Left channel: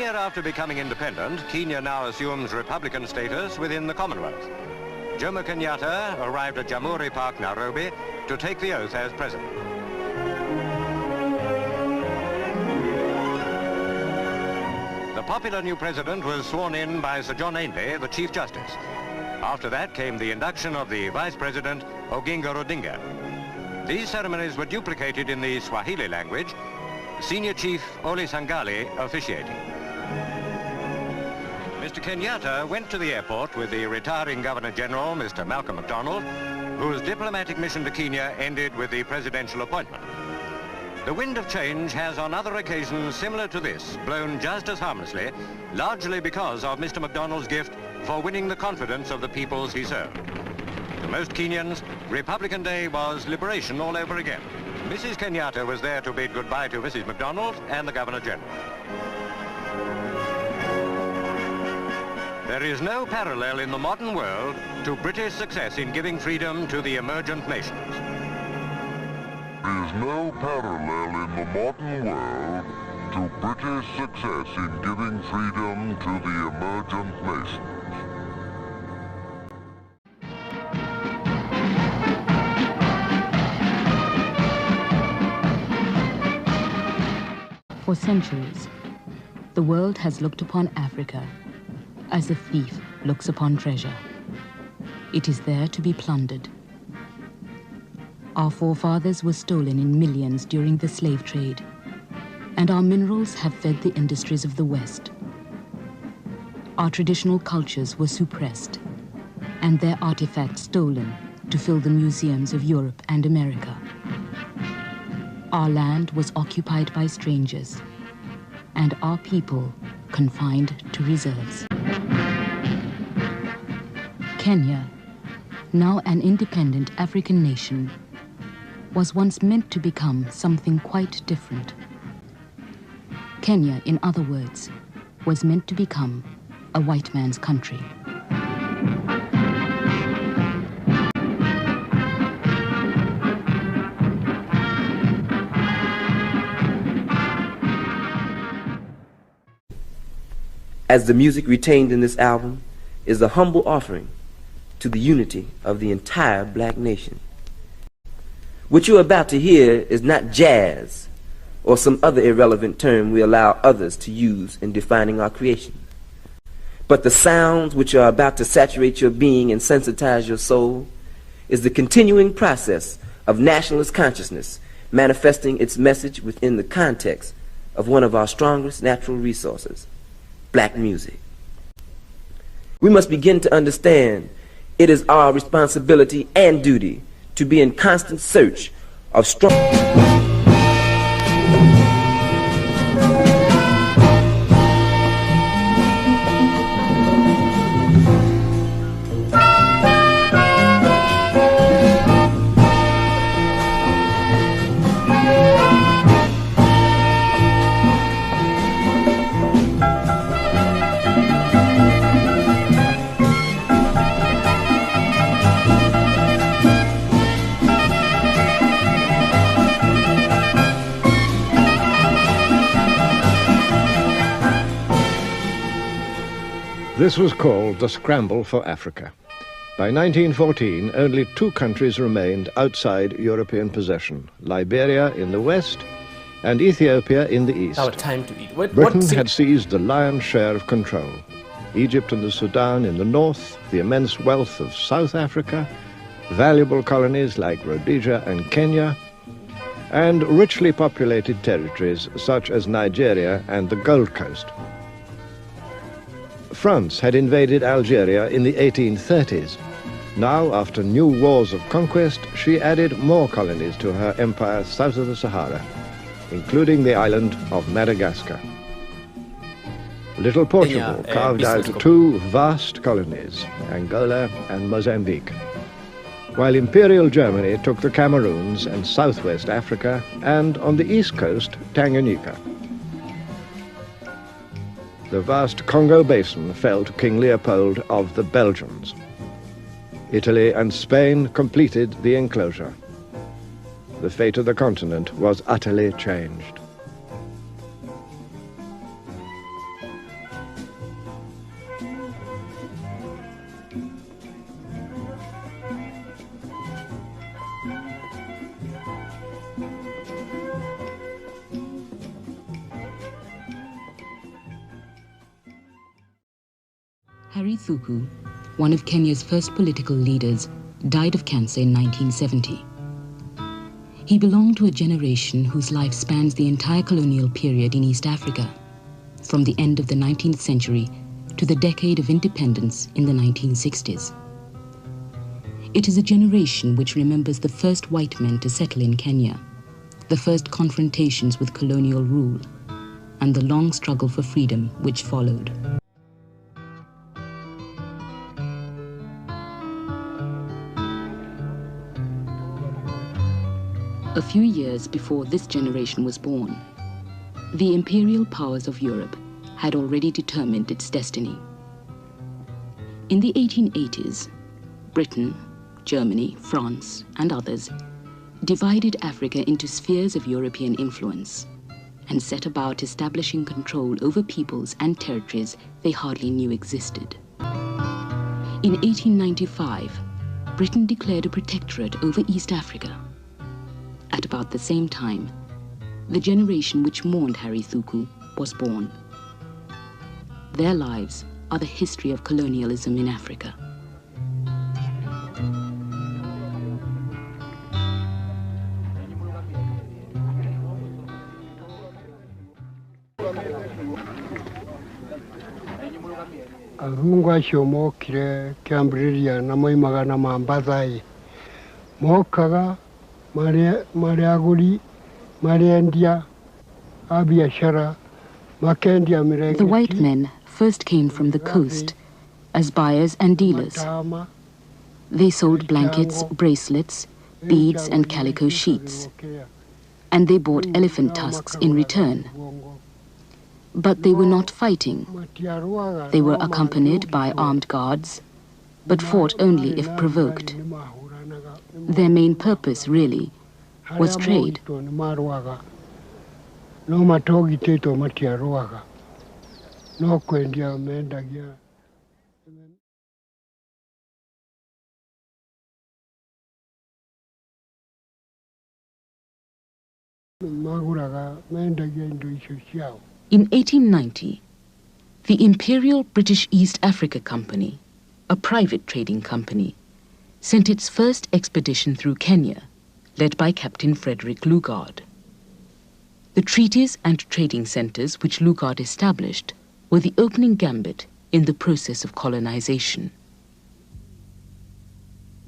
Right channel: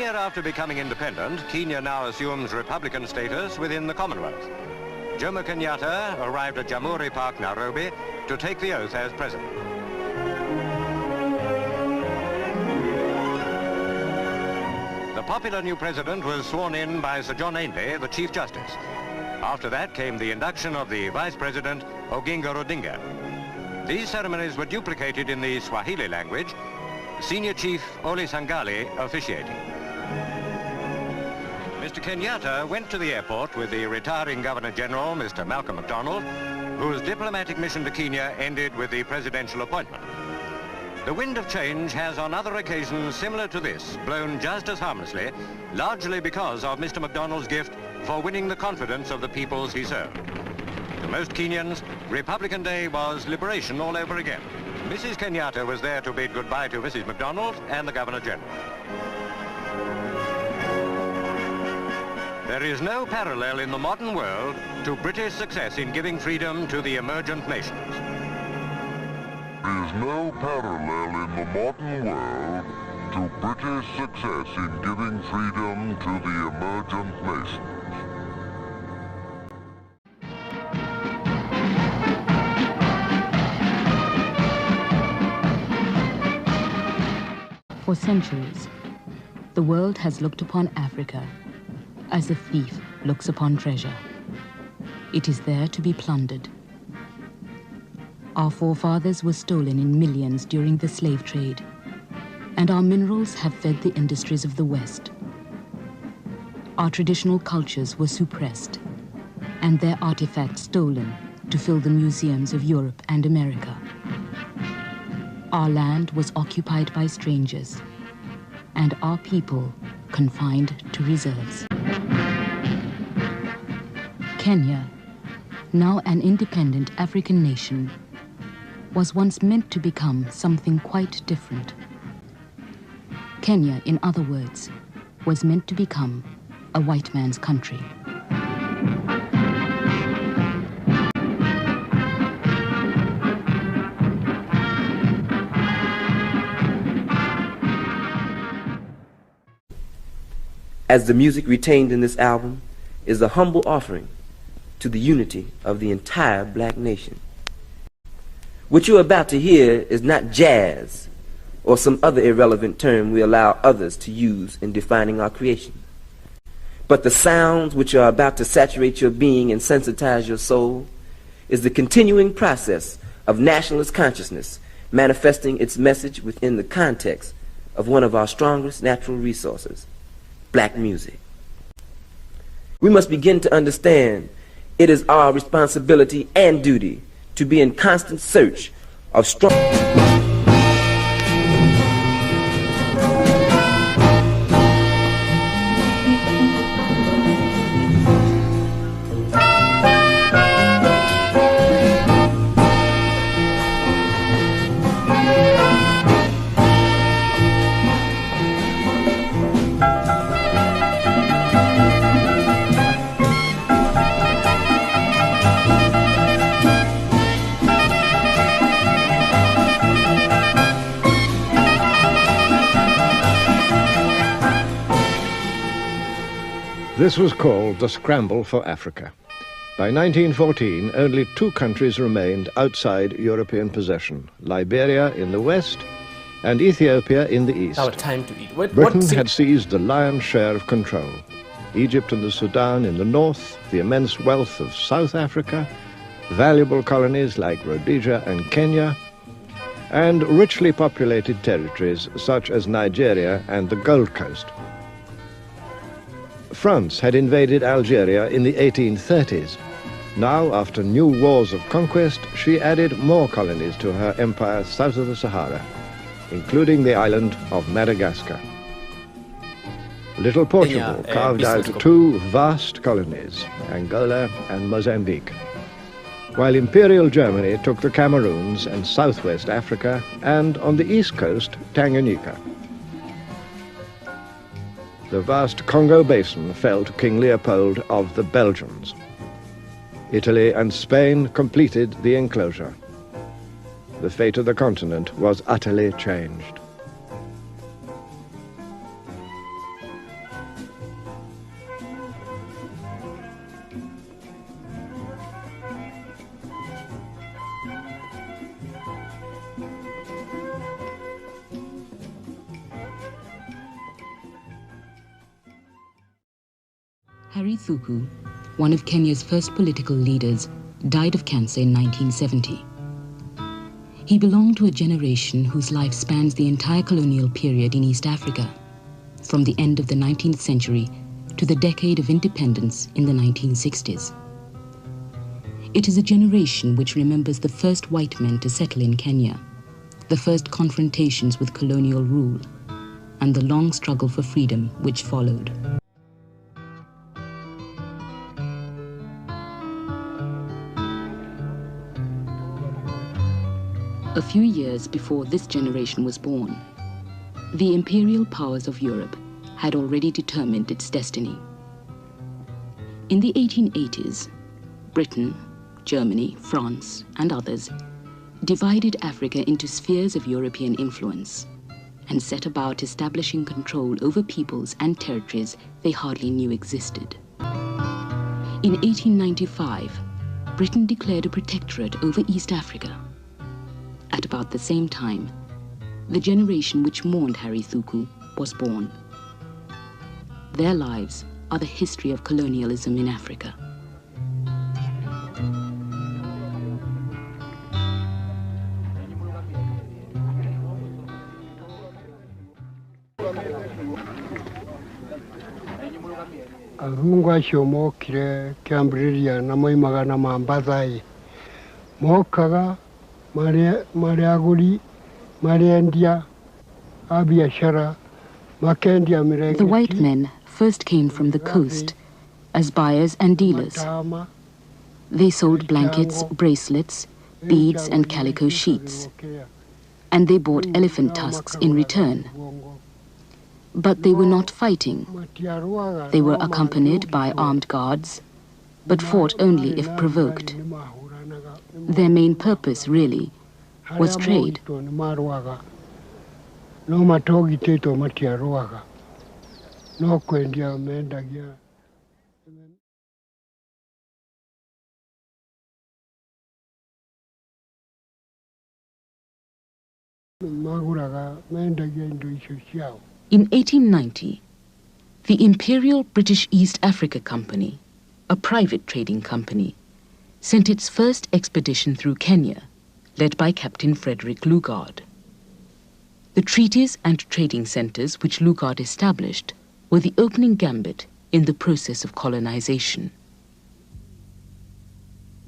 year after becoming independent, Kenya now assumes Republican status within the Commonwealth. Jomo Kenyatta arrived at Jamhuri Park, Nairobi, to take the oath as president. The popular new president was sworn in by Sir John Ainley, the Chief Justice. After that came the induction of the Vice President, Oginga Odinga. These ceremonies were duplicated in the Swahili language, Senior Chief Oli Sangali officiating. Mr. Kenyatta went to the airport with the retiring Governor-General, Mr. Malcolm MacDonald, whose diplomatic mission to Kenya ended with the presidential appointment. The wind of change has on other occasions similar to this blown just as harmlessly, largely because of Mr. MacDonald's gift for winning the confidence of the peoples he served. To most Kenyans, Republican Day was liberation all over again. Mrs. Kenyatta was there to bid goodbye to Mrs. MacDonald and the Governor-General. There is no parallel in the modern world to British success in giving freedom to the emergent nations. There is no parallel in the modern world to British success in giving freedom to the emergent nations. For centuries, the world has looked upon Africa as a thief looks upon treasure. It is there to be plundered. Our forefathers were stolen in millions during the slave trade, and our minerals have fed the industries of the West. Our traditional cultures were suppressed, and their artifacts stolen to fill the museums of Europe and America. Our land was occupied by strangers, and our people confined to reserves. Kenya, now an independent African nation, was once meant to become something quite different. Kenya, in other words, was meant to become a white man's country. As the music retained in this album is a humble offering to the unity of the entire black nation. What you're about to hear is not jazz or some other irrelevant term we allow others to use in defining our creation, but the sounds which are about to saturate your being and sensitize your soul is the continuing process of nationalist consciousness manifesting its message within the context of one of our strongest natural resources, black music. We must begin to understand it is our responsibility and duty to be in constant search of strong... This was called the Scramble for Africa. By 1914, only two countries remained outside European possession, Liberia in the west and Ethiopia in the east. Our time to eat. Britain had seized the lion's share of control. Egypt and the Sudan in the north, the immense wealth of South Africa, valuable colonies like Rhodesia and Kenya, and richly populated territories such as Nigeria and the Gold Coast. France had invaded Algeria in the 1830s. Now, after new wars of conquest, she added more colonies to her empire south of the Sahara, including the island of Madagascar. Little Portugal carved out two vast colonies, Angola and Mozambique, while Imperial Germany took the Cameroons and southwest Africa, and on the east coast, Tanganyika. The vast Congo basin fell to King Leopold of the Belgians. Italy and Spain completed the enclosure. The fate of the continent was utterly changed. Harry Thuku, one of Kenya's first political leaders, died of cancer in 1970. He belonged to a generation whose life spans the entire colonial period in East Africa, from the end of the 19th century to the decade of independence in the 1960s. It is a generation which remembers the first white men to settle in Kenya, the first confrontations with colonial rule, and the long struggle for freedom which followed. A few years before this generation was born, the imperial powers of Europe had already determined its destiny. In the 1880s, Britain, Germany, France, and others divided Africa into spheres of European influence and set about establishing control over peoples and territories they hardly knew existed. In 1895, Britain declared a protectorate over East Africa. At about the same time, the generation which mourned Harry Thuku was born. Their lives are the history of colonialism in Africa. Arungu acio mokire Kĩambĩrĩria na moimaga na Mambathai. Mokaga marĩ agũri, marĩ endia a biashara, makendia mirenge. The white men first came from the coast as buyers and dealers. They sold blankets, bracelets, beads and calico sheets, and they bought elephant tusks in return. But they were not fighting. They were accompanied by armed guards, but fought only if provoked. Their main purpose, really, was trade. In 1890, the Imperial British East Africa Company, a private trading company, sent its first expedition through Kenya, led by Captain Frederick Lugard. The treaties and trading centers which Lugard established were the opening gambit in the process of colonization.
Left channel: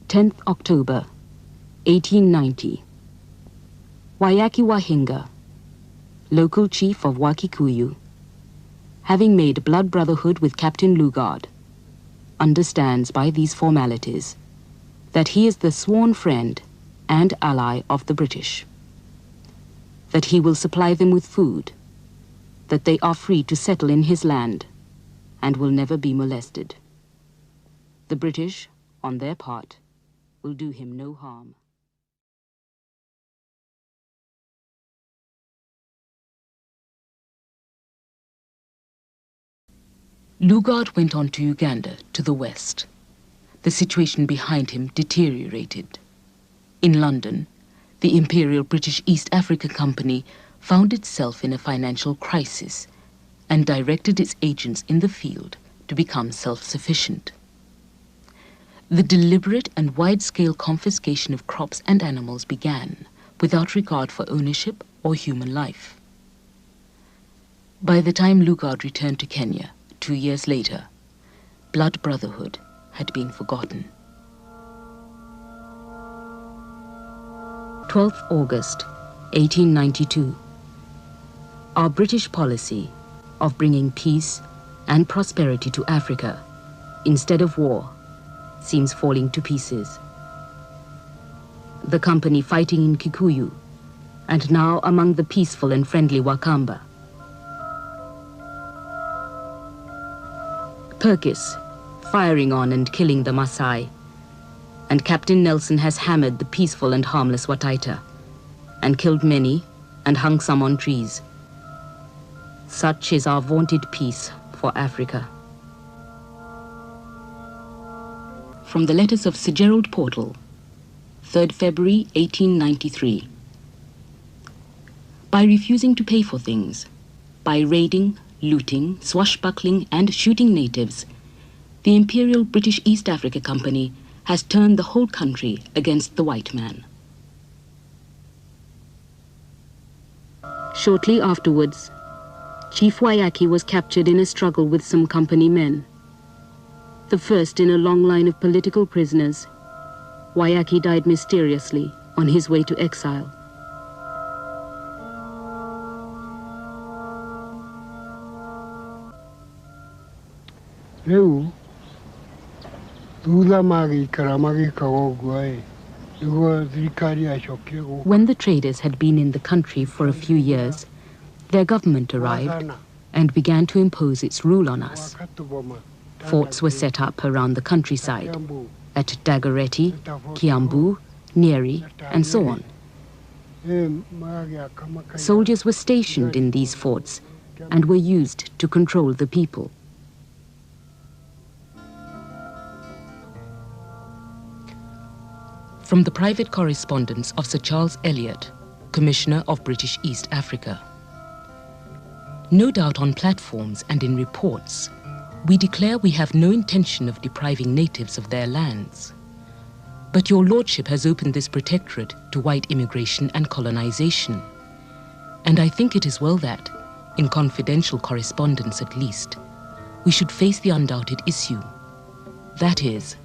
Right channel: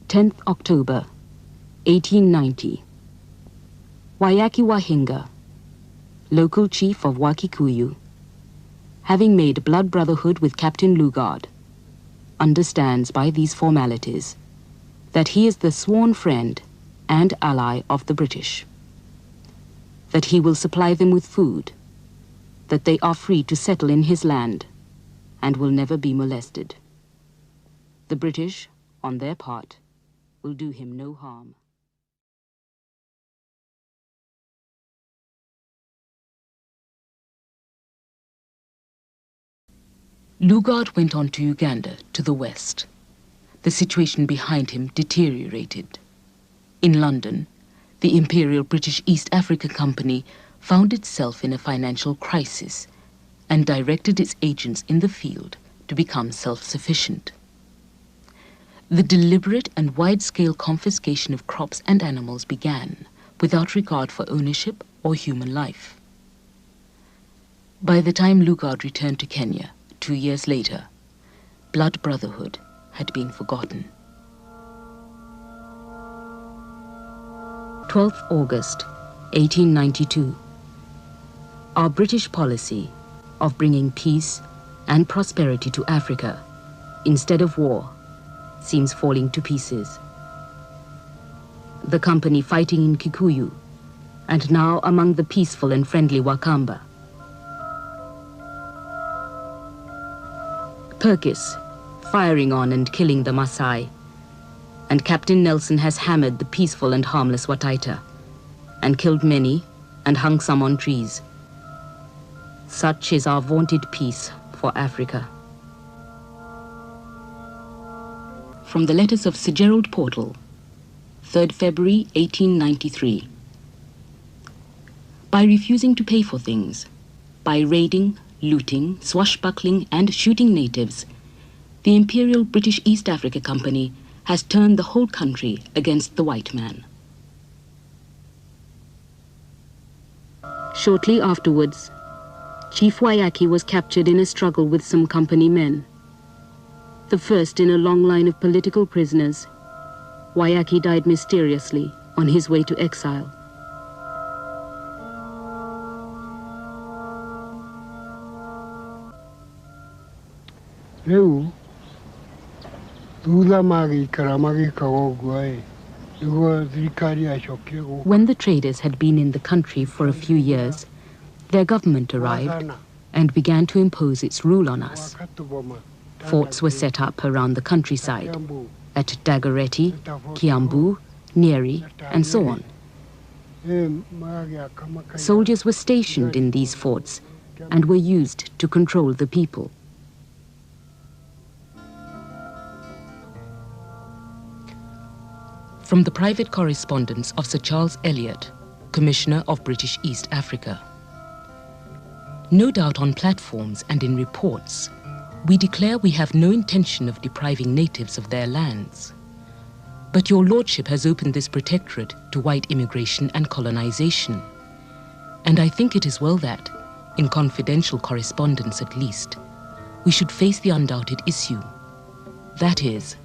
10th October, 1890. Wayaki Wahinga, local chief of Wakikuyu, having made blood brotherhood with Captain Lugard, understands by these formalities that he is the sworn friend and ally of the British, that he will supply them with food, that they are free to settle in his land and will never be molested. The British, on their part, will do him no harm. Lugard went on to Uganda, to the west. The situation behind him deteriorated. In London, the Imperial British East Africa Company found itself in a financial crisis and directed its agents in the field to become self-sufficient. The deliberate and wide-scale confiscation of crops and animals began without regard for ownership or human life. By the time Lugard returned to Kenya 2 years later, blood brotherhood had been forgotten. 12th August, 1892. Our British policy of bringing peace and prosperity to Africa instead of war seems falling to pieces. The company fighting in Kikuyu, and now among the peaceful and friendly Wakamba. Perkis, firing on and killing the Maasai, and Captain Nelson has hammered the peaceful and harmless Wataita, and killed many and hung some on trees. Such is our vaunted peace for Africa. From the letters of Sir Gerald Portal, 3rd February 1893. By refusing to pay for things, by raiding, looting, swashbuckling and shooting natives, the Imperial British East Africa Company has turned the whole country against the white man. Shortly afterwards, Chief Waiyaki was captured in a struggle with some company men. The first in a long line of political prisoners, Waiyaki died mysteriously on his way to exile. When the traders had been in the country for a few years, their government arrived and began to impose its rule on us. Forts were set up around the countryside, at Dagoretti, Kiambu, Nyeri, and so on. Soldiers were stationed in these forts and were used to control the people. From the private correspondence of Sir Charles Elliot, Commissioner of British East Africa. No doubt on platforms and in reports, we declare we have no intention of depriving natives of their lands. But your lordship has opened this protectorate to white immigration and colonization. And I think it is well that, in confidential correspondence at least, we should face the undoubted issue. That is,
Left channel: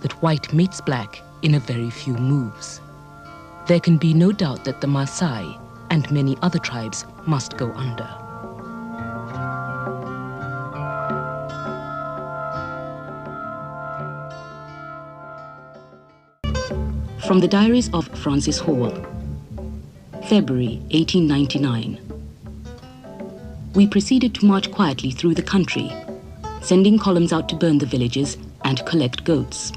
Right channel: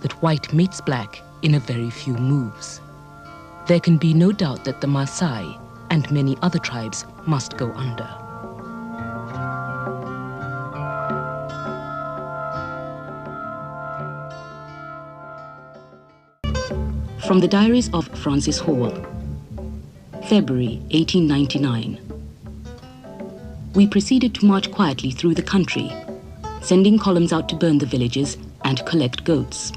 that white mates black in a very few moves. There can be no doubt that the Maasai and many other tribes must go under. From the diaries of Francis Hall, February 1899. We proceeded to march quietly through the country, sending columns out to burn the villages and collect goats.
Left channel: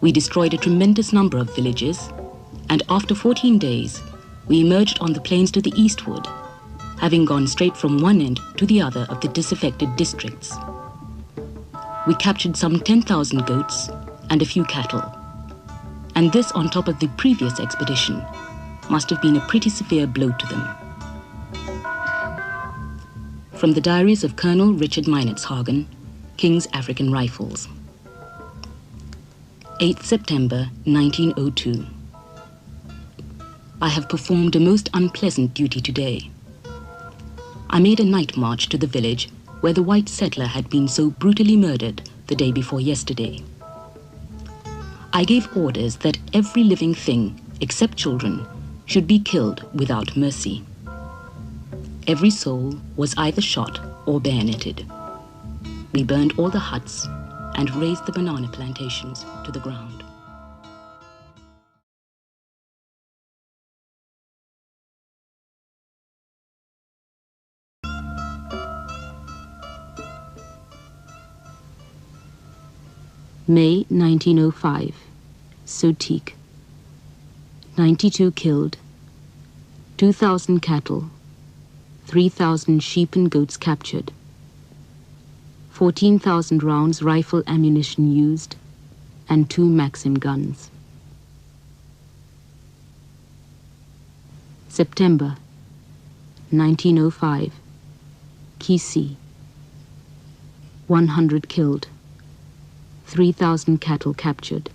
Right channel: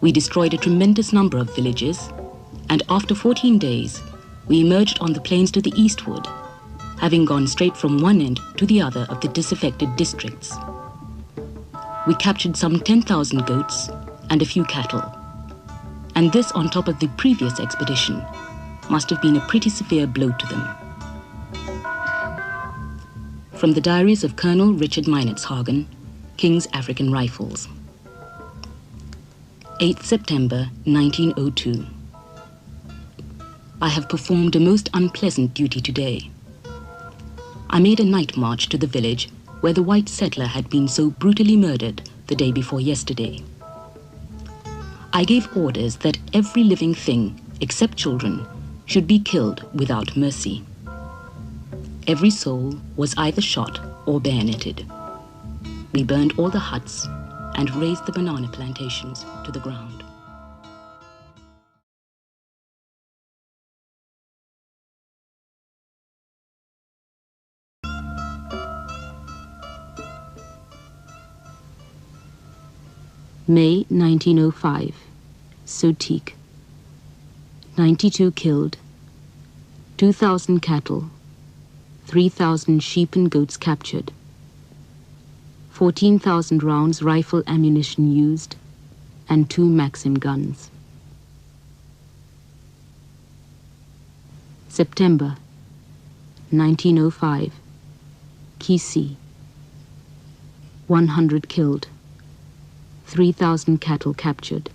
We destroyed a tremendous number of villages, and after 14 days, we emerged on the plains to the eastward, having gone straight from one end to the other of the disaffected districts. We captured some 10,000 goats and a few cattle, and this on top of the previous expedition must have been a pretty severe blow to them. From the diaries of Colonel Richard Meinertzhagen, King's African Rifles. 8th September 1902. I have performed a most unpleasant duty today. I made a night march to the village where the white settler had been so brutally murdered the day before yesterday. I gave orders that every living thing, except children, should be killed without mercy. Every soul was either shot or bayoneted. We burned all the huts and razed the banana plantations to the ground. May 1905, Sotique. 92 killed, 2,000 cattle, 3,000 sheep and goats captured, 14,000 rounds rifle ammunition used, and 2 Maxim guns. September 1905, Kisii. 100 killed, 3,000 cattle captured.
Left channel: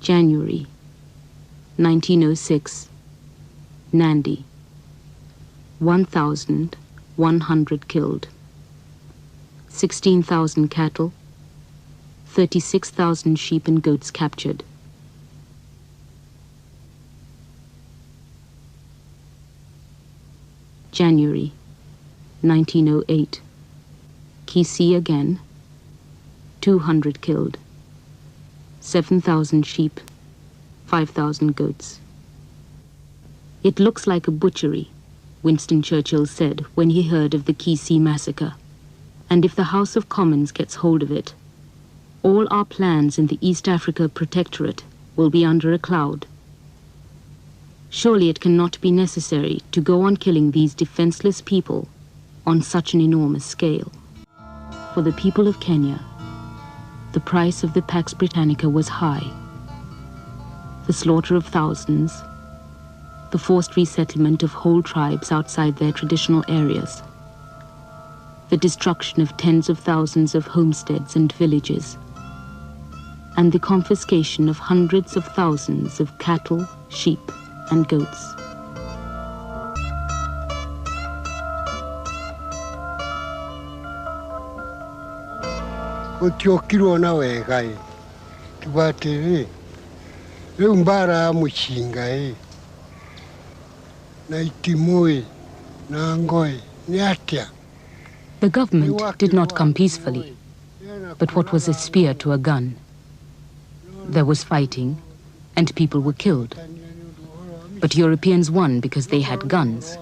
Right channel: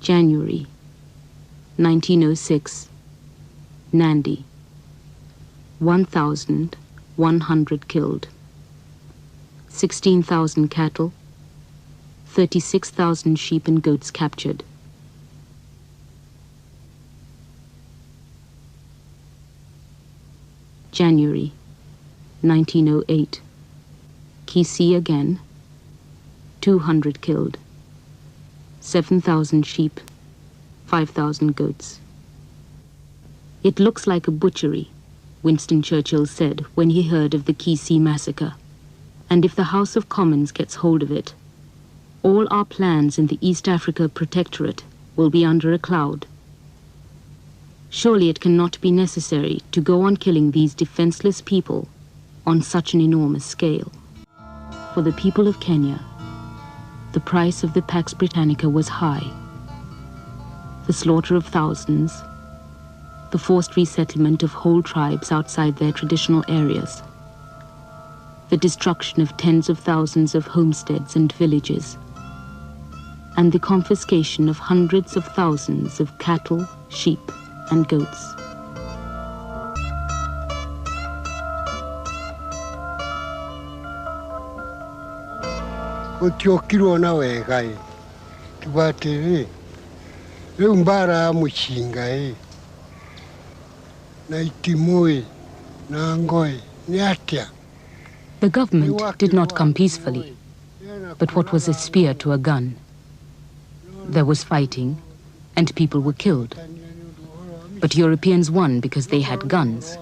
January 1906, Nandi. 1,100 killed, 16,000 cattle, 36,000 sheep and goats captured. January 1908, Kisii again. 200 killed, 7,000 sheep, 5,000 goats. It looks like a butchery, Winston Churchill said when he heard of the Kisii massacre. And if the House of Commons gets hold of it, all our plans in the East Africa Protectorate will be under a cloud. Surely it cannot be necessary to go on killing these defenseless people on such an enormous scale. for the people of Kenya, the price of the Pax Britannica was high. The slaughter of thousands, the forced resettlement of whole tribes outside their traditional areas, the destruction of tens of thousands of homesteads and villages, and the confiscation of hundreds of thousands of cattle, sheep, and goats. Utiokirwo na wega tubate leo mbara mushinga na itimoi na ngoi ni atia. The government did not come peacefully, but what was a spear to a gun? There was fighting, and people were killed. But Europeans won because they had guns.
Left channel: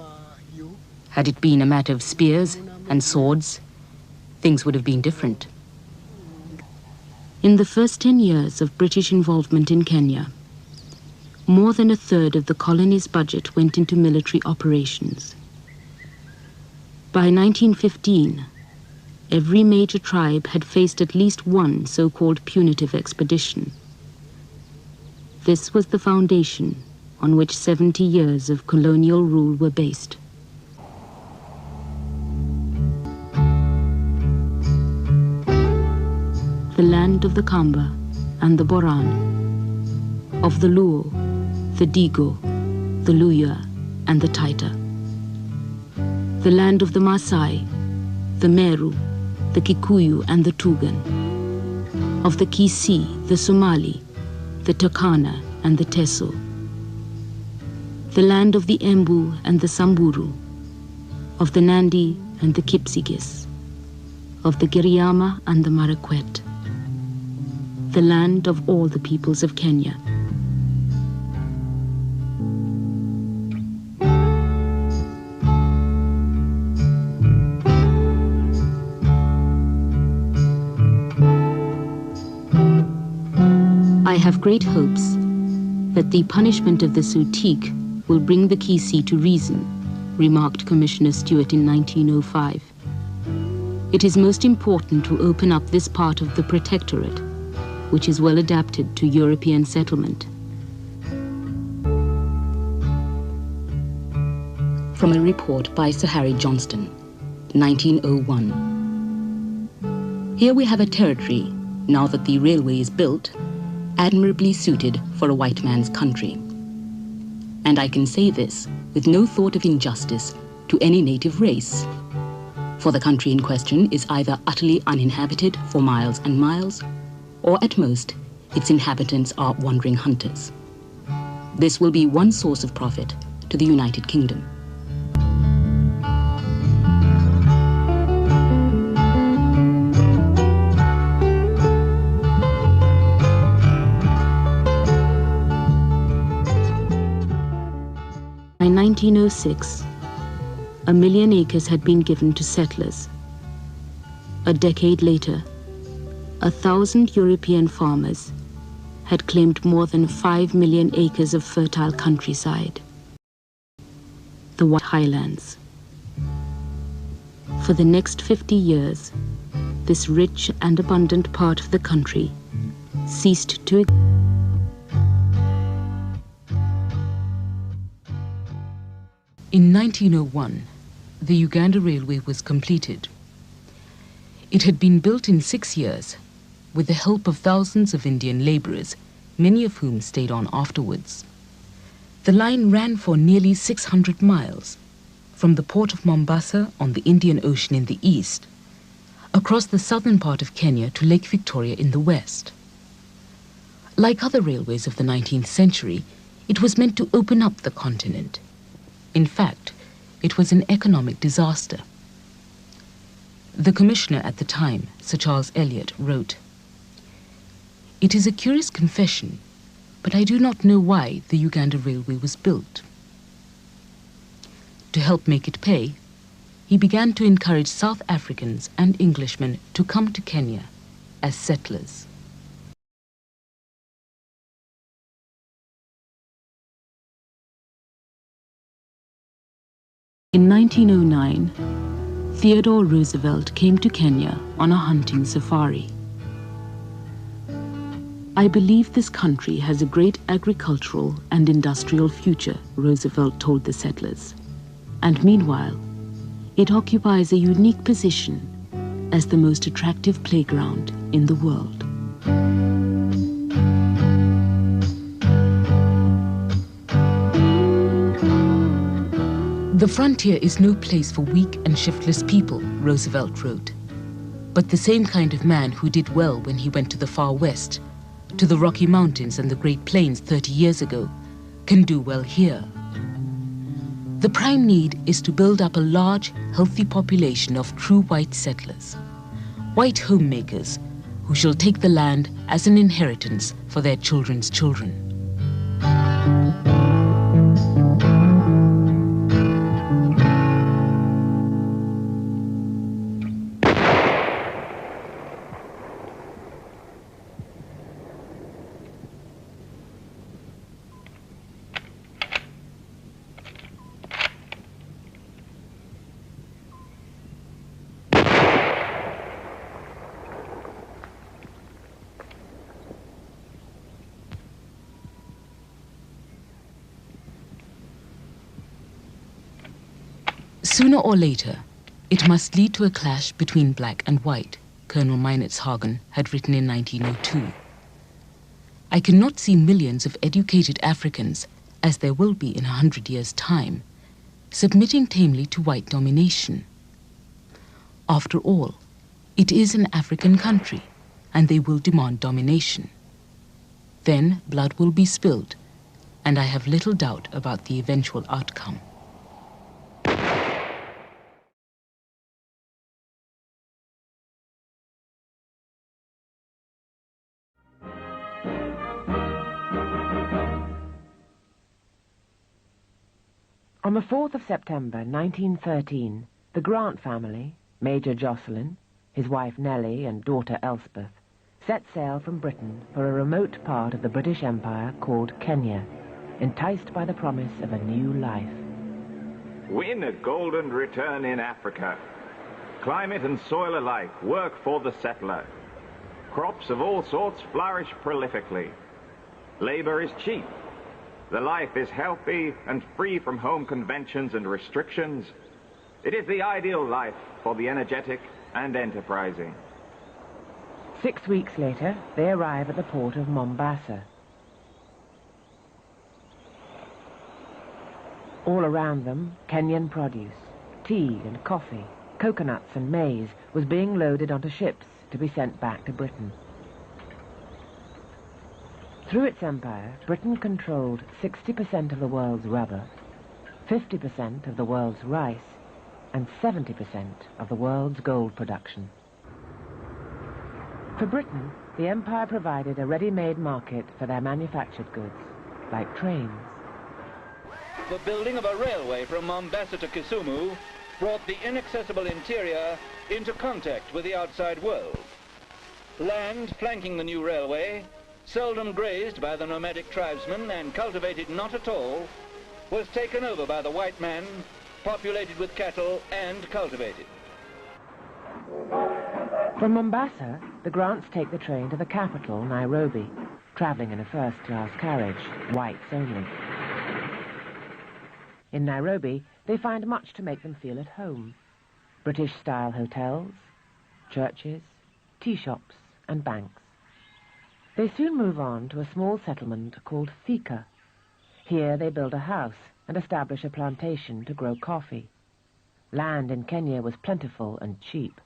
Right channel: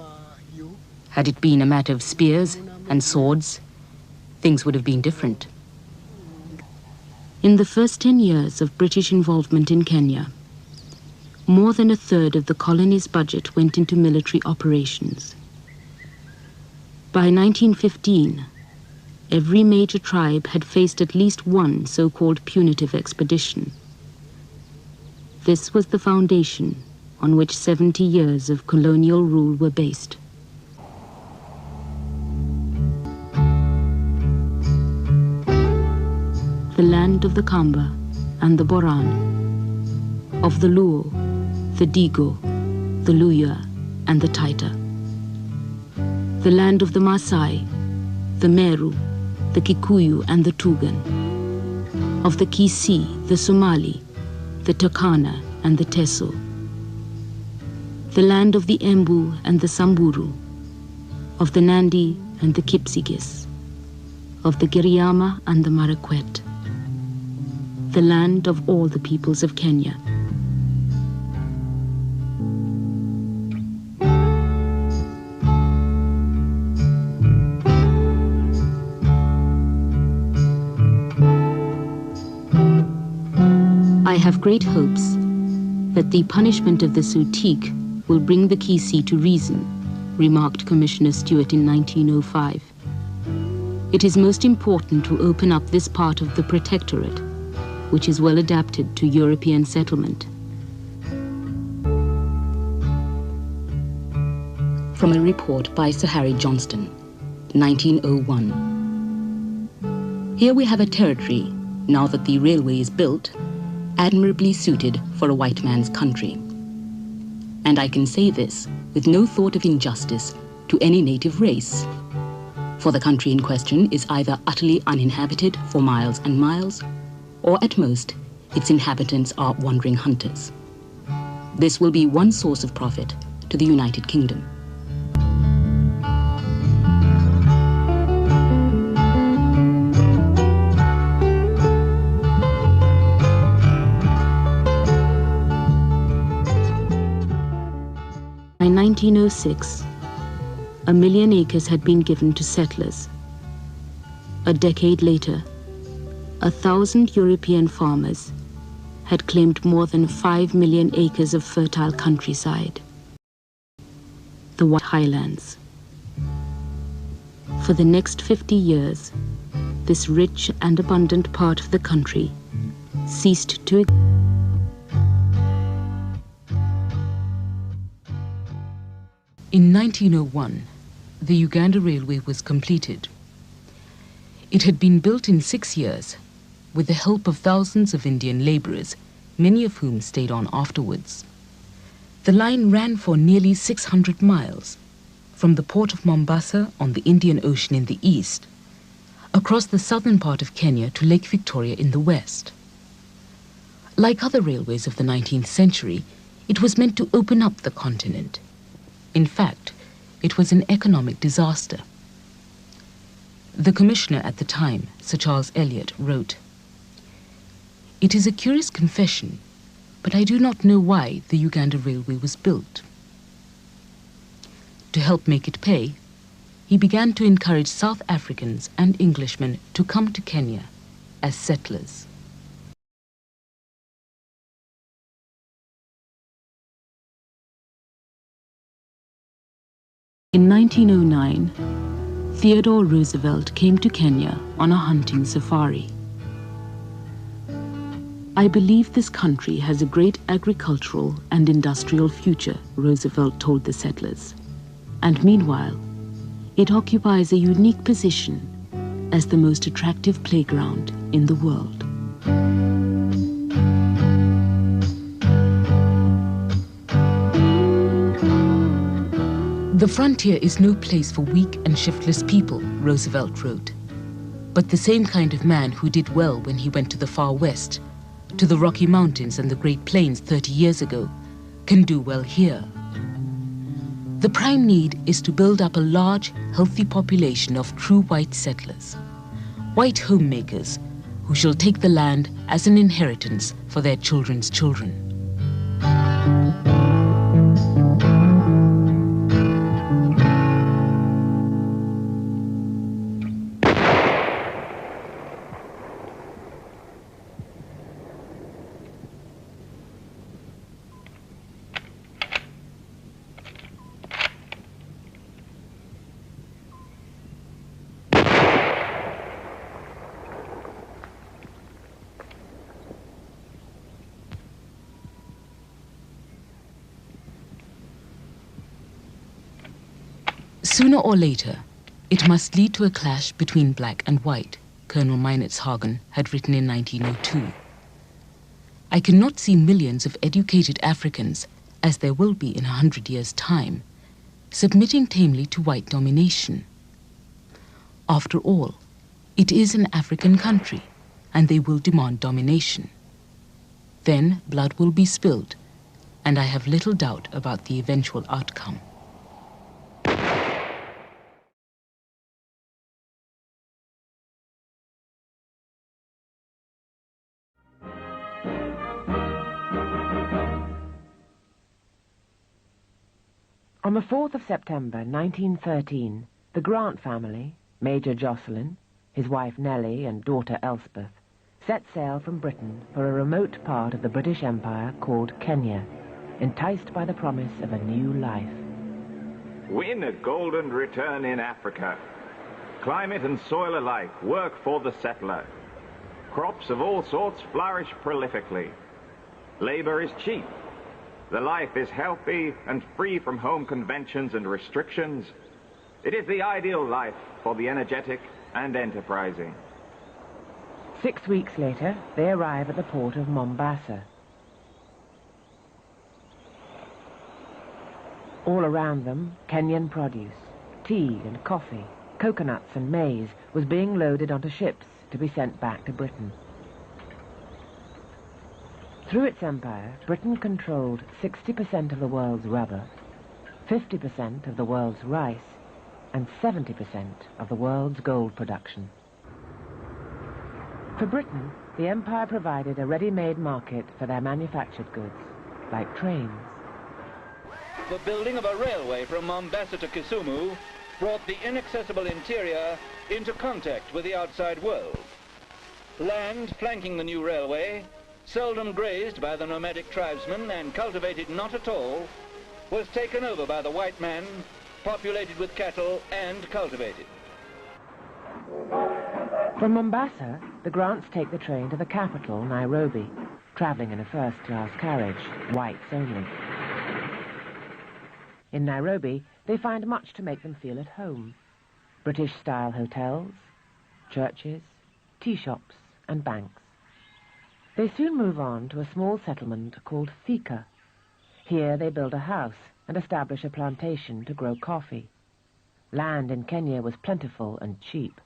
Had it been a matter of spears and swords, things would have been different. In the first 10 years of British involvement in Kenya, more than a third of the colony's budget went into military operations. By 1915, every major tribe had faced at least one so-called punitive expedition. This was the foundation on which 70 years of colonial rule were based. The land of the Kamba and the Boran, of the Luo, the Digo, the Luya, and the Taita. The land of the Maasai, the Meru, the Kikuyu, and the Tugen. Of the Kisii, the Somali, the Turkana, and the Teso. The land of the Embu and the Samburu. Of the Nandi and the Kipsigis. Of the Giriama and the Marakwet. The land of all the peoples of Kenya. I have great hopes that the punishment of the Sutik will bring the Kisii to reason, remarked Commissioner Stewart in 1905. It is most important to open up this part of the protectorate, which is well adapted to European settlement. From a report by Sir Harry Johnston, 1901. Here we have a territory, now that the railway is built, admirably suited for a white man's country. And I can say this with no thought of injustice to any native race. For the country in question is either utterly uninhabited for miles and miles, or at most, its inhabitants are wandering hunters. This will be one source of profit to the United Kingdom. By 1906, 1 million acres had been given to settlers. A decade later, 1,000 European farmers had claimed more than 5 million acres of fertile countryside, the White Highlands. For the next 50 years, this rich and abundant part of the country ceased to exist. In 1901, the Uganda Railway was completed. It had been built in 6 years with the help of thousands of Indian laborers, many of whom stayed on afterwards. The line ran for nearly 600 miles, from the port of Mombasa on the Indian Ocean in the east, across the southern part of Kenya to Lake Victoria in the west. Like other railways of the 19th century, it was meant to open up the continent. In fact, it was an economic disaster. The commissioner at the time, Sir Charles Elliot, wrote, "It is a curious confession, but I do not know why the Uganda Railway was built." To help make it pay, he began to encourage South Africans and Englishmen to come to Kenya as settlers. In 1909, Theodore Roosevelt came to Kenya on a hunting safari. "I believe this country has a great agricultural and industrial future," Roosevelt told the settlers. "And meanwhile, it occupies a unique position as the most attractive playground in the world." "The frontier is no place for weak and shiftless people," Roosevelt wrote. "But the same kind of man who did well when he went to the far west, to the Rocky Mountains and the Great Plains 30 years ago, can do well here. The prime need is to build up a large, healthy population of true white settlers, white homemakers who shall take the land as an inheritance for their children's children." "Sooner or later, it must lead to a clash between black and white," Colonel Meinertzhagen had written in 1902. "I cannot see millions of educated Africans, as there will be in 100 years' time, submitting tamely to white domination. After all, it is an African country, and they will demand domination. Then blood will be spilled, and I have little doubt about the eventual outcome." On the 4th of September 1913, the Grant family, Major Jocelyn, his wife Nellie and daughter Elspeth, set sail from Britain for a remote part of the British Empire called Kenya, enticed by the promise of a new life. Win a golden return in Africa. Climate and soil alike work for the settler. Crops of all sorts flourish prolifically. Labor is cheap. The life is healthy and free from home conventions and restrictions. It is the ideal life for the energetic and enterprising. 6 weeks later, they arrive at the port of Mombasa. All around them, Kenyan produce, tea and coffee, coconuts and maize was being loaded onto ships to be sent back to Britain. Through its empire, Britain controlled 60% of the world's rubber, 50% of the world's rice, and 70% of the world's gold production. For Britain, the empire provided a ready-made market for their manufactured goods, like trains. The building of a railway from Mombasa to Kisumu brought the inaccessible interior into contact with the outside world. Land flanking the new railway, seldom grazed by the nomadic tribesmen and cultivated not at all, was taken over by the white man, populated with cattle and cultivated. From Mombasa, the Grants take the train to the capital, Nairobi, travelling in a first-class carriage, whites only. In Nairobi, they find much to make them feel at home. British-style hotels, churches, tea shops and banks. They soon move on to a small settlement called Thika. Here they build a house and establish a plantation to grow coffee. Land in Kenya was plentiful and cheap.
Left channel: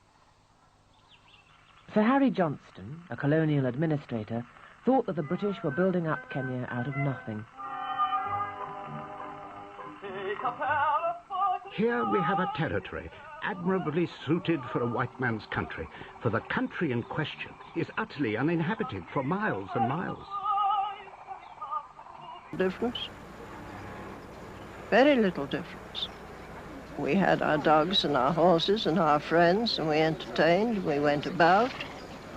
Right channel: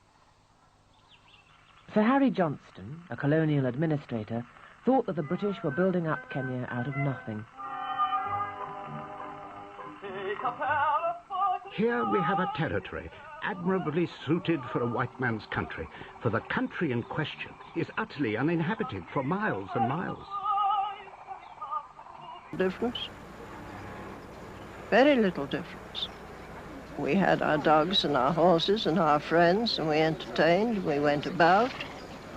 Sir Harry Johnston, a colonial administrator, thought that the British were building up Kenya out of nothing. Here we have a territory admirably suited for a white man's country, for the country in question is utterly uninhabited for miles and miles. Difference? Very little difference. We had our dogs and our horses and our friends, and we entertained, we went about.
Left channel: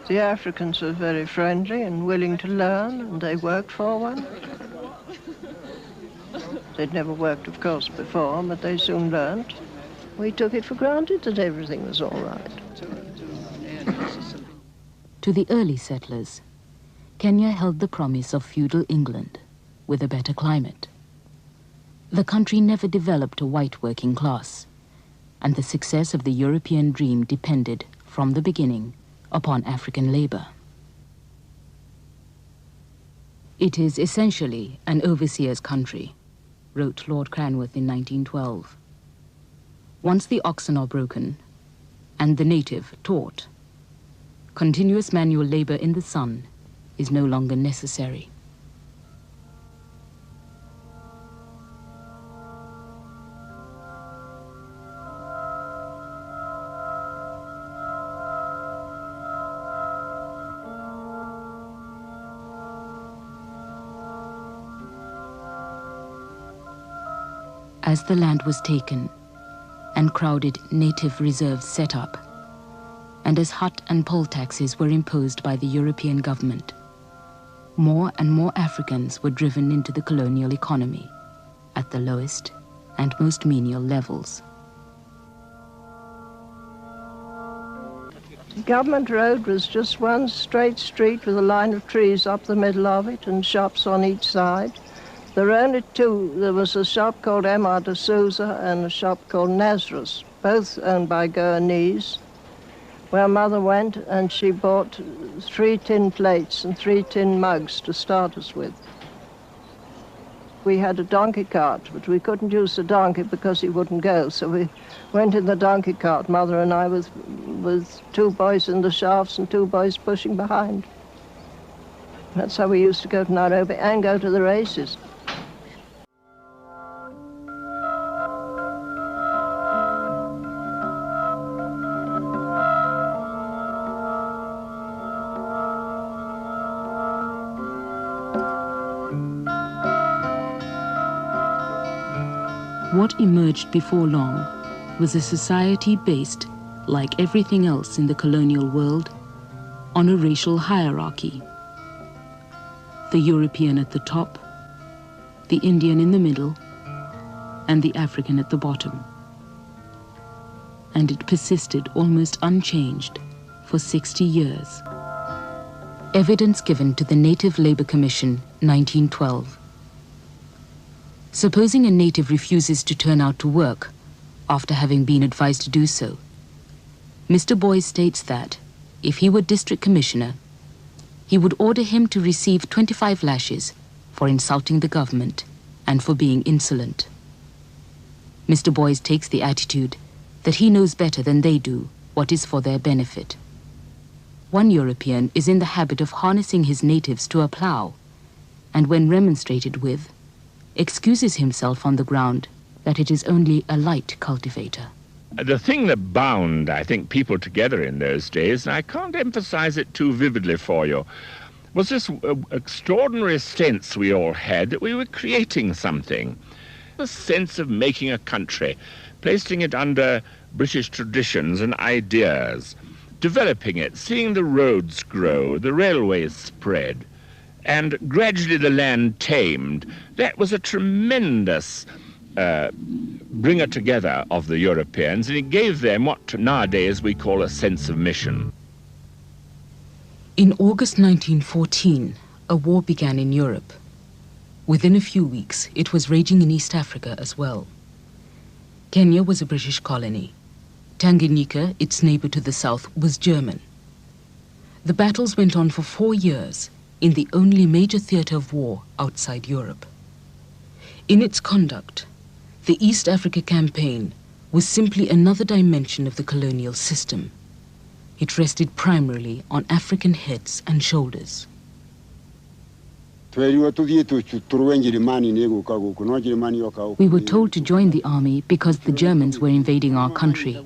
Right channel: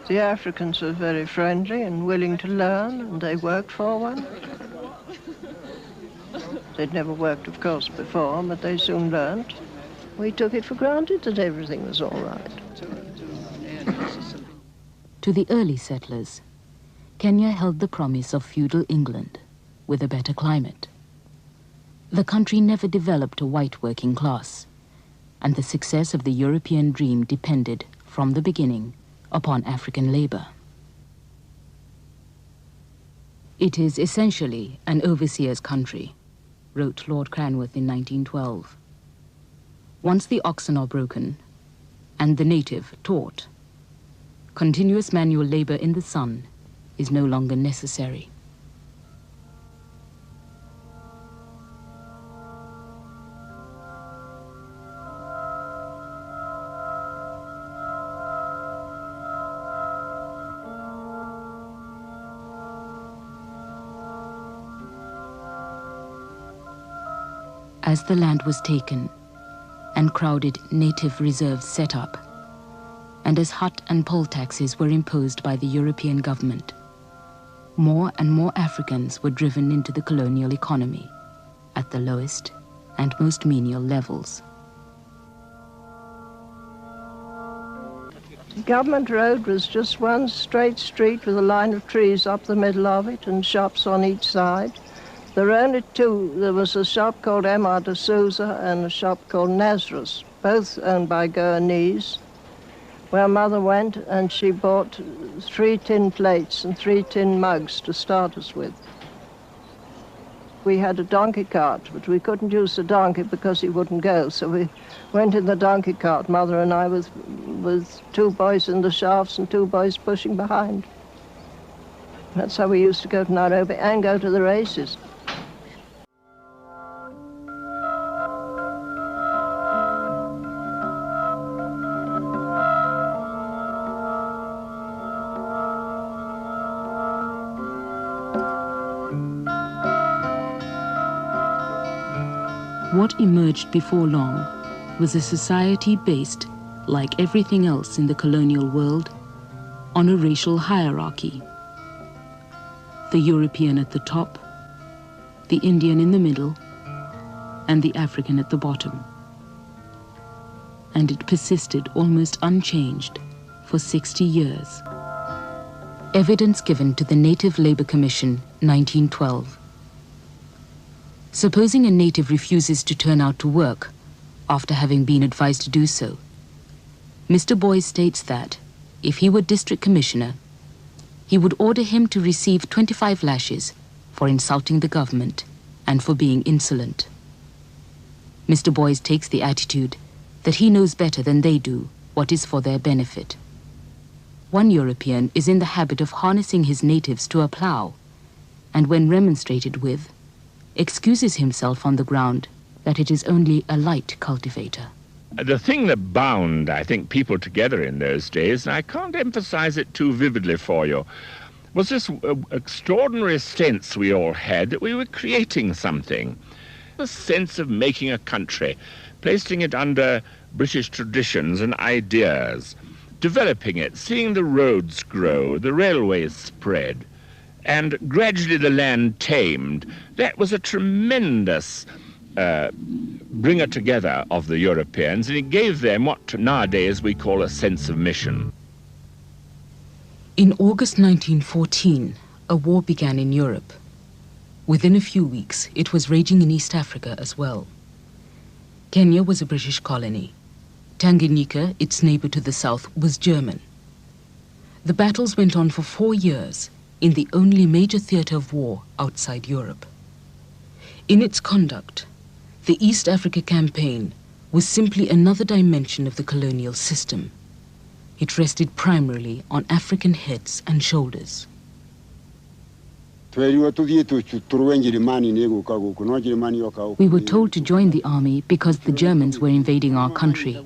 The Africans were very friendly and willing to learn, and they worked for one. They'd never worked, of course, before, but they soon learned. We took it for granted that everything was all right. To the early settlers, Kenya held the promise of feudal England with a better climate. The country never developed a white working class, and the success of the European dream depended, from the beginning, upon African labor. It is essentially an overseer's country, wrote Lord Cranworth in 1912. Once the oxen are broken, and the native taught, continuous manual labor in the sun is no longer necessary. As the land was taken and crowded native reserves set up, and as hut and poll taxes were imposed by the European government, more and more Africans were driven into the colonial economy at the lowest and most menial levels. The government road was just one straight street with a line of trees up the middle of it and shops on each side. There were only two. There was a shop called Emma de Souza and a shop called Nazarus, both owned by Goanese, where Mother went and she bought 3 tin plates and 3 tin mugs to start us with. We had a donkey cart, but we couldn't use the donkey because he wouldn't go, so we went in the donkey cart, Mother and I, with 2 boys in the shafts and 2 boys pushing behind. That's how we used to go to Nairobi and go to the races. What emerged before long was a society based, like everything else in the colonial world, on a racial hierarchy. The European at the top, the Indian in the middle, and the African at the bottom. And it persisted almost unchanged for 60 years. Evidence given to the Native Labour Commission, 1912. Supposing a native refuses to turn out to work after having been advised to do so, Mr. Boys states that, if he were district commissioner, he would order him to receive 25 lashes for insulting the government and for being insolent. Mr. Boys takes the attitude that he knows better than they do what is for their benefit. One European is in the habit of harnessing his natives to a plough, and when remonstrated with, excuses himself on the ground that it is only a light cultivator. The thing that bound, I think, people together in those days, and I can't emphasize it too vividly for you, was this extraordinary sense we all had that we were creating something. The sense of making a country, placing it under British traditions and ideas, developing it, seeing the roads grow, the railways spread, and gradually the land tamed. That was a tremendous bringer together of the Europeans, and it gave them what nowadays we call a sense of mission. In August 1914, a war began in Europe. Within a few weeks, it was raging in East Africa as well. Kenya was a British colony. Tanganyika, its neighbor to the south, was German. The battles went on for 4 years in the only major theater of war outside Europe. In its conduct, the East Africa Campaign was simply another dimension of the colonial system. It rested primarily on African heads and shoulders. We were told to join the army because the Germans were invading our country,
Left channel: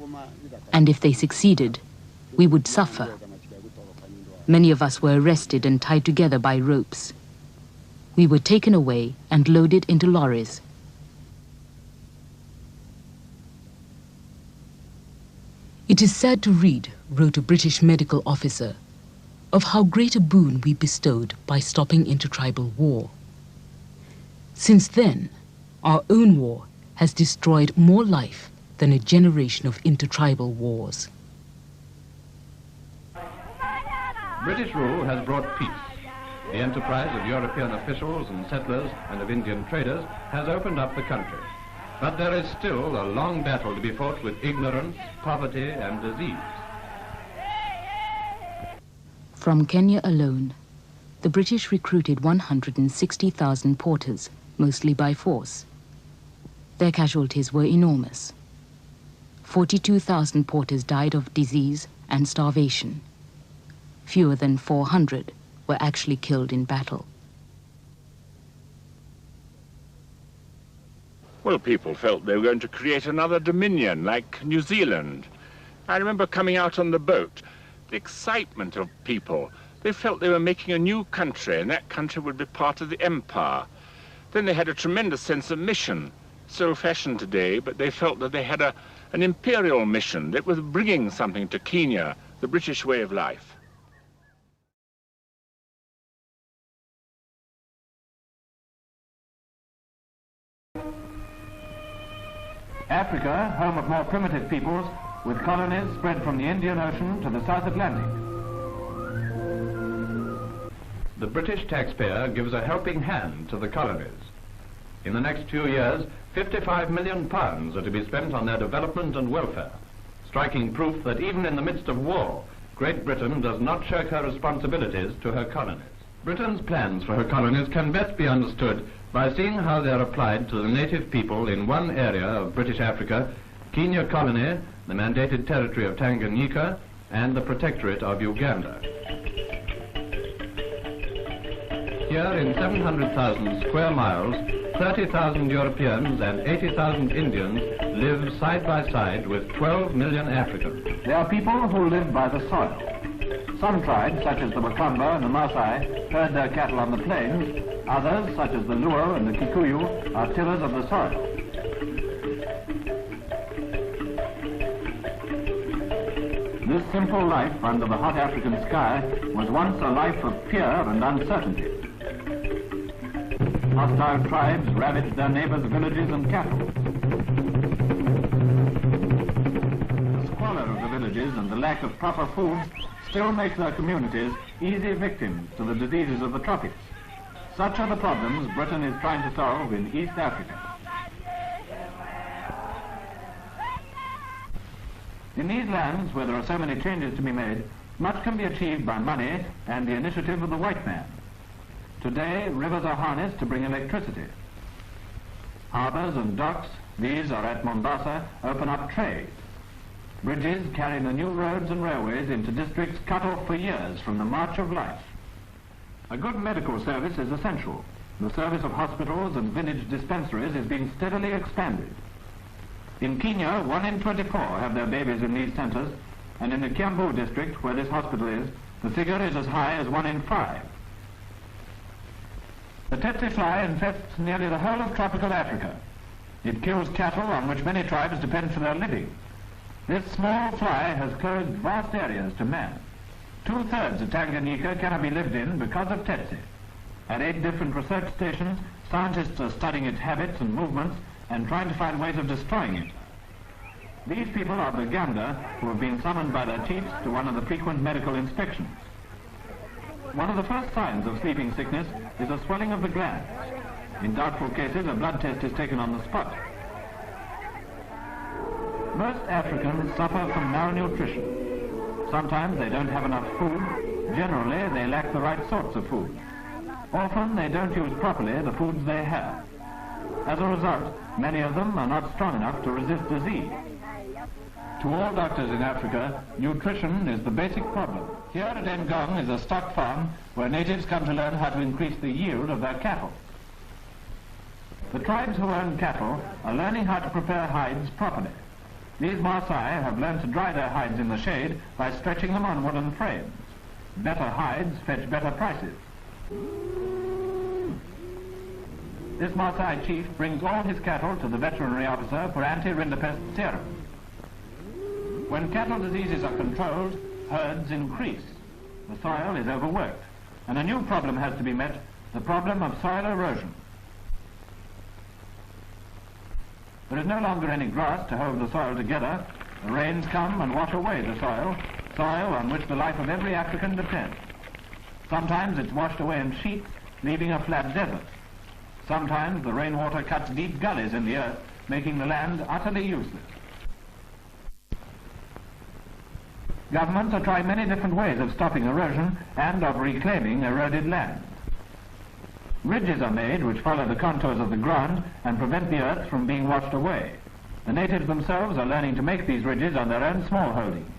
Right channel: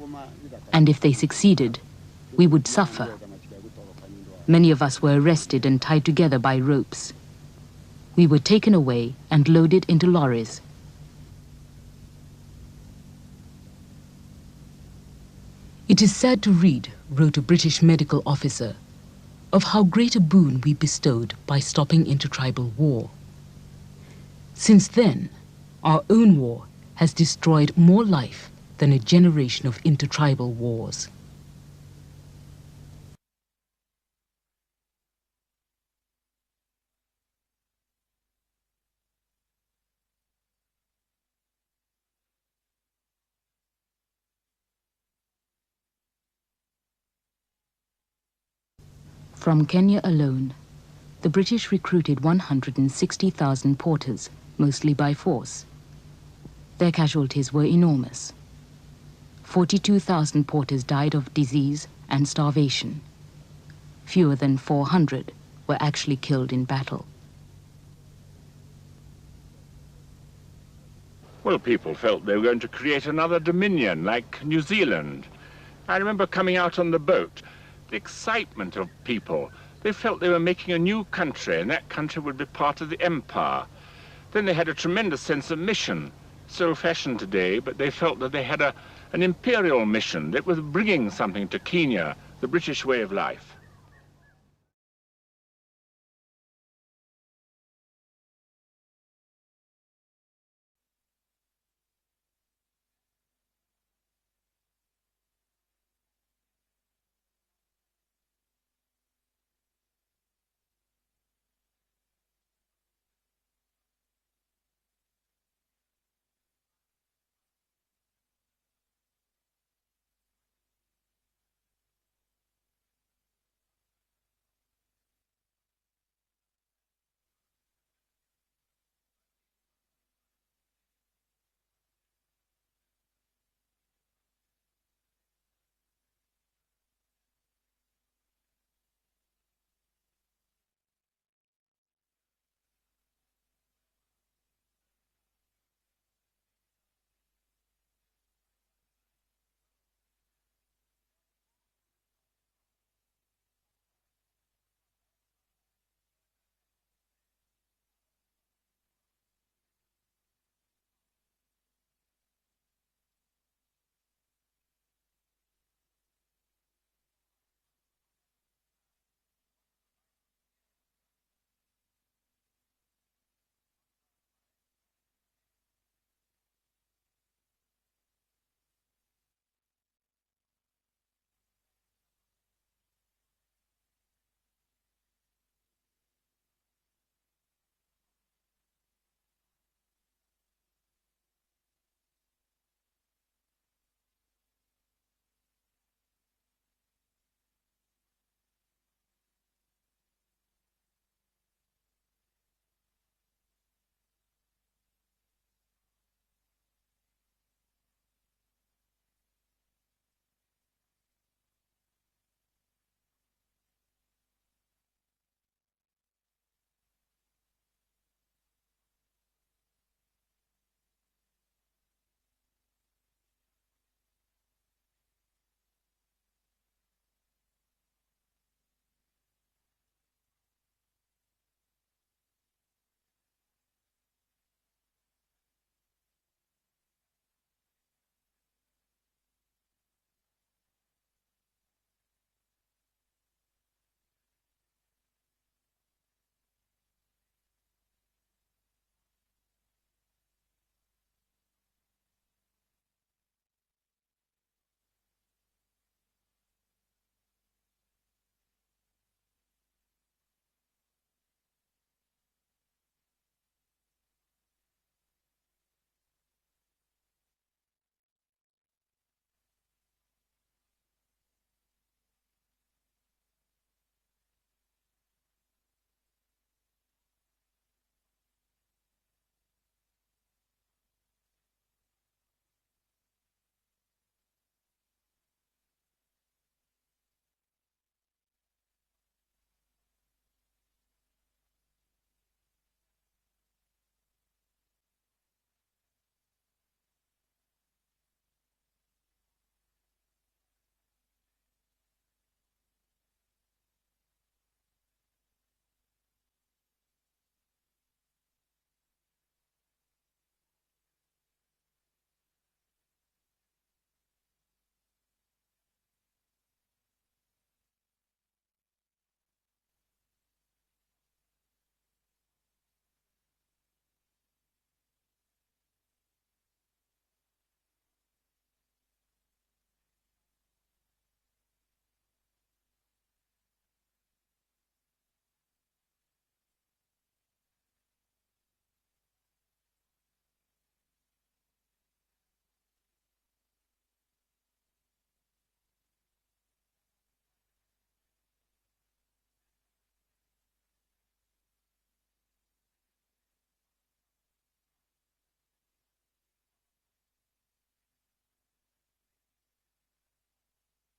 and if they succeeded, we would suffer. Many of us were arrested and tied together by ropes. We were taken away and loaded into lorries. It is sad to read, wrote a British medical officer, of how great a boon we bestowed by stopping intertribal war. Since then, our own war has destroyed more life than a generation of intertribal wars. British rule has brought peace. The enterprise of European officials and settlers and of Indian traders has opened up the country. But there is still a long battle to be fought with ignorance, poverty, and disease. From Kenya alone, the British recruited 160,000 porters, mostly by force. Their casualties were enormous. 42,000 porters died of disease and starvation. Fewer than 400 were actually killed in battle. Well, people felt they were going to create another dominion, like New Zealand. I remember coming out on the boat, the excitement of people. They felt they were making a new country, and that country would be part of the empire. Then they had a tremendous sense of mission, so old-fashioned today, but they felt that they had an imperial mission that was bringing something to Kenya, the British way of life. Africa, home of more primitive peoples, with colonies spread from the Indian Ocean to the South Atlantic. The British taxpayer gives a helping hand to the colonies. In the next few years, £55 million are to be spent on their development and welfare, striking proof that even in the midst of war, Great Britain does not shirk her responsibilities to her colonies. Britain's plans for her colonies can best be understood by seeing how they are applied to the native people in one area of British Africa, Kenya Colony, the mandated territory of Tanganyika, and the Protectorate of Uganda. Here in 700,000 square miles, 30,000 Europeans and 80,000 Indians live side by side with 12 million Africans. They are people who live by the soil. Some tribes, such as the Wakamba and the Maasai, herd their cattle on the plains. Others, such as the Luo and the Kikuyu, are tillers of the soil. This simple life under the hot African sky was once a life of fear and uncertainty. Hostile tribes ravaged their neighbors' villages and cattle. The squalor of the villages and the lack of proper food still makes their communities easy victims to the diseases of the tropics. Such are the problems Britain is trying to solve in East Africa. In these lands, where there are so many changes to be made, much can be achieved by money and the initiative of the white man. Today, rivers are harnessed to bring electricity. Harbors and docks, these are at Mombasa, open up trade. Bridges carry the new roads and railways into districts cut off for years from the march of life. A good medical service is essential. The service of hospitals and village dispensaries is being steadily expanded. In Kenya, 1 in 24 have their babies in these centers, and in the Kiambu district, where this hospital is, the figure is as high as 1 in 5. The tsetse fly infests nearly the whole of tropical Africa. It kills cattle on which many tribes depend for their living. This small fly has closed vast areas to man. 2/3 of Tanganyika cannot be lived in because of tsetse. At 8 different research stations, scientists are studying its habits and movements and trying to find ways of destroying it. These people are Baganda, who have been summoned by their chiefs to one of the frequent medical inspections. One of the first signs of sleeping sickness is a swelling of the glands. In doubtful cases, a blood test is taken on the spot. Most Africans suffer from malnutrition. Sometimes they don't have enough food. Generally, they lack the right sorts of food. Often, they don't use properly the foods they have. As a result, many of them are not strong enough to resist disease. To all doctors in Africa, nutrition is the basic problem. Here at Ngong is a stock farm where natives come to learn how to increase the yield of their cattle. The tribes who own cattle are learning how to prepare hides properly. These Maasai have learned to dry their hides in the shade by stretching them on wooden frames. Better hides fetch better prices. This Maasai chief brings all his cattle to the veterinary officer for anti-rinderpest serum. When cattle diseases are controlled, herds increase. The soil is overworked, and a new problem has to be met, the problem of soil erosion. There is no longer any grass to hold the soil together. The rains come and wash away the soil on which the life of every African depends. Sometimes it's washed away in sheets, leaving a flat desert. Sometimes the rainwater cuts deep gullies in the earth, making the land utterly useless. Governments are trying many different ways of stopping erosion and of reclaiming eroded land. Ridges are made which follow the contours of the ground and prevent the earth from being washed away. The natives themselves are learning to make these ridges on their own small holdings.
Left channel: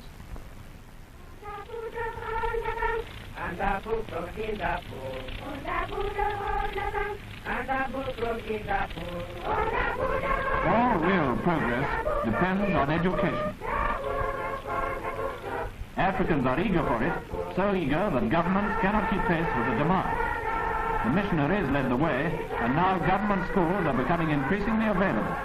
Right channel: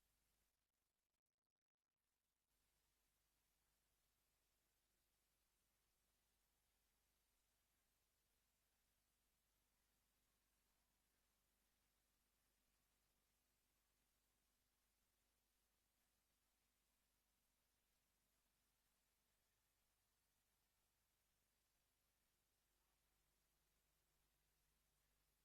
All real progress depends on education. Africans are eager for it, so eager that governments cannot keep pace with the demand. The missionaries led the way, and now government schools are becoming increasingly available.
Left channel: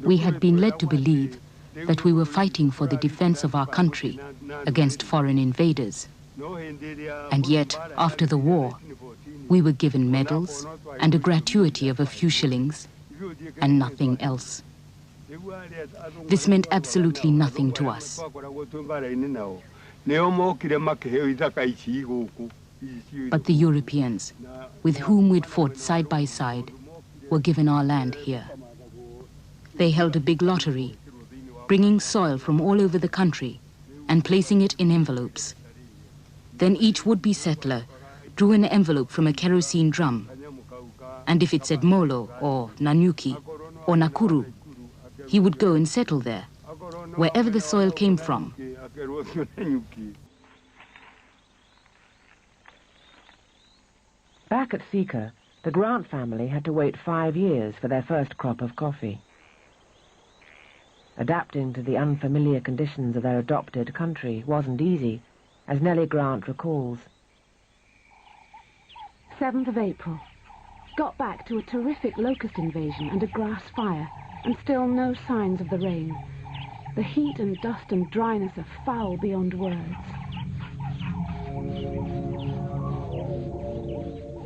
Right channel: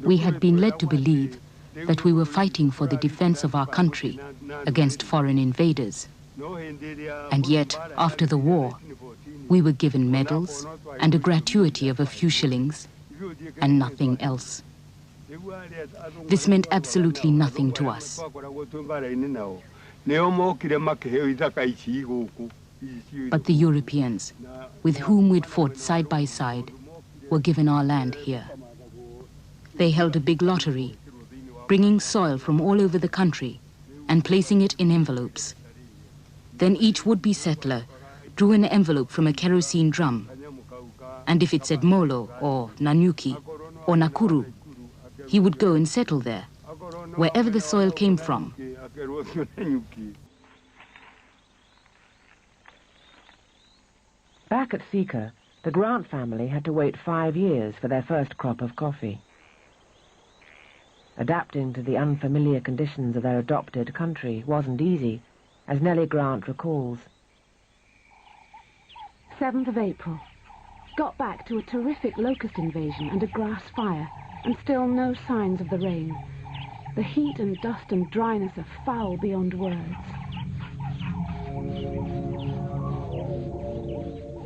We had been led to believe that we were fighting for the defense of our country against foreign invaders. And yet, after the war, we were given medals and a gratuity of a few shillings and nothing else. This meant absolutely nothing to us. But the Europeans, with whom we'd fought side by side, were given our land here. They held a big lottery, bringing soil from all over the country and placing it in envelopes. Then each would-be settler drew an envelope from a kerosene drum, and if it said Molo or Nanyuki or Nakuru, he would go and settle there, wherever the soil came from. Back at Sika, the Grant family had to wait 5 years for their first crop of coffee. Adapting to the unfamiliar conditions of their adopted country wasn't easy, as Nellie Grant recalls. 7th of April. Got back to a terrific locust invasion and a grass fire, and still no signs of the rain. The heat and dust and dryness are foul beyond words.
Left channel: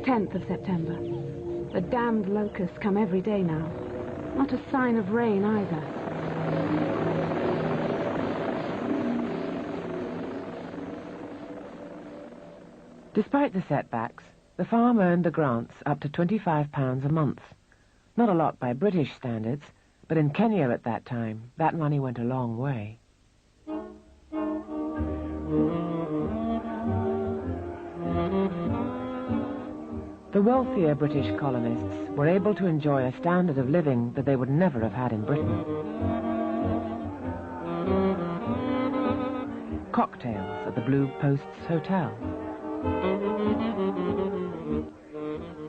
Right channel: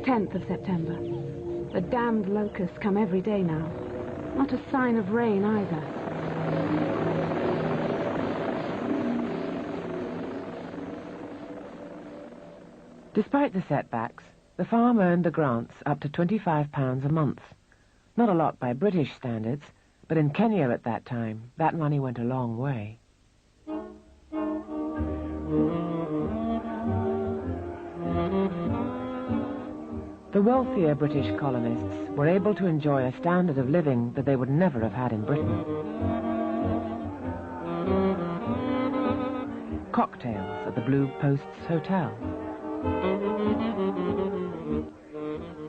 10th of September. The damned locusts come every day now. Not a sign of rain either. Despite the setbacks, the farm earned the Grants up to £25 a month. Not a lot by British standards, but in Kenya at that time, that money went a long way. The wealthier British colonists were able to enjoy a standard of living that they would never have had in Britain. Cocktails at the Blue Posts Hotel.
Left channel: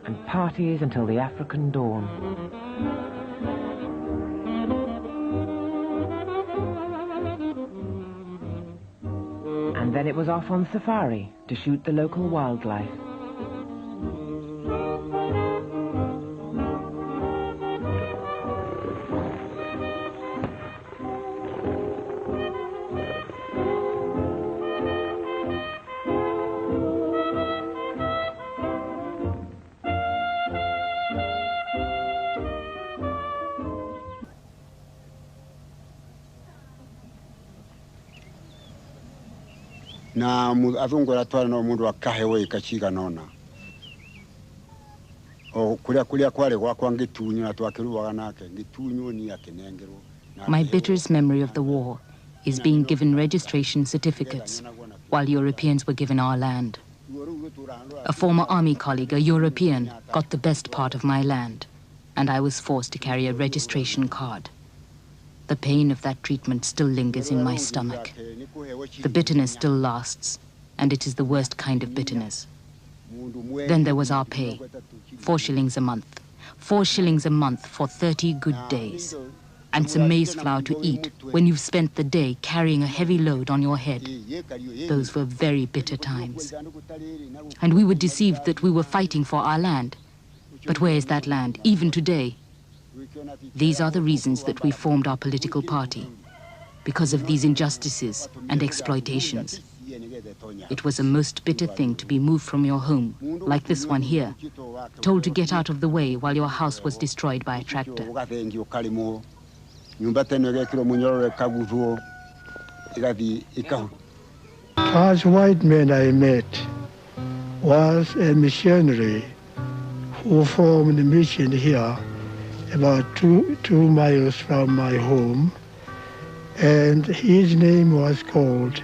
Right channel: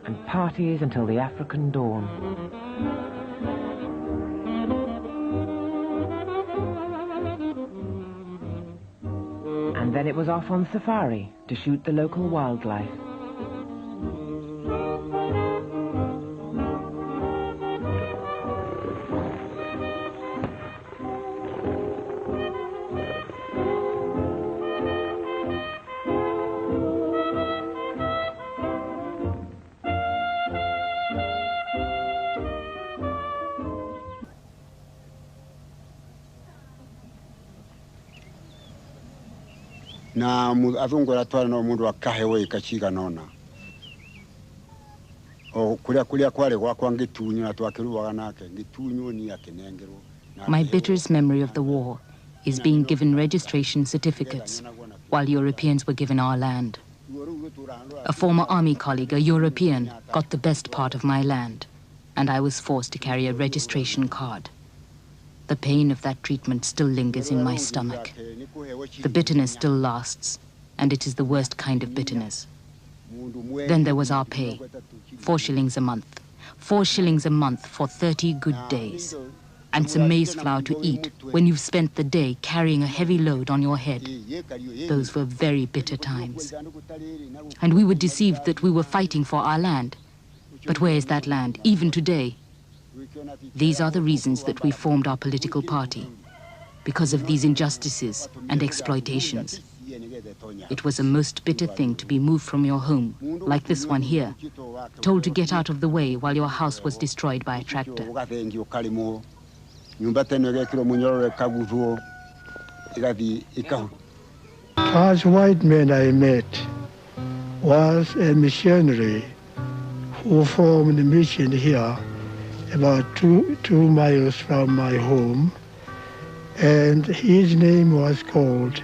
And parties until the African dawn. And then it was off on safari to shoot the local wildlife. na azungu aratwara no mundu akahewe ikachiga nona o kulia kwale gwakwa ngitunyu na twakiruwaga nake ngitunyu ni akinengerwo. My bitterest memory of the war is being given registration certificates while Europeans were given our land. A former army colleague, a European, got the best part of my land, and I was forced to carry a registration card. The pain of that treatment still lingers in my stomach. The bitterness still lasts, and it is the worst kind of bitterness. Then there was our pay, 4 shillings a month. 4 shillings a month for 30 good days. And some maize flour to eat when you've spent the day carrying a heavy load on your head. Those were very bitter times. And we were deceived that we were fighting for our land. But where is that land, even today? These are the reasons that we formed our political party, because of these injustices and exploitations. It was a most bitter thing to be moved from your home, like this one here, told to get out of the way while your house was destroyed by a tractor. First white man I met was a missionary who formed a mission here about two miles from my home, and his name was called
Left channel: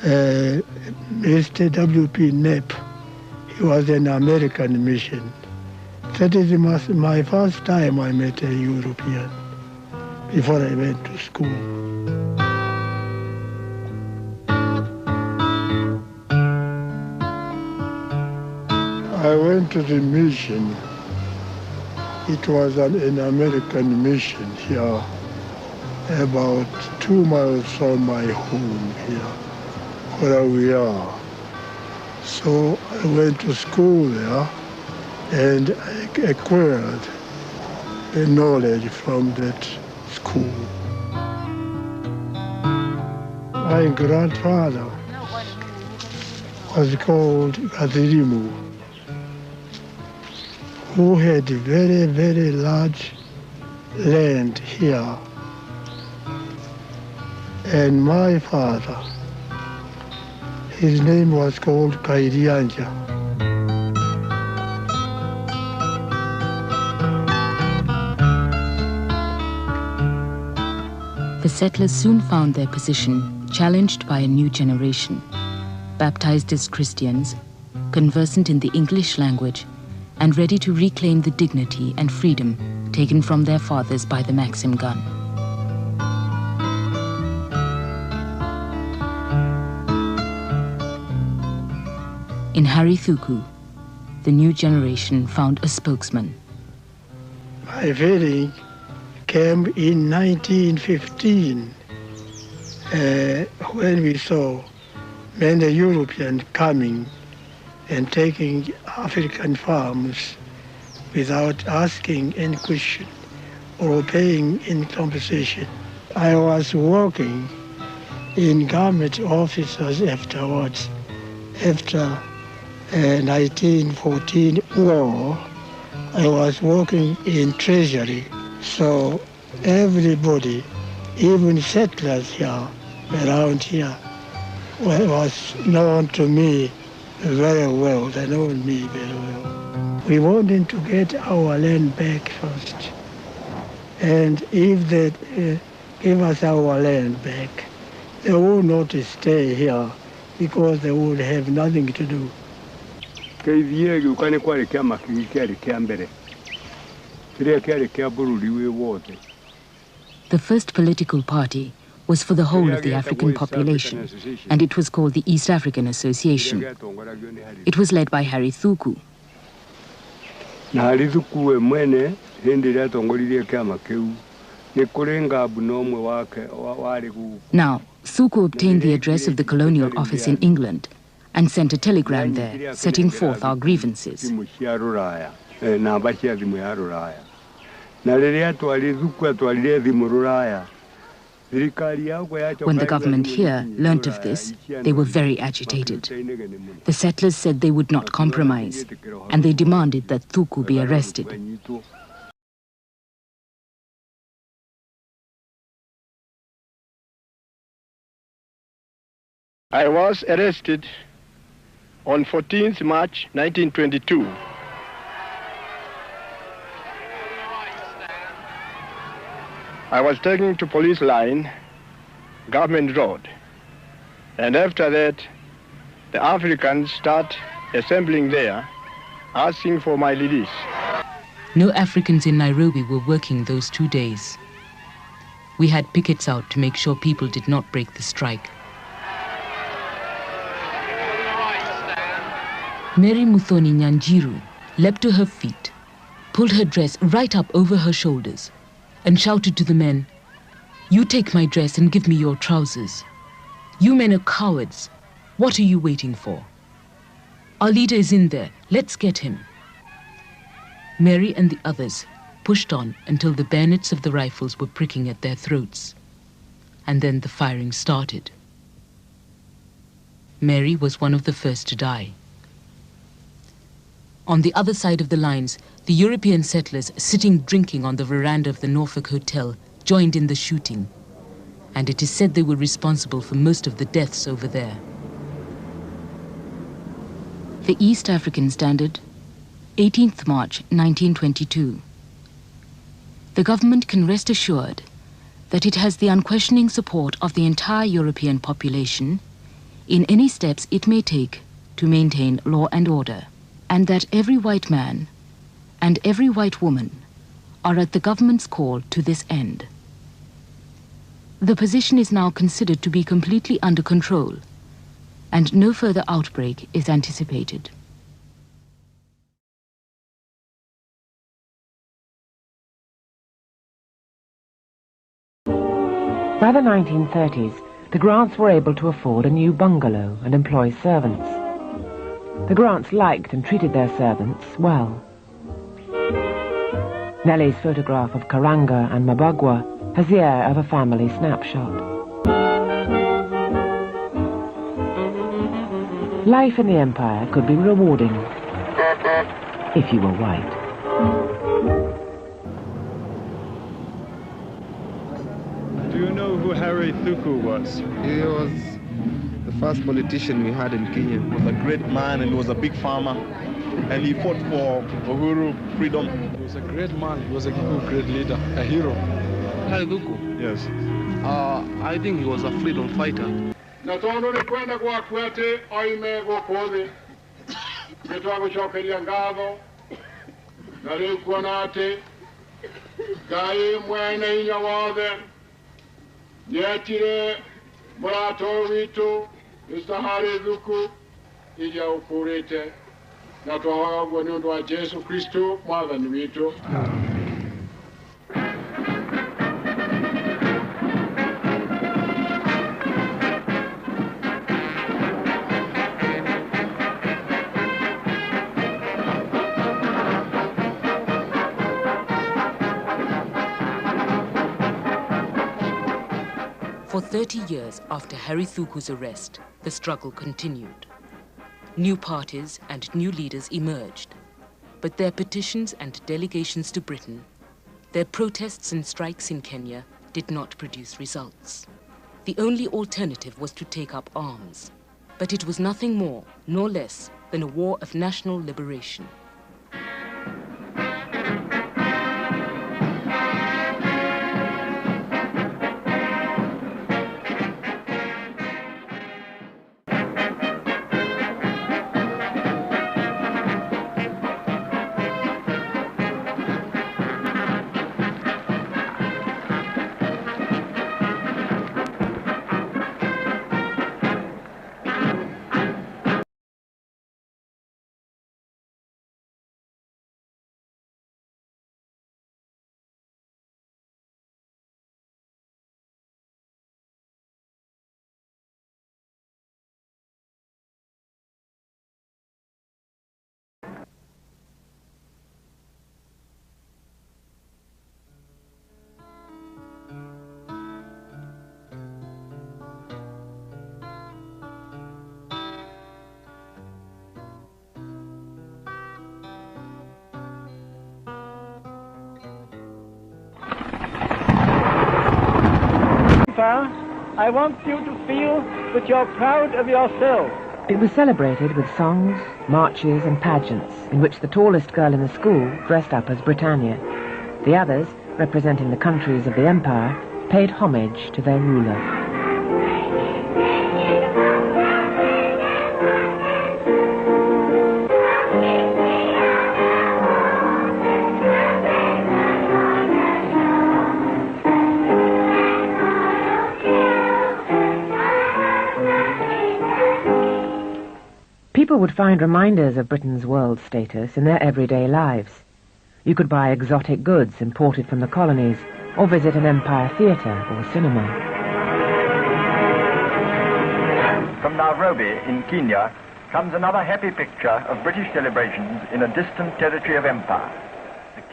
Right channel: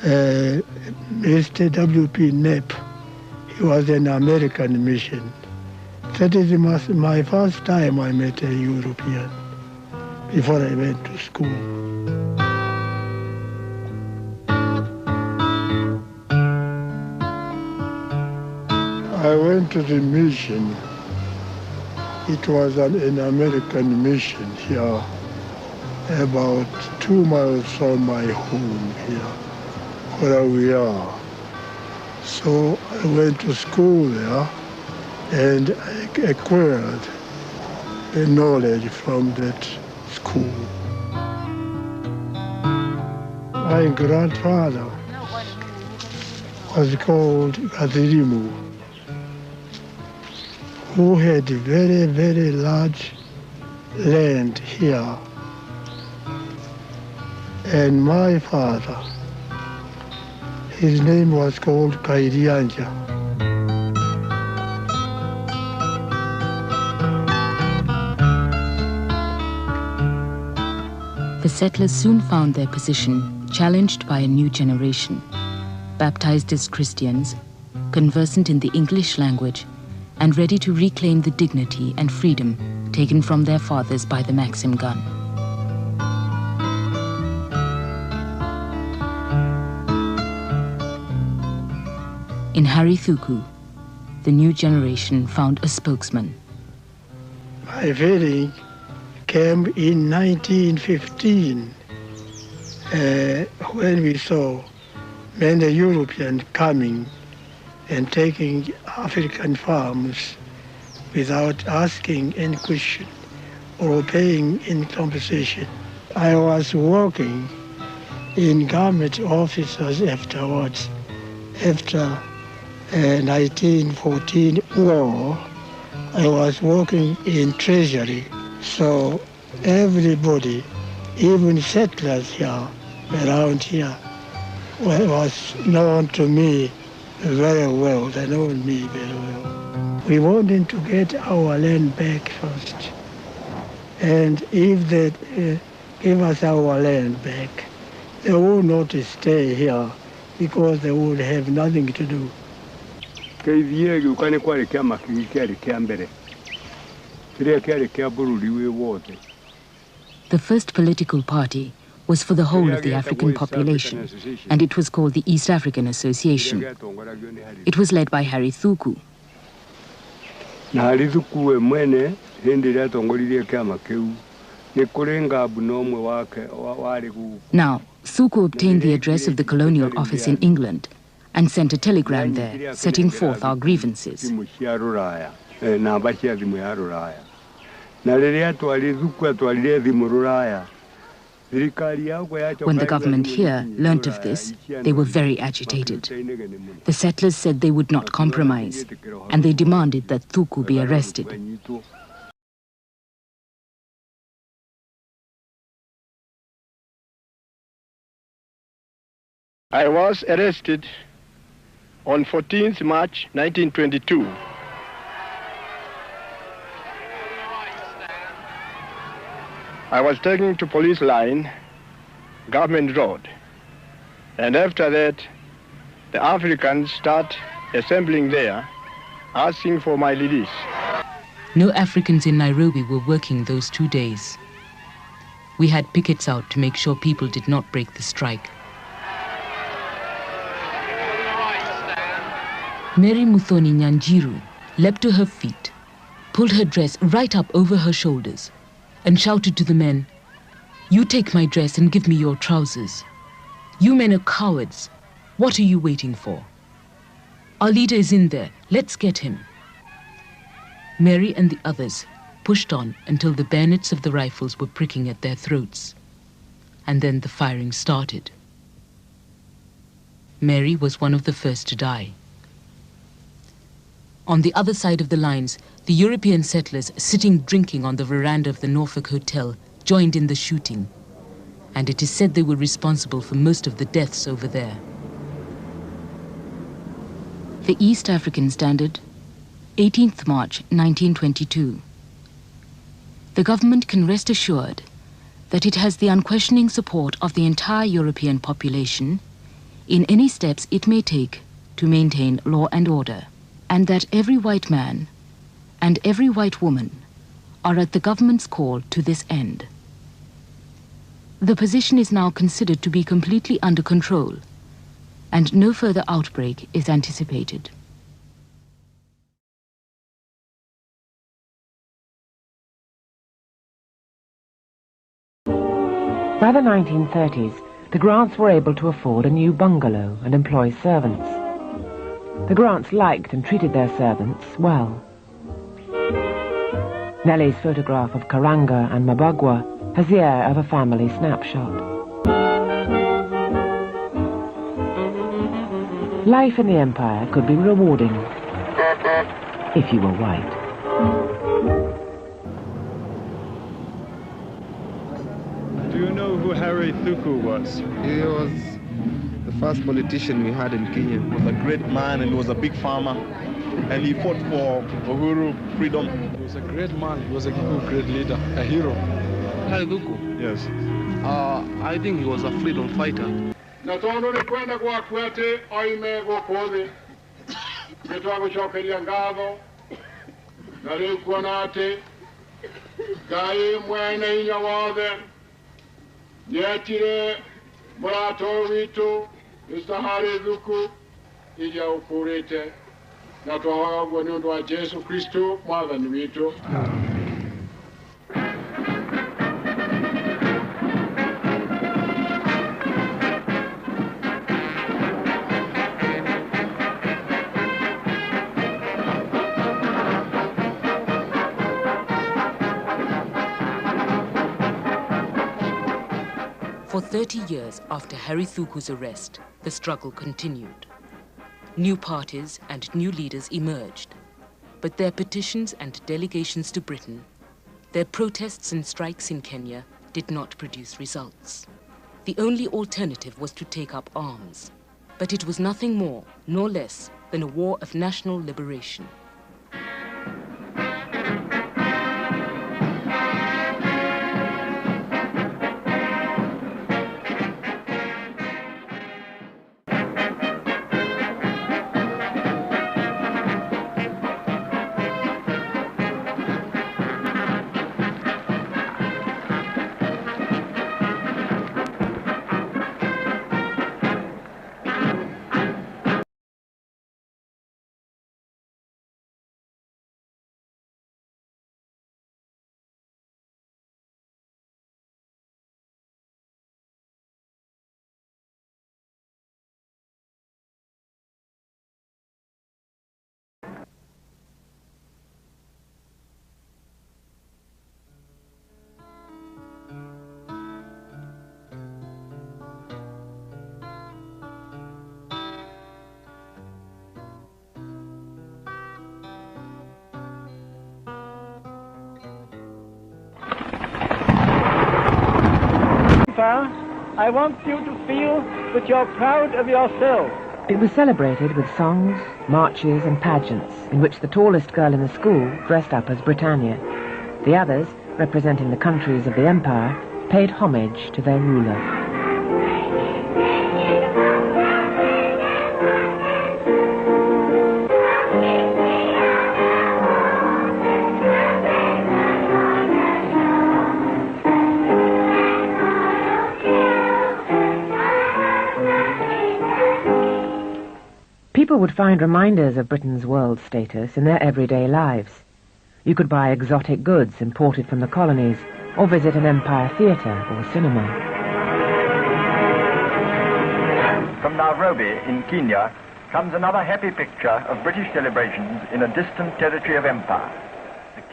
Mr. W.P. Knapp. He was an American mission. That is my first time I met a European before I went to school. I went to the mission. It was an American mission here, about 2 miles from my home here, where we are. So I went to school there and I acquired the knowledge from that school. My grandfather was called Gazirimu, who had very, very large land here. And my father, his name was called Kairianja. The settlers soon found their position challenged by a new generation, baptized as Christians, conversant in the English language, and ready to reclaim the dignity and freedom taken from their fathers by the Maxim gun. In Harry Thuku, the new generation found a spokesman. My feeling came in 1915 when we saw many Europeans coming and taking African farms without asking any question or paying any compensation. I was working in government offices afterwards. After 1914 war, I was working in Treasury. So everybody, even settlers here, around here, was known to me very well. They know me very well. We wanted to get our land back first. And if they give us our land back, they would not stay here because they would have nothing to do. The first political party was for the whole of the African population, and it was called the East African Association. It was led by Harry Thuku. Now, Thuku obtained the address of the colonial office in England and sent a telegram there, setting forth our grievances. When the government here learnt of this, they were very agitated. The settlers said they would not compromise, and they demanded that Thuku be arrested. I was arrested on 14th March 1922. I was taken to police line, Government Road. And after that, the Africans start assembling there, asking for my release. No Africans in Nairobi were working those 2 days. We had pickets out to make sure people did not break the strike. Mary Muthoni Nyanjiru leapt to her feet, pulled her dress right up over her shoulders, and shouted to the men, "You take my dress and give me your trousers. You men are cowards. What are you waiting for? Our leader is in there. Let's get him." Mary and the others pushed on until the bayonets of the rifles were pricking at their throats. And then the firing started. Mary was one of the first to die. On the other side of the lines, the European settlers sitting drinking on the veranda of the Norfolk Hotel joined in the shooting, and it is said they were responsible for most of the deaths over there. The East African Standard, 18th March 1922. The government can rest assured that it has the unquestioning support of the entire European population in any steps it may take to maintain law and order, and that every white man and every white woman are at the government's call to this end. The position is now considered to be completely under control, and no further outbreak is anticipated. By the 1930s, the Grants were able to afford a new bungalow and employ servants. The Grants liked and treated their servants well. Nellie's photograph of Karanga and Mabagwa has the air of a family snapshot. Life in the Empire could be rewarding if you were white. Do you know who Harry Thuku was? He was the first politician we had in Kenya. He was a great man and he was a big farmer. And he fought for Uhuru, freedom. He was a great man. He was a great leader, a hero. Harry Thuku? Yes. I think he was a freedom fighter. Natondo ni kwenda kwa kwete oime gokode. Betwago chokeria ngado. Nari kwanate. Gai mwene inya wade. Nyetire murato witu. Mr. Harry Thuku. Ija ukurete. Na twahoga ni undu wa Jesu Kristo mwathani witu. For 30 years after Harry Thuku's arrest, the struggle continued. New parties and new leaders emerged, but their petitions and delegations to Britain, their protests and strikes in Kenya did not produce results. The only alternative was to take up arms, but it was nothing more nor less than a war of national liberation. I want you to feel that you're proud of yourself. It was celebrated with songs, marches and pageants in which the tallest girl in the school dressed up as Britannia. The others, representing the countries of the empire, paid homage to their ruler. People would find reminders of Britain's world status in their everyday lives. You could buy exotic goods imported from the colonies, or visit an empire theatre or cinema. From Nairobi in Kenya comes another happy picture of British celebrations in a distant territory of empire.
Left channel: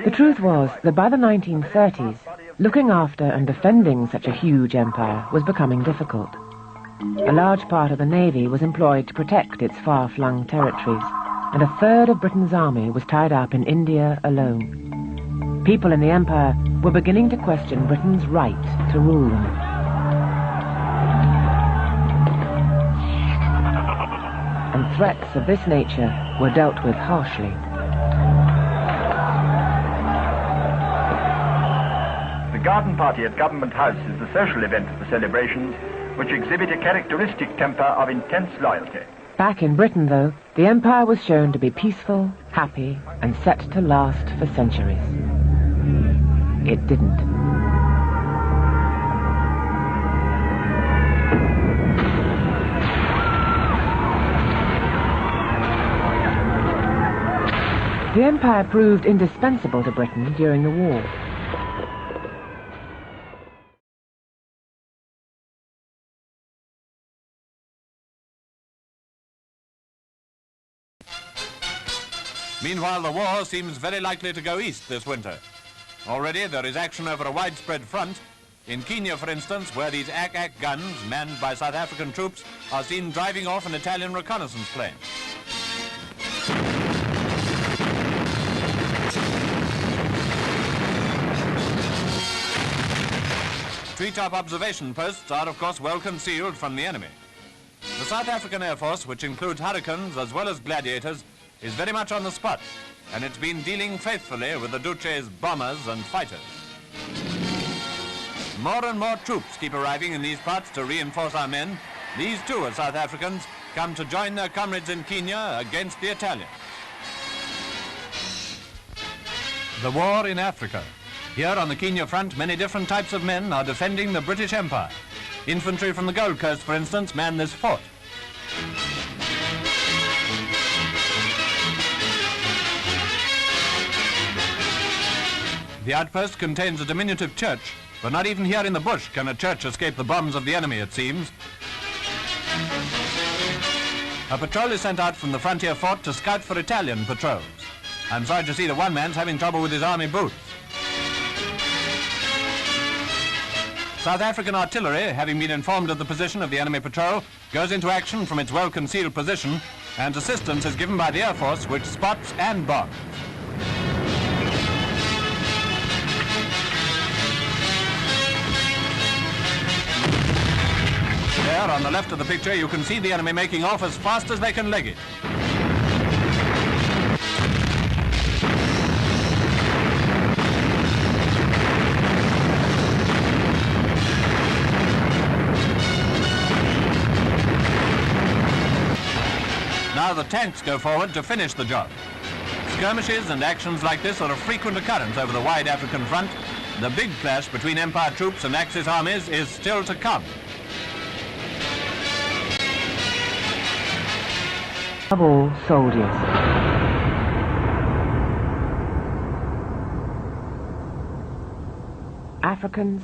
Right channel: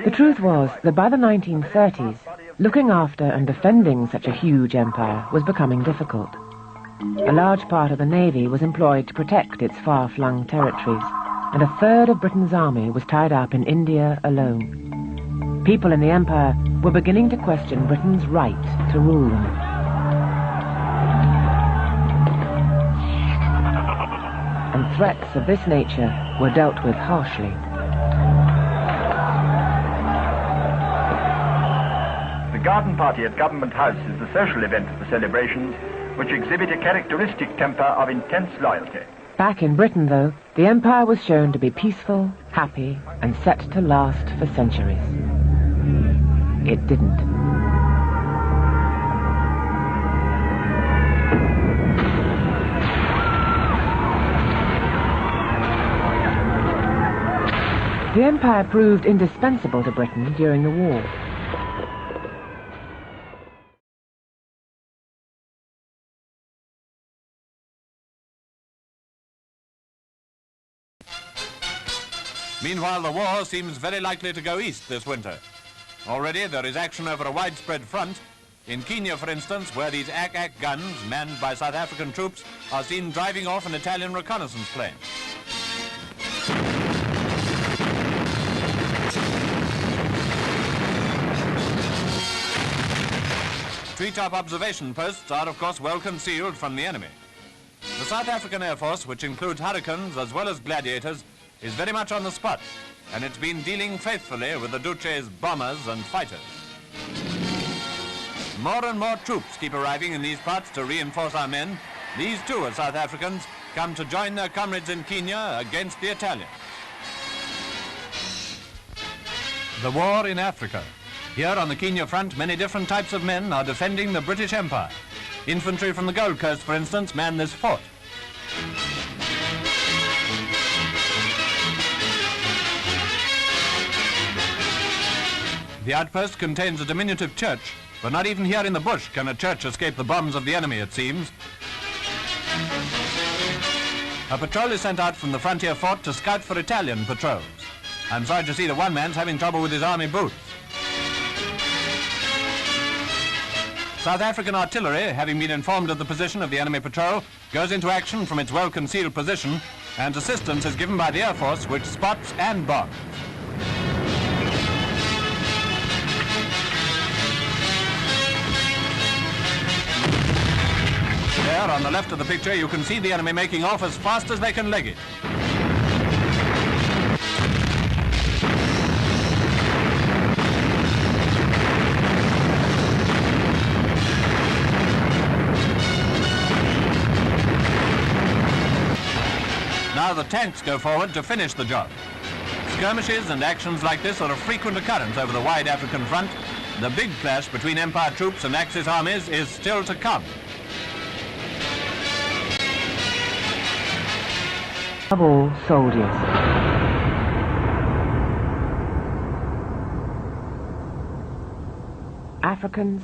The truth was that by the 1930s, looking after and defending such a huge empire was becoming difficult. A large part of the navy was employed to protect its far-flung territories, and a third of Britain's army was tied up in India alone. People in the empire were beginning to question Britain's right to rule them. And threats of this nature were dealt with harshly. The garden party at Government House is the social event of the celebrations, which exhibit a characteristic temper of intense loyalty. Back in Britain, though, the empire was shown to be peaceful, happy, and set to last for centuries. It didn't. The empire proved indispensable to Britain during the war. Meanwhile, the war seems very likely to go east this winter. Already there is action over a widespread front. In Kenya, for instance, where these Ack-Ack guns, manned by South African troops, are seen driving off an Italian reconnaissance plane. Treetop observation posts are, of course, well concealed from the enemy. The South African Air Force, which includes Hurricanes as well as Gladiators, is very much on the spot, and it's been dealing faithfully with the Duce's bombers and fighters. More and more troops keep arriving in these parts to reinforce our men. These too are South Africans, come to join their comrades in Kenya against the Italians. The war in Africa. Here on the Kenya front, many different types of men are defending the British Empire. Infantry from the Gold Coast, for instance, man this fort. The outpost contains a diminutive church, but not even here in the bush can a church escape the bombs of the enemy, it seems. A patrol is sent out from the frontier fort to scout for Italian patrols. I'm sorry to see that one man's having trouble with his army boots. South African artillery, having been informed of the position of the enemy patrol, goes into action from its well-concealed position, and assistance is given by the Air Force, which spots and bombs. There, on the left of the picture, you can see the enemy making off as fast as they can leg it. Now the tanks go forward to finish the job. Skirmishes and actions like this are of frequent occurrence over the wide African front. The big clash between Empire troops and Axis armies is still to come. Of all soldiers. Africans,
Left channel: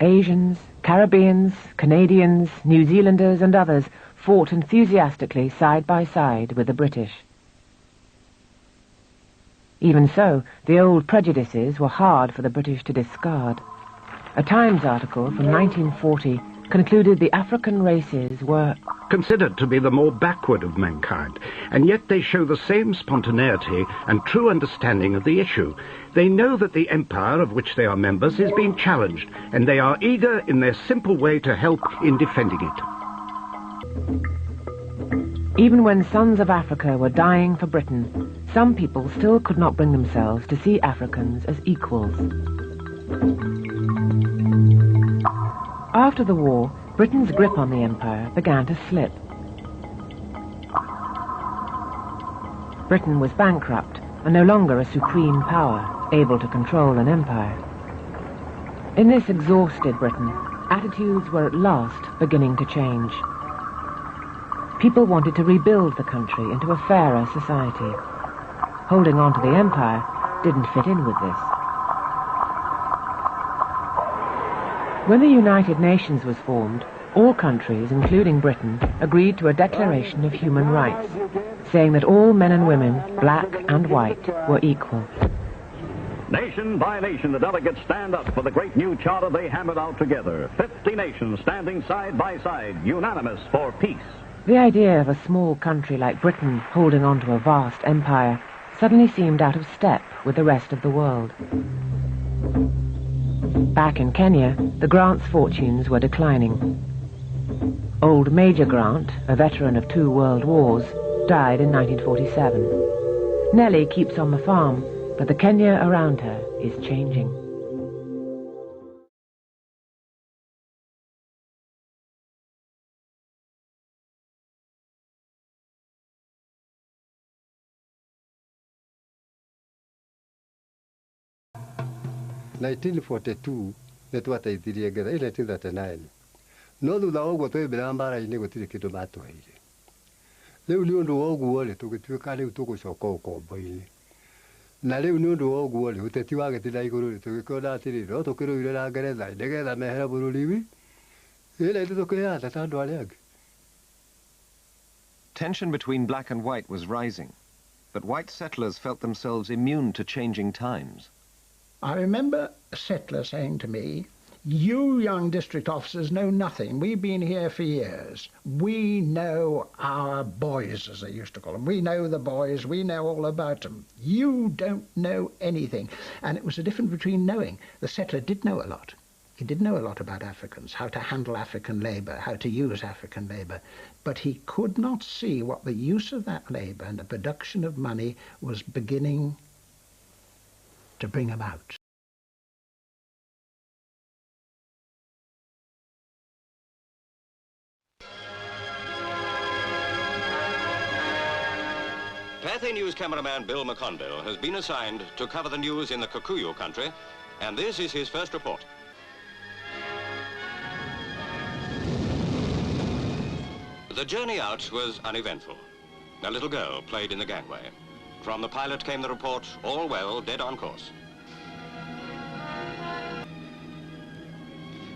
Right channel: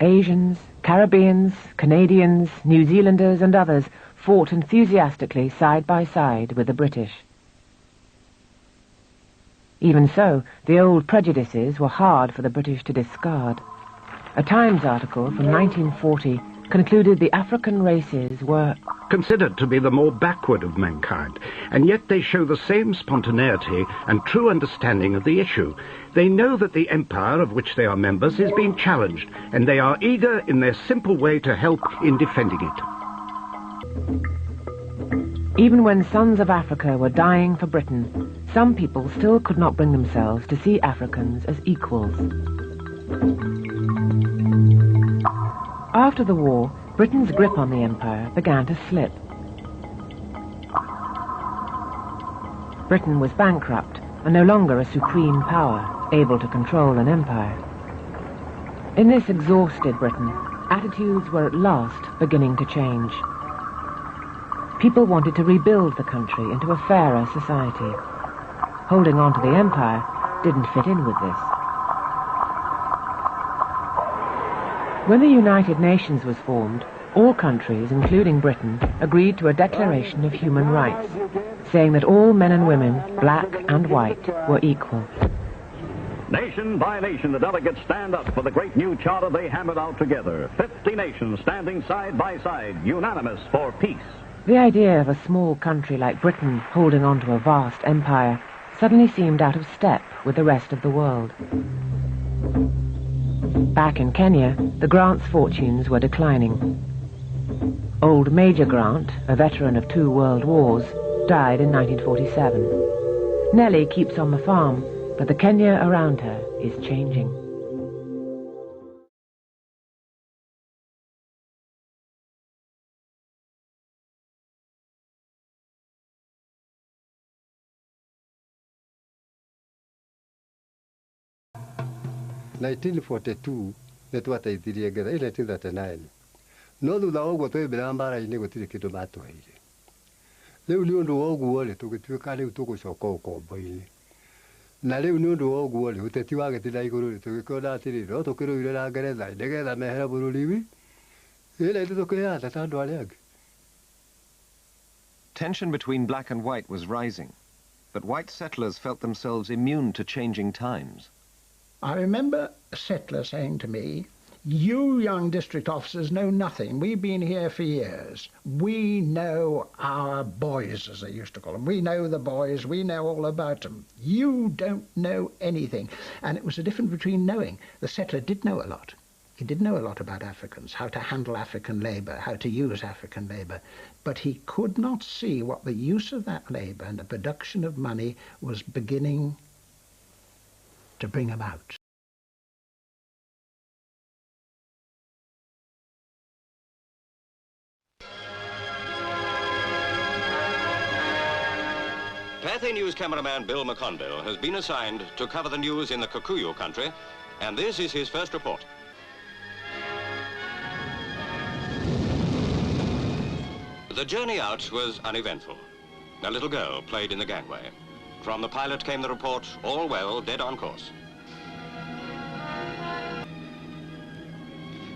Asians, Caribbeans, Canadians, New Zealanders and others fought enthusiastically side by side with the British. Even so, the old prejudices were hard for the British to discard. A Times article from 1940 concluded the African races were considered to be the more backward of mankind, and yet they show the same spontaneity and true understanding of the issue. They know that the empire of which they are members is being challenged, and they are eager in their simple way to help in defending it. Even when sons of Africa were dying for Britain, some people still could not bring themselves to see Africans as equals. After the war, Britain's grip on the empire began to slip. Britain was bankrupt and no longer a supreme power, able to control an empire. In this exhausted Britain, attitudes were at last beginning to change. People wanted to rebuild the country into a fairer society. Holding on to the empire didn't fit in with this. When the United Nations was formed, all countries, including Britain, agreed to a Declaration of Human Rights, saying that all men and women, black and white, were equal. Nation by nation, the delegates stand up for the great new charter they hammered out together. 50 nations standing side by side, unanimous for peace. The idea of a small country like Britain holding on to a vast empire suddenly seemed out of step with the rest of the world. Back in Kenya, the Grant's fortunes were declining. Old Major Grant, a veteran of 2 world wars, died in 1947. Nellie keeps on the farm, but the Kenya around her is changing. In 1942 nitwateithirie ngetha 1939 no thutha wa ũguo twaumĩra mbara-inĩ gũtirĩ kĩndũ matũheire. Rĩu nĩ ũndũ wa ũguo rĩ tũgĩtuĩka rĩu tũgũcoka ũkombo-inĩ. Na rĩu nĩ ũndũ wa ũguo rĩ ũteti wagĩthiĩ igũrũ rĩ tũgĩkĩona atĩrĩrĩ no tũkĩrũire na Ngeretha nĩgetha mehere bũrũri wi ĩrĩa ithuĩ tũkĩheana ta andũ arĩa angĩ. Tension between black and white was rising, but white settlers felt themselves immune to changing times. I remember a settler saying to me, "You young district officers know nothing. We've been here for years. We know our boys," as they used to call them. "We know the boys. We know all about them. You don't know anything." And it was the difference between knowing. The settler did know a lot. He did know a lot about Africans, how to handle African labour, how to use African labour. But he could not see what the use of that labour and the production of money was beginning to bring about. Pathé News cameraman Bill McConville has been assigned to cover the news in the Kikuyu country, and this is his first report. The journey out was uneventful. A little girl played in the gangway. From the pilot came the report, all well, dead on course.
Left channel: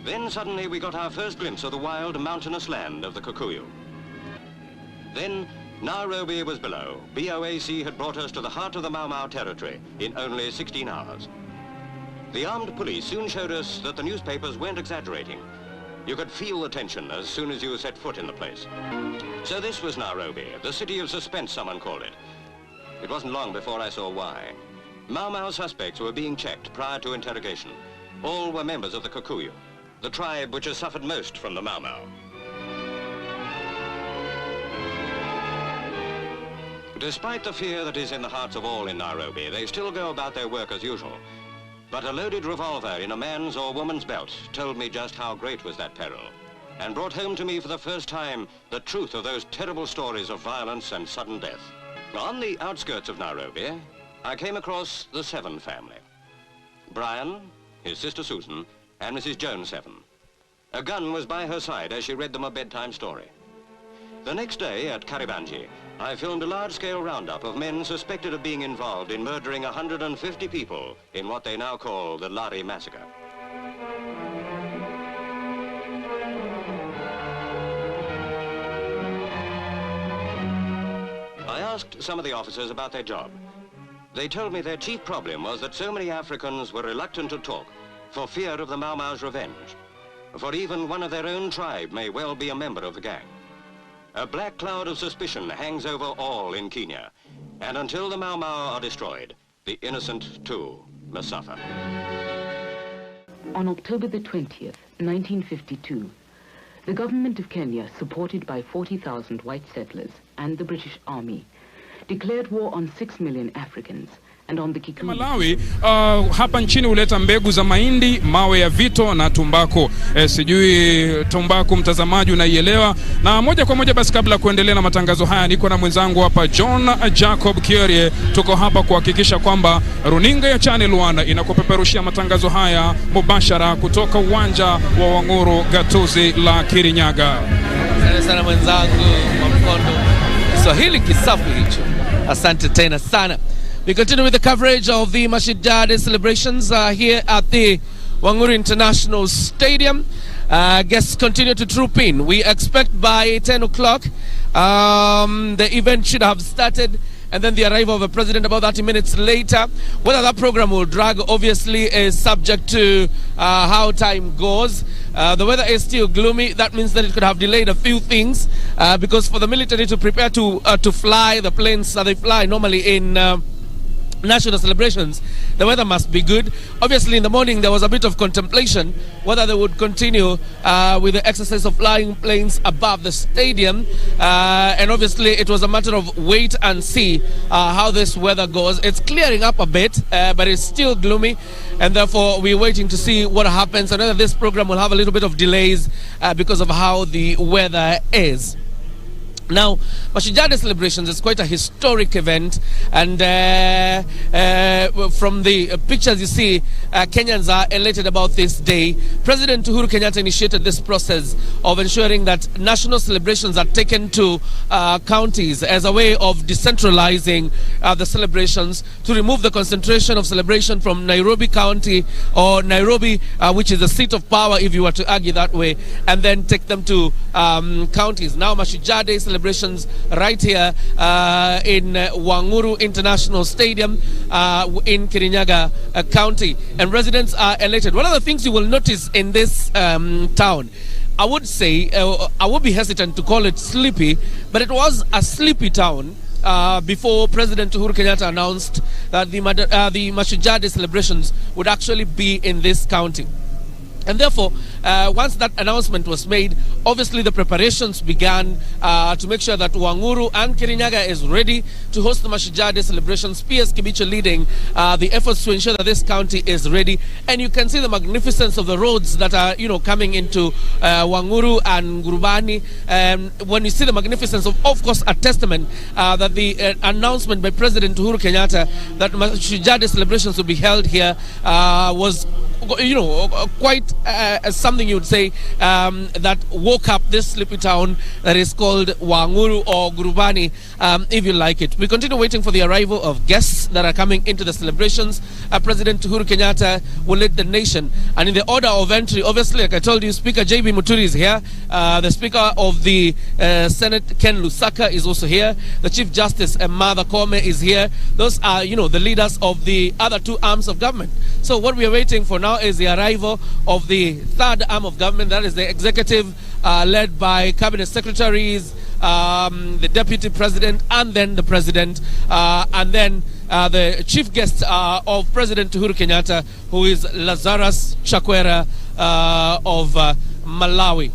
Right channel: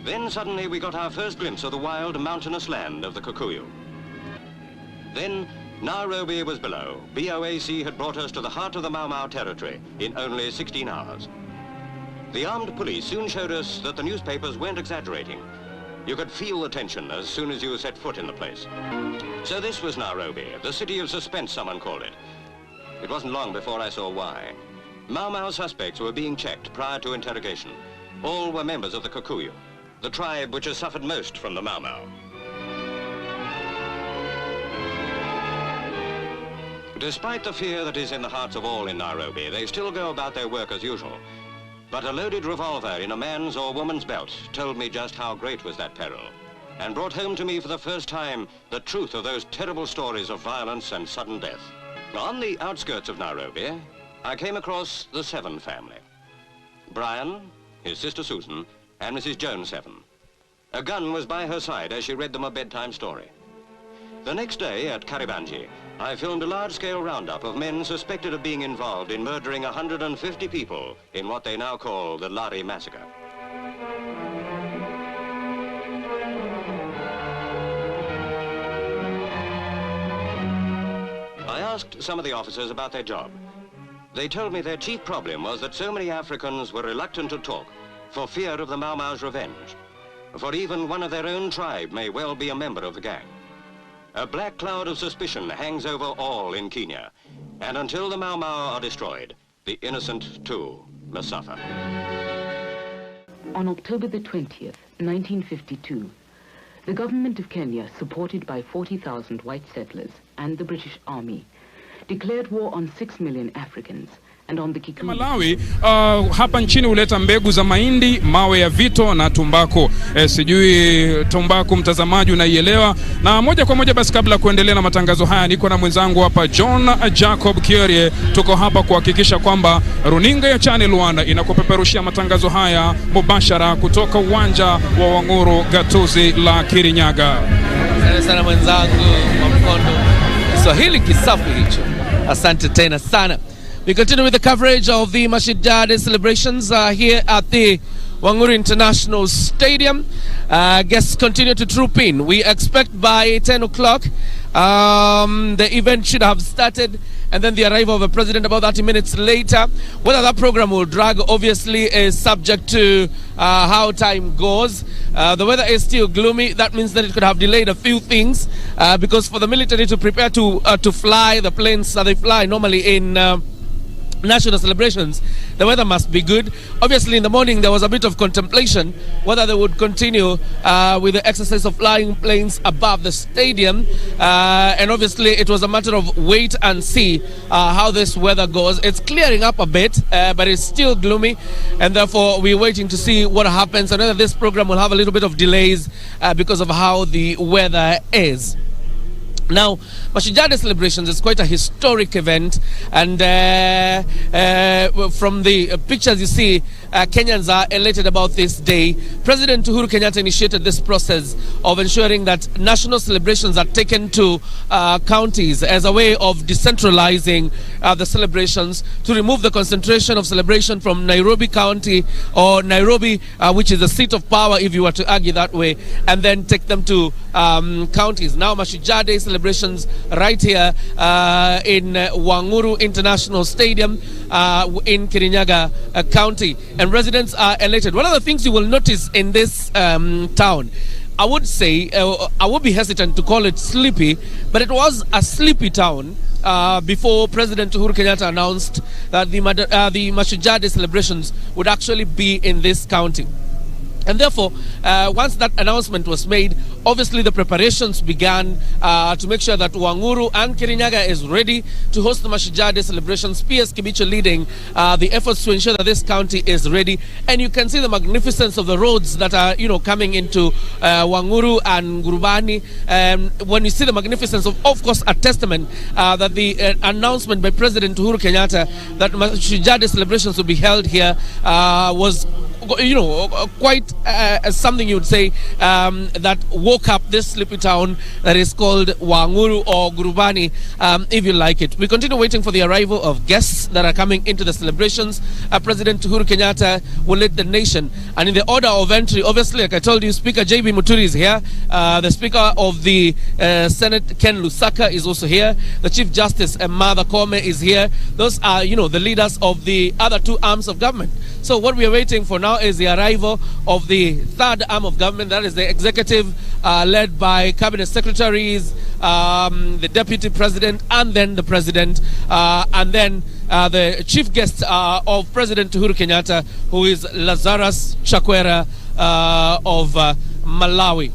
Then suddenly we got our first glimpse of the wild mountainous land of the Kikuyu. Then Nairobi was below. BOAC had brought us to the heart of the Mau Mau territory in only 16 hours. The armed police soon showed us that the newspapers weren't exaggerating. You could feel the tension as soon as you set foot in the place. So this was Nairobi, the city of suspense, someone called it. It wasn't long before I saw why. Mau Mau suspects were being checked prior to interrogation. All were members of the Kikuyu, the tribe which has suffered most from the Mau Mau. Despite the fear that is in the hearts of all in Nairobi, they still go about their work as usual. But a loaded revolver in a man's or woman's belt told me just how great was that peril, and brought home to me for the first time the truth of those terrible stories of violence and sudden death. On the outskirts of Nairobi, I came across the Seven family. Brian, his sister Susan, and Mrs. Jones Seven. A gun was by her side as she read them a bedtime story. The next day at Karibanji, I filmed a large-scale roundup of men suspected of being involved in murdering 150 people in what they now call the Lari Massacre. I asked some of the officers about their job. They told me their chief problem was that so many Africans were reluctant to talk for fear of the Mau Mau's revenge. For even one of their own tribe may well be a member of the gang. A black cloud of suspicion hangs over all in Kenya, and until the Mau Mau are destroyed, the innocent too must suffer. On October the 20th, 1952, the government of Kenya, supported by 40,000 white settlers and the British Army, declared war on 6 million Africans and on the Kikuyu. Malawi hapa nchini huleta mbegu za mahindi, mawe ya vito na tumbako. Sijui tumbako mtazamaji unaielewa. Na moja kwa moja basi kabla kuendelea na matangazo haya niko na mwenzangu hapa John Jacob Kierie. Tuko hapa kuhakikisha kwamba runinga ya Channel 1 inakupeperushia matangazo haya mubashara kutoka uwanja wa Wanguru Gatuzi la Kirinyaga. Asante sana mwenzangu wa Mkondo. Kiswahili kisafi hicho. Asante tena sana. We continue with the coverage of the Mashidade celebrations here at the Wanguru International Stadium. Guests continue to troop in. We expect by 10 o'clock the event should have started, and then the arrival of the president about 30 minutes later. Whether that program will drag, obviously, is subject to how time goes. The weather is still gloomy. That means that it could have delayed a few things because for the military to prepare to fly the planes that they fly normally in national celebrations, the weather must be good. Obviously, in the morning, there was a bit of contemplation whether they would continue with the exercise of flying planes above the stadium. And obviously, it was a matter of wait and see how this weather goes. It's clearing up a bit, but it's still gloomy. And therefore, we're waiting to see what happens. And whether this program will have a little bit of delays because of how the weather is. Now, Mashujaa Day celebrations is quite a historic event, and from the pictures you see, Kenyans are elated about this day. President Uhuru Kenyatta initiated this process of ensuring that national celebrations are taken to counties as a way of decentralizing the celebrations, to remove the concentration of celebration from Nairobi County or Nairobi, which is the seat of power if you were to argue that way, and then take them to counties. Now, Mashujaa Day celebrations right here in Wanguru International Stadium in Kirinyaga County, and residents are elated. One of the things you will notice in this town, I would say, I would be hesitant to call it sleepy, but it was a sleepy town before President Uhuru Kenyatta announced that the Mashujaa Day celebrations would actually be in this county. And therefore, once that announcement was made, obviously the preparations began to make sure that Wanguru and Kirinyaga is ready to host the Mashujaa Day celebrations. PS Kibicho leading the efforts to ensure that this county is ready. And you can see the magnificence of the roads that are, coming into Wanguru and Gurubani. When you see the magnificence of course, a testament that the announcement by President Uhuru Kenyatta that Mashujaa Day celebrations will be held here was quite something you would say that woke up this sleepy town that is called Wanguru or Gurubani, if you like it. We continue waiting for the arrival of guests that are coming into the celebrations. President Uhuru Kenyatta will lead the nation. And in the order of entry, obviously, like I told you, Speaker J.B. Muturi is here. The Speaker of the Senate, Ken Lusaka, is also here. The Chief Justice, Martha Koome, is here. Those are, the leaders of the other two arms of government. So what we are waiting for now is the arrival of the third arm of government, that is the executive, led by cabinet secretaries, the deputy president, and then the president, and then the chief guest of President Uhuru Kenyatta, who is Lazarus Chakwera of Malawi.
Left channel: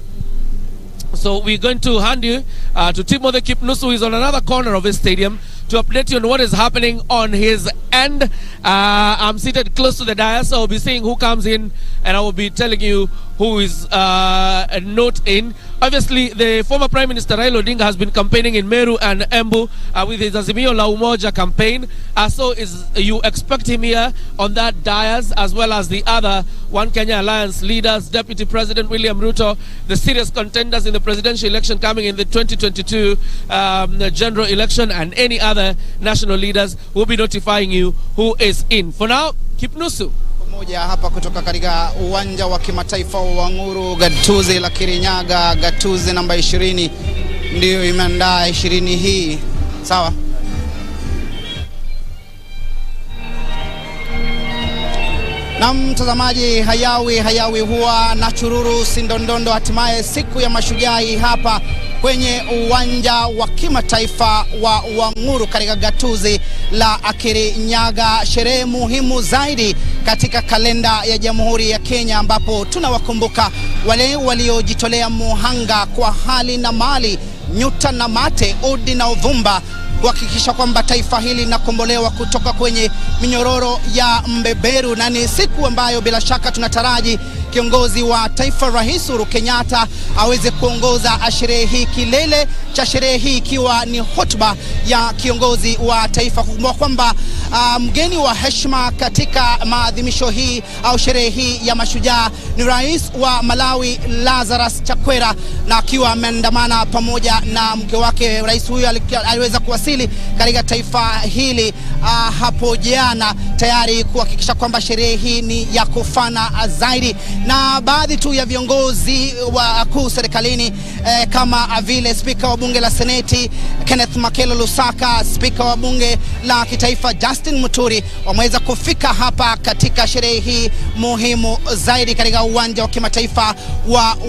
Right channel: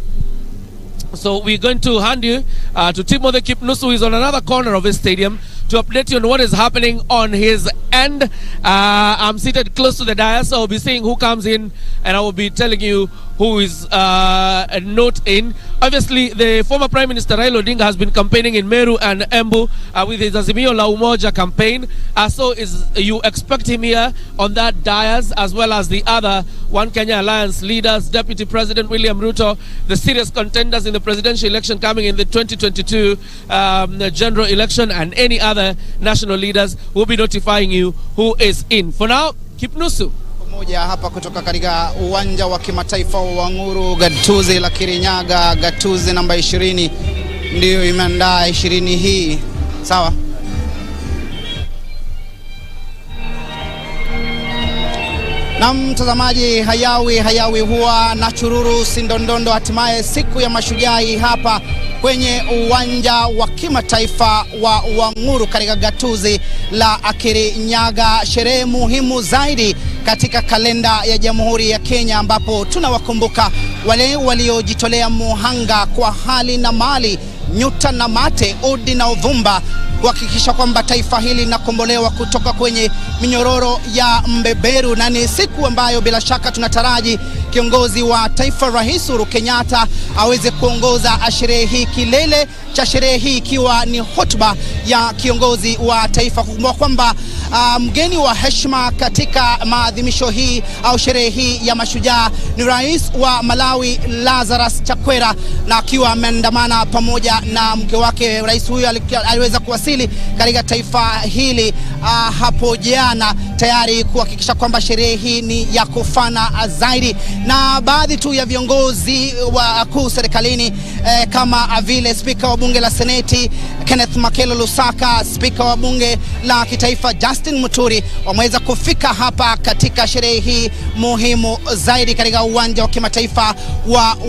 So we're going to hand you to Timothy Kipnusu, who is on another corner of this stadium, to update you on what is happening on his end. I'm seated close to the dais, so I'll be seeing who comes in, and I will be telling you who is not in. Obviously, the former Prime Minister Raila Odinga has been campaigning in Meru and Embu with his Azimio La Umoja campaign. So you expect him here on that dais, as well as the other One Kenya Alliance leaders, Deputy President William Ruto, the serious contenders in the presidential election coming in the 2022 general election, and any other national leaders will be notifying you who is in. For now, Kipnusu. Moja hapa kutoka katika uwanja wa kimataifa wa Wanguru, gatuzi la Kirinyaga, gatuzi namba 20 ndio imeandaa 20 hii. Sawa? Na mtazamaji, hayawi huwa na chururu sindondondo. Hatimaye siku ya Mashujaa hapa kwenye uwanja wa kimataifa wa Wanguru katika gatuzi la Kirinyaga, sherehe muhimu zaidi katika kalenda ya Jamhuri ya Kenya, ambapo tunawakumbuka wale waliojitolea muhanga kwa hali na mali, nyuta na mate, udi na uvumba, kuhakikisha kwamba taifa hili linakombolewa kutoka kwenye minyororo ya mbeberu. Na ni siku ambayo bila shaka tunataraji kiongozi wa taifa Rais Uhuru Kenyatta aweze kuongoza sherehe hii, kilele cha sherehe hii ikiwa ni hotuba ya kiongozi wa taifa. Kukumbuka kwamba mgeni wa heshima katika maadhimisho hii au sherehe hii ya mashujaa ni Rais wa Malawi Lazarus Chakwera, na akiwa ameandamana pamoja na mke wake. Rais huyu aliweza kuwasili katika taifa hili hapo jana, tayari kuhakikisha kwamba sherehe hii ni ya kufana zaidi. Na baadhi tu ya viongozi wakuu serikalini kama vile Spika wa Bunge la Seneti Kenneth Makelo Lusaka, Spika wa Bunge la Kitaifa Justin Muturi wameweza kufika hapa katika sherehe hii muhimu zaidi katika uwanja wa kimataifa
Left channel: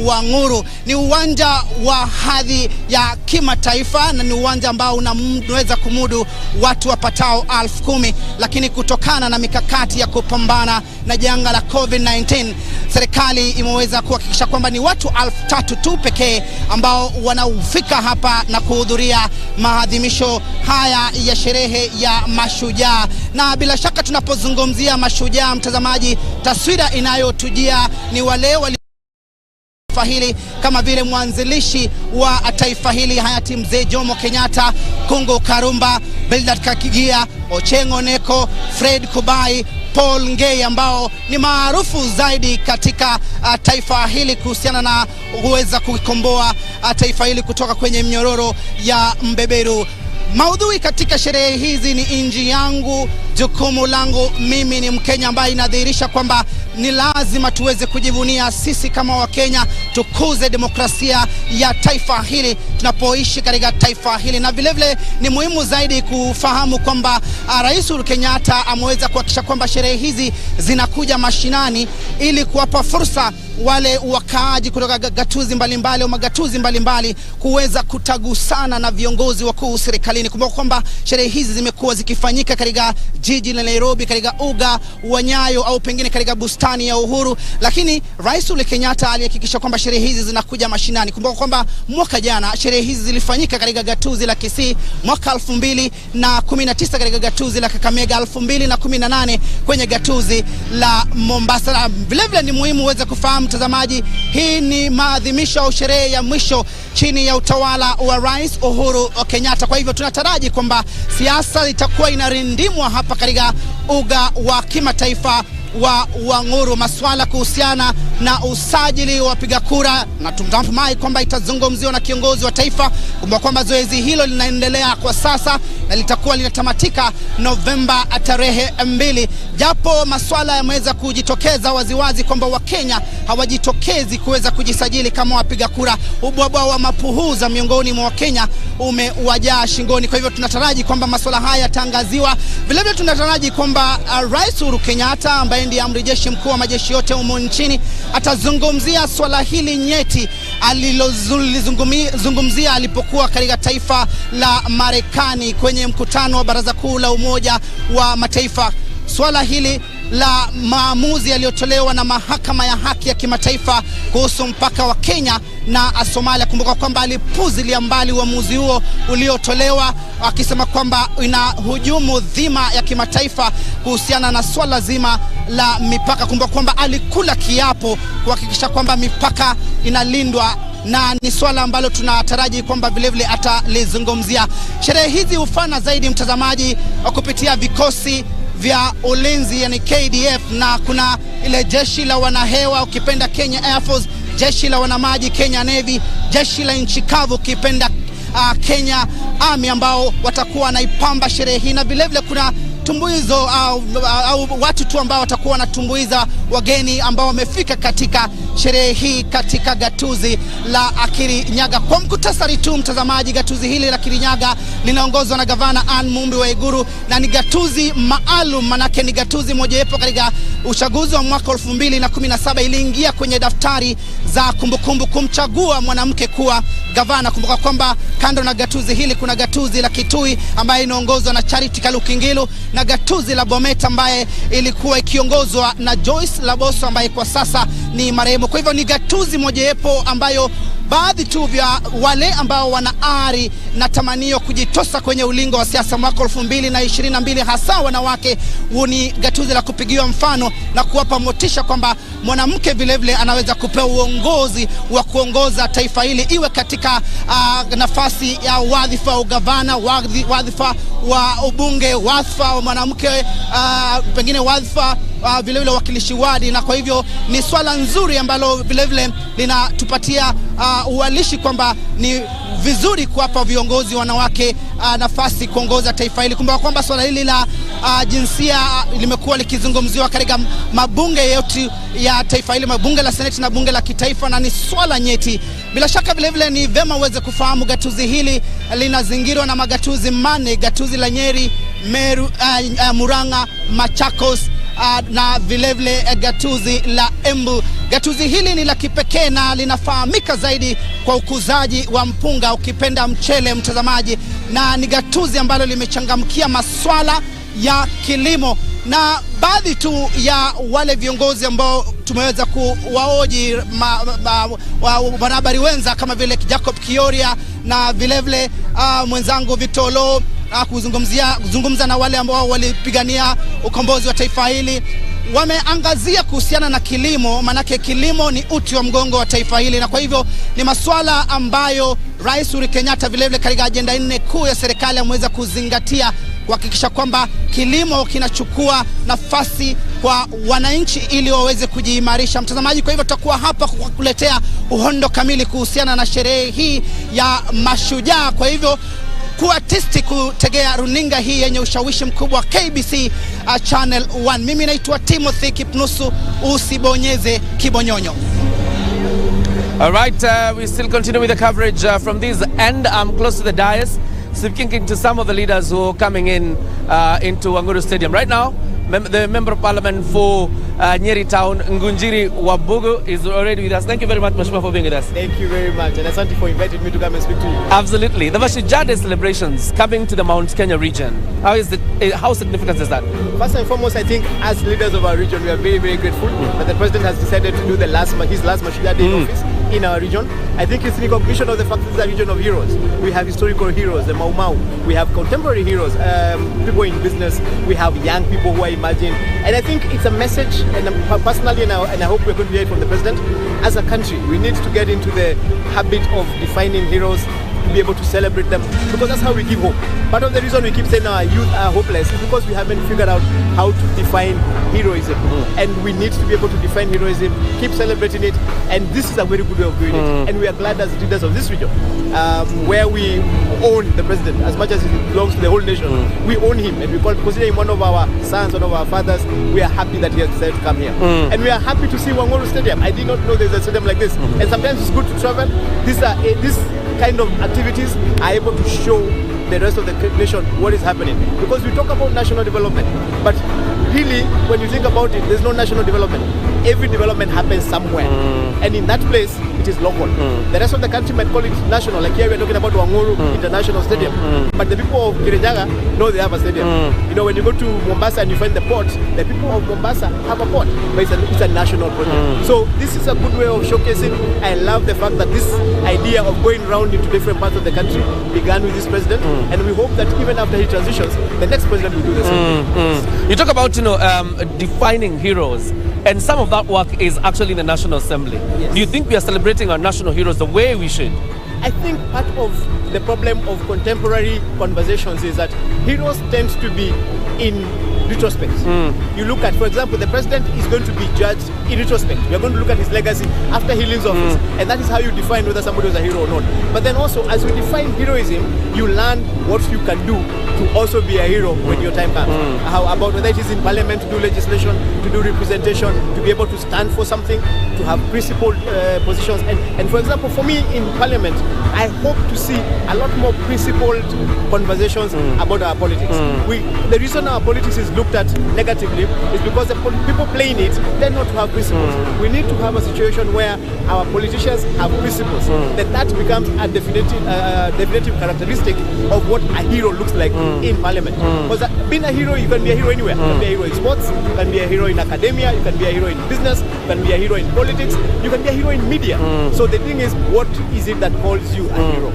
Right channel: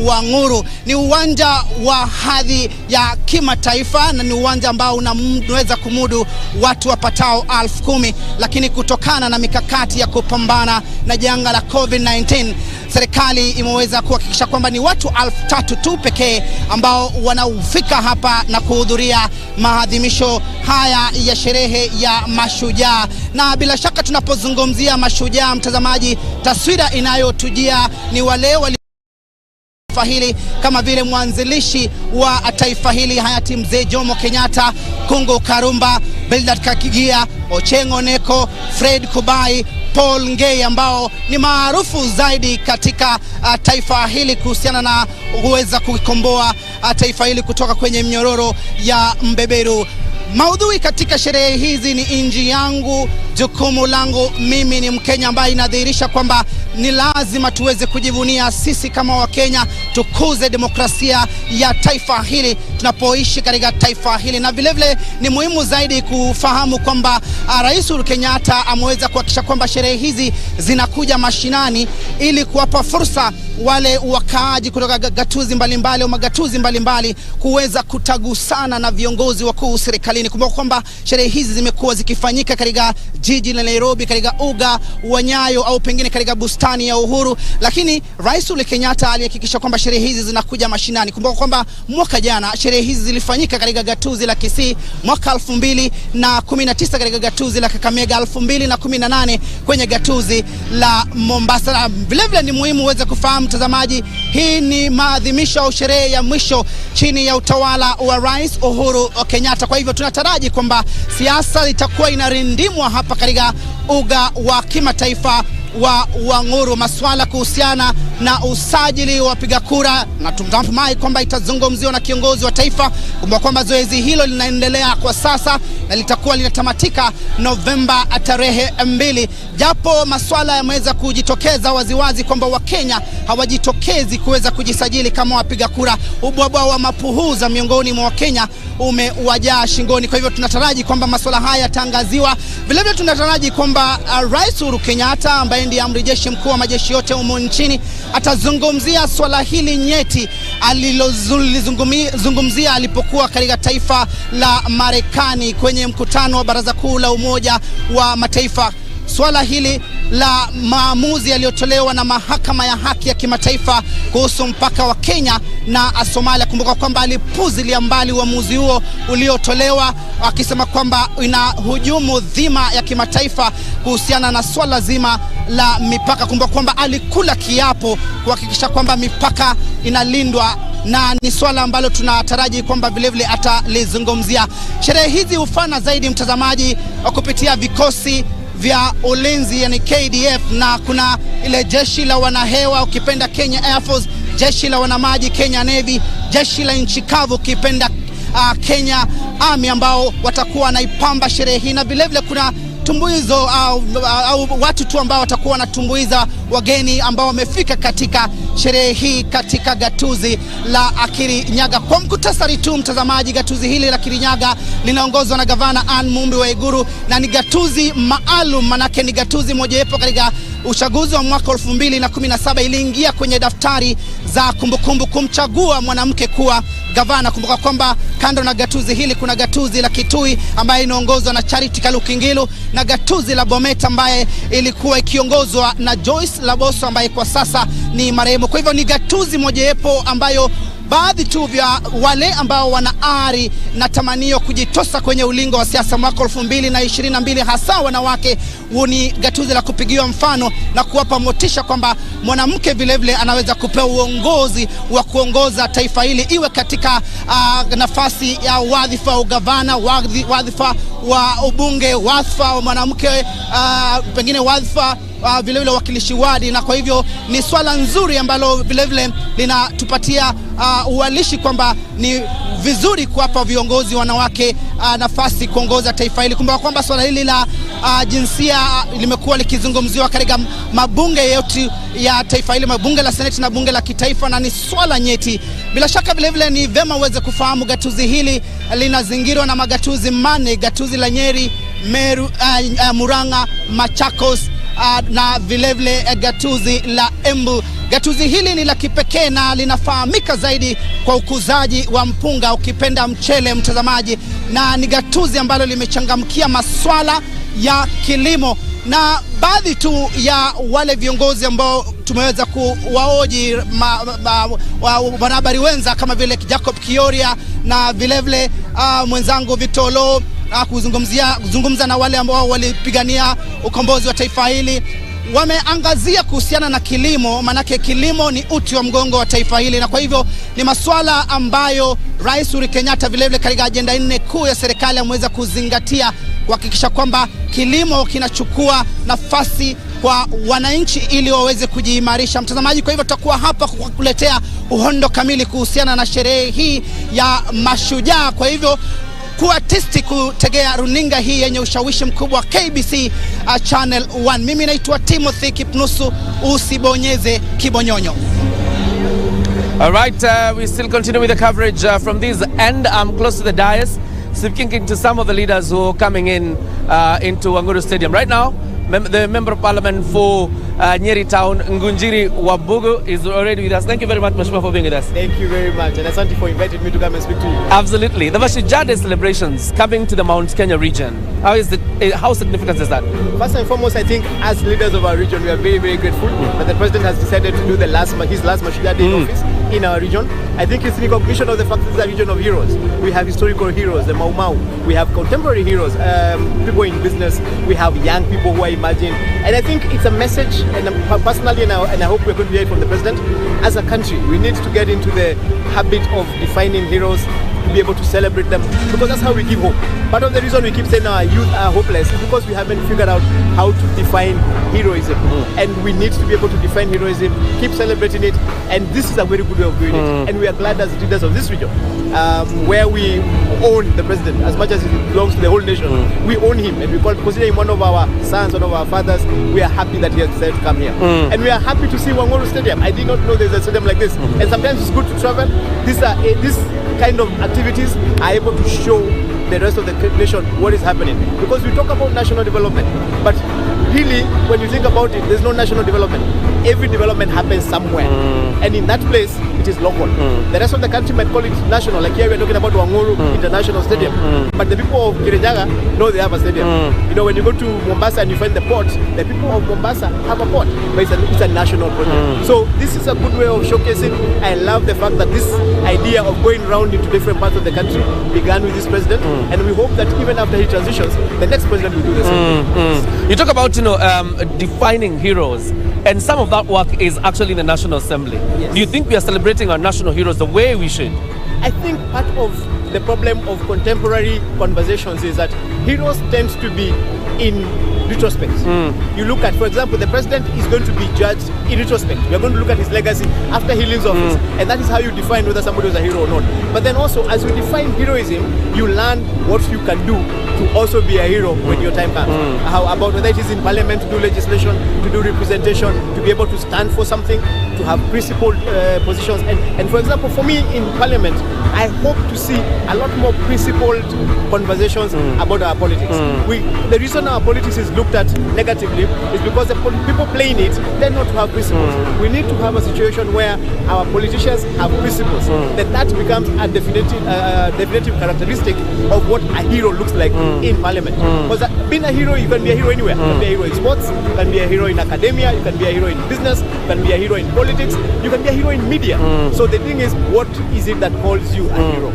wa Nguru. Ni uwanja wa hadhi ya kimataifa na ni uwanja ambao unaweza kumudu watu wapatao 10,000, lakini kutokana na mikakati ya kupambana na janga la COVID-19, serikali imeweza kuhakikisha kwamba ni watu 3,000 tu pekee ambao wanaufika hapa na kuhudhuria maadhimisho haya ya sherehe ya mashujaa. Na bila shaka tunapozungumzia mashujaa, mtazamaji, taswira inayotujia ni wale taifa hili kama vile mwanzilishi wa taifa hili hayati Mzee Jomo Kenyatta, Kungu Karumba, Bildad Kakigia, Ochieng Oneko, Fred Kubai, Paul Ngei, ambao ni maarufu zaidi katika taifa hili kuhusiana na kuweza kukomboa taifa hili kutoka kwenye mnyororo ya mbeberu. Maudhui katika sherehe hizi ni inji yangu, jukumu langu. Mimi ni Mkenya, ambaye inadhihirisha kwamba ni lazima tuweze kujivunia sisi kama Wakenya, tukuze demokrasia ya taifa hili tunapoishi katika taifa hili. Na vile vile ni muhimu zaidi kufahamu kwamba Rais Uhuru Kenyatta ameweza kuhakikisha kwamba sherehe hizi zinakuja mashinani ili kuwapa fursa wale wakaaji kutoka gatuzi mbalimbali au magatuzi mbalimbali kuweza kutagusana na viongozi wakuu serikalini. Kumbuka kwamba sherehe hizi zimekuwa zikifanyika katika jiji la Nairobi, katika uga wa Nyayo au pengine katika bustani ya Uhuru, lakini Rais Uhuru Kenyatta alihakikisha kwamba sherehe hizi zinakuja mashinani. Kumbuka kwamba mwaka jana sherehe hizi zilifanyika katika gatuzi la Kisii, mwaka 2019 katika gatuzi la Kakamega, 2018 kwenye gatuzi la Mombasa. Vile vile ni muhimu uweze kufahamu mtazamaji, hii ni maadhimisho au sherehe ya mwisho chini ya utawala wa Rais Uhuru Kenyatta. Kwa hivyo tunataraji kwamba siasa itakuwa inarindimwa hapa katika uga wa kimataifa wa Nguru. Masuala kuhusiana na usajili wa wapiga kura na tunatumai kwamba itazungumziwa na kiongozi wa taifa. Kumbuka kwamba zoezi hilo linaendelea kwa sasa na litakuwa linatamatika Novemba tarehe 2. Japo masuala yameweza kujitokeza waziwazi kwamba Wakenya hawajitokezi kuweza kujisajili kama wapiga kura, ubwabwa wa mapuhuza miongoni mwa Wakenya umewajaa shingoni. Kwa hivyo tunataraji kwamba masuala haya yatangaziwa. Vile vile tunataraji kwamba Rais Uhuru Kenyatta, ambaye ndiye amri jeshi mkuu wa majeshi yote humu nchini, atazungumzia swala hili nyeti alilozungumzia alipokuwa katika taifa la Marekani kwenye mkutano wa Baraza Kuu la Umoja wa Mataifa. Swala hili la maamuzi yaliyotolewa na mahakama ya haki ya kimataifa kuhusu mpaka wa Kenya na Somalia. Kumbuka kwamba alipuzilia mbali uamuzi huo uliotolewa, akisema kwamba inahujumu dhima ya kimataifa kuhusiana na swala zima la mipaka. Kumbuka kwamba alikula kiapo kuhakikisha kwamba mipaka inalindwa, na ni swala ambalo tunataraji kwamba vile vile atalizungumzia. Sherehe hizi hufana zaidi mtazamaji kupitia vikosi vya ulinzi, yani KDF, na kuna ile jeshi la wanahewa ukipenda Kenya Air Force, jeshi la wanamaji Kenya Navy, jeshi la nchi kavu ukipenda Kenya Army, ambao watakuwa wanaipamba sherehe hii. Na vile vile kuna tumbuizo au watu tu ambao watakuwa wanatumbuiza wageni ambao wamefika katika sherehe hii katika gatuzi la Kirinyaga. Kwa mkutasari tu mtazamaji, gatuzi hili la Kirinyaga linaongozwa na Gavana Ann Mumbi wa Iguru, na ni gatuzi maalum, manake ni gatuzi mojawapo katika uchaguzi wa mwaka 2017 iliingia kwenye daftari za kumbukumbu kumchagua mwanamke kuwa gavana. Kumbuka kwamba kando na gatuzi hili kuna gatuzi la Kitui ambaye inaongozwa na Charity Kalukingilu, na gatuzi la Bomet ambaye ilikuwa ikiongozwa na Joyce Laboso ambaye kwa sasa ni marehemu. Kwa hivyo ni gatuzi mojawapo ambayo baadhi tu vya wale ambao wana ari na tamanio kujitosa kwenye ulingo wa siasa mwaka 2022, hasa wanawake, ni gatuzi la kupigiwa mfano na kuwapa motisha kwamba mwanamke vile vile anaweza kupewa uongozi wa kuongoza taifa hili, iwe katika nafasi ya wadhifa wa ugavana, wadhifa wa ubunge, wadhifa wa mwanamke, pengine wadhifa vile vile wakilishi wadi. Na kwa hivyo ni swala nzuri ambalo vile vile linatupatia uwalishi kwamba ni vizuri kuwapa viongozi wanawake nafasi kuongoza taifa hili. Kumbuka kwamba swala hili la jinsia limekuwa likizungumziwa katika mabunge yote ya taifa hili, mabunge la seneti na bunge la kitaifa, na ni swala nyeti. Bila shaka vile vile ni vema uweze kufahamu gatuzi hili linazingirwa na magatuzi mane: gatuzi la Nyeri, Meru, Murang'a, Machakos na vile vile gatuzi la Embu. Gatuzi hili ni la kipekee na linafahamika zaidi kwa ukuzaji wa mpunga, ukipenda mchele, mtazamaji, na ni gatuzi ambalo limechangamkia maswala ya kilimo. Na baadhi tu ya wale viongozi ambao tumeweza kuwaoji wanahabari wenza kama vile Jacob Kioria na vile vile mwenzangu Vitolo kuzungumza na wale ambao walipigania ukombozi wa taifa hili, wameangazia kuhusiana na kilimo, manake kilimo ni uti wa mgongo wa taifa hili, na kwa hivyo ni masuala ambayo Rais Uhuru Kenyatta vile vile katika ajenda 4 kuu ya serikali ameweza kuzingatia kuhakikisha kwamba kilimo kinachukua nafasi kwa wananchi ili waweze kujiimarisha. Mtazamaji, kwa hivyo tutakuwa hapa kukuletea uhondo kamili kuhusiana na sherehe hii ya Mashujaa. Kwa hivyo kuwa tisti kutegea runinga hii yenye ushawishi mkubwa KBC Channel 1. Mimi naitwa Timothy Kipnusu, usibonyeze kibonyonyo. All right, we still continue with the coverage from this end. I'm close to the dais, speaking to some of the leaders who are coming in into Wanguru Stadium. Right now, the Member of Parliament for Nyeri Town, Ngunjiri Wabugu, is already with us. Thank you very much, Mheshimiwa, for being with us. Thank you very much, and asante for inviting me to come and speak to you. Absolutely. The Mashujaa Day celebrations coming to the Mount Kenya region. How significant is that? First and foremost, I think as leaders of our region, we are very, very grateful that the President has decided to do his last Mashujaa Day in office in our region. I think it's in recognition of the fact that it's a region of heroes. We have historical heroes, the Mau Mau. We have contemporary heroes, people in business. We have young people who are emerging. And I think it's a message, and personally, and I hope we're going to hear it from the President, as a country, we need to get into the habit of defining heroes, to be able to celebrate them, because that's how we give hope. Part of the reason we keep saying our youth are hopeless is because we haven't figured out how to define heroism. And we need to be able to define heroism, keep celebrating it, and this is a very good way of doing it. And we are glad as leaders of this region, where we own the President as much as it belongs to the whole nation. We own him, and we consider him one of our sons, one of our fathers. We are happy that he has decided to come here. And we are happy to see Wanguru Stadium. I did not know there's a stadium like this. And sometimes it's good to travel. This kind of activities are able to show the rest of the nation what is happening, because we talk about national development, but really when you think about it, there's no national development. Every development happens somewhere, and in that place it is local. The rest of the country might call it national, like here we're talking about Wanguru International Stadium, but the people of Kirinyaga know they have a stadium. You know, when you go to Mombasa and you find the port, the people of Mombasa have a port, but it's a national project. So this is a good way of showcasing. I love the fact that this idea of going around into different parts of the country began with this President, and we hope that even after he transitions, the next President will do the same. You talk about, defining heroes, and some of that work is actually in the National Assembly. Yes. Do you think we are celebrating our national heroes the way we should? I think part of the problem of contemporary conversations is that heroes tend to be in retrospect. You look at, for example, the President is going to be judged in retrospect. We are going to look at his legacy after he leaves office, and that is how you define whether somebody was a hero or not. But then also, as you define heroism, you learn what you can do to also be a hero when your time comes. How about whether it is in Parliament to do legislation, to do representation, to be able to stand for something, to have principled positions. And for example, for me in Parliament, I hope to see a lot more principled conversations about our politics. The reason our politics is looked at negatively is because the people playing it tend not to have principles. We need to have a situation where our politicians have principles. That becomes a definitive characteristic of what a hero looks like in parliament. Because being a hero, you can be a hero anywhere. You can be a hero in sports, you can be a hero in academia, you can be a hero in business, you can be a hero in politics, you can be a hero in media. So the thing is, what is it that calls you a hero?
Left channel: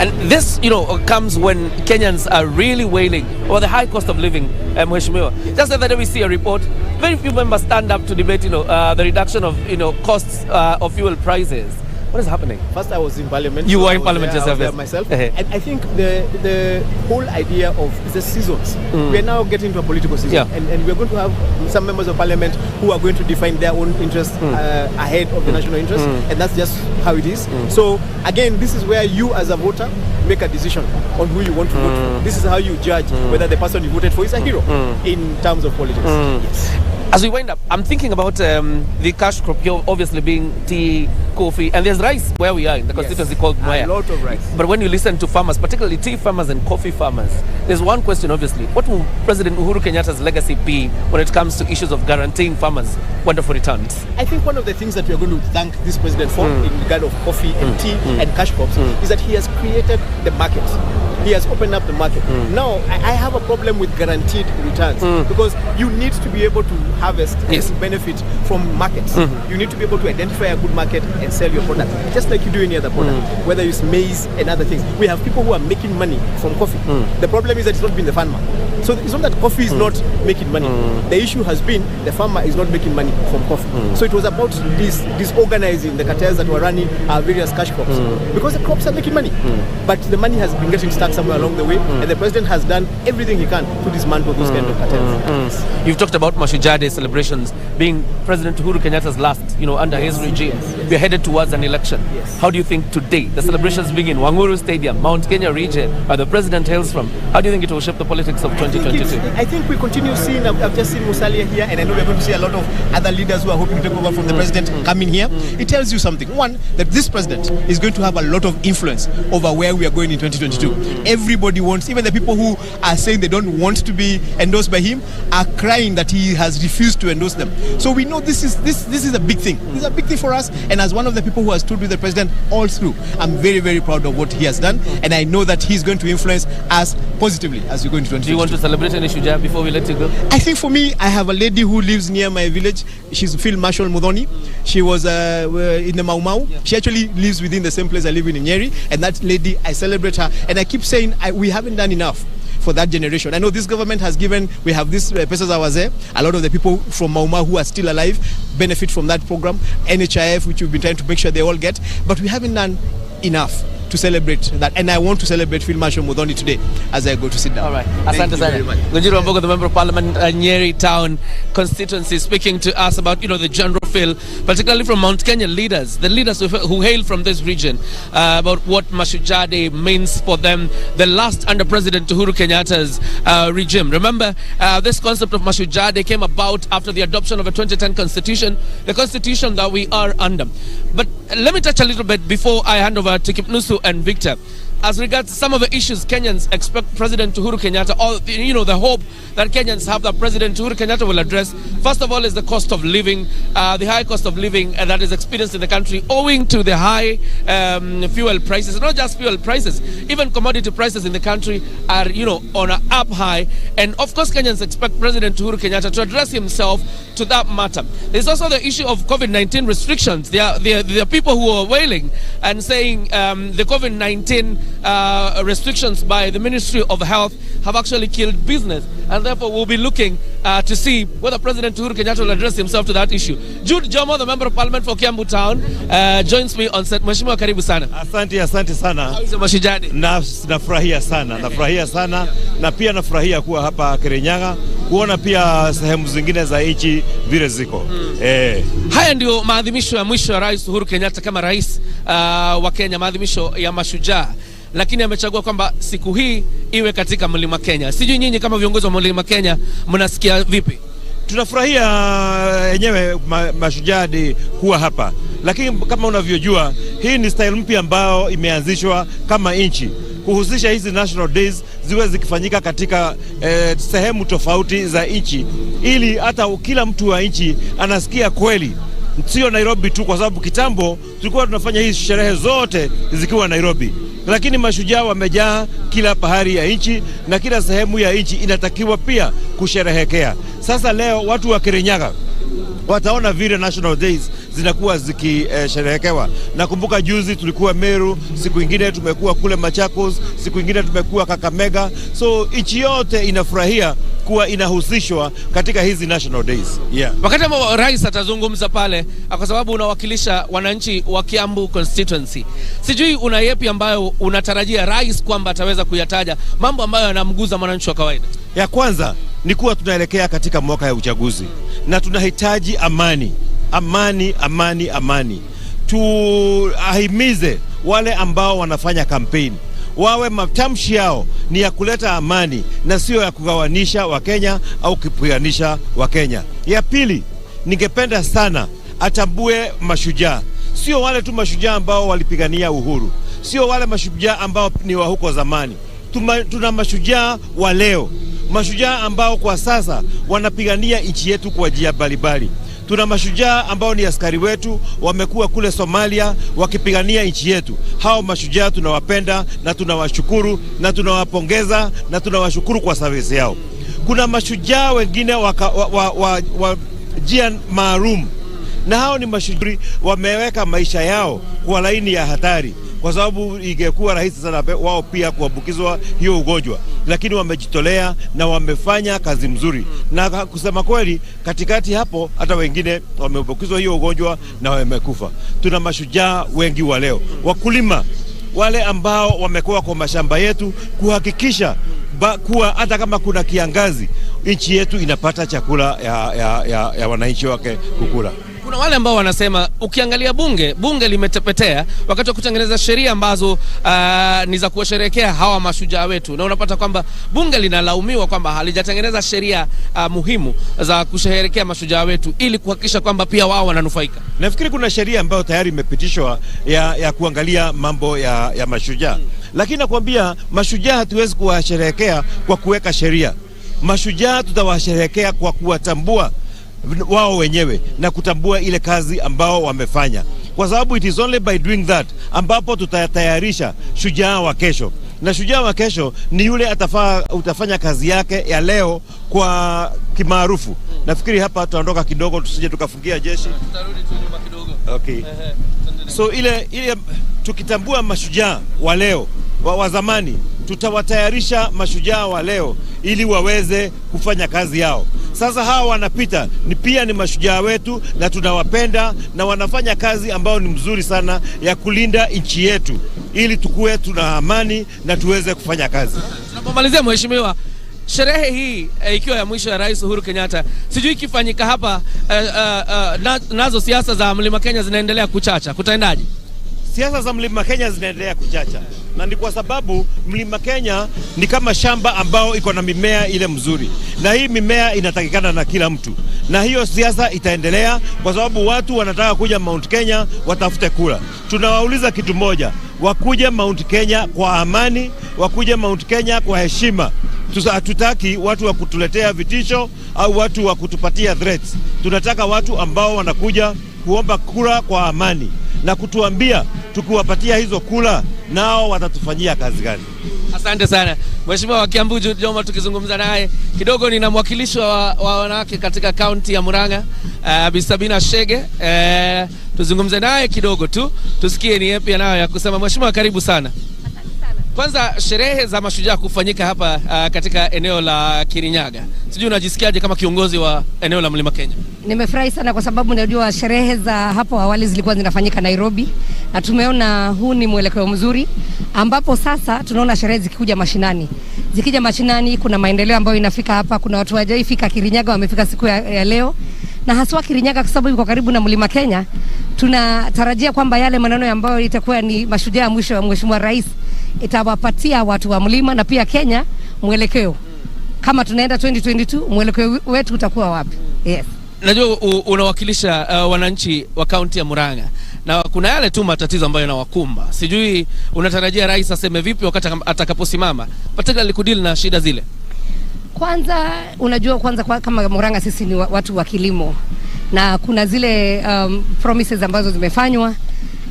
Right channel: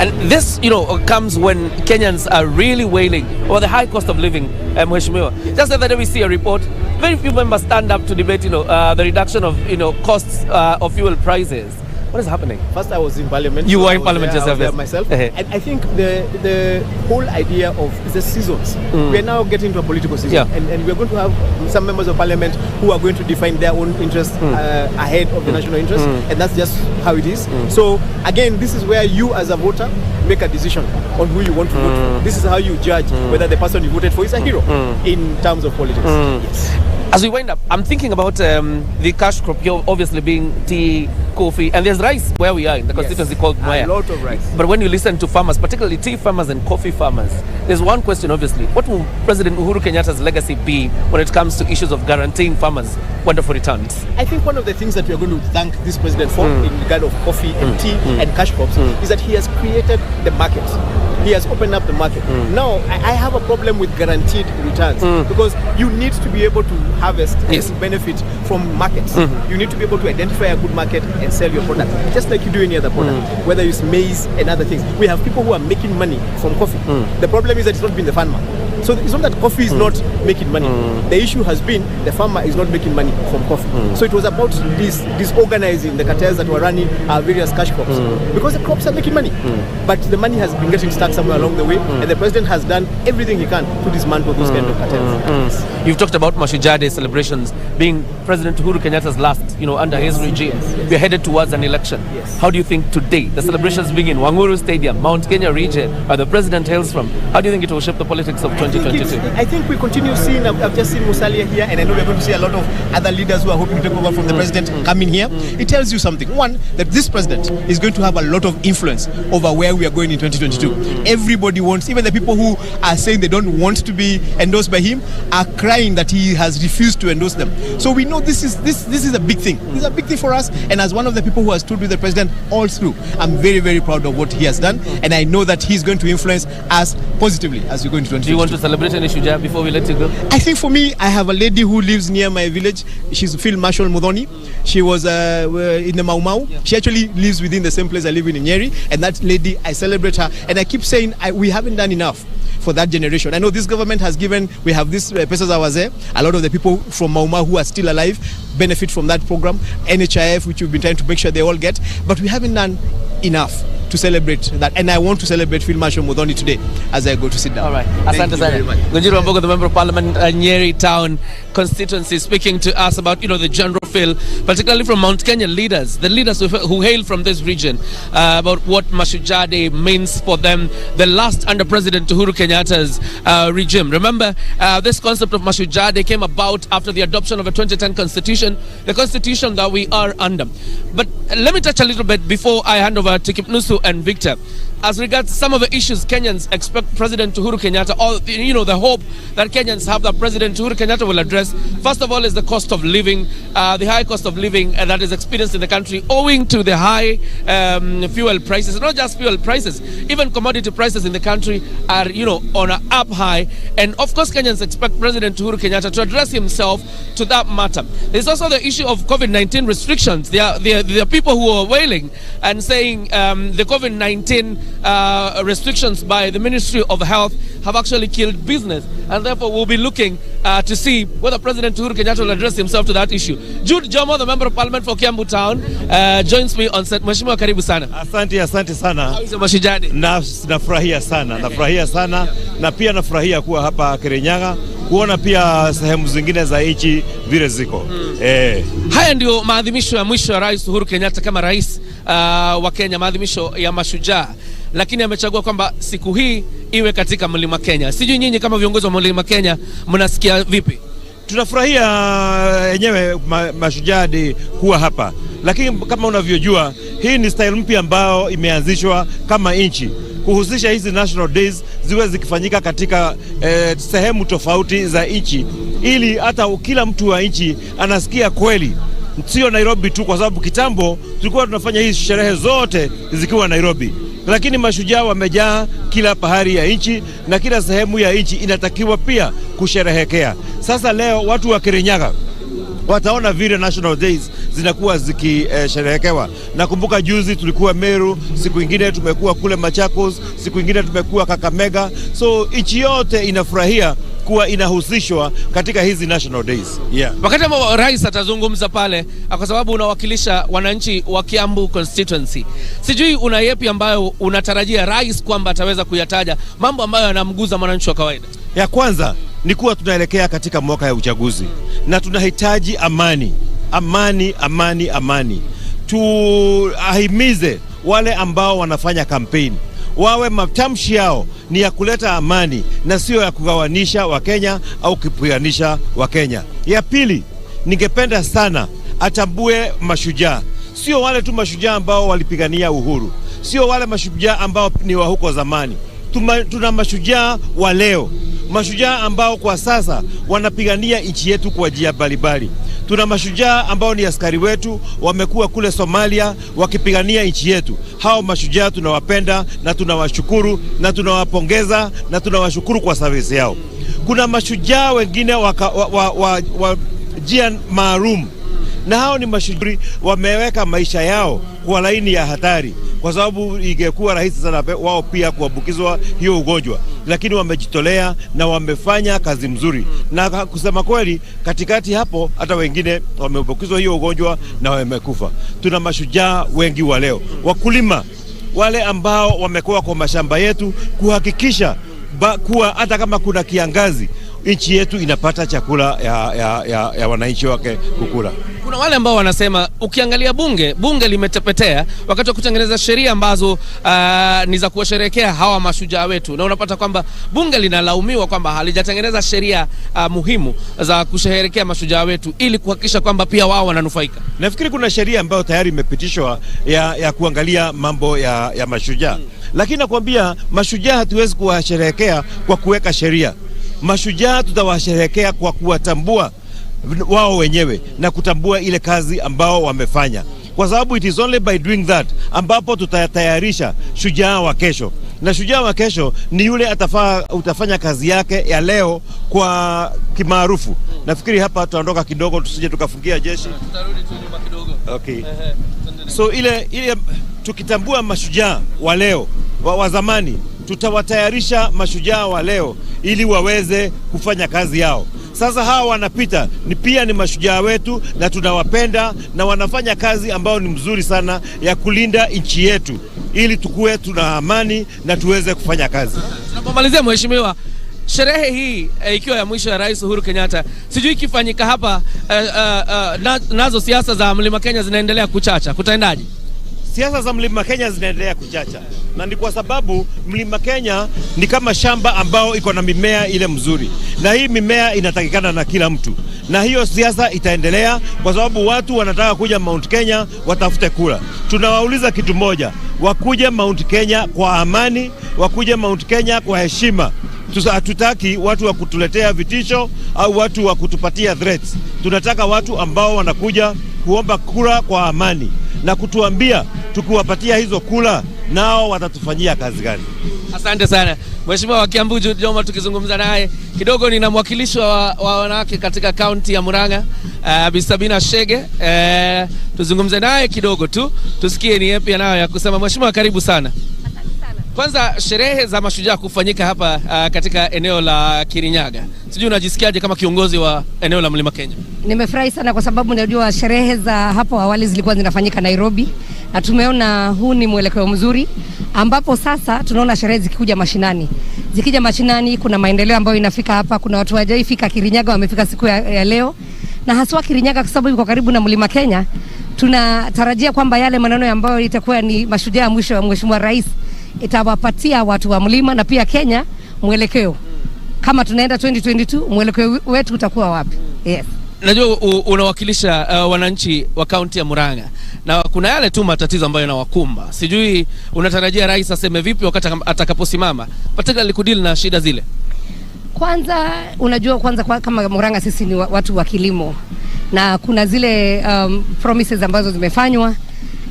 And this, comes when Kenyans are really wailing over the high cost of living, Mheshimiwa. Just the other day we see a report, very few members stand up to debate, the reduction of, costs of fuel prices. What is happening? First, I was in parliament. You were in parliament yourself, yes. Myself. And I think the whole idea of the seasons, we are now getting to a political season, and we are going to have some members of parliament who are going to define their own interests ahead of the national interest, and that's just how it is. So again, this is where you as a voter make a decision on who you want to vote for. This is how you judge whether the person you voted for is a hero in terms of politics. Yes. As we wind up, I'm thinking about the cash crop here obviously being tea, coffee, and there's rice where we are in the constituency called Mwea. A lot of rice. But when you listen to farmers, particularly tea farmers and coffee farmers, there's one question obviously. What will President Uhuru Kenyatta's legacy be when it comes to issues of guaranteeing farmers wonderful returns? I think one of the things that we are going to thank this president for in regard of coffee and tea and cash crops is that he has created the market. He has opened up the market. Now, I have a problem with guaranteed returns because you need to be able to harvest and benefit from markets. You need to be able to identify a good market and sell your product, just like you do any other product, whether it's maize and other things. We have people who are making money from coffee. The problem is that it's not been the farmer. So it's not that coffee is not making money. The issue has been the farmer is not making money from coffee. So it was about disorganizing the cartels that were running our various cash crops because the crops are making money, but the money has been getting stuck somewhere along the way, and the president has done everything he can to dismantle those kind of cartels. You've talked about Mashujaa Day celebrations being President Uhuru Kenyatta's last, under his regime. We're headed towards an election. How do you think today, the celebrations being in Wanguru Stadium, Mount Kenya region, where the president hails from, how do you think it will shape the politics of 2022? I think we continue seeing, I've just seen Musalia here, and I know we're going to see a lot of other leaders who are hoping to take over from the president coming here. It tells you something. One, that this president is going to have a lot of influence over where we are going in 2022. Everybody wants, even the people who are saying they don't want to be endorsed by him are crying that he has refused to endorse them. So we know this is a big thing. This is a big thing for us, and as one of the people who has stood with the president all through, I'm very, very proud of what he has done, and I know that he's going to influence us positively as we go into 2022. Do you want to celebrate any Shujaa before we let you go? I think for me, I have a lady who lives near my village. She's Field Marshal Mudhoni. She was in the Mau Mau. She actually lives within the same place I live in Nyeri, and that lady, I celebrate her, and I keep saying we haven't done enough for that generation. I know this government has given, we have this Pesa za Wazee. A lot of the people from Mau Mau who are still alive benefit from that program. NHIF, which we've been trying to make sure they all get, but we haven't done enough to celebrate that, and I want to celebrate Field Marshal Mudhoni today as I go to sit down. All right, asante sana. Ngunjiri Wambogo, the member of parliament, Nyeri Town constituency, speaking to us about the general feel, particularly from Mount Kenya leaders, the leaders who hail from this region, about what Mashujaa Day means for them, the last under President Uhuru Kenyatta's regime. Remember, this concept of Mashujaa Day came about after the adoption of a 2010 constitution, the constitution that we are under. But let me touch a little bit before I hand over to Kipnusu and Victor. As regards some of the issues Kenyans expect President Uhuru Kenyatta, or the hope that Kenyans have that President Uhuru Kenyatta will address, first of all is the cost of living, the high cost of living that is experienced in the country owing to the high fuel prices. Not just fuel prices, even commodity prices in the country are on an up high, and of course Kenyans expect President Uhuru Kenyatta to address himself to that matter. There's also the issue of COVID-19 restrictions. There are people who are wailing and saying the COVID-19 restrictions by the Ministry of Health have actually killed business, and therefore we'll be looking to see whether President Uhuru Kenyatta will address himself to that issue. Jude Jomo, the member of parliament for Kiambu Town, joins me on set. Mheshimiwa, karibu sana. Asante sana. How is the Mashujaa Day? Nafurahia sana, na pia nafurahia kuwa hapa Kirinyaga, kuona pia sehemu zingine za nchi vile ziko. Haya ndio maadhimisho ya mwisho ya Rais Uhuru Kenyatta kama rais wa Kenya, maadhimisho ya Mashujaa, lakini amechagua kwamba siku hii iwe katika Mlima Kenya. Sijui nyinyi kama viongozi wa Mlima Kenya mnasikia vipi? Tunafurahia yenyewe Mashujaa Day kuwa hapa, lakini kama unavyojua hii ni style mpya ambayo imeanzishwa kama nchi, kuhusisha hizi national days ziwe zikifanyika katika sehemu tofauti za nchi, ili hata kila mtu wa nchi anasikia kweli, sio Nairobi tu, kwa sababu kitambo tulikuwa tunafanya hizi sherehe zote zikiwa Nairobi, lakini mashujaa wamejaa kila pahali ya nchi na kila sehemu ya nchi inatakiwa pia kusherehekea. Sasa leo watu wa Kirinyaga wataona vile National Days zinakuwa zikisherehekewa. Nakumbuka juzi tulikuwa Meru, siku ingine tumekuwa kule Machakos, siku ingine tumekuwa Kakamega. So nchi yote inafurahia kuwa inahusishwa katika hizi National Days. Wakati ambao rais atazungumza pale, kwa sababu unawakilisha wananchi wa Kiambu constituency, sijui una yepi ambayo unatarajia rais kwamba ataweza kuyataja, mambo ambayo yanamguza mwananchi wa kawaida? Ya kwanza ni kuwa tunaelekea katika mwaka ya uchaguzi na tunahitaji amani. Tuahimize wale ambao wanafanya kampeni wawe matamshi yao ni ya kuleta amani na sio ya kugawanisha Wakenya au kupiganisha Wakenya. Ya pili, ningependa sana atambue mashujaa, sio wale tu mashujaa ambao walipigania uhuru, sio wale mashujaa ambao ni wa huko zamani. Tuna mashujaa wa leo, mashujaa ambao kwa sasa wanapigania nchi yetu kwa njia mbalimbali. Tuna mashujaa ambao ni askari wetu, wamekuwa kule Somalia wakipigania nchi yetu. Hao mashujaa tunawapenda na tunawashukuru na tunawapongeza na tunawashukuru kwa service yao. Kuna mashujaa wengine wa jia maalum, na hao ni mashujaa wameweka maisha yao kwa laini ya hatari, kwa sababu ingekuwa rahisi sana wao pia kuambukizwa hiyo ugonjwa, lakini wamejitolea na wamefanya kazi mzuri. Na kusema kweli, katikati hapo hata wengine wameambukizwa hiyo ugonjwa na wamekufa. Tuna mashujaa wengi wa leo, wakulima wale ambao wamekuwa kwa mashamba yetu kuhakikisha kuwa hata kama kuna kiangazi nchi yetu inapata chakula ya wananchi wake kukula. Kuna wale ambao wanasema ukiangalia bunge limetepetea wakati wa kutengeneza sheria ambazo ni za kuwasherehekea hawa mashujaa wetu, na unapata kwamba bunge linalaumiwa kwamba halijatengeneza sheria muhimu za kusherehekea mashujaa wetu ili kuhakikisha kwamba pia wao wananufaika. Nafikiri kuna sheria ambayo tayari imepitishwa ya kuangalia mambo ya mashujaa. Lakini nakwambia mashujaa hatuwezi kuwasherehekea kwa kuweka sheria. Mashujaa tutawasherehekea kwa kuwatambua wao wenyewe na kutambua ile kazi ambao wamefanya, kwa sababu it is only by doing that ambapo tutatayarisha shujaa wa kesho. Na shujaa wa kesho ni yule utafanya kazi yake ya leo kwa kimaarufu. Nafikiri hapa tutaondoka kidogo tusije tukafungia jeshi. Tutarudi tu nyuma kidogo. Okay. So ile tukitambua mashujaa wa leo wa zamani, tutawatayarisha mashujaa wa leo ili waweze kufanya kazi yao. Sasa hawa wanapita pia ni mashujaa wetu na tunawapenda, na wanafanya kazi ambao ni mzuri sana ya kulinda nchi yetu ili tukue tuna amani na tuweze kufanya kazi. Tunapomalizia mheshimiwa, sherehe hii ikiwa ya mwisho ya Rais Uhuru Kenyatta, sijui ikifanyika hapa nazo siasa za Mlima Kenya zinaendelea kuchacha, kutaendaje? Siasa za Mlima Kenya zinaendelea kuchacha, na ni kwa sababu Mlima Kenya ni kama shamba ambao iko na mimea ile mzuri, na hii mimea inatakikana na kila mtu, na hiyo siasa itaendelea kwa sababu watu wanataka kuja Mount Kenya watafute kula. Tunawauliza kitu moja, wakuje Mount Kenya kwa amani, wakuje Mount Kenya kwa heshima. Hatutaki watu wa kutuletea vitisho au watu wa kutupatia threats. Tunataka watu ambao wanakuja kuomba kura kwa amani na kutuambia tukiwapatia hizo kula nao watatufanyia kazi gani. Asante sana mheshimiwa wa Kiambu Joma. Tukizungumza naye kidogo, nina mwakilishi wa wanawake katika kaunti ya Murang'a, Bi Sabina Shege. Tuzungumze naye kidogo tu tusikie ni yapi anayo ya kusema. Mheshimiwa, karibu sana. Kwanza, sherehe za mashujaa kufanyika hapa katika eneo la Kirinyaga, sijui unajisikiaje kama kiongozi wa eneo la Mlima Kenya? Nimefurahi sana kwa sababu najua sherehe za hapo awali zilikuwa zinafanyika Nairobi, na tumeona huu ni mwelekeo mzuri ambapo sasa tunaona sherehe zikikuja mashinani. Zikija mashinani kuna maendeleo ambayo inafika hapa. Kuna watu hawajaifika Kirinyaga wamefika siku ya leo, na haswa Kirinyaga kwa sababu iko karibu na Mlima Kenya. Tunatarajia kwamba yale maneno ambayo itakuwa ni mashujaa mwisho wa Mheshimiwa Rais itawapatia watu wa mlima na pia Kenya mwelekeo. Kama tunaenda 2022 mwelekeo wetu utakuwa wapi? Yes. najua unawakilisha wananchi wa kaunti ya Murang'a, na kuna yale tu matatizo ambayo yanawakumba. Sijui unatarajia rais aseme vipi wakati atakaposimama, particularly kudili na shida zile? Kwanza unajua, kama Murang'a sisi ni watu wa kilimo, na kuna zile promises ambazo zimefanywa,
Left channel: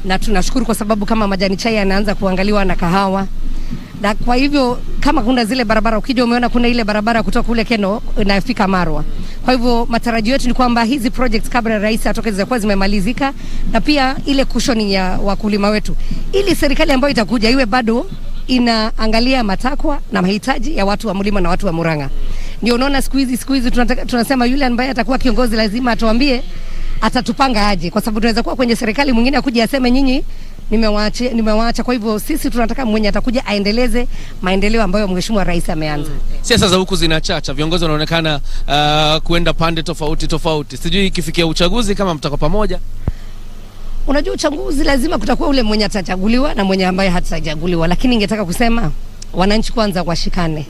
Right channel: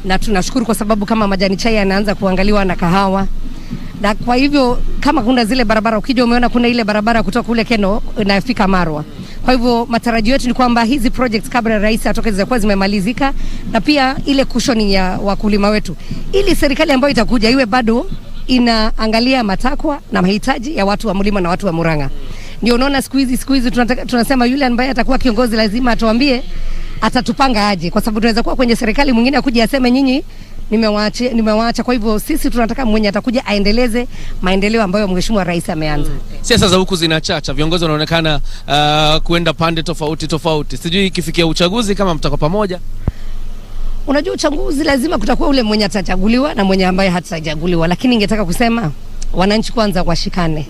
na tunashukuru kwa sababu kama majani chai yanaanza kuangaliwa na kahawa. Na kwa hivyo kama kuna zile barabara, ukija umeona kuna ile barabara kutoka kule Keno inafika Marwa. Kwa hivyo matarajio yetu ni kwamba hizi projects kabla rais atoke zitakuwa zimemalizika, na pia ile cushioning ya wakulima wetu, ili serikali ambayo itakuja iwe bado inaangalia matakwa na mahitaji ya watu wa mlima na watu wa Murang'a. Ndio unaona siku hizi tunasema yule ambaye atakuwa kiongozi lazima atuambie atatupanga aje, kwa sababu tunaweza kuwa kwenye serikali mwingine akuje aseme nyinyi nimewaacha. Kwa hivyo sisi tunataka mwenye atakuja aendeleze maendeleo ambayo mheshimiwa rais ameanza. Siasa za huku zinachacha, viongozi wanaonekana kuenda pande tofauti. Sijui ikifikia uchaguzi kama mtakuwa pamoja. Unajua uchaguzi lazima kutakuwa ule mwenye atachaguliwa na mwenye ambaye hatachaguliwa, lakini ningetaka kusema wananchi kwanza washikane.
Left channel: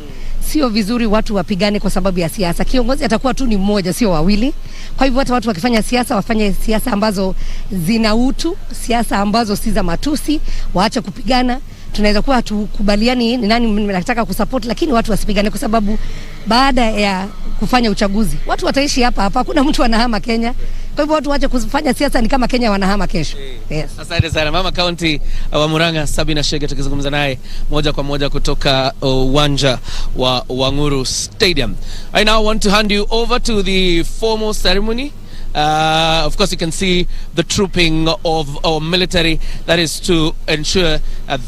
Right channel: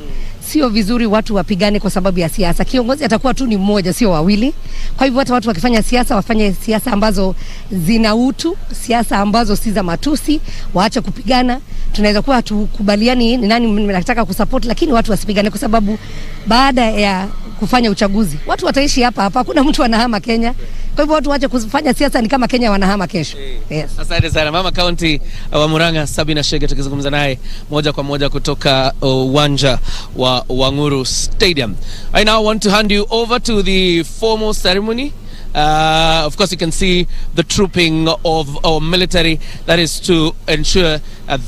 Sio vizuri watu wapigane kwa sababu ya siasa. Kiongozi atakuwa tu ni mmoja, sio wawili. Kwa hivyo hata watu wakifanya siasa wafanye siasa ambazo zina utu, siasa ambazo si za matusi, waache kupigana. Tunaweza kuwa tukubaliani ni nani mnataka kusupport, lakini watu wasipigane, kwa sababu baada ya kufanya uchaguzi watu wataishi hapa. Hakuna mtu anahama Kenya. Kwa hivyo watu waache kufanya siasa ni kama Kenya wanahama kesho. Yes. Asante sana mama kaunti wa Murang'a Sabina Chege, tukizungumza naye moja kwa moja kutoka uwanja wa Wanguru Stadium. I now want to hand you over to the formal ceremony. Of course you can see the trooping of our military, that is to ensure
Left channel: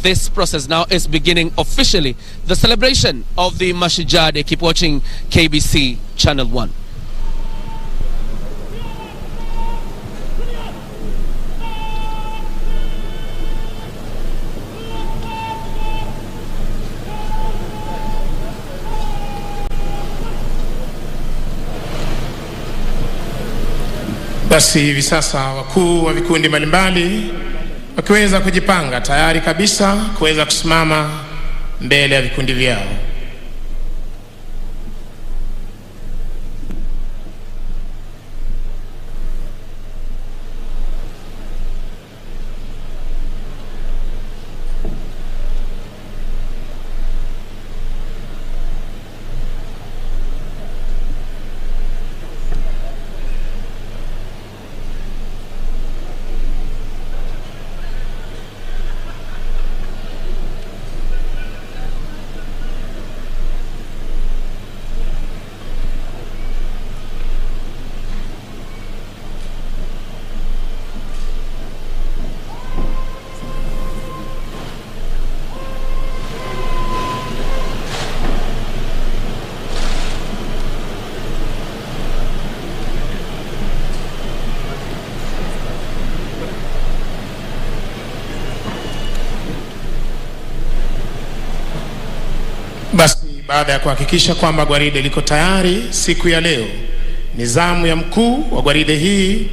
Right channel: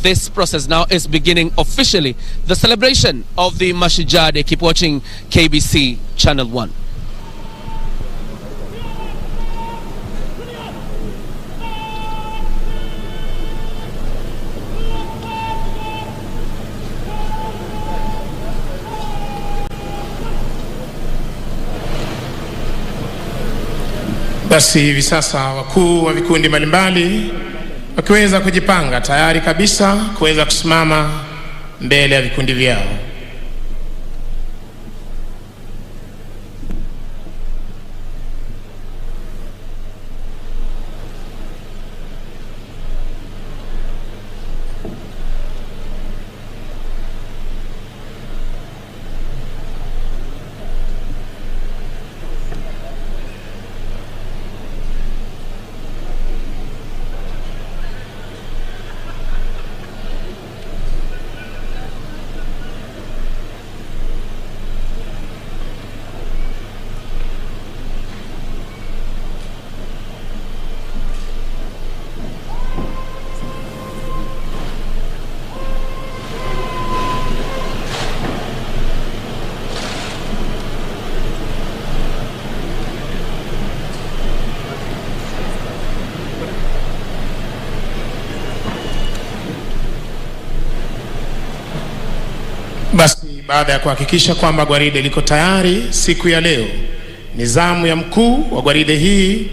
this process now is beginning officially. The celebration of the Mashujaa. Keep watching KBC Channel 1. Basi hivi sasa wakuu wa vikundi mbalimbali wakiweza kujipanga tayari kabisa kuweza kusimama mbele ya vikundi vyao. Basi baada ya kuhakikisha kwamba gwaride liko tayari siku ya leo, ni zamu ya mkuu wa gwaride hii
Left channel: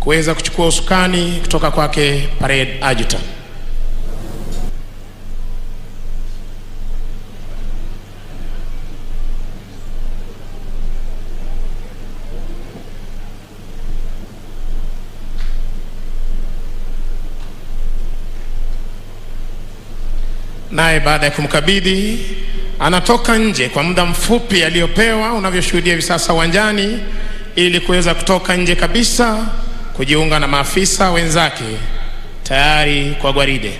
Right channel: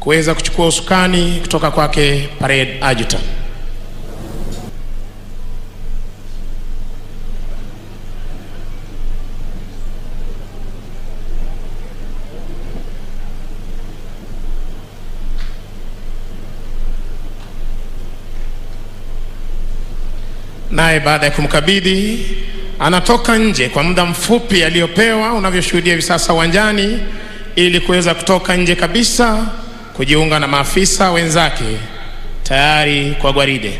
kuweza kuchukua usukani kutoka kwake parade adjutant. Naye baada ya kumkabidhi anatoka nje kwa muda mfupi aliyopewa, unavyoshuhudia hivi sasa uwanjani, ili kuweza kutoka nje kabisa kujiunga na maafisa wenzake tayari kwa gwaride.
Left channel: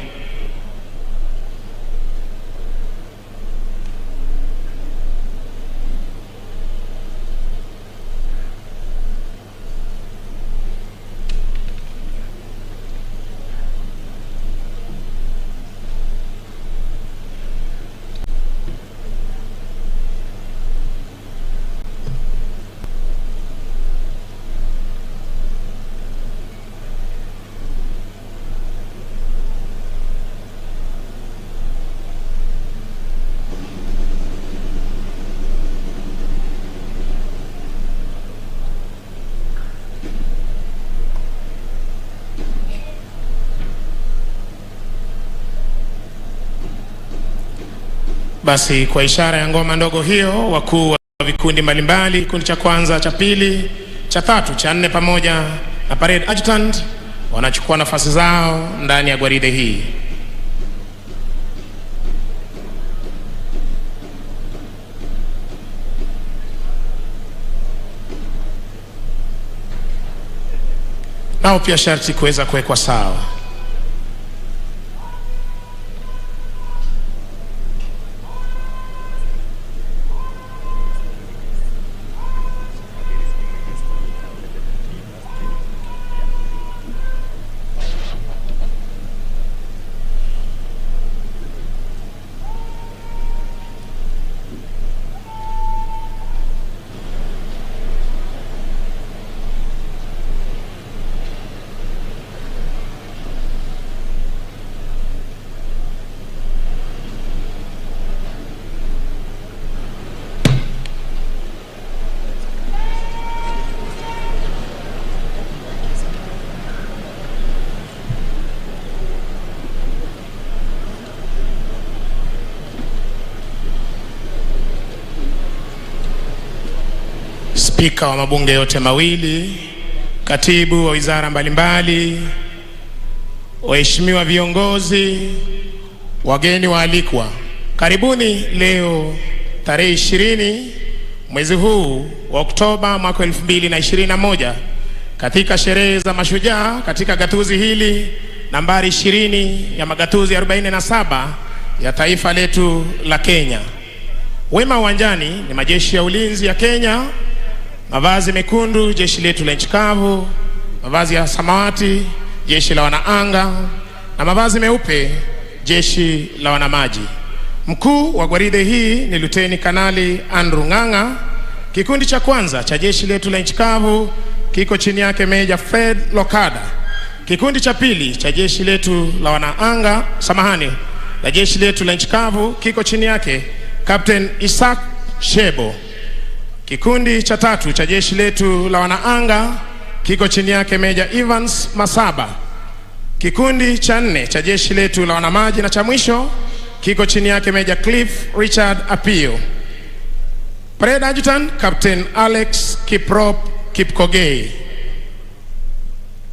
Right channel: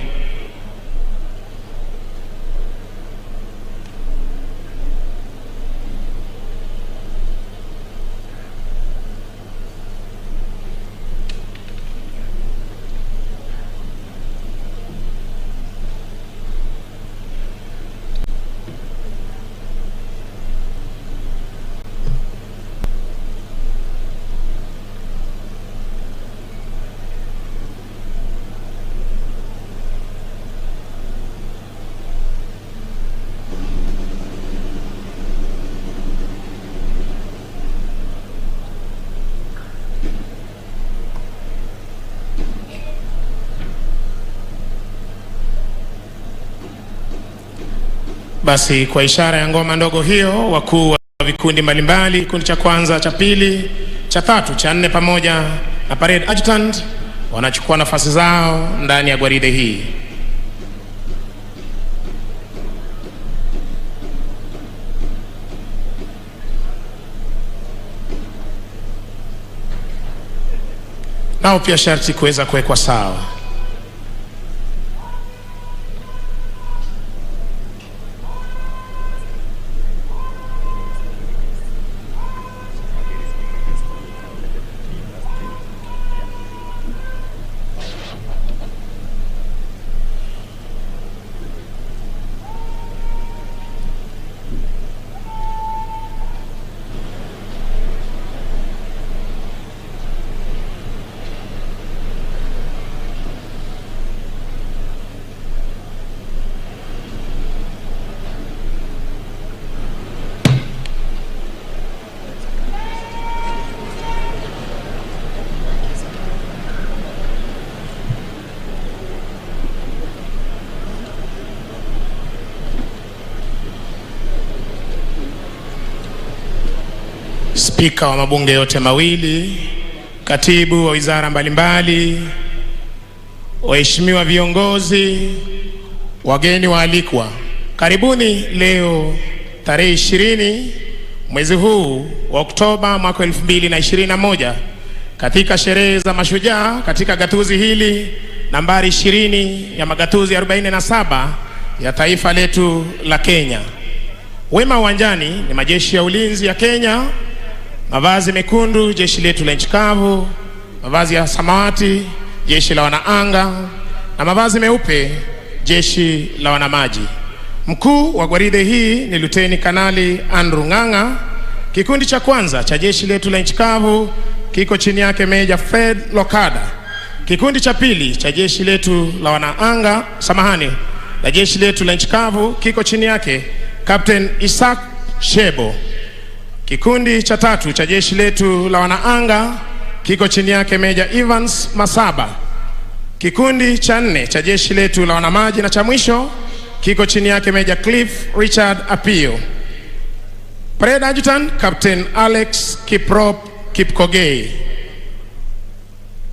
Basi kwa ishara ya ngoma ndogo hiyo, wakuu wa vikundi mbalimbali, kikundi cha kwanza, cha pili cha 3, cha 4 pamoja na parade adjutant wanachukua nafasi zao ndani ya gwaride hii. Nao pia sharti kuweza kuwekwa sawa. Spika wa mabunge yote mawili, katibu wa wizara mbalimbali, waheshimiwa viongozi, wageni waalikwa, karibuni leo tarehe 20 mwezi huu wa Oktoba mwaka 2021 katika sherehe za mashujaa katika gatuzi hili nambari 20 ya magatuzi 47 ya taifa letu la Kenya. Wema uwanjani ni majeshi ya ulinzi ya Kenya, mavazi mekundu jeshi letu la nchi kavu, mavazi ya samawati jeshi la wanaanga, na mavazi meupe jeshi la wanamaji. Mkuu wa gwaride hii ni Luteni Kanali Andrew Ng'ang'a. Kikundi cha kwanza cha jeshi letu la nchi kavu kiko chini yake Meja Fred Lokada. Kikundi cha pili cha jeshi letu la wanaanga, la jeshi letu la nchi kavu kiko chini yake Captain Isaac Shebo. Kikundi cha 3 cha jeshi letu la wanaanga kiko chini yake Meja Evans Masaba. Kikundi cha 4 cha jeshi letu la wanamaji na cha mwisho kiko chini yake Meja Cliff Richard Apio. Parade Adjutant Captain Alex Kiprop Kipkogei.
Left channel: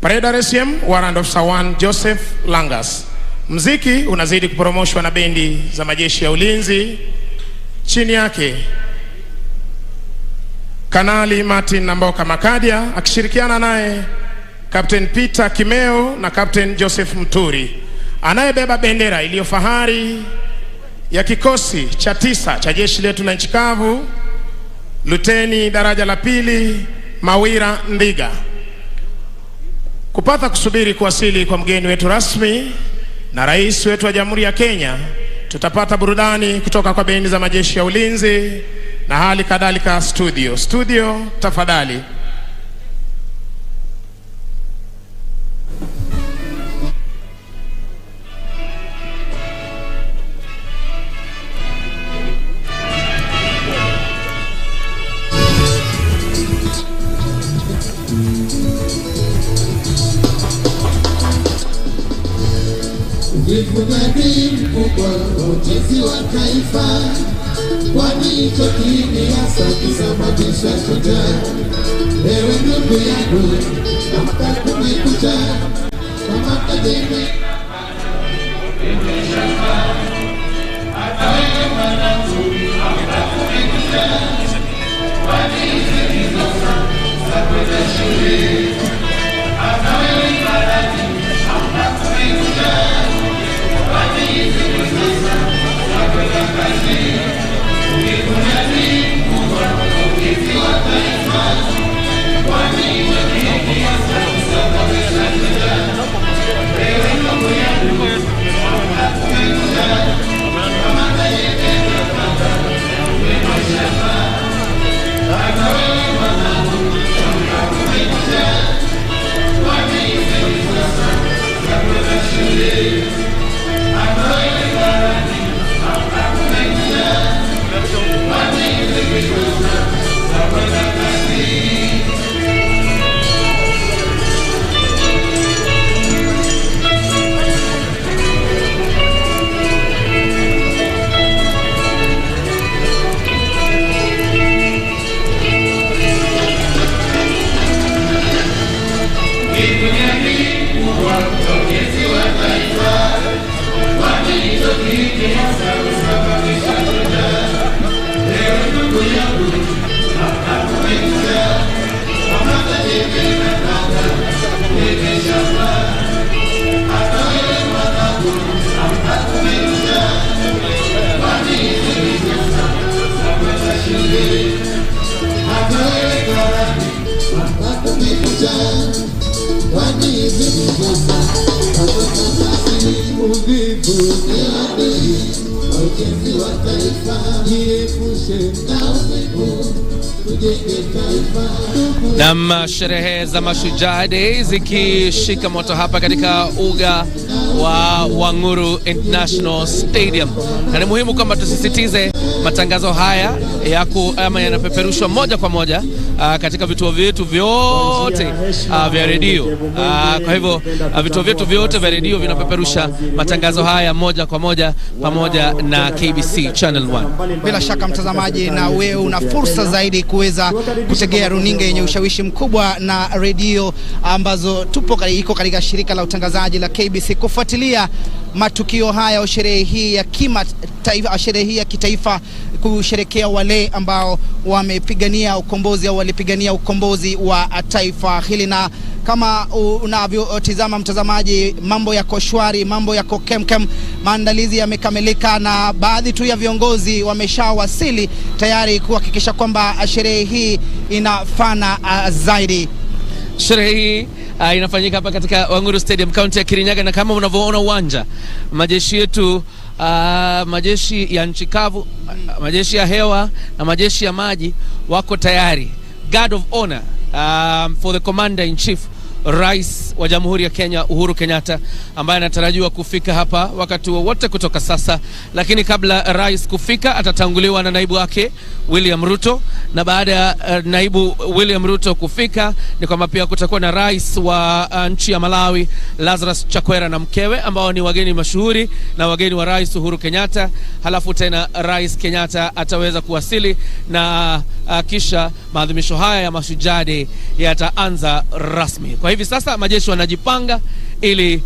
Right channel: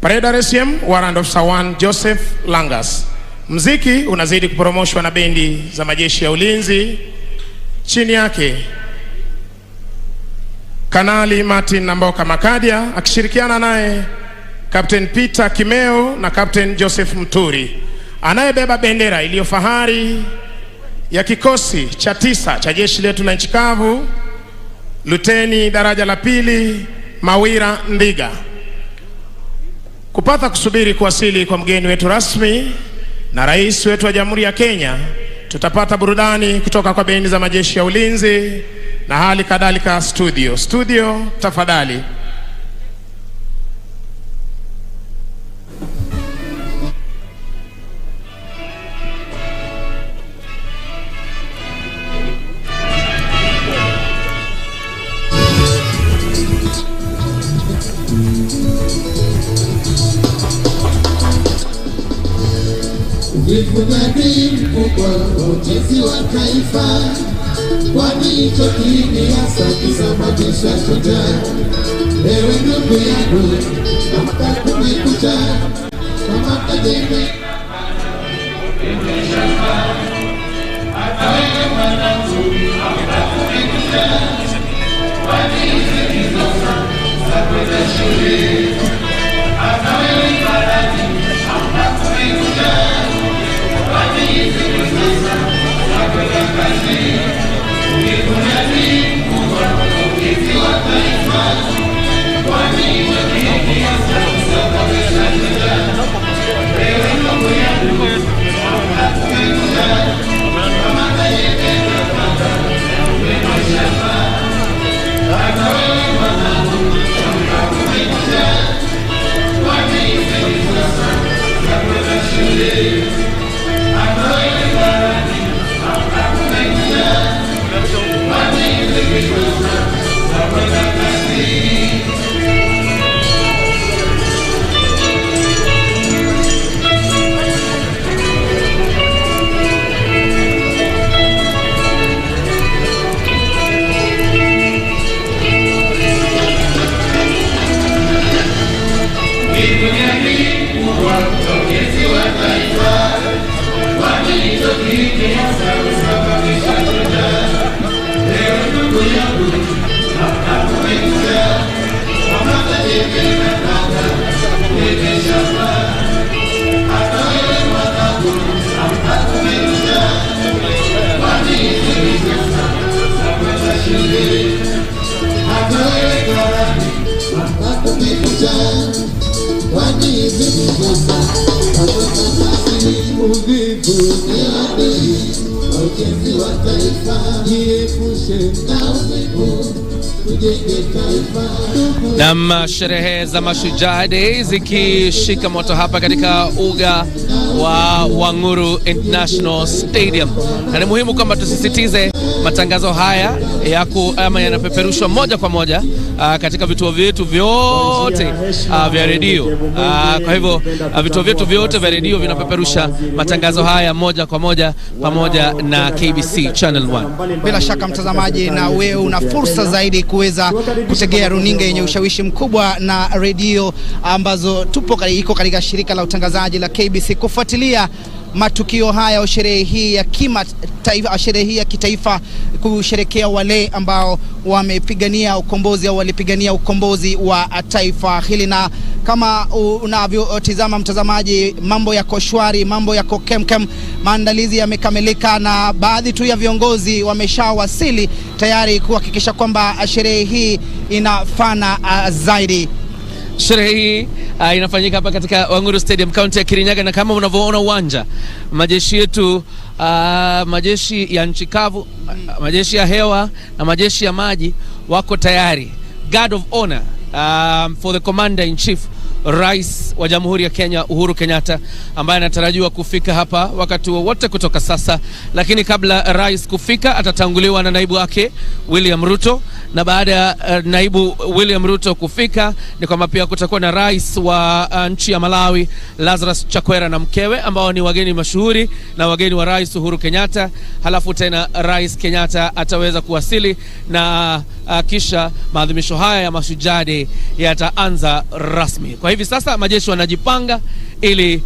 Parade RSM Warrant Officer 1 Joseph Langas. Mziki unazidi kupromoshwa na bendi za majeshi ya ulinzi. Chini yake Kanali Martin Namboka Makadia akishirikiana naye Captain Peter Kimeo na Captain Joseph Mturi. Anayebeba bendera iliyo fahari ya kikosi cha 9 cha jeshi letu la nchi kavu, Luteni daraja la 2 Mawira Ndiga. Kupata kusubiri kuwasili kwa mgeni wetu rasmi na rais wetu wa Jamhuri ya Kenya, tutapata burudani kutoka kwa bendi za majeshi ya ulinzi na hali kadhalika studio tafadhali. Ujifunani mkubwa ujenzi wa taifa, kwani hicho kiini hasa kisababisha shujaa. Ewe ndugu yangu, amka kumekucha, kama kademe hata wewe mwanangu, amka kumekucha, kwani hizo hizo za kwenda shule. Hata wewe mwanangu, amka kumekucha, kwani hizo hizo za kwenda kazi. Ujifunani mkubwa ujenzi wa taifa, kwani hicho kiini hasa kisababisha shujaa. Ewe ndugu yangu, amka kumekucha, kama kademe hata wewe mwanangu, amka kumekucha. Na sherehe za Mashujaa Day zikishika moto hapa katika uga wa Wanguru International Stadium. Na ni muhimu kwamba tusisitize matangazo haya yanapeperushwa moja kwa moja katika vituo vyetu vyote vya redio. Kwa hivyo vituo vyetu vyote vya redio vinapeperusha matangazo haya moja kwa moja pamoja na KBC Channel 1. Bila shaka mtazamaji, na wewe una fursa zaidi kuweza kutegea runinga yenye ushawishi mkubwa na redio ambazo iko katika shirika la utangazaji la KBC kufuatilia matukio haya au sherehe hii ya sherehe hii ya kitaifa kusherekea wale ambao wamepigania ukombozi au walipigania ukombozi wa taifa hili. Na kama unavyotizama mtazamaji, mambo yako shwari, mambo yako kemkem, maandalizi yamekamilika na baadhi tu ya viongozi wameshawasili tayari kuhakikisha kwamba sherehe hii inafana zaidi. Sherehe hii inafanyika hapa katika Wanguru Stadium, kaunti ya Kirinyaga, na kama unavyoona uwanja, majeshi yetu, majeshi ya nchi kavu, majeshi ya hewa na majeshi ya maji wako tayari. Guard of honor for the commander in chief, Rais wa Jamhuri ya Kenya Uhuru Kenyatta, ambaye anatarajiwa kufika hapa wakati wowote kutoka sasa. Lakini kabla rais kufika, atatanguliwa na naibu wake William Ruto, na baada ya naibu William Ruto kufika, ni kwamba pia kutakuwa na rais wa nchi ya Malawi Lazarus Chakwera na mkewe, ambao ni wageni mashuhuri na wageni wa Rais Uhuru Kenyatta. Halafu tena Rais Kenyatta ataweza kuwasili, na kisha maadhimisho haya ya Mashujaa Day yataanza rasmi. Kwa hivi sasa majeshi wanajipanga ili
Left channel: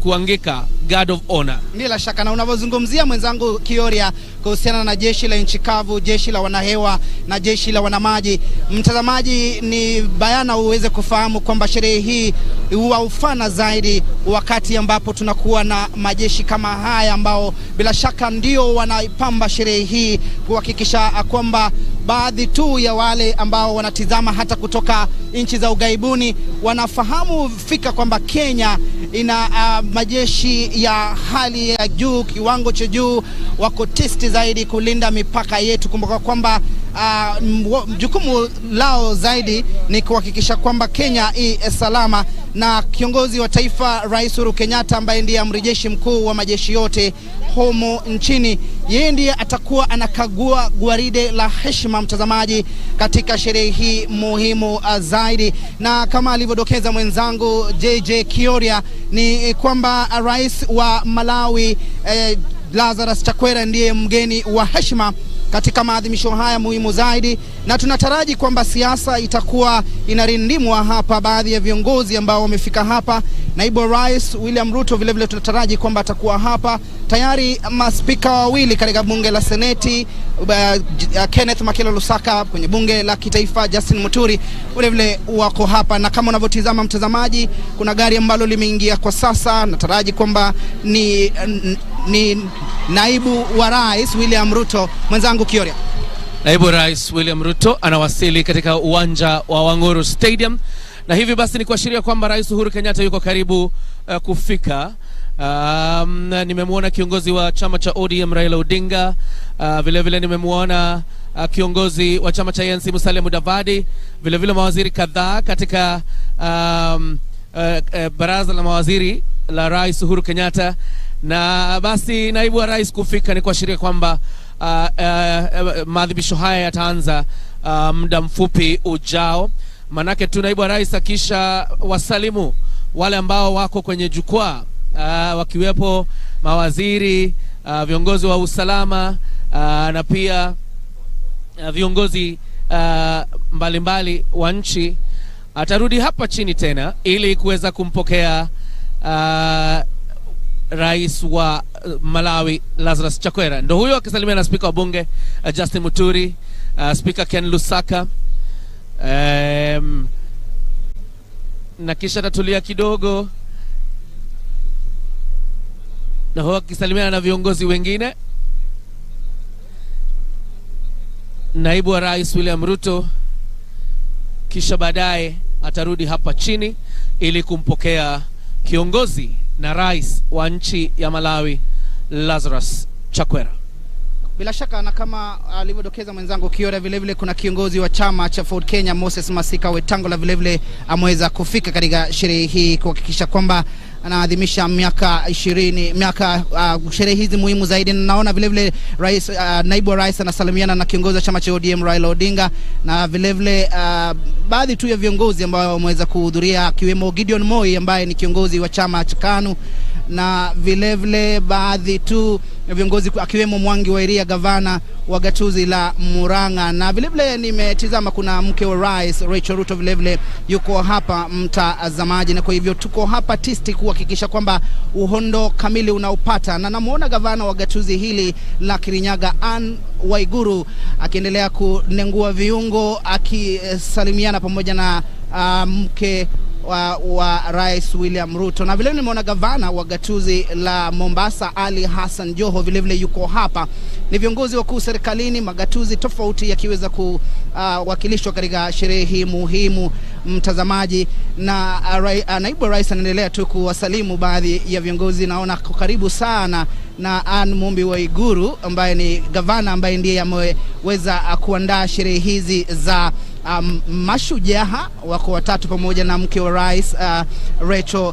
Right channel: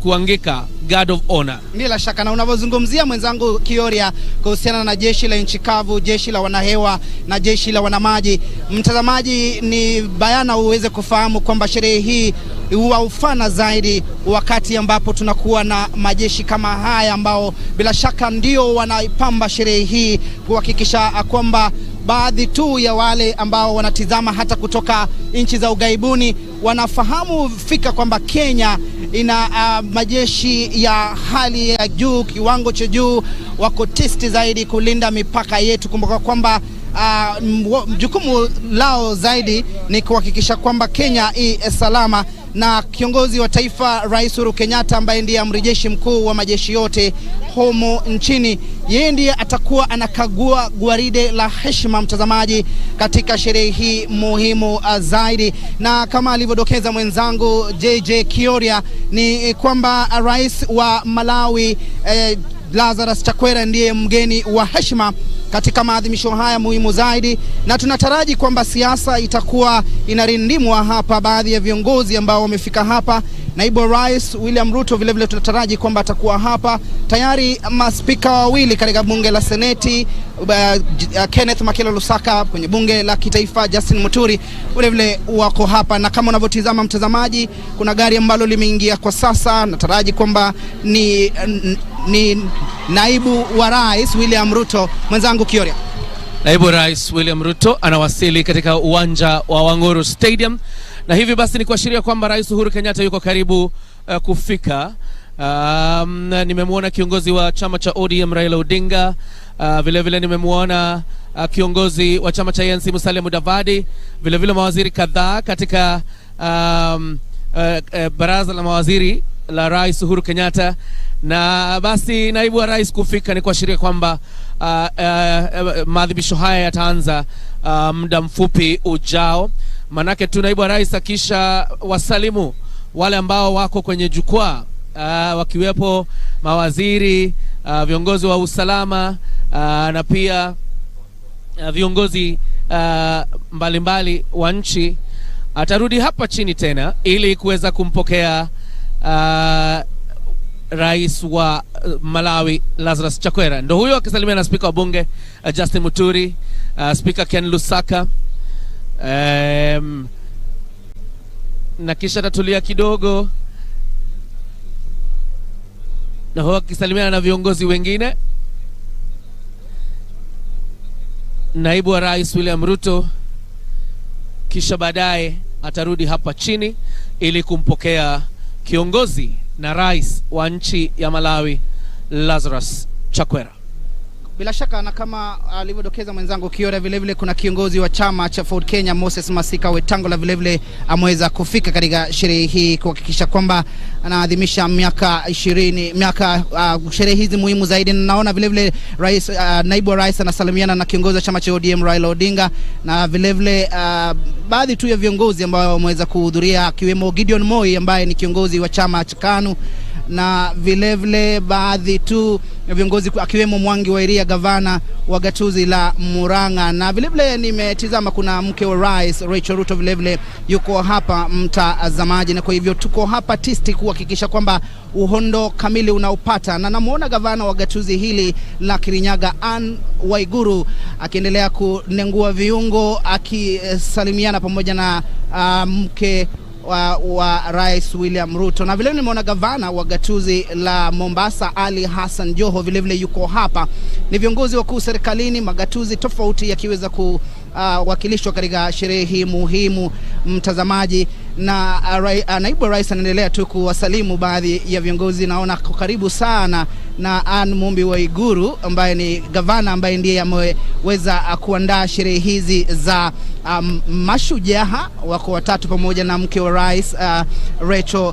kuangika guard of honor. Bila shaka, na unavyozungumzia mwenzangu Kioria kuhusiana na jeshi la nchi kavu, jeshi la wanahewa na jeshi la wanamaji, mtazamaji, ni bayana uweze kufahamu kwamba sherehe hii huwa ufana zaidi wakati ambapo tunakuwa na majeshi kama haya ambao bila shaka ndio wanaipamba sherehe hii, kuhakikisha kwamba baadhi tu ya wale ambao wanatizama hata kutoka nchi za ugaibuni wanafahamu fika kwamba Kenya ina majeshi ya hali ya juu, kiwango cha juu, wako tisti zaidi kulinda mipaka yetu. Kumbuka kwamba jukumu lao zaidi ni kuhakikisha kwamba Kenya salama, na kiongozi wa taifa Rais Uhuru Kenyatta, ambaye ndiye amiri jeshi mkuu wa majeshi yote humu nchini, yeye ndiye atakuwa anakagua gwaride la heshima, mtazamaji, katika sherehe hii muhimu zaidi. Na kama alivyodokeza mwenzangu JJ Kioria, ni kwamba rais wa Malawi Lazarus Chakwera ndiye mgeni wa heshima katika maadhimisho haya muhimu zaidi, na tunataraji kwamba siasa itakuwa inarindimwa hapa. Baadhi ya viongozi ambao wamefika hapa, naibu rais William Ruto vile vile tunataraji kwamba atakuwa hapa. Tayari maspika wawili katika bunge la Seneti, Kenneth Makelo Lusaka, kwenye bunge la kitaifa Justin Muturi vile vile wako hapa. Na kama unavyotizama mtazamaji, kuna gari ambalo limeingia kwa sasa, nataraji kwamba ni naibu wa rais William Ruto. Mwenzangu Kioria, naibu rais William Ruto anawasili katika uwanja wa Wanguru Stadium, na hivi basi ni kuashiria kwamba Rais Uhuru Kenyatta yuko karibu kufika. Nimemwona kiongozi wa chama cha ODM Raila Odinga, vile vile nimemwona kiongozi wa chama cha ANC Musalia Mudavadi, vile vile mawaziri kadhaa katika baraza la mawaziri la Rais Uhuru Kenyatta. Na basi naibu wa rais kufika ni kuashiria kwamba maadhimisho haya yataanza muda mfupi ujao. Manake tu naibu wa rais akisha wasalimu wale ambao wako kwenye jukwaa, wakiwepo mawaziri, viongozi wa usalama, na pia viongozi mbalimbali wa nchi, atarudi hapa chini tena ili kuweza kumpokea rais wa Malawi Lazarus Chakwera. Ndo huyo akisalimia na spika wa bunge Justin Muturi, spika Ken Lusaka, na kisha tatulia kidogo na huyo akisalimia na viongozi wengine. Naibu wa rais William Ruto kisha baadaye atarudi hapa chini ili kumpokea kiongozi na rais wa nchi ya Malawi Lazarus Chakwera. Bila shaka na kama alivyodokeza mwenzangu Kiora, vile vile kuna kiongozi wa chama cha Ford Kenya Moses Masika Wetangula vile vile ameweza kufika katika sherehe hii kuhakikisha kwamba anaadhimisha miaka 20 sherehe hizi muhimu zaidi. Naona vile vile rais naibu wa rais anasalimiana na kiongozi wa chama cha ODM Raila Odinga, na vile vile baadhi tu ya viongozi ambao wameweza kuhudhuria akiwemo Gideon Moi ambaye ni kiongozi wa chama cha KANU, na vile vile baadhi tu viongozi akiwemo Mwangi wa Iria gavana wa gatuzi la Murang'a, na vile vile nimetizama kuna mke wa rais Rachel Ruto vile vile yuko hapa mtazamaji, na kwa hivyo tuko hapa tisti kuhakikisha kwamba uhondo kamili unaupata. Na namuona gavana wa gatuzi hili la Kirinyaga Anne Waiguru akiendelea kunengua viungo akisalimiana pamoja na mke wa rais William Ruto, na vile nimeona gavana wa gatuzi la Mombasa Ali Hassan Joho vile vile yuko hapa. Ni viongozi wakuu serikalini, magatuzi tofauti yakiweza kuwakilishwa katika sherehe hii muhimu mtazamaji, na naibu rais anaendelea tu kuwasalimu baadhi ya viongozi. Naona karibu sana na Anne Mumbi Waiguru ambaye ni gavana ambaye ndiye ameweza kuandaa sherehe hizi za mashujaa wako watatu pamoja na mke wa rais Rachel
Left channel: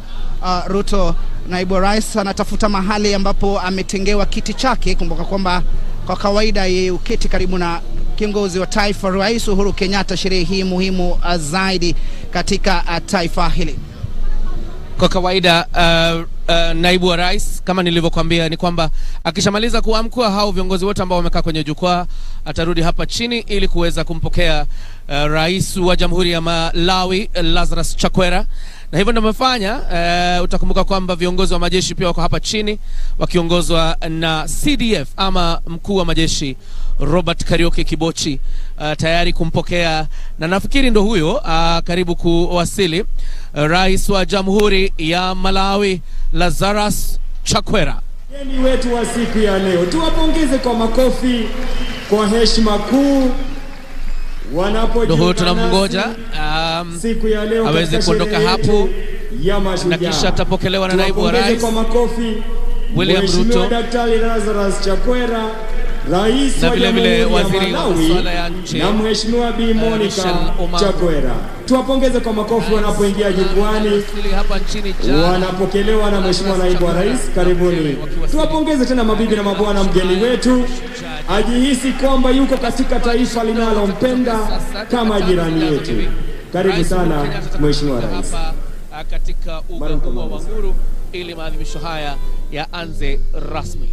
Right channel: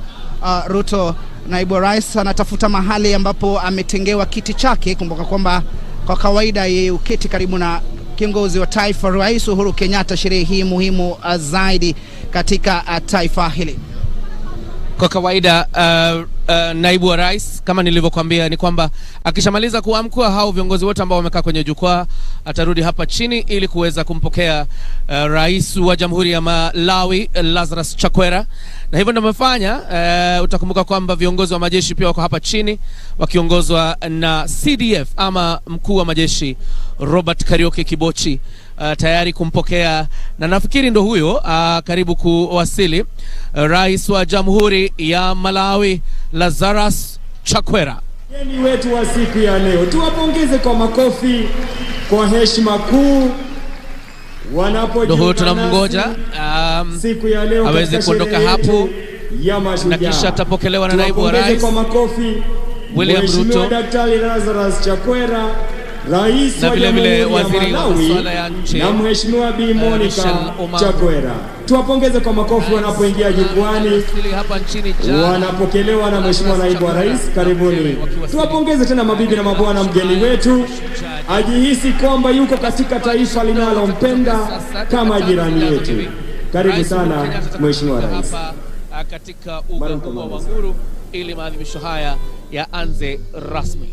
Ruto. Naibu wa rais anatafuta mahali ambapo ametengewa kiti chake. Kumbuka kwamba kwa kawaida yeye uketi karibu na kiongozi wa taifa Rais Uhuru Kenyatta, sherehe hii muhimu zaidi katika taifa hili. Kwa kawaida naibu wa rais kama nilivyokuambia ni kwamba akishamaliza kuamkua hao viongozi wote ambao wamekaa kwenye jukwaa atarudi hapa chini ili kuweza kumpokea rais wa Jamhuri ya Malawi Lazarus Chakwera, na hivyo ndio amefanya. Utakumbuka kwamba viongozi wa majeshi pia wako hapa chini wakiongozwa na CDF ama mkuu wa majeshi Robert Karioke Kibochi tayari kumpokea, na nafikiri ndo huyo karibu kuwasili rais wa Jamhuri ya Malawi Lazarus Chakwera. Wageni wetu wa siku ya leo tuwapongeze kwa makofi kwa heshima kuu wanapojiunga. Tunamngoja siku ya leo aweze kuondoka hapo na kisha atapokelewa na naibu wa rais kwa makofi William Ruto, Daktari Lazarus Chakwera, rais wa vile waziri wa masuala ya nchi, na Mheshimiwa Bi Monica Chakwera. Tuwapongeze kwa makofi wanapoingia jukwani, wanapokelewa na Mheshimiwa naibu wa rais. Karibuni. Tuwapongeze tena mabibi na mabwana, mgeni wetu ajihisi kwamba yuko katika taifa linalompenda kama jirani yetu. Karibu sana Mheshimiwa rais katika uga wa Nguru ili maadhimisho haya yaanze rasmi.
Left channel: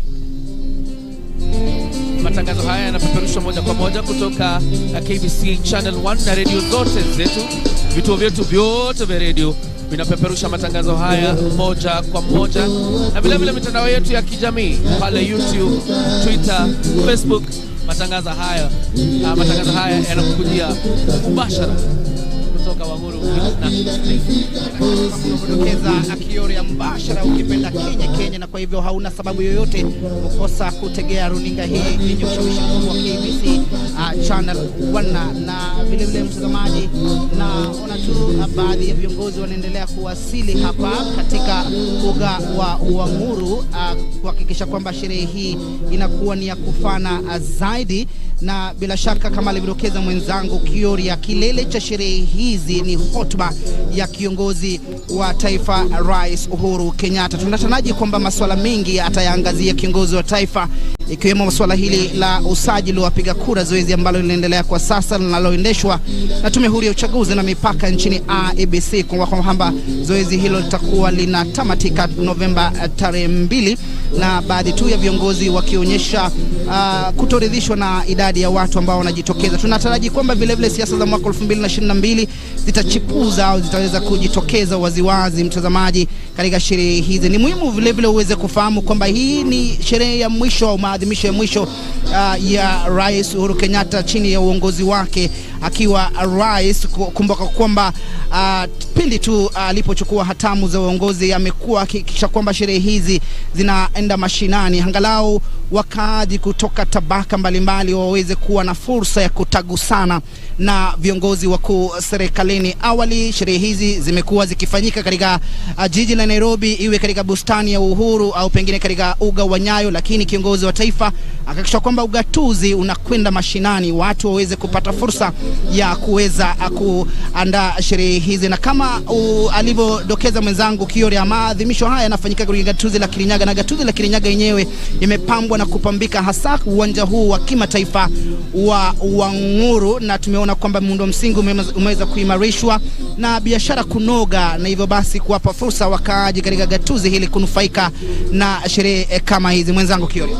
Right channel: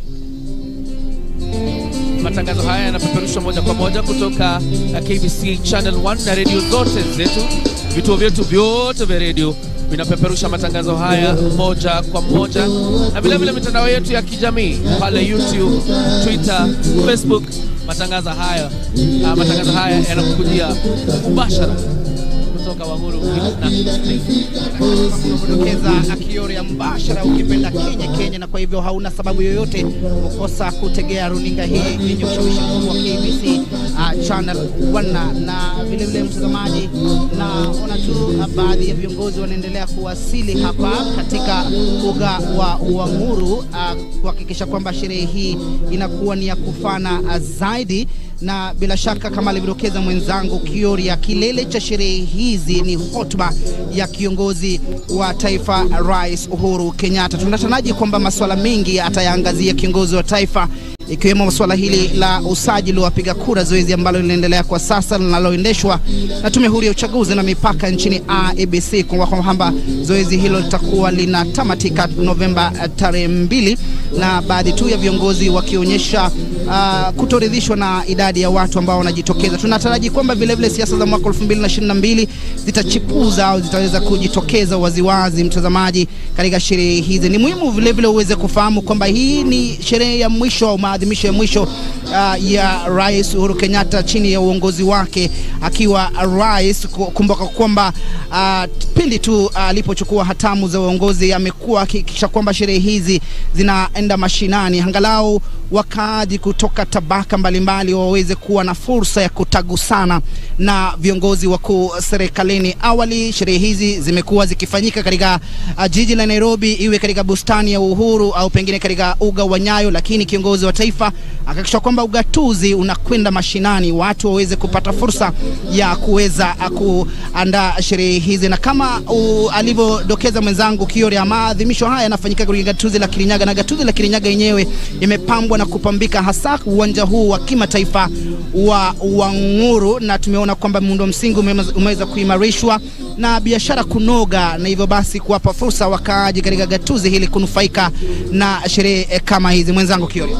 Matangazo haya yanapeperushwa moja kwa moja kutoka KBC Channel 1 na radio zote zetu. Vituo vyetu vyote vya radio vinapeperusha matangazo haya moja kwa moja, na vile vile mitandao yetu ya kijamii pale YouTube, Twitter, Facebook. Matangazo haya yanakujia mubashara kutoka Wanguru kudokeza Kiori ya mbashara ukipenda Kenya, na kwa hivyo hauna sababu yoyote kukosa kutegea runinga hii yenye ushawishi mkubwa wa KBC Channel 1. Na vile vile mtazamaji, naona tu baadhi ya viongozi wanaendelea kuwasili hapa katika uga wa Wanguru kuhakikisha kwamba sherehe hii inakuwa ni ya kufana zaidi. Na bila shaka kama alivyodokeza mwenzangu Kiori, ya kilele cha sherehe hizi ni hotuba ya kiongozi wa taifa Rais Uhuru Kenyatta. Tunataraji kwamba masuala mengi atayaangazia kiongozi wa taifa, ikiwemo masuala hili la usajili wa wapiga kura, zoezi ambalo linaendelea kwa sasa linaloendeshwa na Tume Huru ya Uchaguzi na Mipaka nchini IEBC, kwa kwamba zoezi hilo litakuwa linatamatika Novemba tarehe 2, na baadhi tu ya viongozi wakionyesha kutoridhishwa na idadi ya watu ambao wanajitokeza. Tunataraji kwamba vile vile siasa za mwaka 2022 zitachipuza au zitaweza kujitokeza waziwazi mtazamaji katika sherehe hizi. Ni muhimu vile vile uweze kufahamu kwamba hii ni sherehe ya mwisho au maadhimisho ya mwisho ya Rais Uhuru Kenyatta chini ya uongozi wake akiwa rais. Kumbuka kwamba pindi tu alipochukua hatamu za uongozi amekuwa akihakikisha kwamba sherehe hizi zinaenda mashinani, angalau wakaaji kutoka tabaka mbalimbali waweze kuwa na fursa ya kutagusana na viongozi wakuu serikalini. Awali sherehe hizi zimekuwa zikifanyika katika jiji la Nairobi, iwe katika bustani ya Uhuru au pengine katika uga wa Nyayo, lakini kiongozi wa taifa akahakikisha kwamba ugatuzi unakwenda mashinani, watu waweze kupata fursa ya kuweza kuandaa sherehe hizi. Na kama alivyodokeza mwenzangu Kiore, maadhimisho haya yanafanyika katika gatuzi la Kirinyaga, na gatuzi la Kirinyaga yenyewe imepambwa na kupambika, hasa uwanja huu wa kimataifa wa Wanguru, na tumeona kwamba muundo msingi umeweza kuimarishwa na biashara kunoga, na hivyo basi kuwapa fursa wakaaji katika gatuzi hili kunufaika na sherehe kama hizi. Mwenzangu Kiore.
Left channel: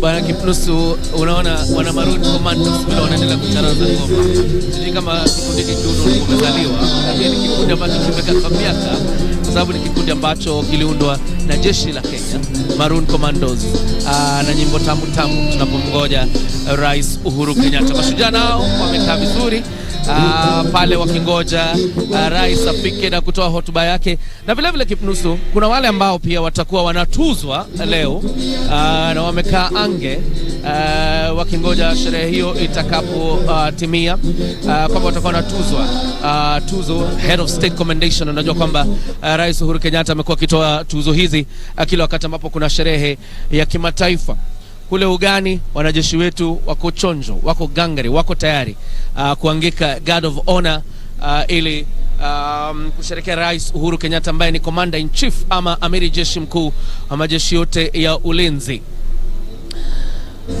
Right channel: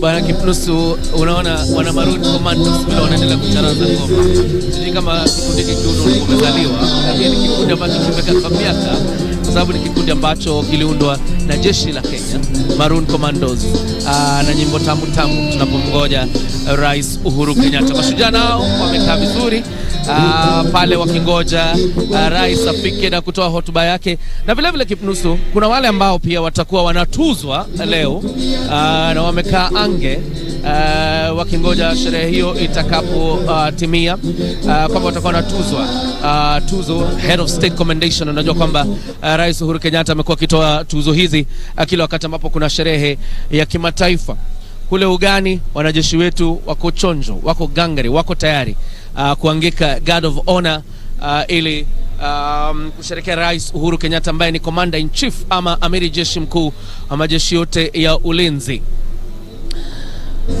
Bwana Kipnusu, unaona wana Maroon Commandos bila wanaendelea kucharaza ngoma. Sisi kama kikundi kikiundwa kimezaliwa, lakini ni kikundi ambacho kimekaa miaka, kwa sababu ni kikundi ambacho kiliundwa na jeshi la Kenya, Maroon Commandos, na nyimbo tamu tamu tunapomgoja Rais Uhuru Kenyatta. Mashujaa nao wamekaa vizuri pale wakingoja rais afike na kutoa hotuba yake. Na vile vile Kipnusu, kuna wale ambao pia watakuwa wanatuzwa leo na wamekaa ange wakingoja sherehe hiyo itakapo timia, kwamba watakuwa wanatuzwa tuzo Head of State Commendation. Unajua kwamba Rais Uhuru Kenyatta amekuwa akitoa tuzo hizi kila wakati ambapo kuna sherehe ya kimataifa. Kule ugani wanajeshi wetu wako chonjo, wako gangari, wako tayari kuangika Guard of Honor ili kusherehekea Rais Uhuru Kenyatta ambaye ni Commander in Chief ama Amiri Jeshi Mkuu wa majeshi yote ya ulinzi.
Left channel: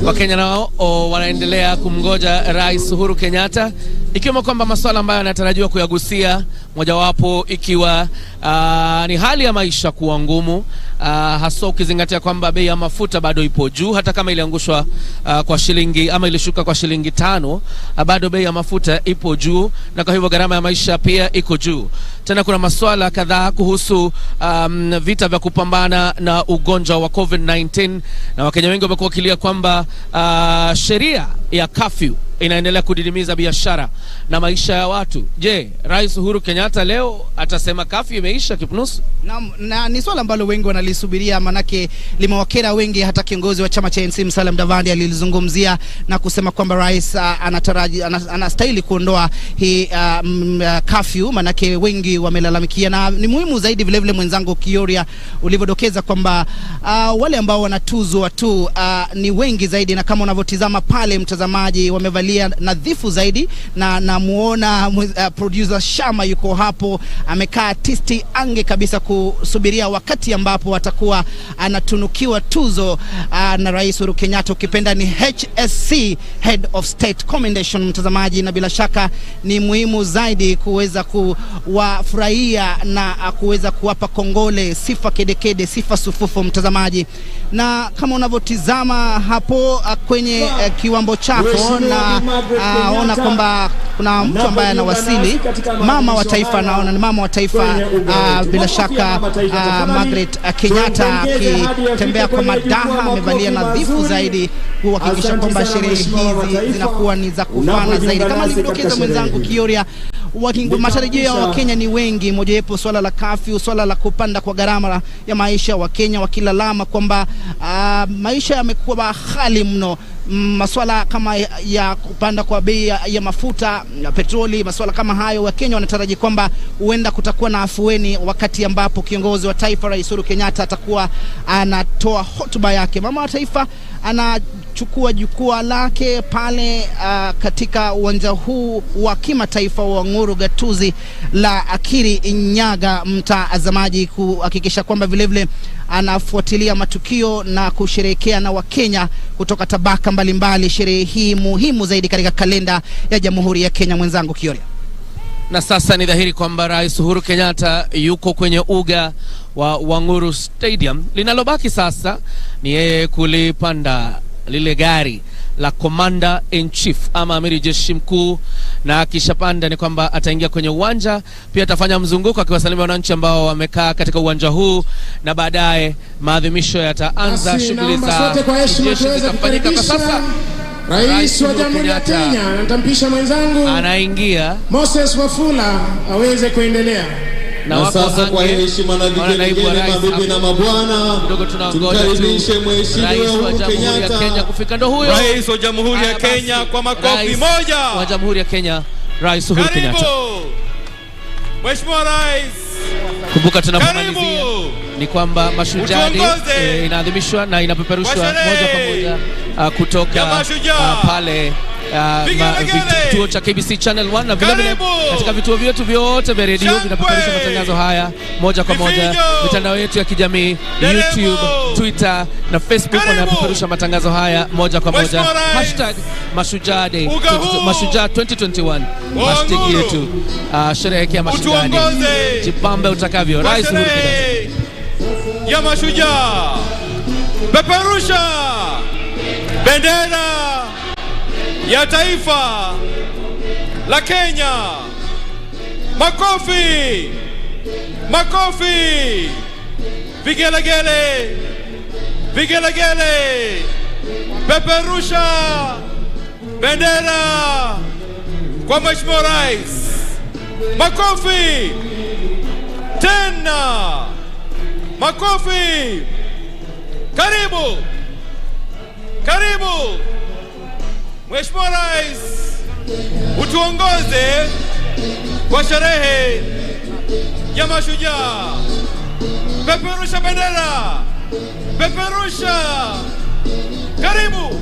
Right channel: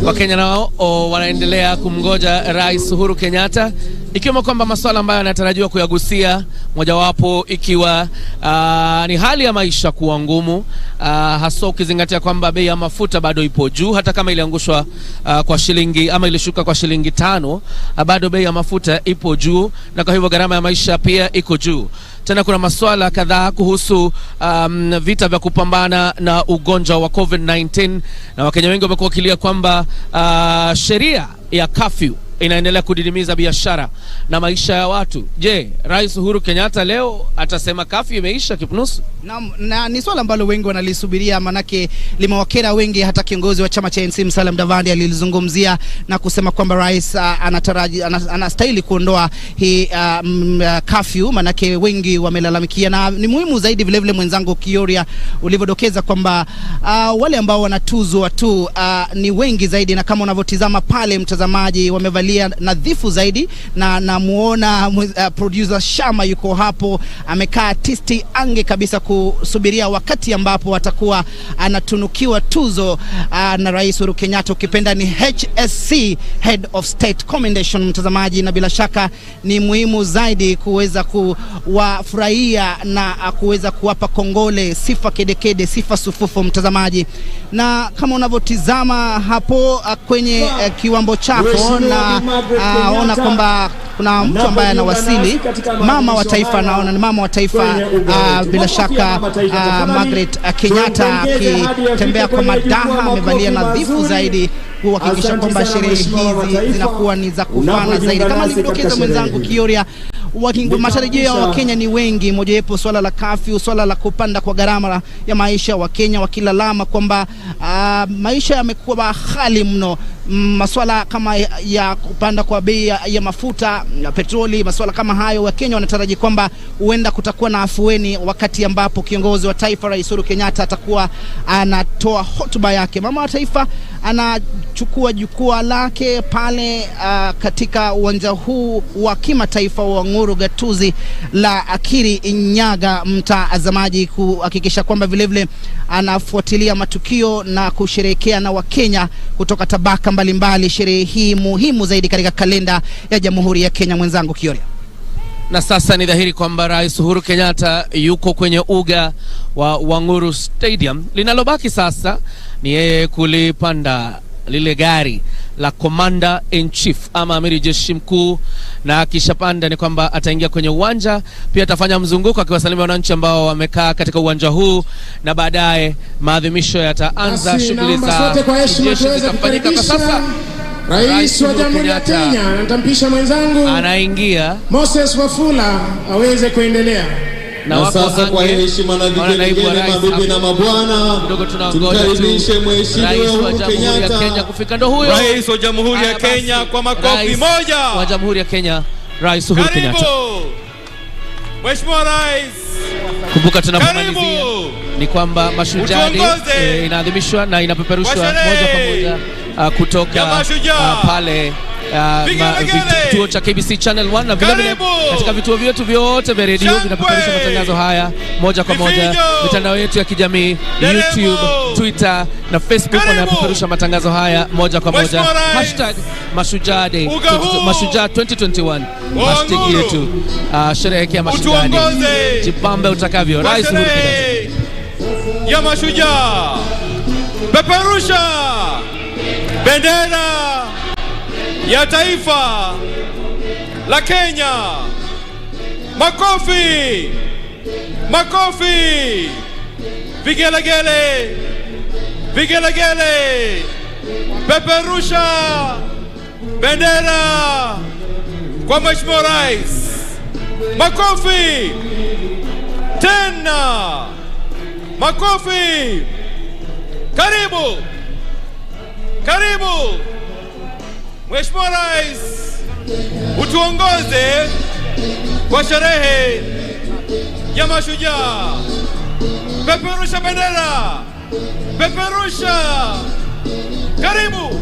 Wakenya nao wanaendelea kumgoja Rais Uhuru Kenyatta, ikiwa kwamba masuala ambayo yanatarajiwa kuyagusia, mojawapo ikiwa ni hali ya maisha kuwa ngumu, hasa ukizingatia kwamba bei ya mafuta bado ipo juu. Hata kama iliangushwa kwa shilingi ama ilishuka kwa shilingi 5, bado bei ya mafuta ipo juu, na kwa hivyo gharama ya maisha pia iko juu. Tena kuna masuala kadhaa kuhusu vita vya kupambana na ugonjwa wa COVID-19, na Wakenya wengi wamekuwa wakilia kwamba sheria ya curfew inaendelea kudidimiza biashara na maisha ya watu. Je, Rais Uhuru Kenyatta leo atasema curfew imeisha, Kipnusu? Na ni swala ambalo wengi wanalisubiria, manake limewakera wengi. Hata kiongozi wa chama cha ANC Musalia Mudavadi alilizungumzia na kusema kwamba rais anastahili kuondoa hii curfew, manake wengi wamelalamikia. Na ni muhimu zaidi vile vile mwenzangu Kioria ulivyodokeza kwamba wale ambao wanatuzwa tu ni wengi zaidi, na kama unavyotizama pale mtazamaji, wamevalia nadhifu zaidi, na namuona producer Shama yuko hapo amekaa tisti ange kabisa kusubiria wakati ambapo watakuwa anatunukiwa tuzo na Rais Uhuru Kenyatta, ukipenda ni HSC, Head of State Commendation, mtazamaji. Na bila shaka ni muhimu zaidi kuweza kuwafurahia na kuweza kuwapa kongole, sifa kedekede, sifa sufufu, mtazamaji. Na kama unavyotizama hapo kwenye kiwambo chako, na ona kwamba kuna mtu ambaye anawasili, mama wa taifa. Naona ni mama wa taifa, bila shaka Margaret Kenyatta, akitembea kwa madaha, amevalia nadhifu zaidi kuhakikisha kwamba sherehe hizi zinakuwa ni za kufana zaidi. Kama nilivyodokeza mwenzangu Kioria, matarajio ya Wakenya ni wengi, mojawapo swala la curfew, swala la kupanda kwa gharama ya maisha. Wakenya wakilalama kwamba maisha yamekuwa ghali mno. Masuala kama ya kupanda kwa bei ya mafuta na petroli, masuala kama hayo, Wakenya wanataraji kwamba huenda kutakuwa na afueni wakati ambapo kiongozi wa taifa Rais Uhuru Kenyatta atakuwa anatoa hotuba yake. Mama wa taifa anachukua jukwaa lake pale katika uwanja huu wa kimataifa wa Nguru, gatuzi la Kirinyaga, mtazamaji, kuhakikisha kwamba vile vile anafuatilia matukio na kusherehekea na Wakenya kutoka tabaka mbalimbali sherehe hii muhimu zaidi katika kalenda ya Jamhuri ya Kenya. Mwenzangu Kioria. Na sasa ni dhahiri kwamba Rais Uhuru Kenyatta yuko kwenye uga wa Wanguru Stadium. Linalobaki sasa ni yeye kulipanda lile gari la Commander in Chief ama Amiri Jeshi Mkuu, na akishapanda ni kwamba ataingia kwenye uwanja, pia atafanya mzunguko akiwasalimia wananchi ambao wamekaa katika uwanja huu, na baadaye maadhimisho yataanza. Shughuli za jeshi zitafanyika. Kwa sasa Rais wa Jamhuri ya Kenya, nitampisha mwenzangu anaingia Moses Wafula aweze kuendelea. Na sasa kwa heshima na vigelegele, mabibi na mabwana, tumkaribishe Mheshimiwa Uhuru Kenyatta, Kenya kufika. Ndo huyo Rais wa Jamhuri ya Kenya, kwa makofi moja wa Jamhuri ya Kenya, Rais Uhuru Kenyatta. Mheshimiwa Rais. Kumbuka tunapomalizia ni kwamba Mashujaa Day inaadhimishwa na inapeperushwa moja kwa moja kutoka pale kituo cha KBC Channel 1 na vile vile katika vituo vyetu vyote vya redio vinapeperusha matangazo haya moja kwa moja. Mitandao yetu ya kijamii YouTube, Twitter na Facebook wanapeperusha matangazo haya moja kwa moja. #Mashujaa Day, Mashujaa 2021 hashtag yetu. Sherehekea Mashujaa Day, jipambe utakavyo. Rais Uhuru Kenyatta ya Mashujaa, peperusha bendera ya taifa la Kenya. Makofi, makofi, vigelegele, vigelegele, peperusha bendera kwa Mheshimiwa Rais. Makofi tena, makofi. Karibu, karibu Mheshimiwa Rais, utuongoze kwa sherehe ya Mashujaa. Peperusha bendera, peperusha. Karibu,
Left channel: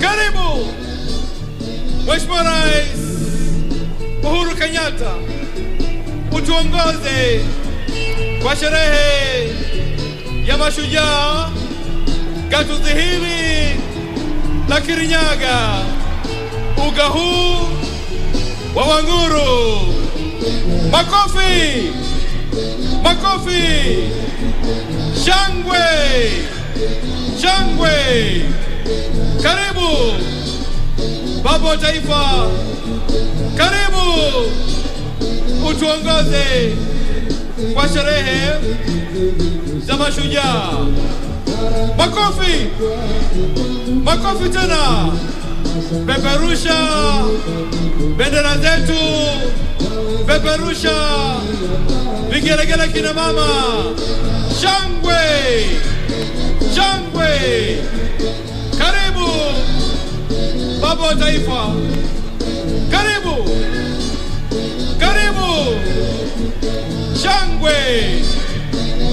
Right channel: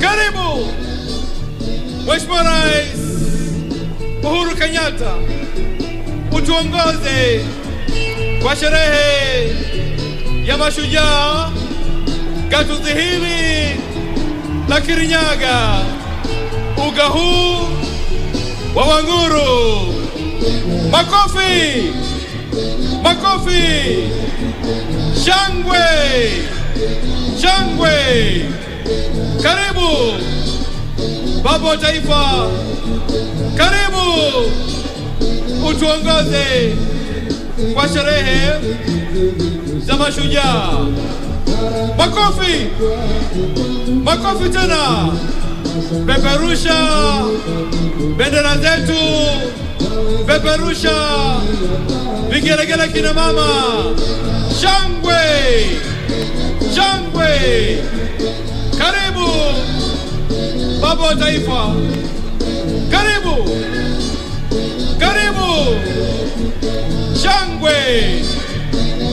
karibu Mheshimiwa Rais Uhuru Kenyatta, utuongoze kwa sherehe ya Mashujaa, gatuzi hili la Kirinyaga, uga huu wa Wanguru. Makofi, makofi, shangwe, shangwe. Karibu baba wa taifa, karibu utuongoze kwa sherehe za Mashujaa. Makofi, makofi tena. Peperusha bendera zetu, peperusha vigelegele kina mama. Shangwe, shangwe. Karibu baba wa taifa, karibu, karibu. Shangwe,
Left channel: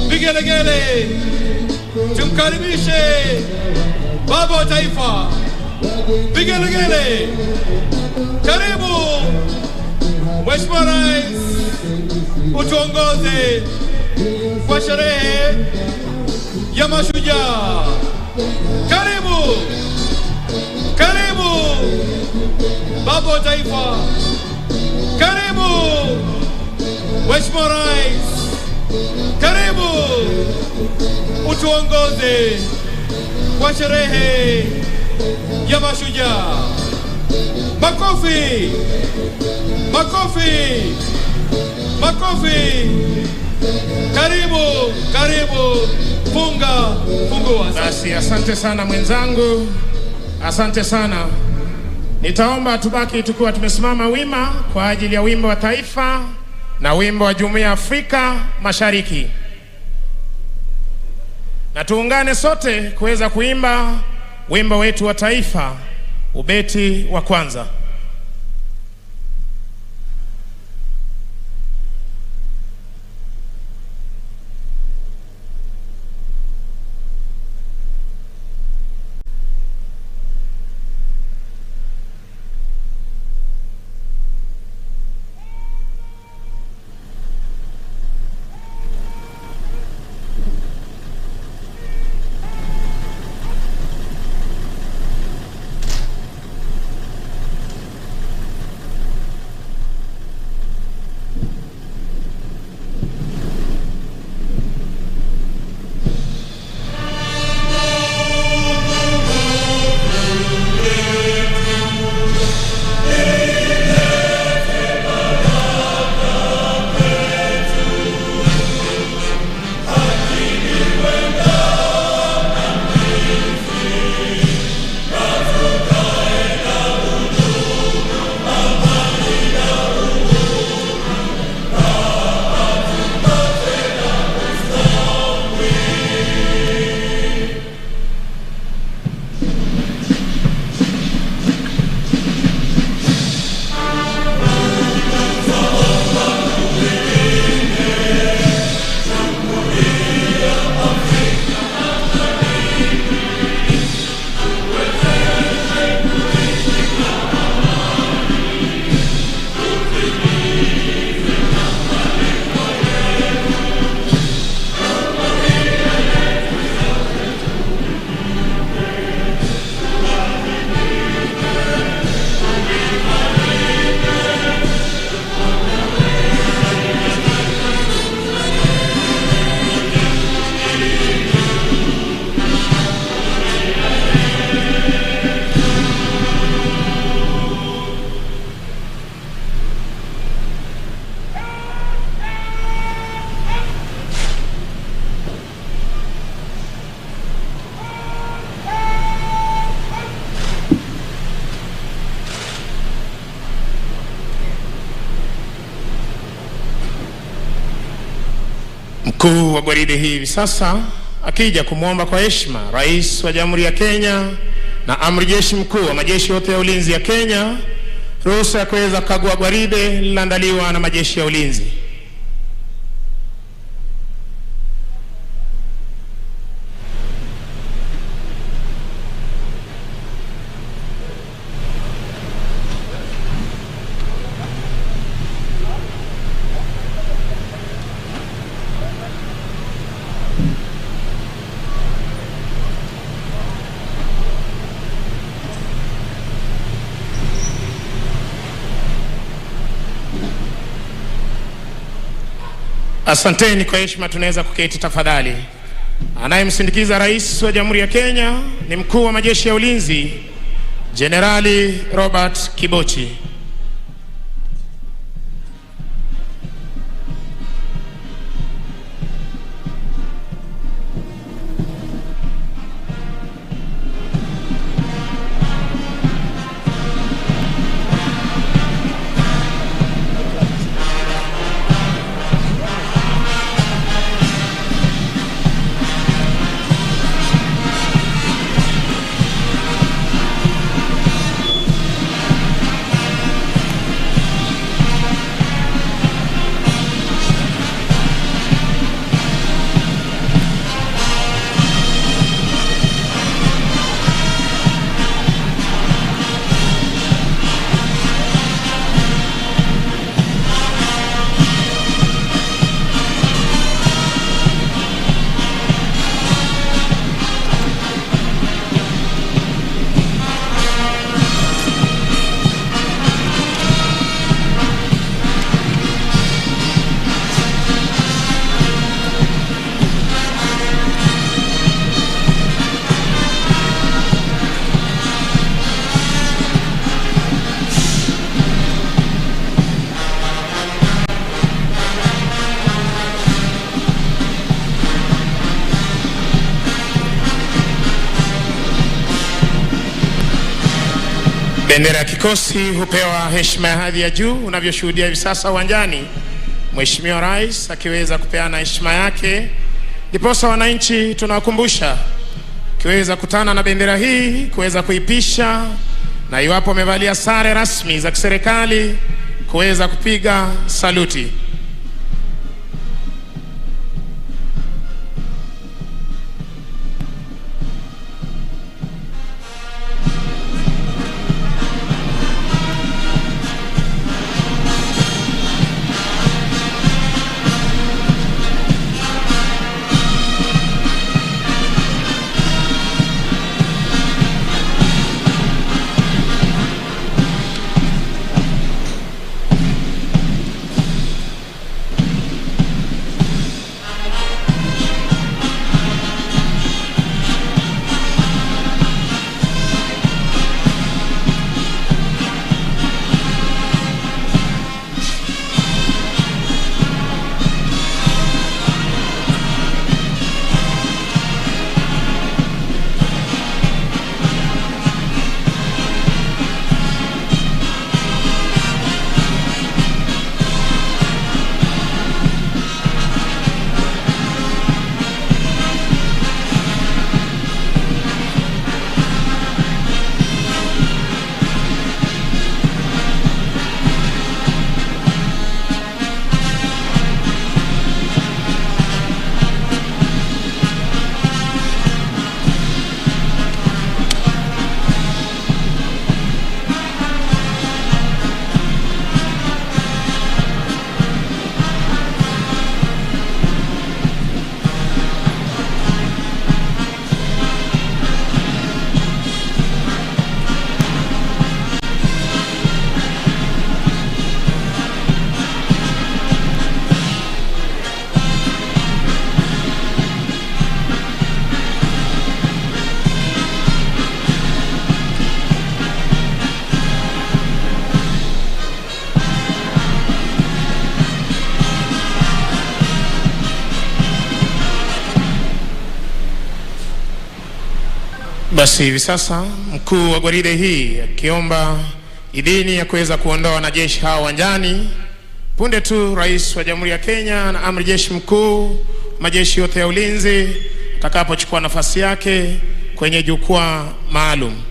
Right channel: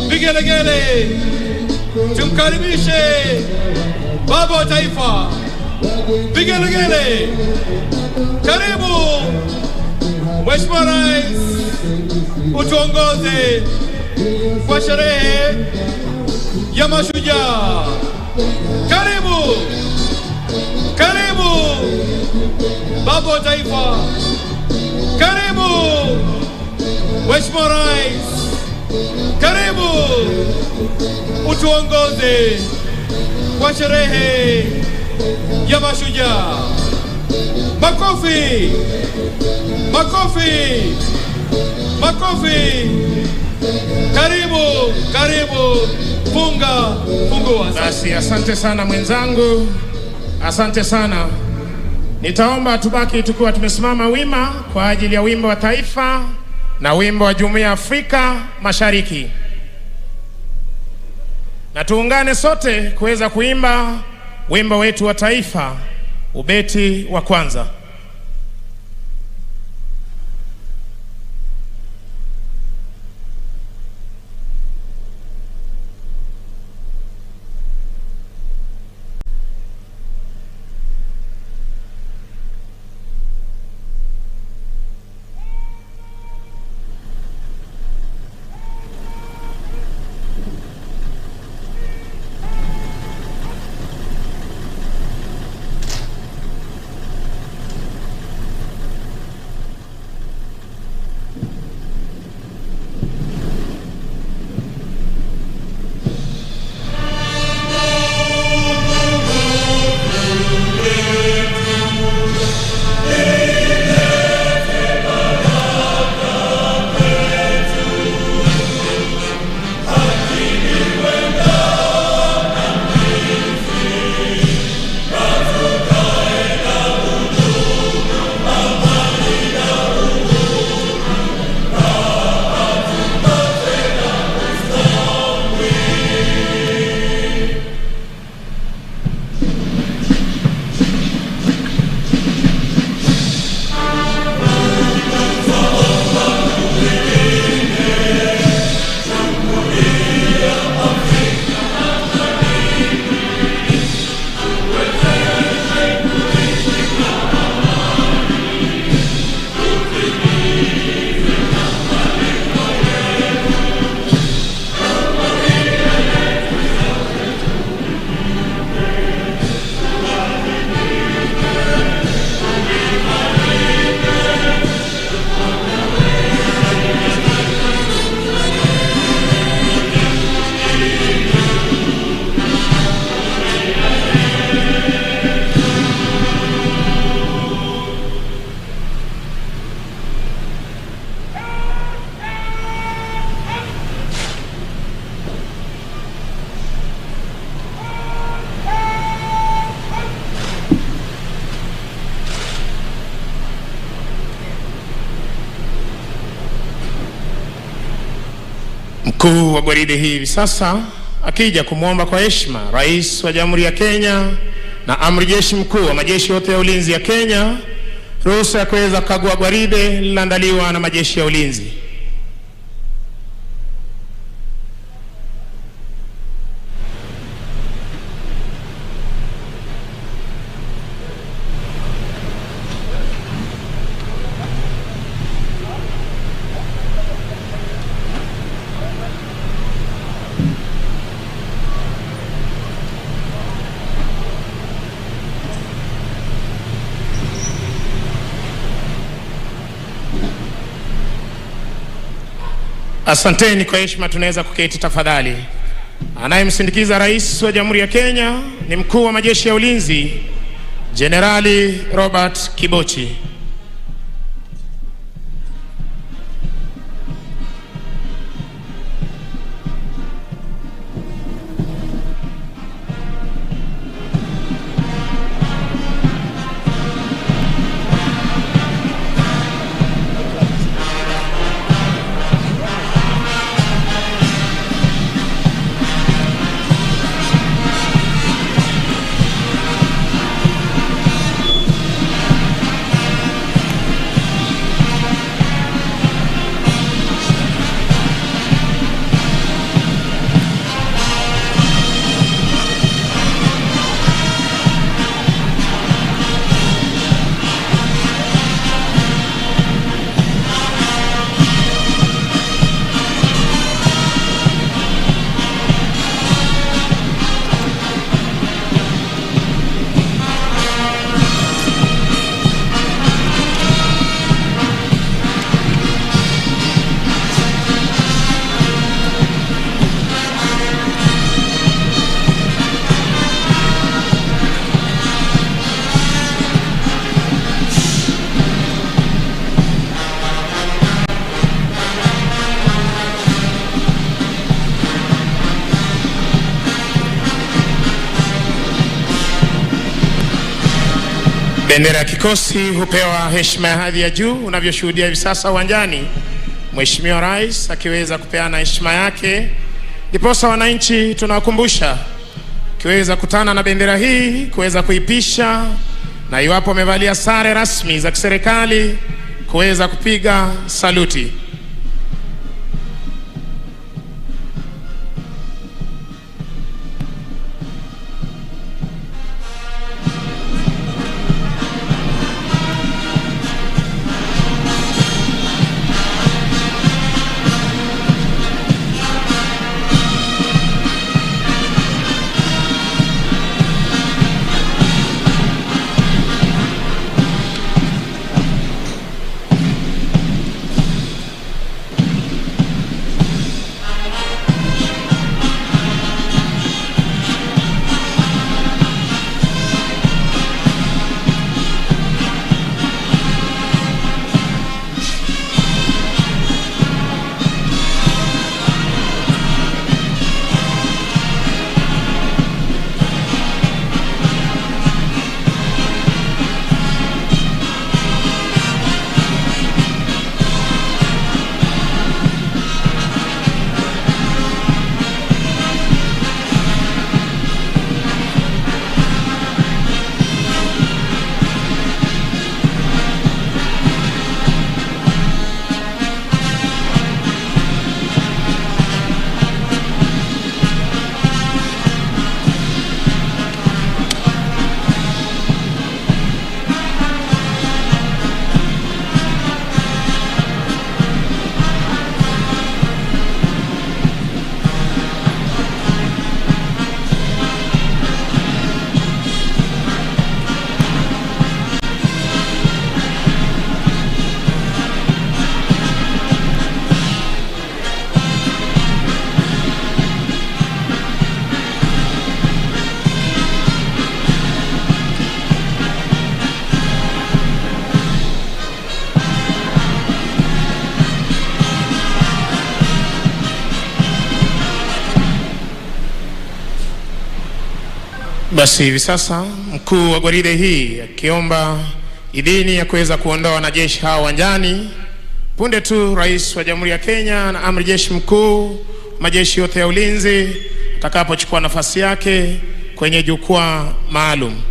vigelegele. Tumkaribishe baba wa taifa, vigelegele. Karibu Mheshimiwa Rais, utuongoze kwa sherehe ya Mashujaa. Karibu, karibu baba wa taifa, karibu Mheshimiwa Rais, karibu utuongoze kwa sherehe ya Mashujaa. Makofi, makofi, makofi. Karibu, karibu. Fungua. Basi asante sana mwenzangu, asante sana. Nitaomba tubaki tukiwa tumesimama wima kwa ajili ya wimbo wa taifa na wimbo wa Jumuiya ya Afrika Mashariki, na tuungane sote kuweza kuimba wimbo wetu wa taifa, ubeti wa kwanza. Mkuu wa gwaride hii hivi sasa akija kumwomba kwa heshima Rais wa Jamhuri ya Kenya na Amri Jeshi Mkuu wa majeshi yote ya ulinzi ya Kenya ruhusa ya kuweza kukagua gwaride lililoandaliwa na majeshi ya ulinzi. Asanteni kwa heshima, tunaweza kuketi tafadhali. Anayemsindikiza Rais wa Jamhuri ya Kenya ni Mkuu wa majeshi ya ulinzi Jenerali Robert Kibochi. Bendera ya kikosi hupewa heshima ya hadhi ya juu. Unavyoshuhudia hivi sasa uwanjani, Mheshimiwa Rais akiweza kupeana heshima yake, ndiposa wananchi tunawakumbusha kiweza kutana na bendera hii kuweza kuipisha, na iwapo wamevalia sare rasmi za kiserikali kuweza kupiga saluti. Basi hivi sasa mkuu wa gwaride hii akiomba idhini ya kuweza kuondoa wanajeshi hao uwanjani punde tu Rais wa Jamhuri ya Kenya na Amri Jeshi Mkuu majeshi yote ya ulinzi atakapochukua nafasi yake kwenye jukwaa maalum.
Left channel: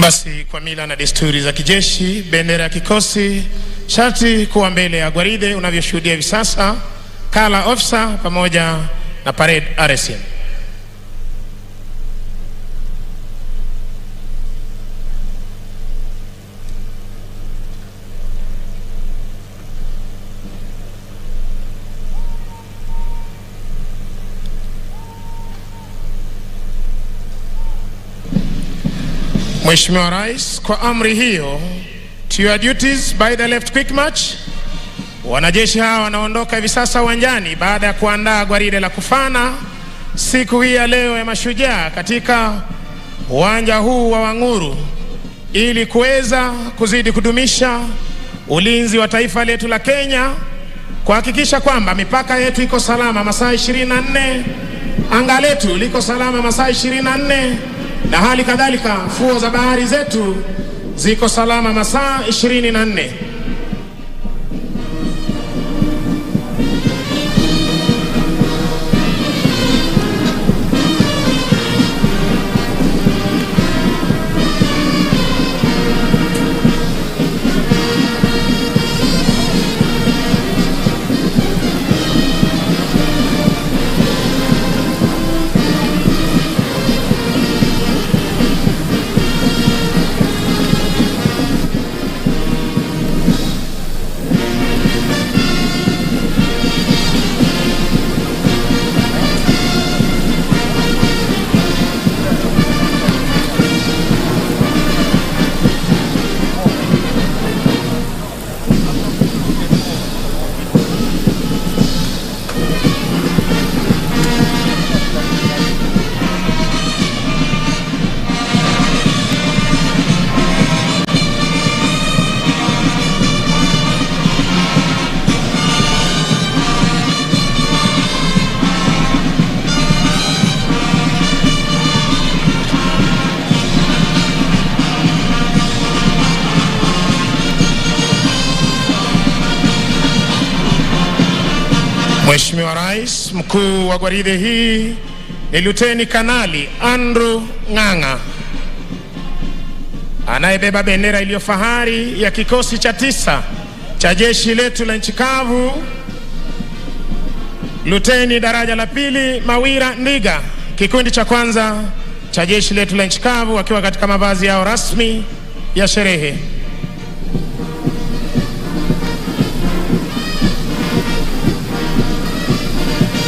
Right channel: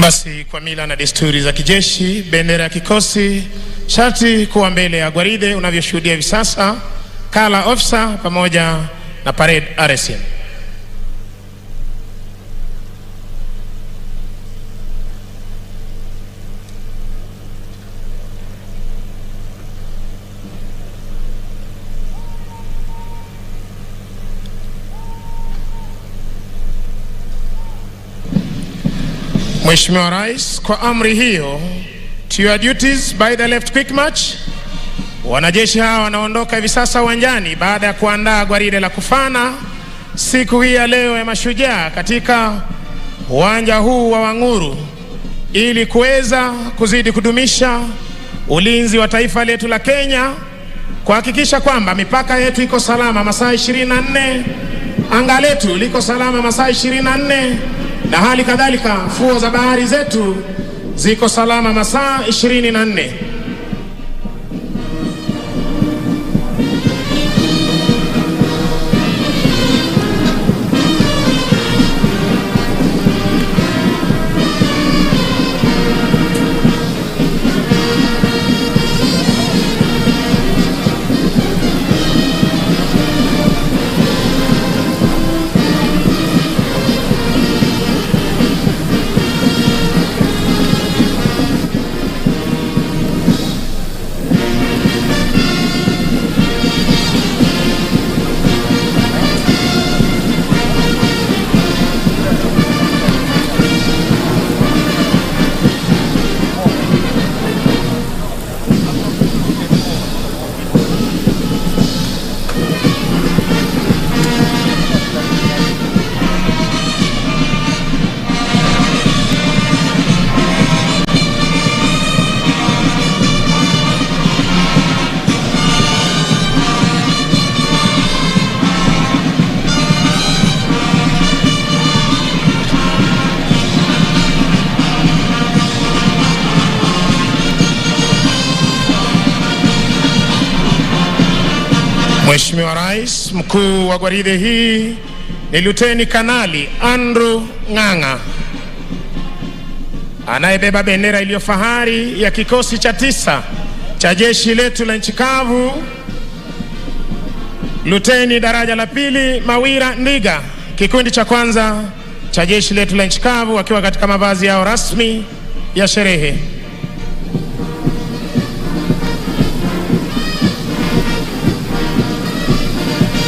Basi kwa mila na desturi za kijeshi, bendera ya kikosi sharti kuwa mbele ya gwaride unavyoshuhudia hivi sasa, kala officer pamoja na parade RSM. Mheshimiwa Rais, kwa amri hiyo, to your duties by the left quick march. Wanajeshi hawa wanaondoka hivi sasa uwanjani baada ya kuandaa gwaride la kufana siku hii ya leo ya mashujaa katika uwanja huu wa Wanguru, ili kuweza kuzidi kudumisha ulinzi wa taifa letu la Kenya, kuhakikisha kwamba mipaka yetu iko salama masaa 24, anga letu liko salama masaa 24, na hali kadhalika fuo za bahari zetu ziko salama masaa 24. Mheshimiwa Rais, mkuu wa gwaride hii ni Luteni Kanali Andrew Ng'ang'a anayebeba bendera iliyo fahari ya kikosi cha 9 cha jeshi letu la nchi kavu. Luteni daraja la 2 Mawira Ndiga, kikundi cha 1 cha jeshi letu la nchi kavu, wakiwa katika mavazi yao rasmi ya sherehe.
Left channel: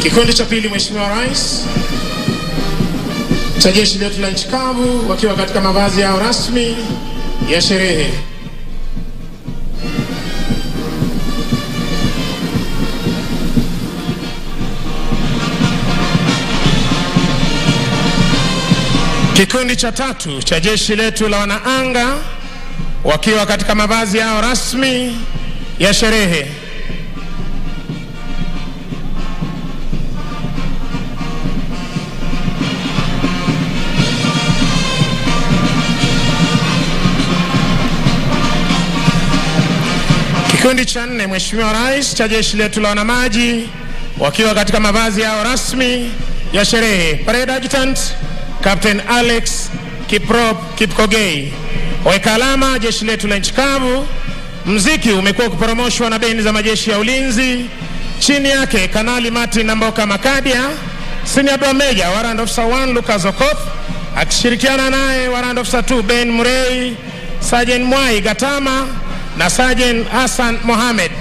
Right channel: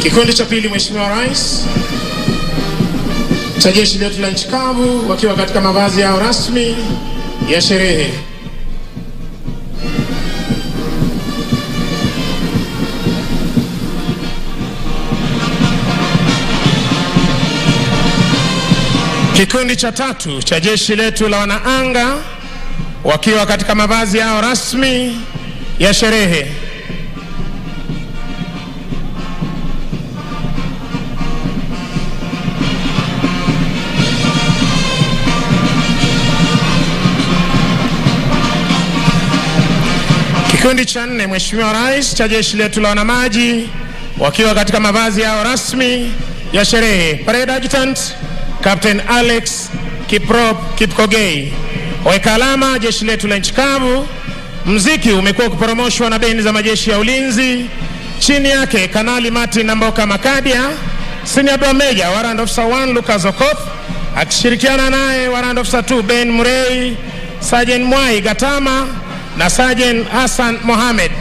Kikundi cha 2, Mheshimiwa Rais, cha jeshi letu la nchi kavu, wakiwa katika mavazi yao rasmi ya sherehe. Kikundi cha 3 cha jeshi letu la wanaanga, wakiwa katika mavazi yao rasmi ya sherehe. Kikundi cha 4, Mheshimiwa Rais, cha jeshi letu la wanamaji, wakiwa katika mavazi yao rasmi ya sherehe. Parade Adjutant Captain Alex Kiprop Kipkogei. Weka alama jeshi letu la nchi kavu. Mziki umekuwa ukiporomoshwa na bendi za majeshi ya ulinzi. Chini yake Kanali Martin Namboka Makadia, Senior Drum Major Warrant Officer 1 Lucas Okoth, akishirikiana naye Warrant Officer 2 Ben Murray, Sergeant Mwai Gatama na Sergeant Hassan Mohamed,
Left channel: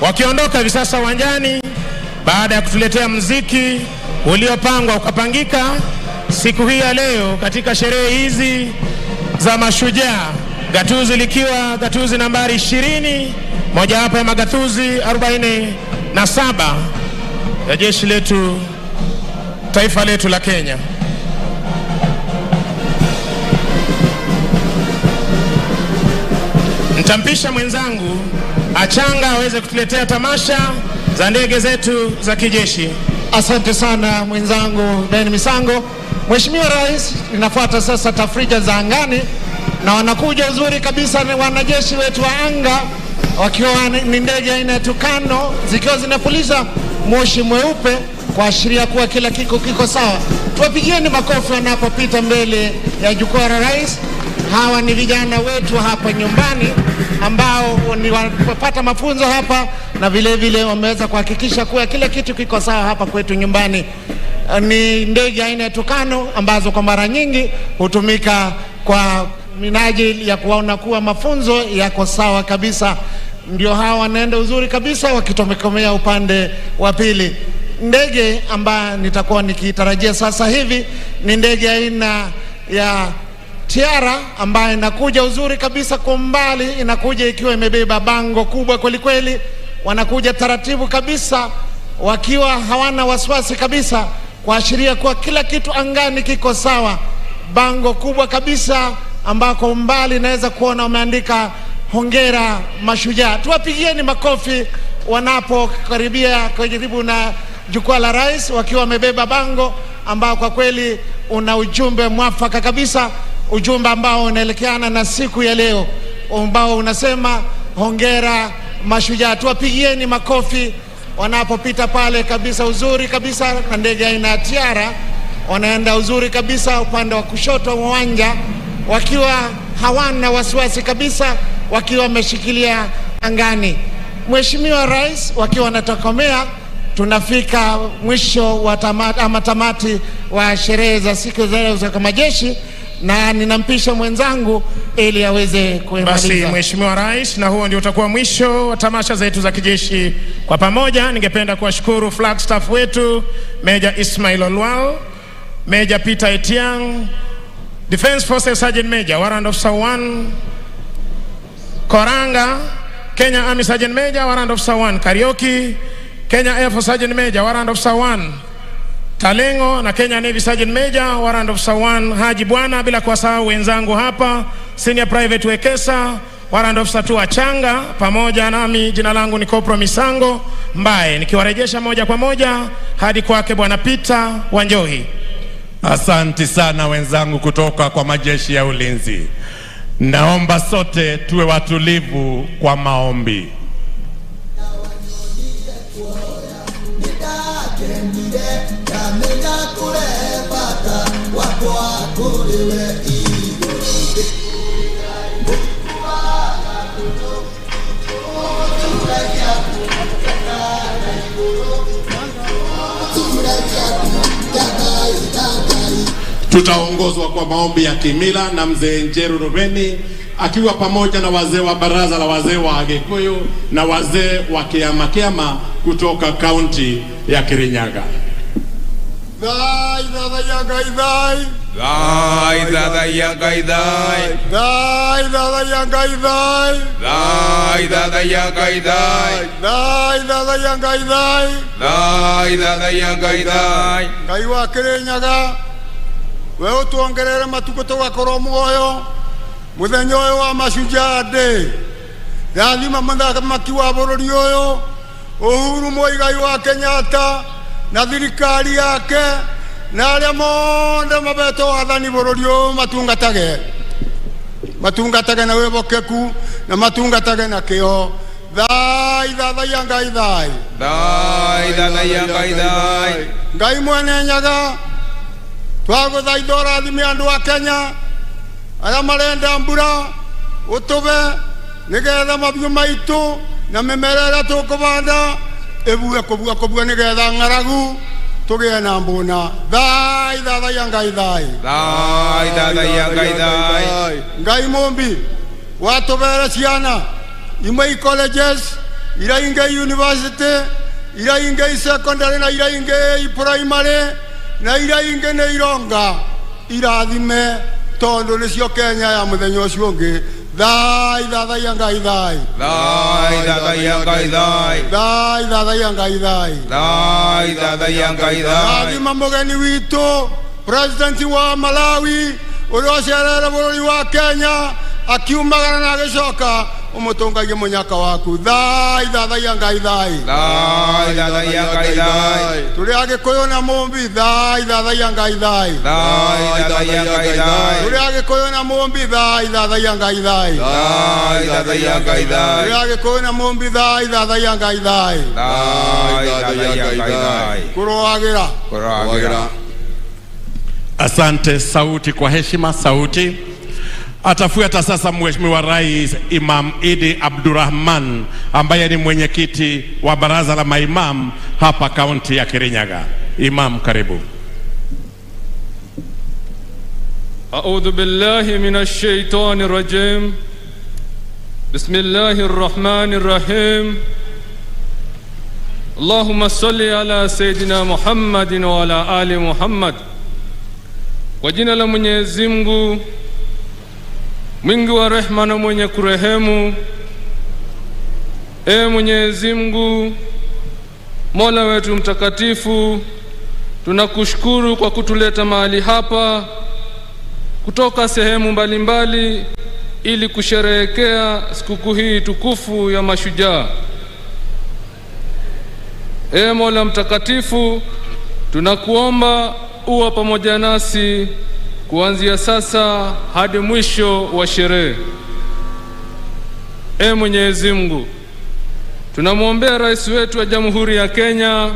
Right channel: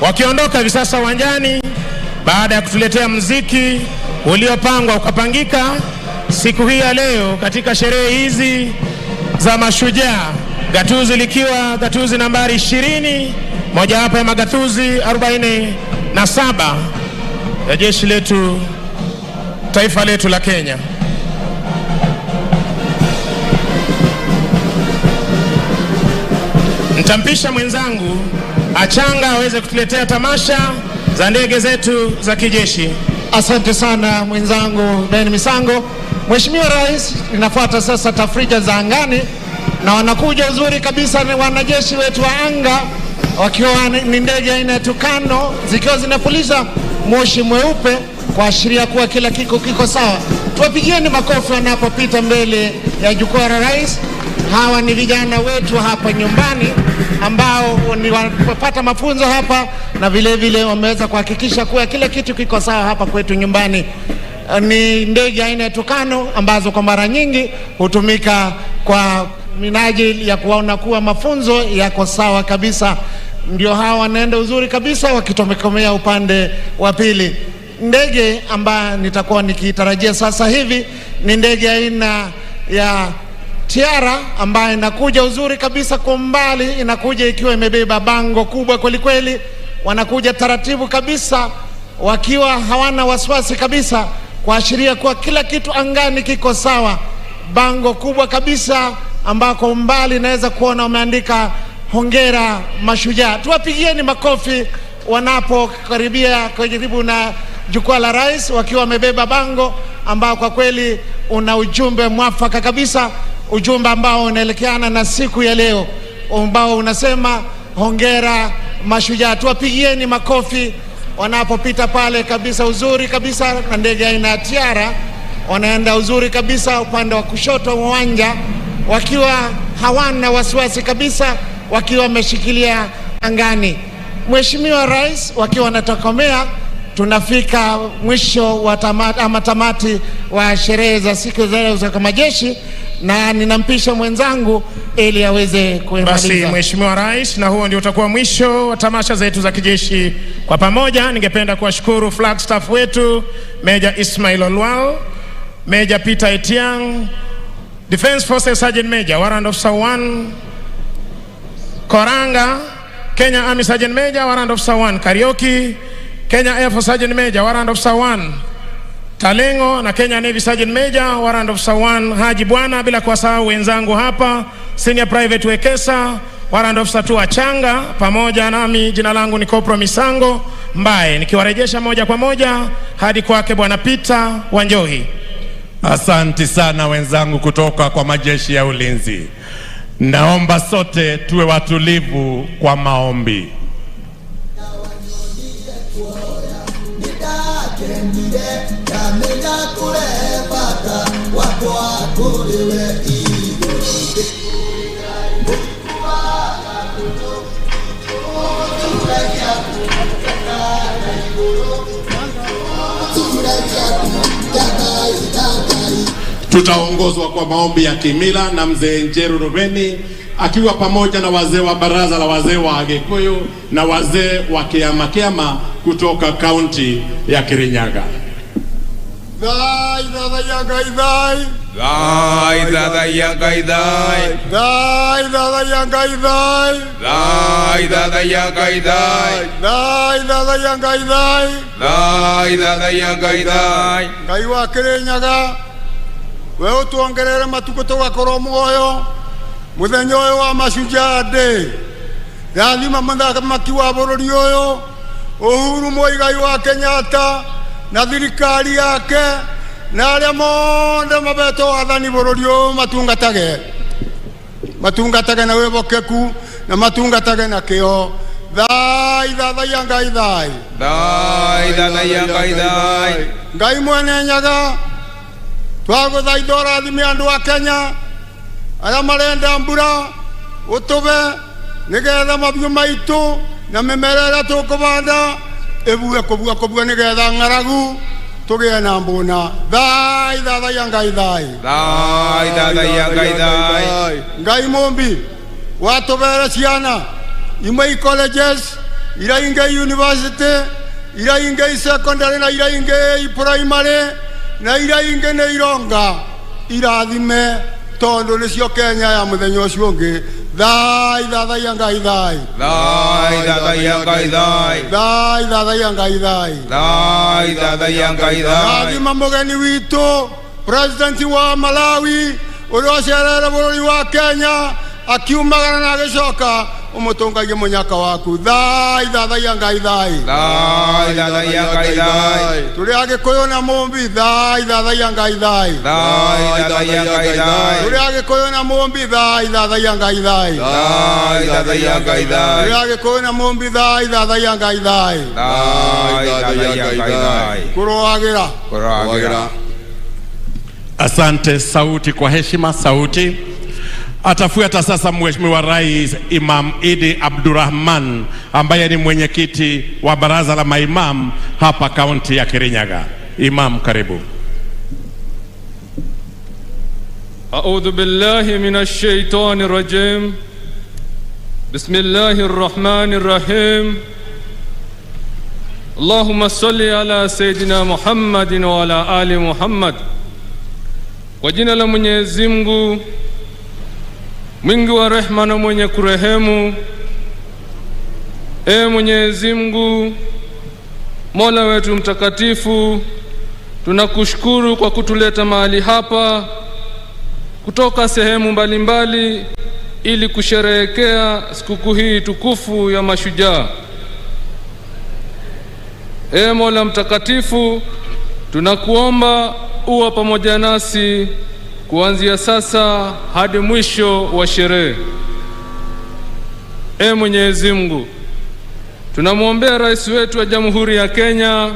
wakiondoka hivi sasa uwanjani baada ya kutuletea muziki uliopangwa ukapangika siku hii ya leo katika sherehe hizi za mashujaa, gatuzi likiwa gatuzi nambari 20, moja hapa ya magatuzi 47 ya jeshi letu, taifa letu la Kenya. Nitampisha mwenzangu Achanga aweze kutuletea tamasha za ndege zetu za kijeshi. Asante sana mwenzangu Ben Misango. Mheshimiwa Rais, inafuata sasa tafrija za angani, na wanakuja uzuri kabisa ni wanajeshi wetu wa anga, wakiwa ni ndege aina ya Tucano, zikiwa zinapuliza moshi mweupe kuashiria kuwa kila kiko sawa. Tuwapigieni makofi wanapopita mbele ya jukwaa la rais. Hawa ni vijana wetu hapa nyumbani ambao ni wapata mafunzo hapa, na vile vile wameweza kuhakikisha kuwa kila kitu kiko sawa hapa kwetu nyumbani. Ni ndege aina ya Tucano ambazo kwa mara nyingi hutumika kwa minajili ya kuona kuwa mafunzo yako sawa kabisa. Ndio hawa wanaenda uzuri kabisa wakitomekomea upande wa pili. Ndege ambayo nitakuwa nikitarajia sasa hivi ni ndege aina ya Tiara ambayo inakuja uzuri kabisa kwa mbali, inakuja ikiwa imebeba bango kubwa kweli kweli. Wanakuja taratibu kabisa wakiwa hawana wasiwasi kabisa, kuashiria kuwa kila kitu angani kiko sawa. Bango kubwa kabisa ambako mbali naweza kuona wameandika hongera mashujaa. Tuwapigieni makofi wanapokaribia karibu na jukwaa la rais, wakiwa wamebeba bango ambao kwa kweli una ujumbe mwafaka kabisa, ujumbe ambao unaelekeana na siku ya leo ambao unasema hongera mashujaa. Tuwapigieni makofi wanapopita pale kabisa uzuri kabisa na ndege aina ya Tiara. Wanaenda uzuri kabisa upande wa kushoto wa uwanja wakiwa hawana wasiwasi kabisa, wakiwa wameshikilia angani. Mheshimiwa Rais, wakiwa wanatokomea, tunafika mwisho wa tamati wa sherehe za siku za leo za majeshi, na ninampisha mwenzangu ili aweze kuendeleza. Basi Mheshimiwa Rais, na huo ndio utakuwa mwisho wa tamasha zetu za kijeshi kwa pamoja. Ningependa kuwashukuru flag staff wetu, Major Ismail Olwal, Major Peter Etiang, Defense Forces Sergeant Major Warrant Officer 1 Koranga, Kenya Army Sergeant Major Warrant Officer 1 Karioki, Kenya Air Force Sergeant Major Warrant Officer 1 Talengo, na Kenya Navy Sergeant Major Warrant Officer 1 Haji Bwana, bila kuwasahau wenzangu hapa Senior Private Wekesa Warrant Officer 2 Achanga, pamoja nami jina langu ni Kopro Misango Mbae, nikiwarejesha moja kwa moja hadi kwake Bwana Peter Wanjohi. Asante sana wenzangu kutoka kwa majeshi ya ulinzi. Naomba sote tuwe watulivu kwa maombi. Tutaongozwa kwa maombi ya kimila na mzee Njeru Rubeni akiwa pamoja na wazee wa baraza la wazee wa Agikuyu na wazee wa Kiama kutoka kaunti ya Kirinyaga. Dai dada yangai dai. Dai dada yangai dai. Dai dada yangai dai. Dai dada yangai dai. Dai dada yangai dai. Dai dada yangai dai. Ngai wa Kirinyaga. We utuongerere matuko tugakorwo muoyo. Muthenya uyu wa Mashujaa Day. Yathima mũthamaki wa bũrũri ũyũ Uhuru Muigai wa Kenyatta na thirikari yake na arĩa mothe mabetwo wathani bũrũri ũyũ matungatage na wĩhokeku na matungatage na kĩo. Thai thathaia Ngai thai. Thai thathaia Ngai thai. Ngai mwene Nyaga twagũthaitha ũrathime andũ a Kenya arĩa marenda mbura ũtũbe nigetha mabiũ maitũ na mĩmera ĩrĩa tũkũbanda ĩbue kũbua nigetha ng'aragu tũgĩe na mbũna. Thai thathaia Ngai thai. Thai thathaia Ngai thai. Ngai mũmbi watũbere ciana imwe colleges iria ingĩ university iria ingĩ secondary na iria ingĩ primary na iria ingĩ nĩ ironga irathime tondu nicio Kenya ya muthenya ucio ungi. Thai thathaia Ngai thai. Thai thathaia Ngai thai. Thai thathaia Ngai thai. Thai thathaia Ngai thai. Rathima mugeni witu president wa Malawi uria ucerere bũrũri wa Kenya akiumagara na agicoka umutungagie munyaka waku. Thai thathaia Ngai thai. Thai thathaia Ngai thai. Turi Agikuyu na Mumbi. Thai thathaia Ngai thai. Thai thathaia Ngai thai. Turi Agikuyu na Mumbi. Thai thathaia Ngai thai. Thai thathaia Ngai thai. Turi Agikuyu na Mumbi. Thai thathaia Ngai thai. Thai thathaia Ngai thai. Kuroagira. Asante. Sauti kwa heshima, sauti. Atafuata sasa Mheshimiwa Rais Imam Idi Abdurrahman ambaye ni mwenyekiti wa baraza la maimam hapa kaunti ya Kirinyaga. Imam, karibu. A'udhu billahi minash shaitani rajim. Bismillahir rahmanir rahim. Allahumma salli ala Sayyidina Muhammadin wa ala ali Muhammad. Kwa jina la Mwenyezi Mungu mwingi wa rehema na mwenye kurehemu. Mwenyezi Mungu Mola wetu mtakatifu, tunakushukuru kwa kutuleta mahali hapa kutoka sehemu mbalimbali ili kusherehekea sikukuu hii tukufu ya Mashujaa. Mola mtakatifu, tunakuomba uwe pamoja nasi kuanzia sasa hadi mwisho wa sherehe. Mwenyezi Mungu, tunamwombea rais wetu wa Jamhuri ya Kenya,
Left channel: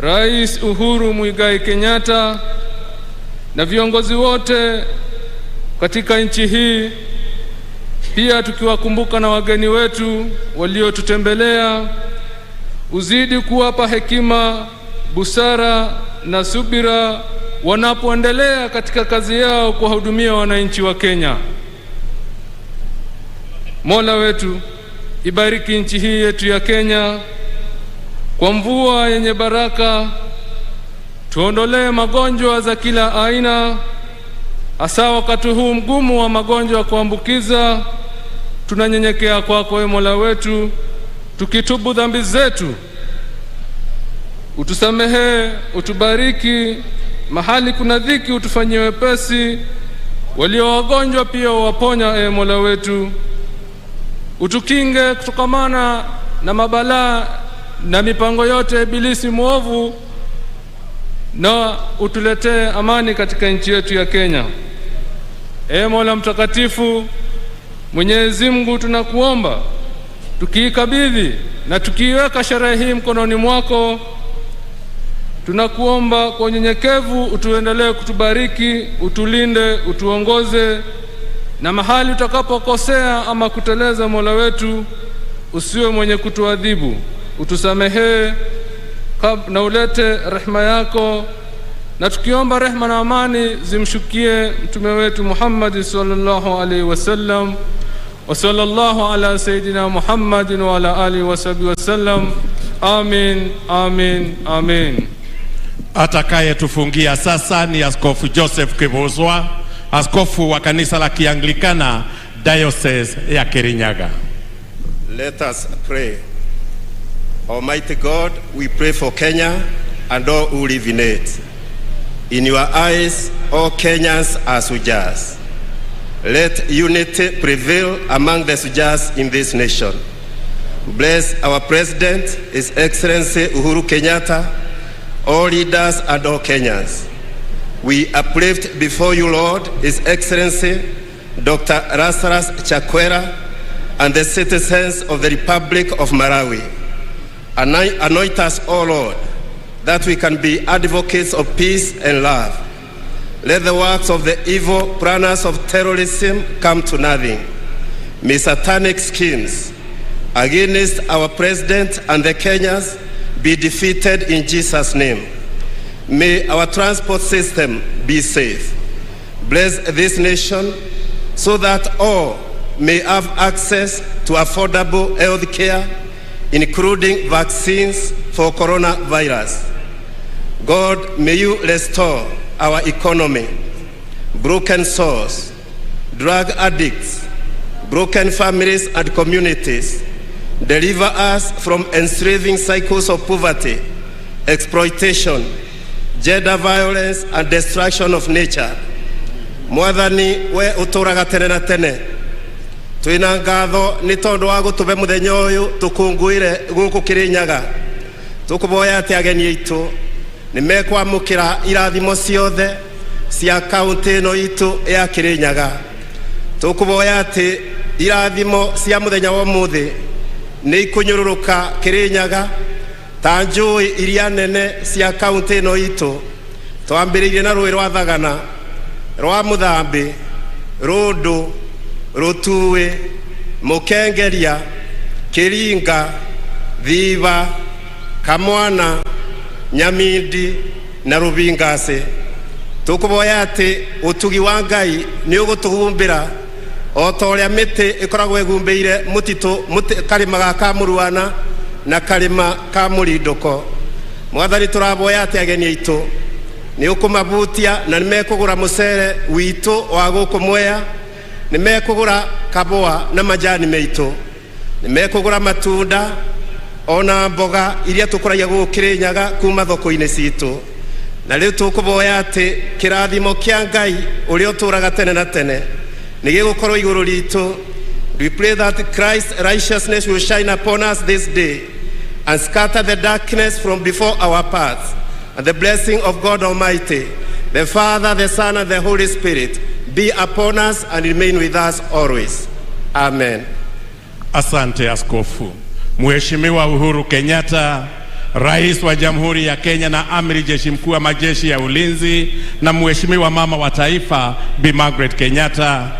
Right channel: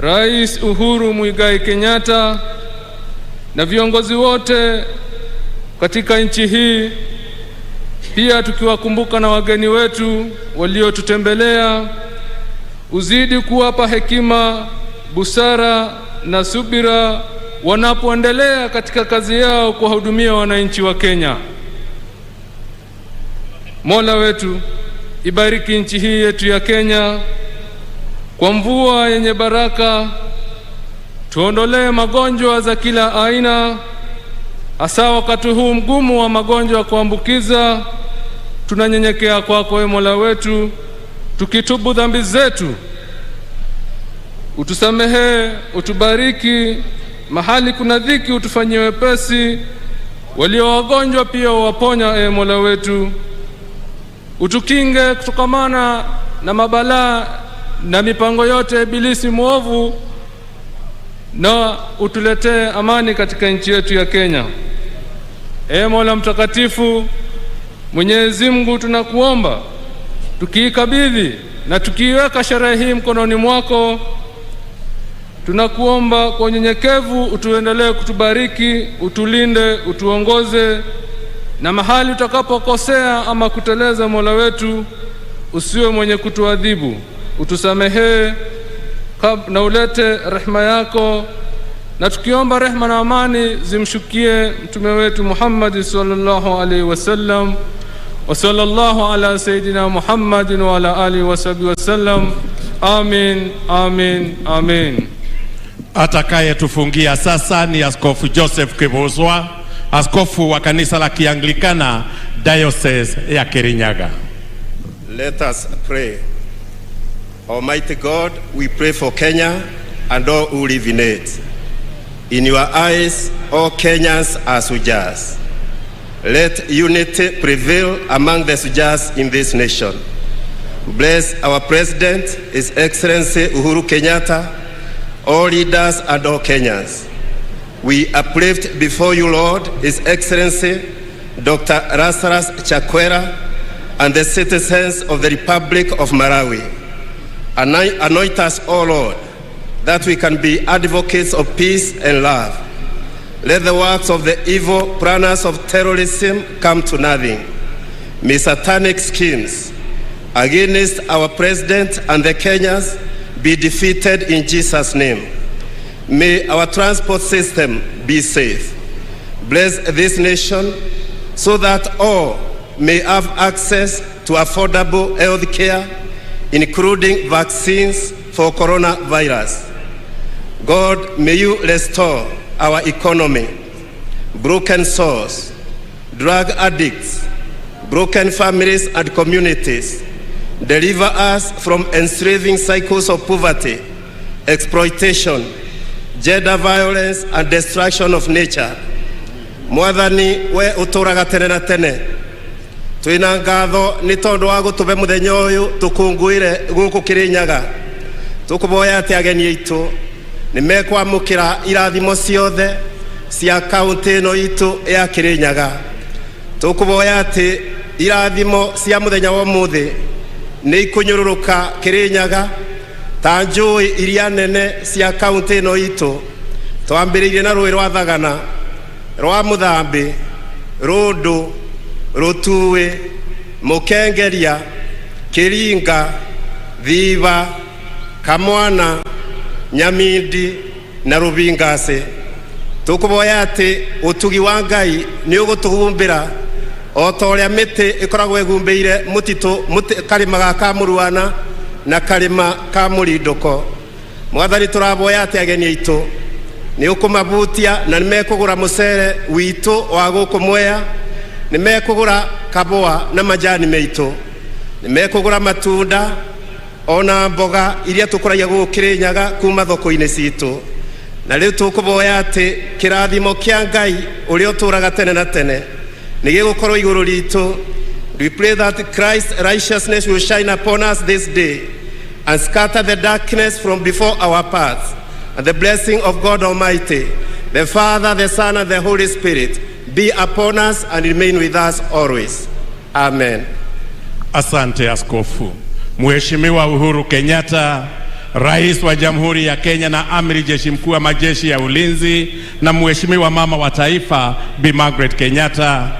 Rais Uhuru Muigai Kenyatta, na viongozi wote katika nchi hii, pia tukiwakumbuka na wageni wetu waliotutembelea. Uzidi kuwapa hekima, busara na subira wanapoendelea katika kazi yao kuwahudumia wananchi wa Kenya. Mola wetu, ibariki nchi hii yetu ya Kenya kwa mvua yenye baraka, tuondolee magonjwa za kila aina, hasa wakati huu mgumu wa magonjwa kuambukiza. Tunanyenyekea kwako Mola wetu, tukitubu dhambi zetu. Utusamehe, utubariki, mahali kuna dhiki utufanyie wepesi, walio wagonjwa pia waponya Mola wetu. Utukinge kutokamana na mabalaa na mipango yote ibilisi muovu, na utuletee amani katika nchi yetu ya Kenya. Mola mtakatifu, Mwenyezi Mungu, tunakuomba tukiikabidhi na tukiiweka sherehe hii mkononi mwako, tunakuomba kwa unyenyekevu utuendelee kutubariki, utulinde, utuongoze, na mahali utakapokosea ama kuteleza Mola wetu, usiwe mwenye kutuadhibu. Utusamehe na ulete rehema yako na tukiomba rehema na amani zimshukie mtume wetu Muhammad sallallahu alaihi wasallam. Wa sallallahu ala sayidina Muhammadin wa ala alihi wa sahbihi wasallam. Amin, amin, amin. Atakayetufungia sasa ni Askofu Joseph Kibuzwa, askofu wa kanisa la Kianglikana Diocese ya Kirinyaga. Let us pray. Almighty God, we pray for Kenya and all who live in it. In your eyes, all Kenyans are Sujas. Let unity prevail among the Sujas in this nation. Bless our President, His Excellency Uhuru Kenyatta, all leaders and all Kenyans. We uplift before you, Lord, His Excellency Dr. Lazarus Chakwera and the citizens of the Republic of Malawi. Anoint us, O Lord, that we can be advocates of peace and love. Let the works of the evil planners of terrorism come to nothing. May satanic schemes against our president and the Kenyans be defeated in Jesus' name. May our transport system be safe. Bless this nation so that all may have access to affordable health care, including vaccines for coronavirus. God, may you restore our economy. Broken souls, drug addicts, broken families and communities. Deliver us from enslaving cycles of poverty, exploitation, gender violence, and destruction of nature. Mwathani we uturaga tene na tene. Tuina ngatho ni tondu wa gutube muthenya uyu tukunguire guku Kirinyaga. Tukuboya ati ageni aitu ni mekwamukira irathimo ciothe cia kaunti ino itu ya Kirinyaga. Tukuboya ati irathimo cia muthenya wa muthi ni ikunyururuka Kirinyaga ta njui iria nene cia kaunti ino itu. Twambiririe na rui rwa Thagana, rwa Muthambi, Rundu, Rutui, Mukengeria, Kiringa, Thiva, Kamwana, Nyamindi na Rubingase. Tukuboya ati utugi wa Ngai ni ugutugumbira o ta uria miti ikoragwo igumbeire mutitu karima ga Kamuruana na karima ka Murindoko. Mwathani turaboya ati ageni aitu ni ukumabutia na nimekugura mucere witu wa guku Mwea, nimekugura kaboa na majani meitu, nimekugura matunda ona mboga iria tukuragia guku Kirinyaga kuma thoko-ini citu. Na riu tukuboya ati kirathimo kia Ngai uria uturaga tene na tene ni gigukorwo iguru ritu. We pray that Christ's righteousness will shine upon us this day and scatter the darkness from before our paths. And the blessing of God Almighty, the Father, the Son, and the Holy Spirit be upon us and remain with us always. Amen. Asante askofu. Mheshimiwa Uhuru Kenyatta, Rais wa Jamhuri ya Kenya na Amiri Jeshi Mkuu wa Majeshi ya Ulinzi, na Mheshimiwa Mama wa Taifa Bi Margaret Kenyatta,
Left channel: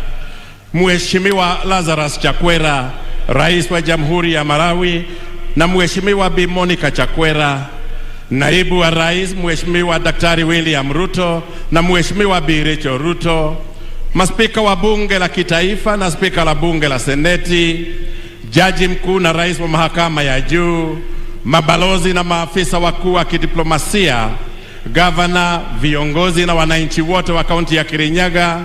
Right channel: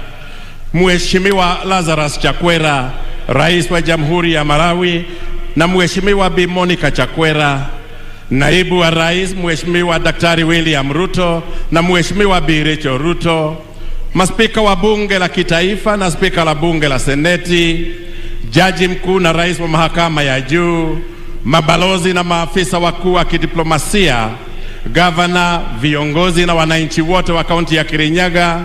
Mheshimiwa Lazarus Chakwera, Rais wa Jamhuri ya Malawi, na Mheshimiwa Bi Monica Chakwera, Naibu wa Rais Mheshimiwa Daktari William Ruto na Mheshimiwa Bi Rachel Ruto, maspika wa Bunge la Kitaifa na spika la Bunge la Seneti, Jaji Mkuu na Rais wa Mahakama ya Juu, mabalozi na maafisa wakuu wa kidiplomasia, gavana, viongozi na wananchi wote wa kaunti ya Kirinyaga,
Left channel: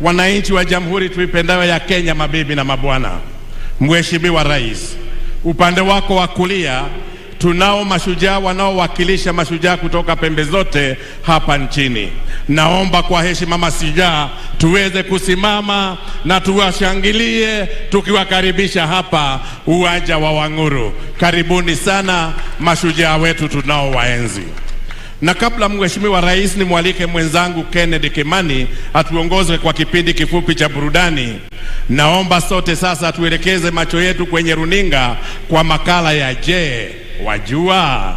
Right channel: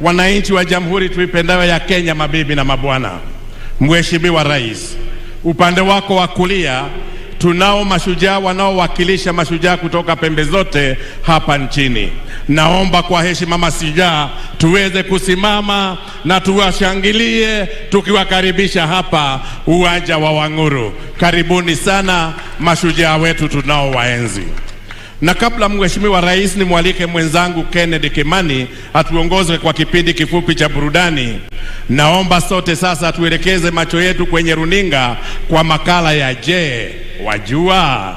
wananchi wa Jamhuri tuipendayo ya Kenya, mabibi na mabwana. Mheshimiwa Rais, upande wako wa kulia tunao mashujaa wanaowakilisha mashujaa kutoka pembe zote hapa nchini. Naomba kwa heshima mashujaa tuweze kusimama na tuwashangilie tukiwakaribisha hapa uwanja wa Wanguru. Karibuni sana mashujaa wetu tunao waenzi. Na kabla Mheshimiwa Rais, ni mwalike mwenzangu Kennedy Kimani atuongoze kwa kipindi kifupi cha burudani. Naomba sote sasa tuelekeze macho yetu kwenye runinga kwa makala ya Je, Wajua?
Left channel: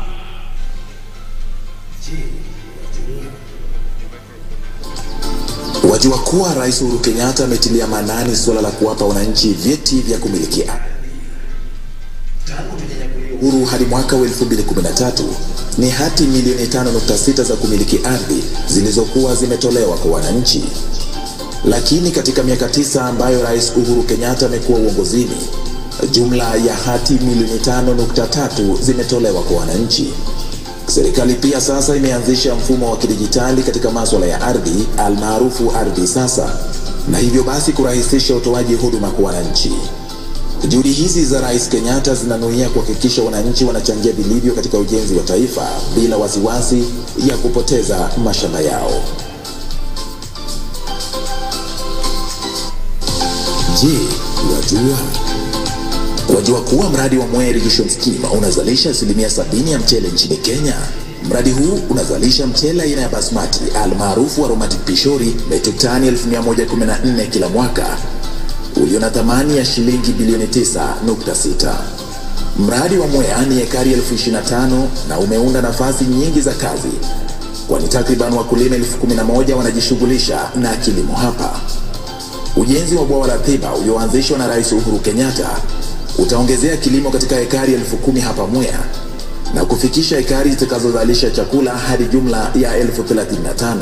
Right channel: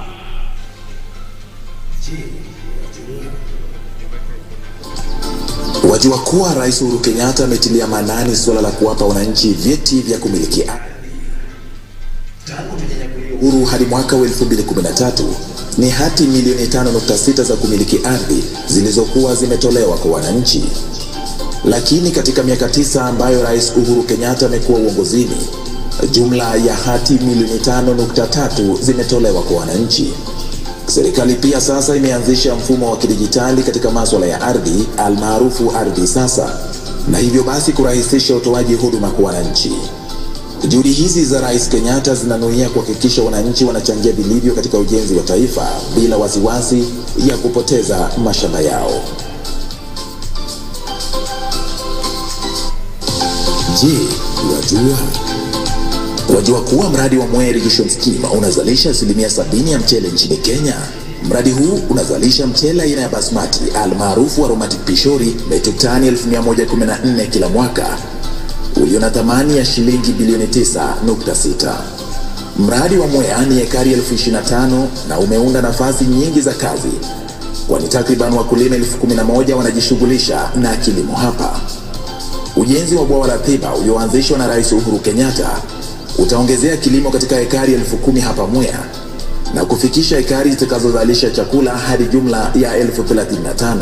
Wajua kuwa Rais Uhuru Kenyatta ametilia maanani suala la kuwapa wananchi vyeti vya kumiliki ardhi. Tangu tunyanyakuliwa uhuru hadi mwaka wa 2013, ni hati milioni 5.6 za kumiliki ardhi zilizokuwa zimetolewa kwa wananchi. Lakini katika miaka 9 ambayo Rais Uhuru Kenyatta amekuwa uongozini, jumla ya hati milioni 5.3 zimetolewa kwa wananchi. Serikali pia sasa imeanzisha mfumo wa kidijitali katika masuala ya ardhi almaarufu Ardhi Sasa, na hivyo basi kurahisisha utoaji huduma kwa wananchi. Juhudi hizi za Rais Kenyatta zinanuia kuhakikisha wananchi wanachangia vilivyo katika ujenzi wa taifa bila wasiwasi ya kupoteza mashamba yao. Je, wajua kuwa mradi wa Mwea Irrigation Scheme unazalisha 70% ya mchele nchini Kenya? Mradi huu unazalisha mchele aina ya basmati almaarufu aromatic pishori metric tani 1114 kila mwaka, ulio na thamani ya shilingi bilioni 9.6. Mradi wa Mwea ni ekari 25,000 na umeunda nafasi nyingi za kazi, kwani takriban wakulima 11,000 wanajishughulisha na kilimo hapa. Ujenzi wa bwawa la Thiba ulioanzishwa na Rais Uhuru Kenyatta utaongezea kilimo katika ekari 10,000 hapa Mwea na kufikisha ekari zitakazozalisha chakula hadi jumla ya 35,000.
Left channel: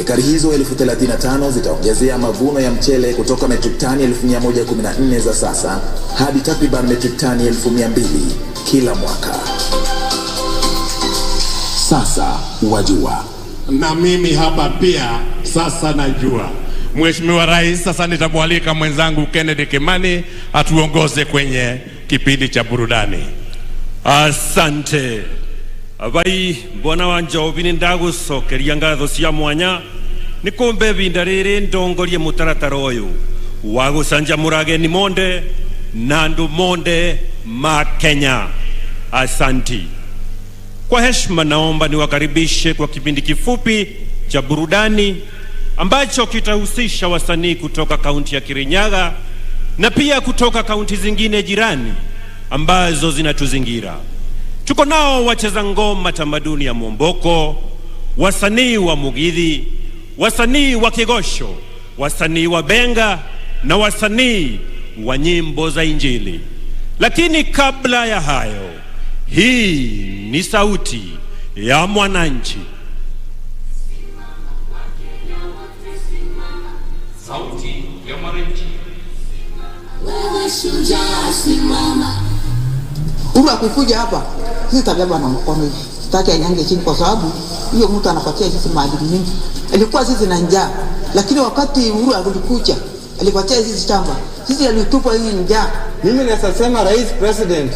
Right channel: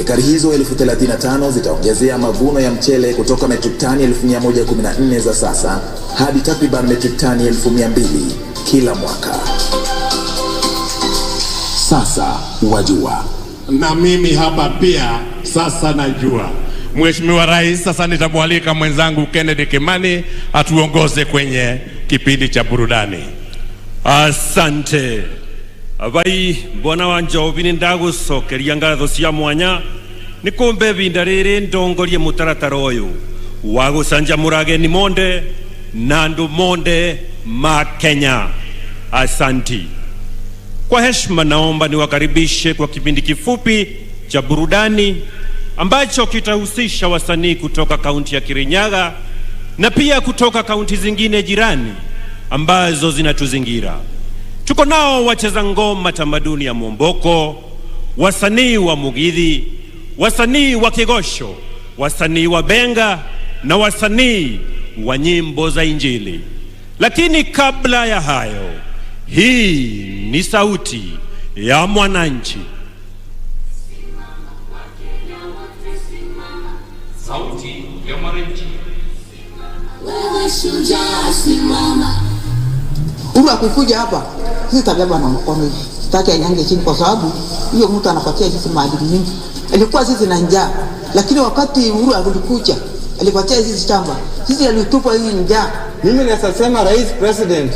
Ekari hizo 35,000 zitaongezea mavuno ya mchele kutoka metric tani 1114 za sasa hadi takriban metric tani 1200 kila mwaka. Sasa wajua. Na mimi hapa pia sasa najua. Mheshimiwa Rais, sasa nitamwalika mwenzangu Kennedy Kimani atuongoze kwenye kipindi cha burudani. Asante. Abai mbona wanjobi nindagucokeria ngatho cia mwanya nikumbe binda riri ndongorie mutaratara uyu wa gucanjamura ageni monde na andu monde ma Kenya. Asanti. Kwa heshima naomba niwakaribishe kwa kipindi kifupi cha burudani ambacho kitahusisha wasanii kutoka kaunti ya Kirinyaga na pia kutoka kaunti zingine jirani ambazo zinatuzingira. Tuko nao wacheza ngoma tamaduni ya Mwomboko, wasanii wa Mugithi, wasanii wa Kigosho, wasanii wa Benga na wasanii wa nyimbo za Injili. Lakini kabla ya hayo, hii ni sauti ya mwananchi. Sauti ya mwananchi. Wewe shujaa simama. Uhuru akikuja hapa, sisi tabeba na mkono hivi. Sitaki anyange chini kwa sababu hiyo mtu anapatia sisi maadili mingi. Alikuwa sisi na njaa, lakini wakati Uhuru alikuja, alipatia sisi shamba. Sisi alitupa hii njaa. Mimi nasema Rais President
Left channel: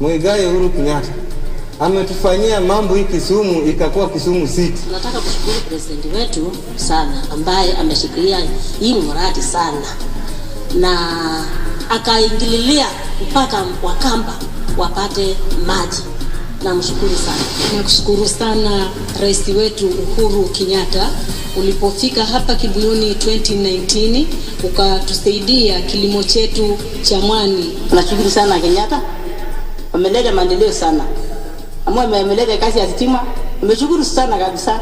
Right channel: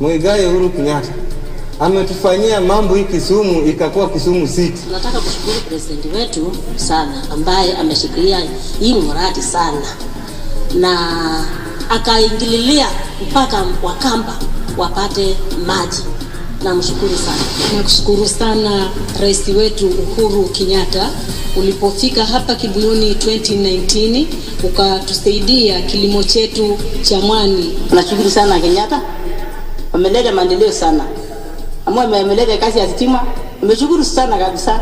Muigai Uhuru Kenyatta ametufanyia mambo hii Kisumu ikakuwa Kisumu City. Nataka kushukuru president wetu sana ambaye ameshikilia hii mradi sana na akaingililia mpaka Wakamba wapate maji. Namshukuru sana. Nakushukuru sana rais wetu Uhuru Kenyatta, ulipofika hapa Kibuyuni 2019 ukatusaidia kilimo chetu cha mwani. Nashukuru sana Kenyatta. Ameleta maendeleo sana. Ameleta kazi ya stima. Nimeshukuru sana kabisa.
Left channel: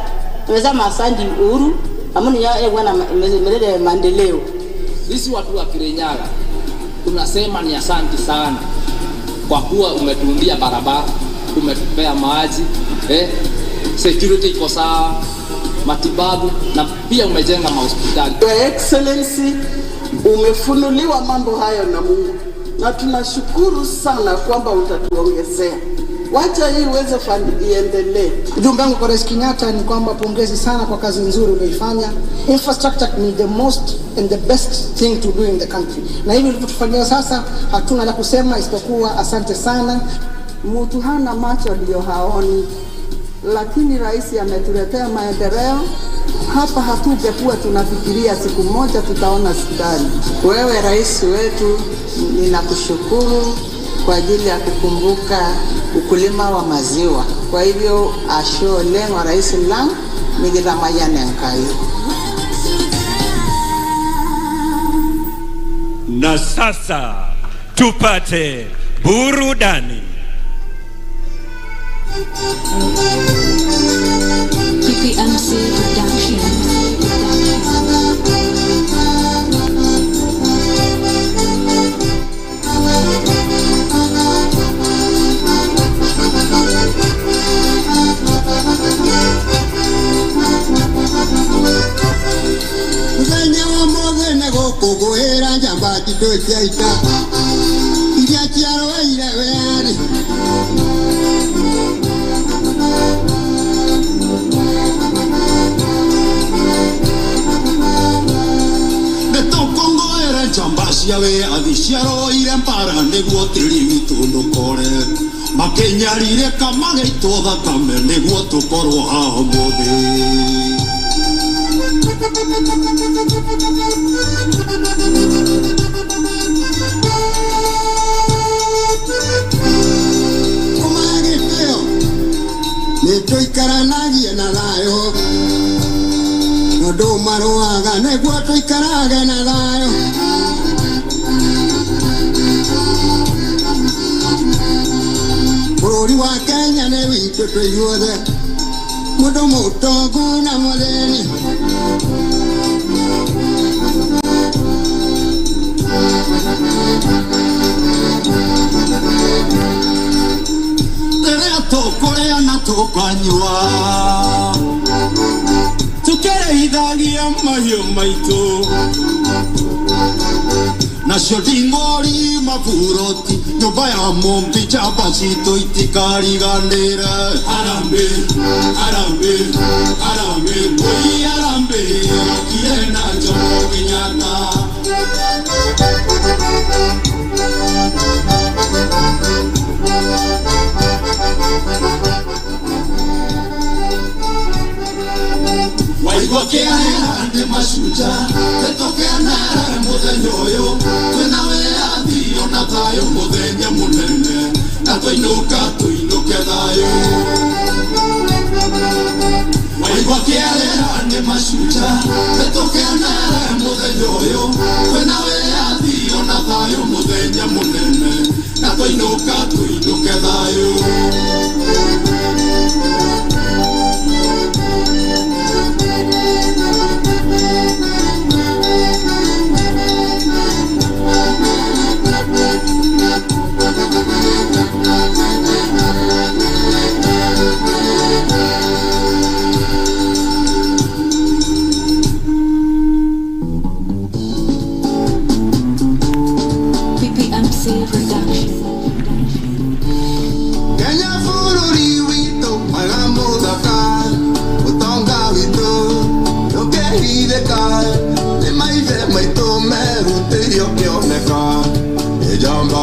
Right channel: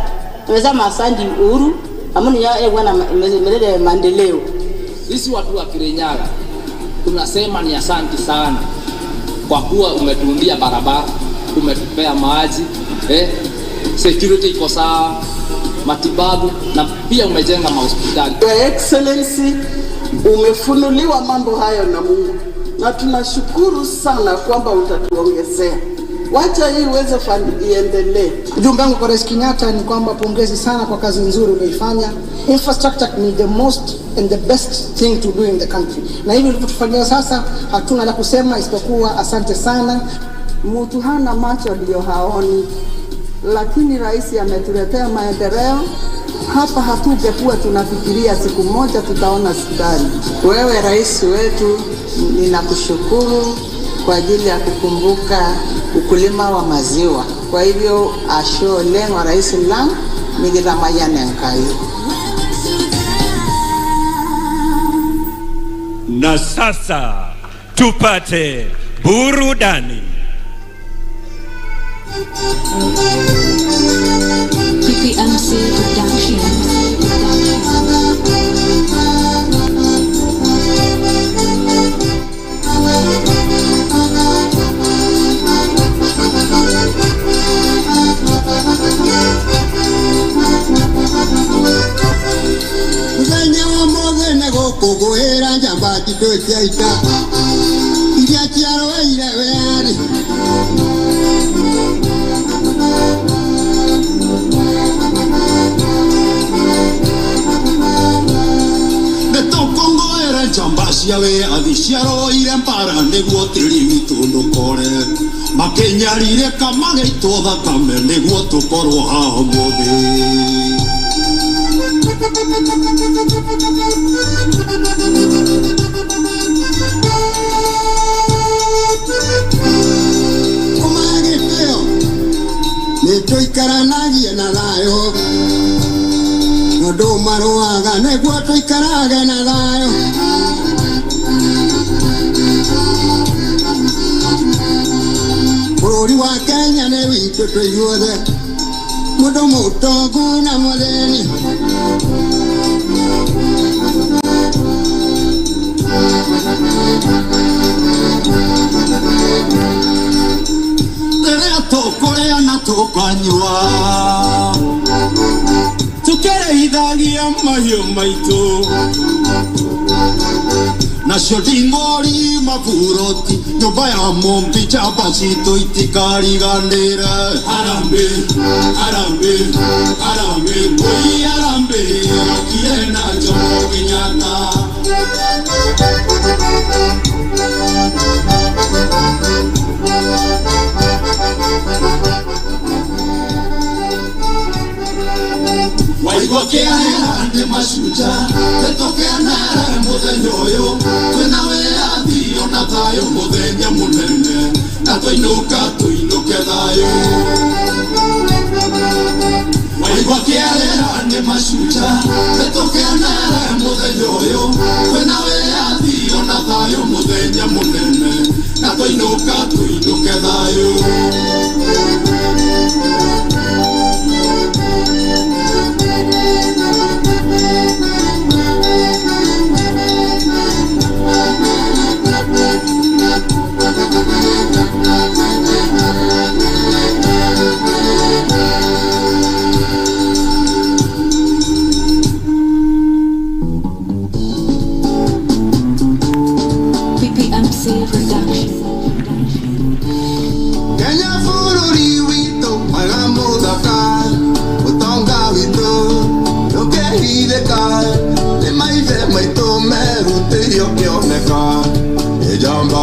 Nimesema asante Uhuru. Amuni ya bwana ameleta maendeleo. Sisi watu wa Kirinyaga tunasema ni asante sana kwa kuwa umetuundia barabara, umetupea maji, security iko sawa, matibabu na pia umejenga mahospitali. Your Excellency, umefunuliwa mambo hayo na Mungu na tunashukuru sana kwamba utatuongezea. Wacha hii uweze iendelee. Ujumbe wangu kwa Rais Kenyatta ni kwamba pongezi sana kwa kazi nzuri umeifanya. Infrastructure ni the most and the best thing to do in the country. Na hivi ulivyotufanyia sasa hatuna la kusema isipokuwa asante sana. Mtu hana macho ndio haoni, lakini rais ametuletea maendeleo. Hapa hatungekuwa tunafikiria siku moja tutaona hospitali. Wewe rais wetu, ninakushukuru kwa ajili ya kukumbuka ukulima wa maziwa. Kwa hivyo ashole wa rais lang migira mayane nkai. Na sasa tupate burudani. PPMC Productions. muthenya wa muthenya gukuguira njamba titu ciaita iria ciarweire weari netukunguira njamba cia wiathi ciarweire mbara niguo tiri witũ ndũkore makinyarire kamageitwo thakame niguo tukorwo haha mũthĩ kumagĩtĩo nĩtũikaranagie na thayũ andũ marũaga nĩguo tũikarage na thayũ bũrũri wa Kenya nĩ witũ tũinyuothe mũndũ mũtongu na mũthĩni rĩrĩa tũkũrĩa na tũkanyua tũkĩrĩithagia mahiũ maitũ nacio nding'ori maburoti nyũmba ya mũmbi njamba citũ itikariganĩre harambĩ harambĩ harambĩ kũi harambĩ okire na Jomo Kenyatta waigua kĩahera nĩ mashujaa nĩtũkenere mũthenya ũyũ twĩna wĩyathi ona thayũ mũthenya mũnene na tũinũka tũinũke thayũ waigua kĩahera nĩ mashujaa nĩtũkenere mũthenya ũyũ twĩna wĩyathi ona thayũ mũthenya mũnene na tũinũka tũinũke thayũ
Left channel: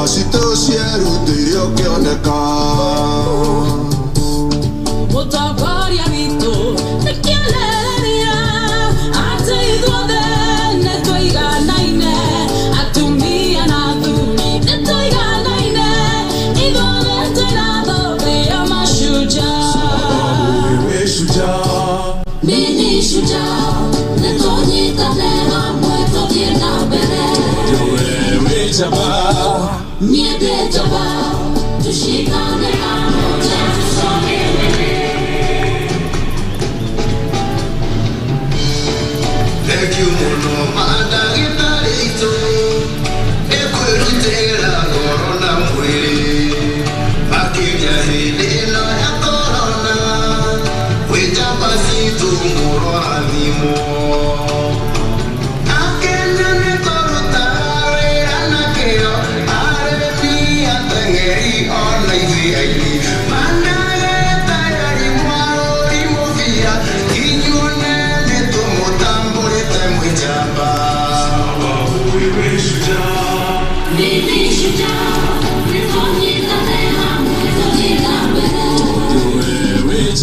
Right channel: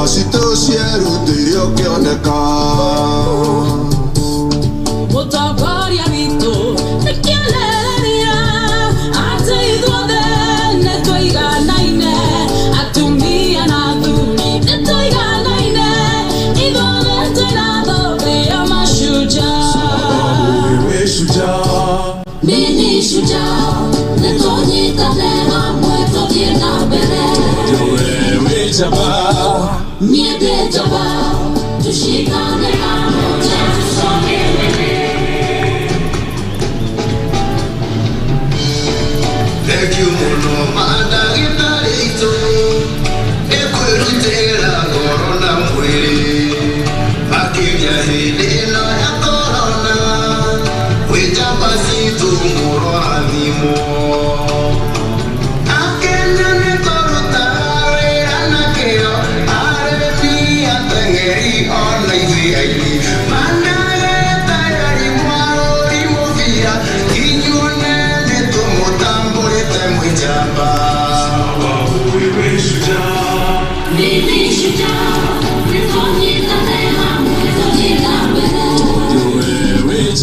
Sito cieru tirio kioneka Mutabaria vito Nikieleria Ate idwade Netoiga naine Atumia na dhuni Netoiga naine Idwade tenado Ria mashujaa Wewe shujaa Mini shujaa Netonyita neha Mweto diena bere Wewe jabaa Niede jaba, tushikane pamoja tusonge mbele. Thank you muno madagitarito, ekwirutira korona mwili, makija hili no ya korona, wejamba situ muro adhimo.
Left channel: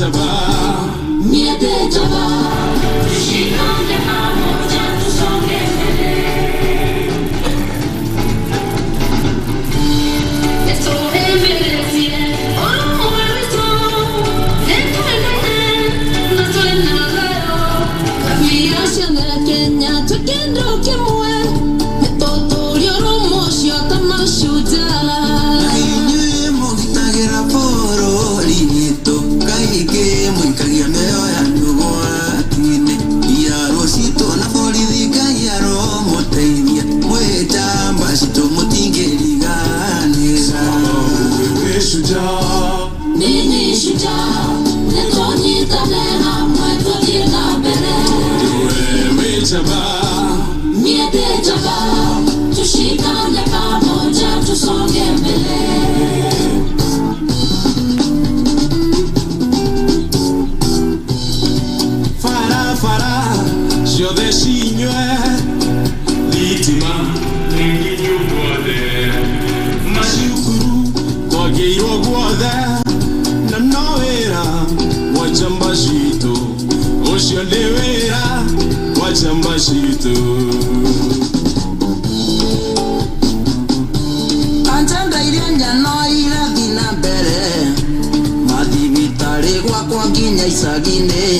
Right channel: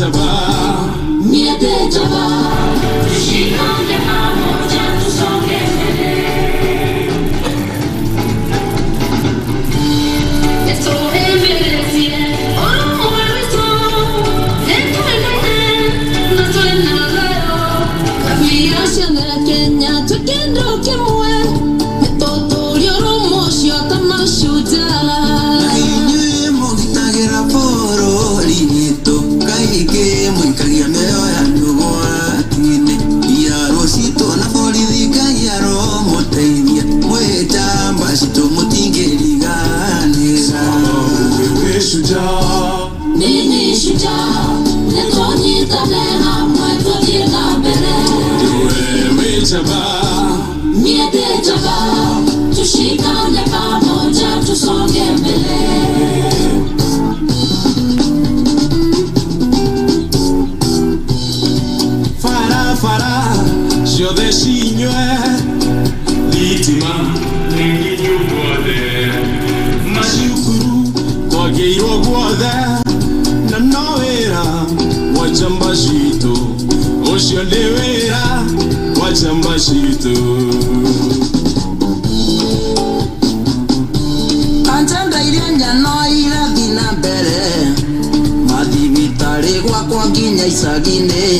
Jabba Niende jaba, tushikane pamoja tusonge mbele. Fara, ciothe cinywe thitima nĩnginyuguothe macukuru kwagĩirwo guothe na no wĩra wa chamba citũ ũcio nĩ wĩra wa chamba citũ. Anjanda iria nyano irathi na mbere mathibitarĩ gwakwa nginya icagi-inĩ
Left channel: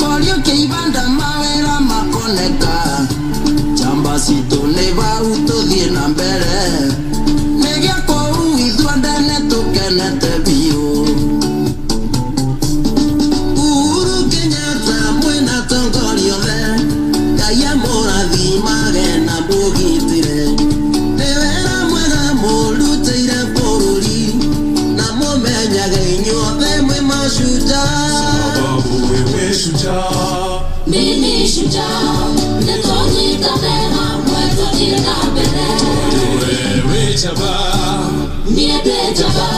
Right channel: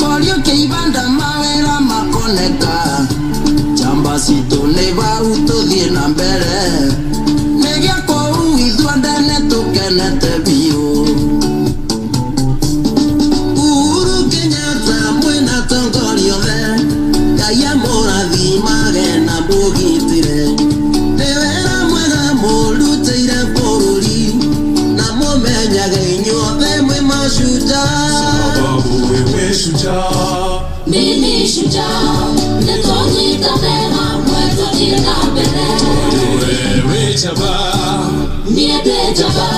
korio kĩibanda mawĩra makoneka chamba citũ nĩ bau tũthiĩ na mbere nĩgĩakorwo ithuothe nĩtũkenete biũ. Uhuru Kenyatta mwĩna tongoria othe Ngai amũrathimage na mũgitĩre nĩ wĩra mwega mũrutĩire bũrũri na mũmenyage inyuothe mwĩ mashujaa. Sababu wewe shujaa, mimi shujaa, nitonyitane hamwe tũthiĩ na mbere. wewe jaba, Niende jaba,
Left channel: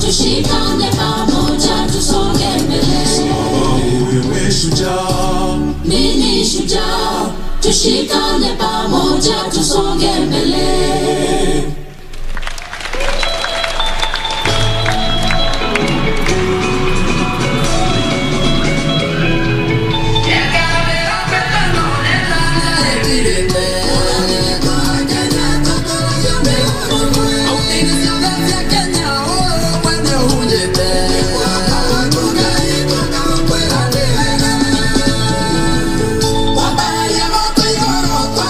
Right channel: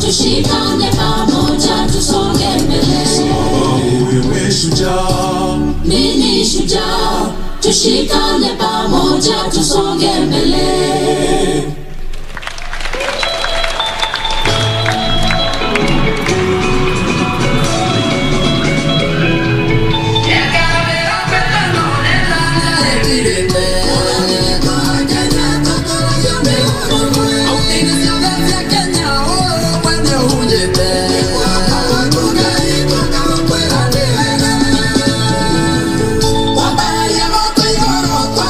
tushikane pamoja tusonge mbele. sababu wewe shujaa, Mimi shujaa, tushikane pamoja tusonge mbele. Wabaya moto igoro kwa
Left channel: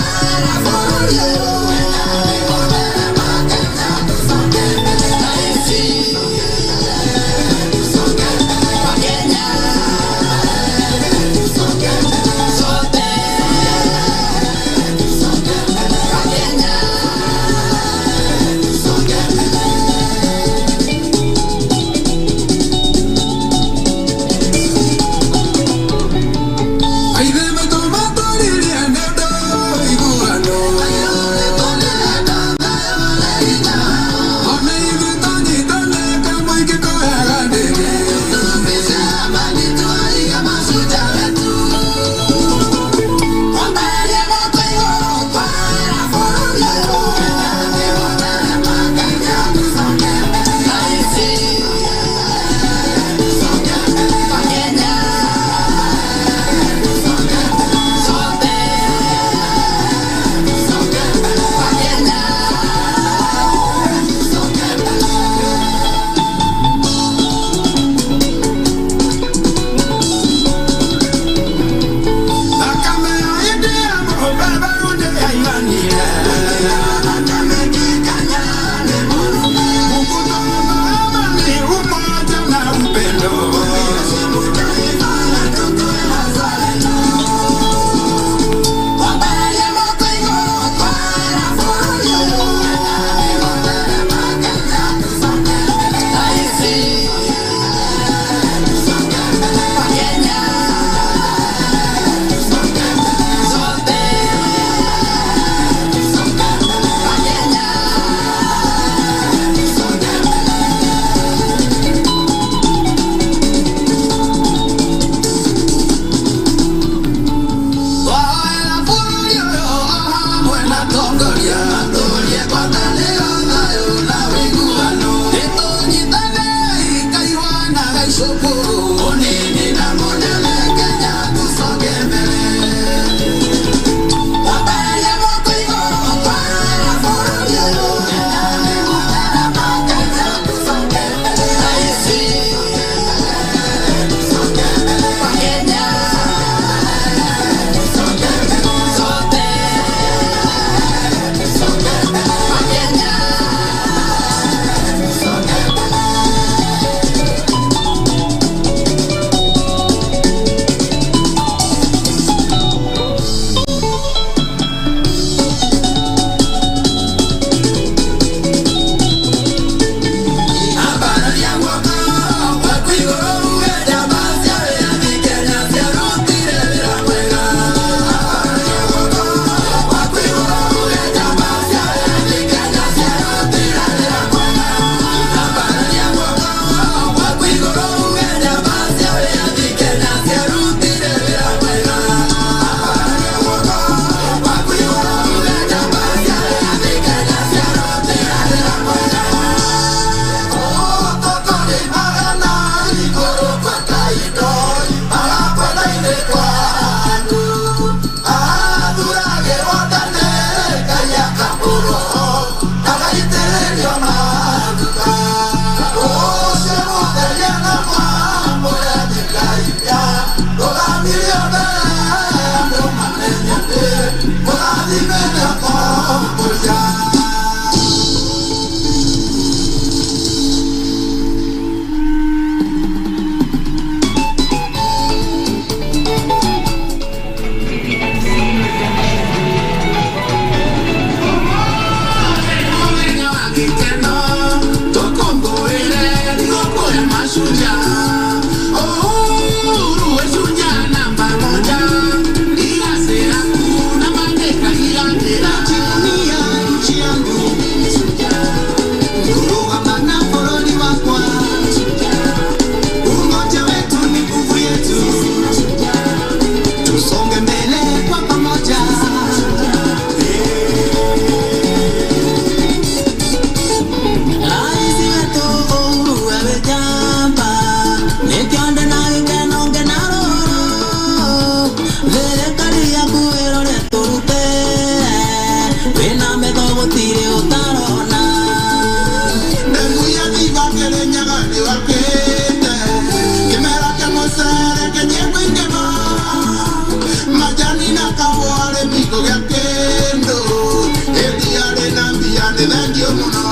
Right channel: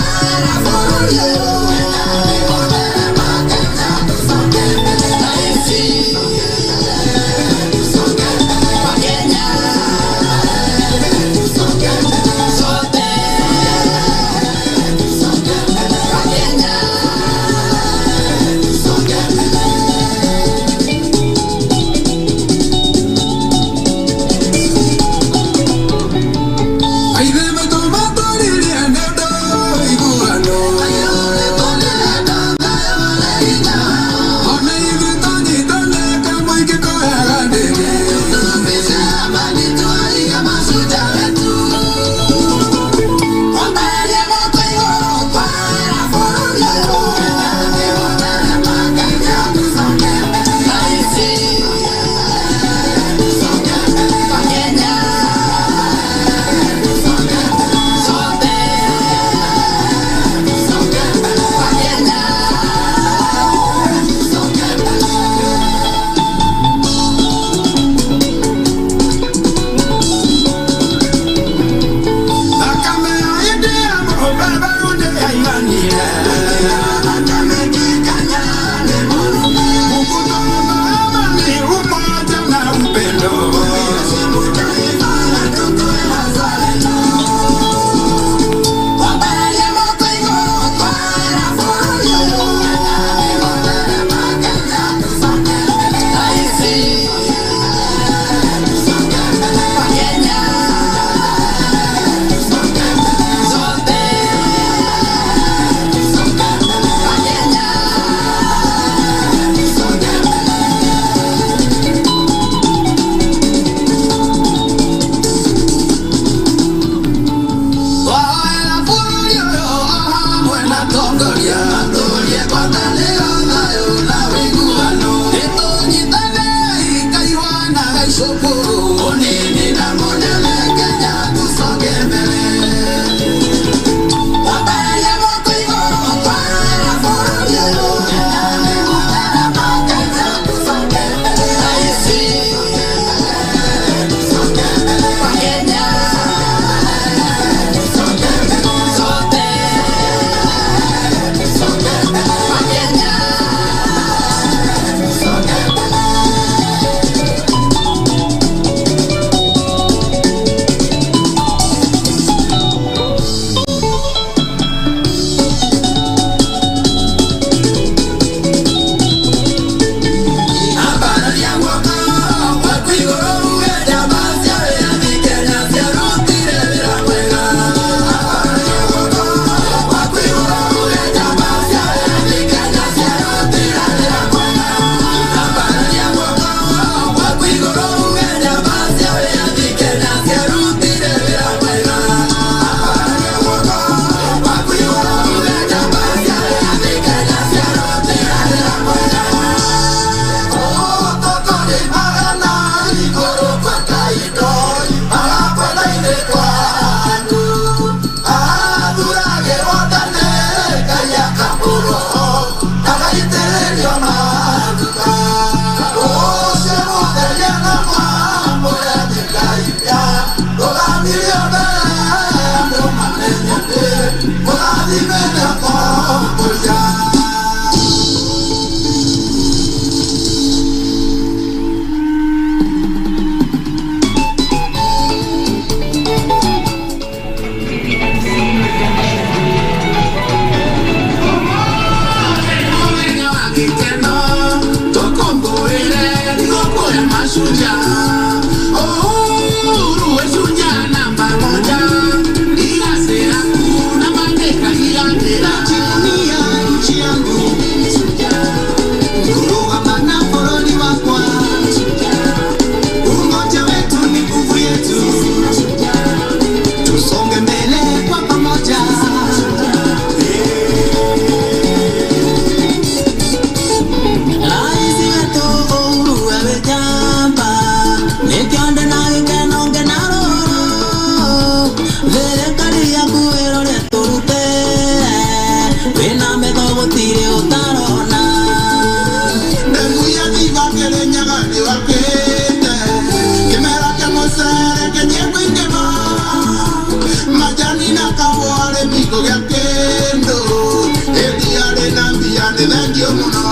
thank you muno.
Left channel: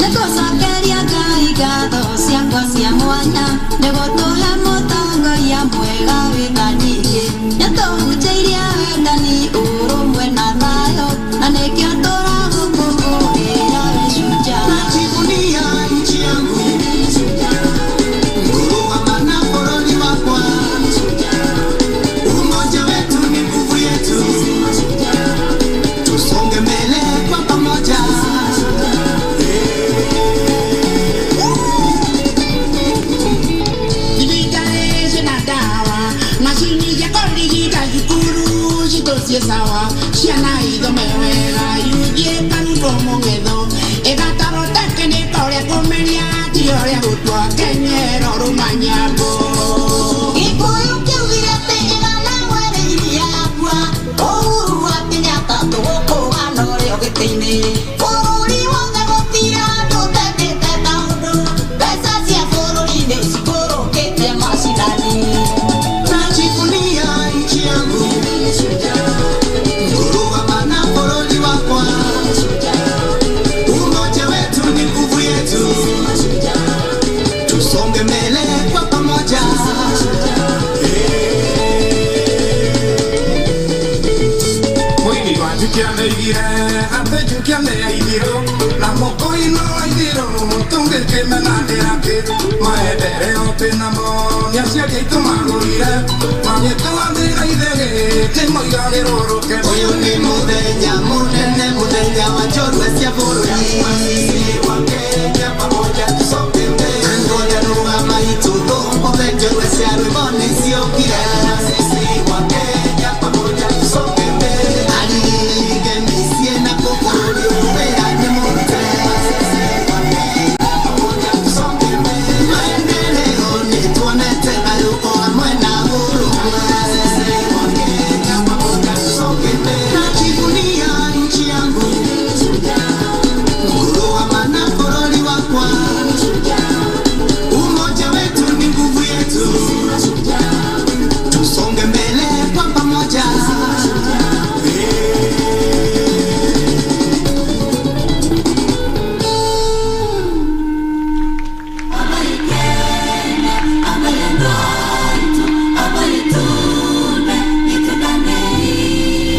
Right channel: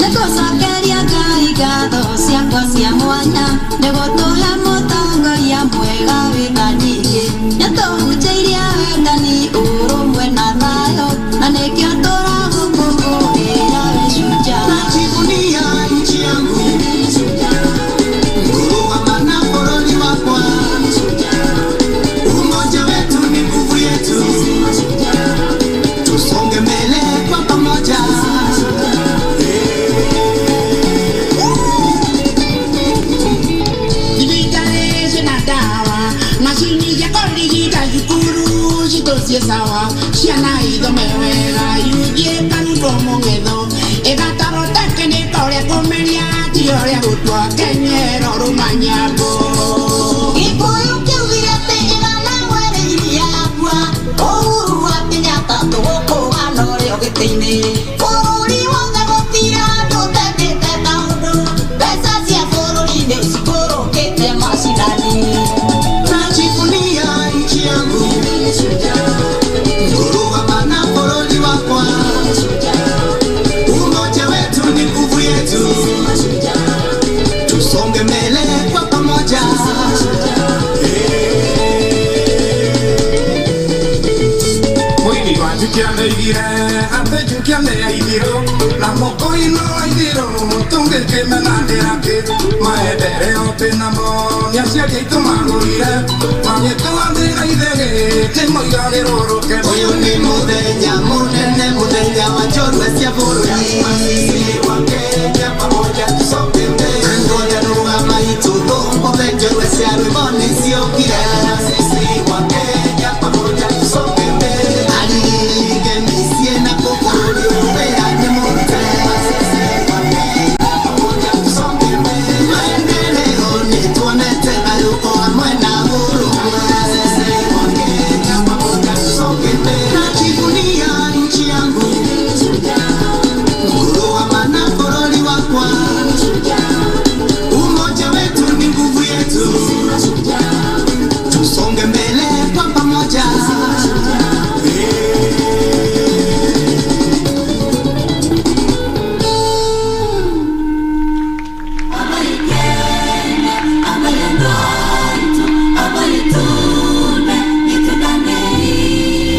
Nĩtũcokeria Ngai ngatho ciakwa cia mwanya nĩgũtũhe mũtongoria mwega wĩna nyingĩ nĩtũhunjĩirie wendani ũrũmwe na thayũ na nĩkĩo tũragũkũngũĩra wĩcunja. Najivunia nchi yangu, kuruhama na bũrũri wakwa. Umoja wetu ni nguvu yetu, tusonge mbele kwa pamoja. Digitalishe na dawa mashini ya korigita cukuru citocie sawa ciana ithomewega yujie karutwo mũng'etho ĩgataro tekinĩka ũrĩa kũmeria ti ũrĩa gũtua kenyero rũmanyambo. Gĩkũyũ kĩugire atĩ ĩgana mwerĩirie yakua Uhuru wa Kenyatta tũgũkũũgana ũrĩo gĩtĩ-inĩ. Bũrũri wothe gũtirĩ handũ ũtendete maũndũ, mbeca cia bũrũri-inĩ cikũrũkĩte macinani. Najivunia nchi yangu, kuruhama na bũrũri wakwa. Umoja wetu ni nguvu yetu, tusonge mbele kwa pamoja. Mwini wa jukia neigire ate jukia ne aithiro na moko ino aithiro tunge kemenanira ke maendeleo tenamo niaciaria itu magurire magĩtũathĩra ithege tĩmoigagĩrũrũke. Ũyũ nĩ mũthenya mũnene, mũthenya wa njorua cia bũrũri. Sisi wa Kenya pamoja tusonge mbele. Ngoja rũgama itũthũmbũthe njorua cia rwĩmbo nĩciokire. Sisi wa Kenya pamoja tusonge mbele. Alige mĩciĩ na bũrũri wĩra nĩ mũrute. Sisi wa Kenya pamoja tusonge mbele. Maendeleo nĩtuonete thayũ o hamwe na ũrũmwe. Sisi wa Kenya pamoja tusonge mbele. Najivunia nchi yangu, kuruhama na bũrũri wakwa. Umoja wetu ni nguvu yetu, tusonge mbele kwa pamoja.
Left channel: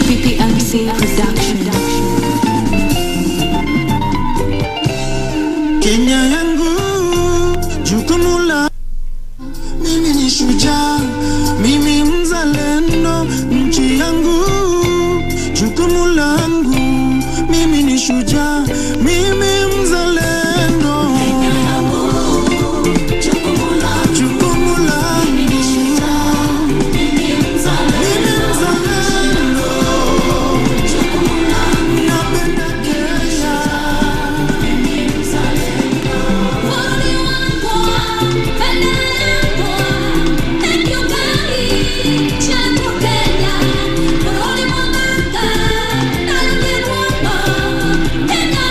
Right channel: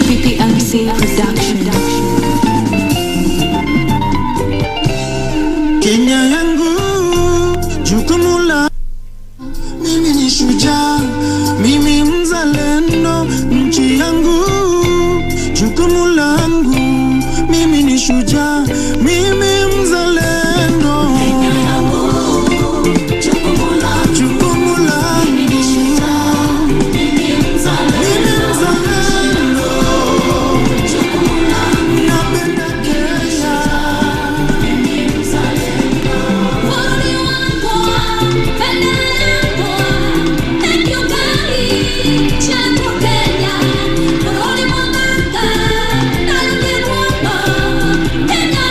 PPMC Production. Kenya yangu, jukumu la mimi ni shujaa, mimi mzalendo. Nchi yangu, jukumu langu, mimi ni shujaa, mimi mzalendo. Jukumu langu, mimi mzalendo. Napenda Kenya. Kenya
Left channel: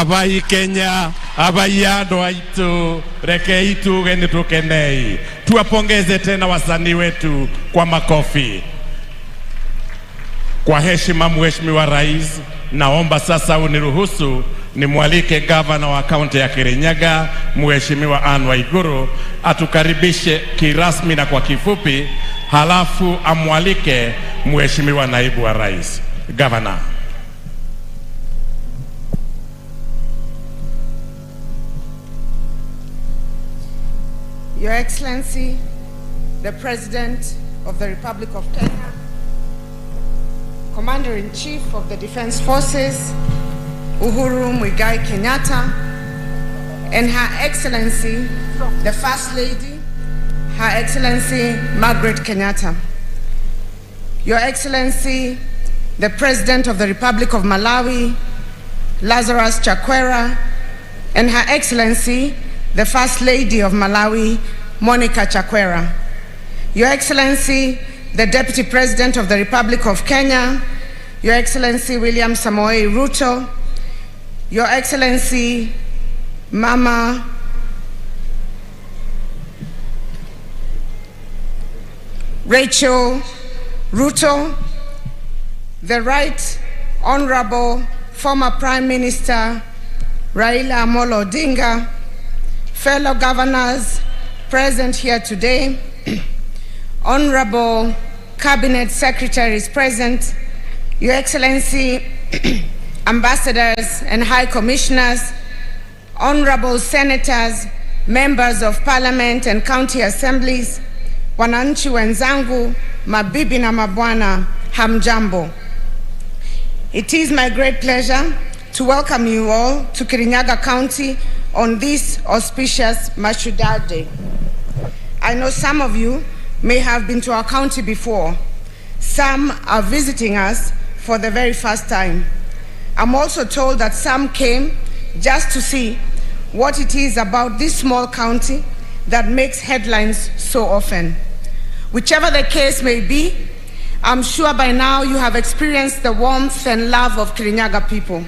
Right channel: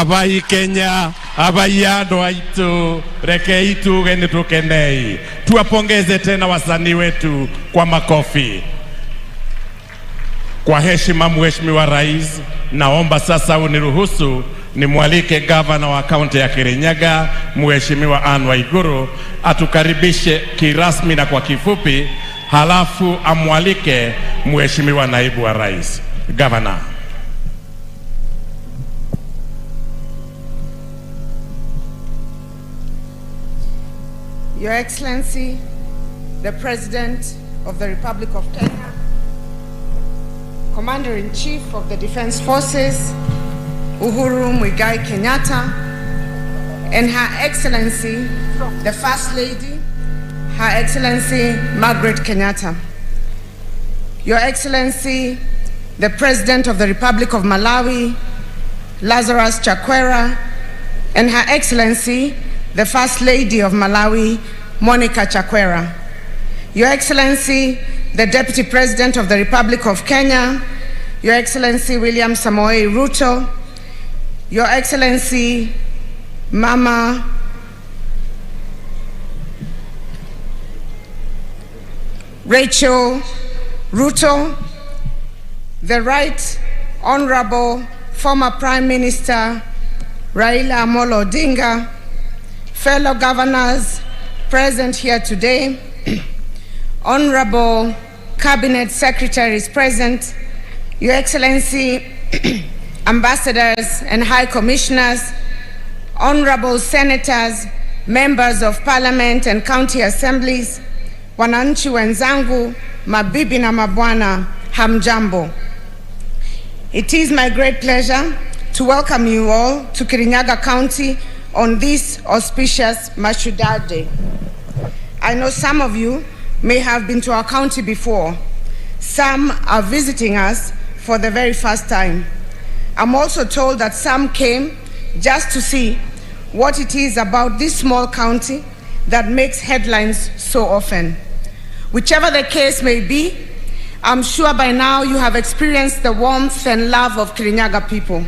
abai Kenya, abai andũ aitũ, rekei tuge nĩ tukenei. Tuwapongeze tena wasanii wetu kwa makofi. Kwa heshima Mheshimiwa Rais, naomba sasa uniruhusu nimwalike gavana wa kaunti ya Kirinyaga, Mheshimiwa Anne Waiguru, atukaribishe kirasmi na kwa kifupi, halafu amwalike Mheshimiwa naibu wa rais. Gavana. Your Excellency, the President of the Republic of Kenya, Commander-in-Chief of the Defense Forces, Uhuru Muigai Kenyatta, and Her Excellency, the First Lady, Her Excellency Margaret Kenyatta. Your Excellency, the President of the Republic of Malawi, Lazarus Chakwera, and Her Excellency, the First Lady of Malawi, Monica Chakwera. Your Excellency, the Deputy President of the Republic of Kenya, Your Excellency William Samoei Ruto, Your Excellency Mama Rachel Ruto, the Right Honorable former Prime Minister Raila Amolo Odinga, fellow governors present here today, honorable cabinet secretaries present, Your Excellency, ambassadors and high commissioners, honorable senators, members of parliament and county assemblies, wananchi wenzangu, mabibi na mabwana, hamjambo. It is my great pleasure to welcome you all to Kirinyaga County on this auspicious Mashujaa Day. I know some of you may have been to our county before. Some are visiting us for the very first time. I'm also told that some came just to see what it is about this small county that makes headlines so often. Whichever the case may be, I'm sure by now you have experienced the warmth and love of Kirinyaga people.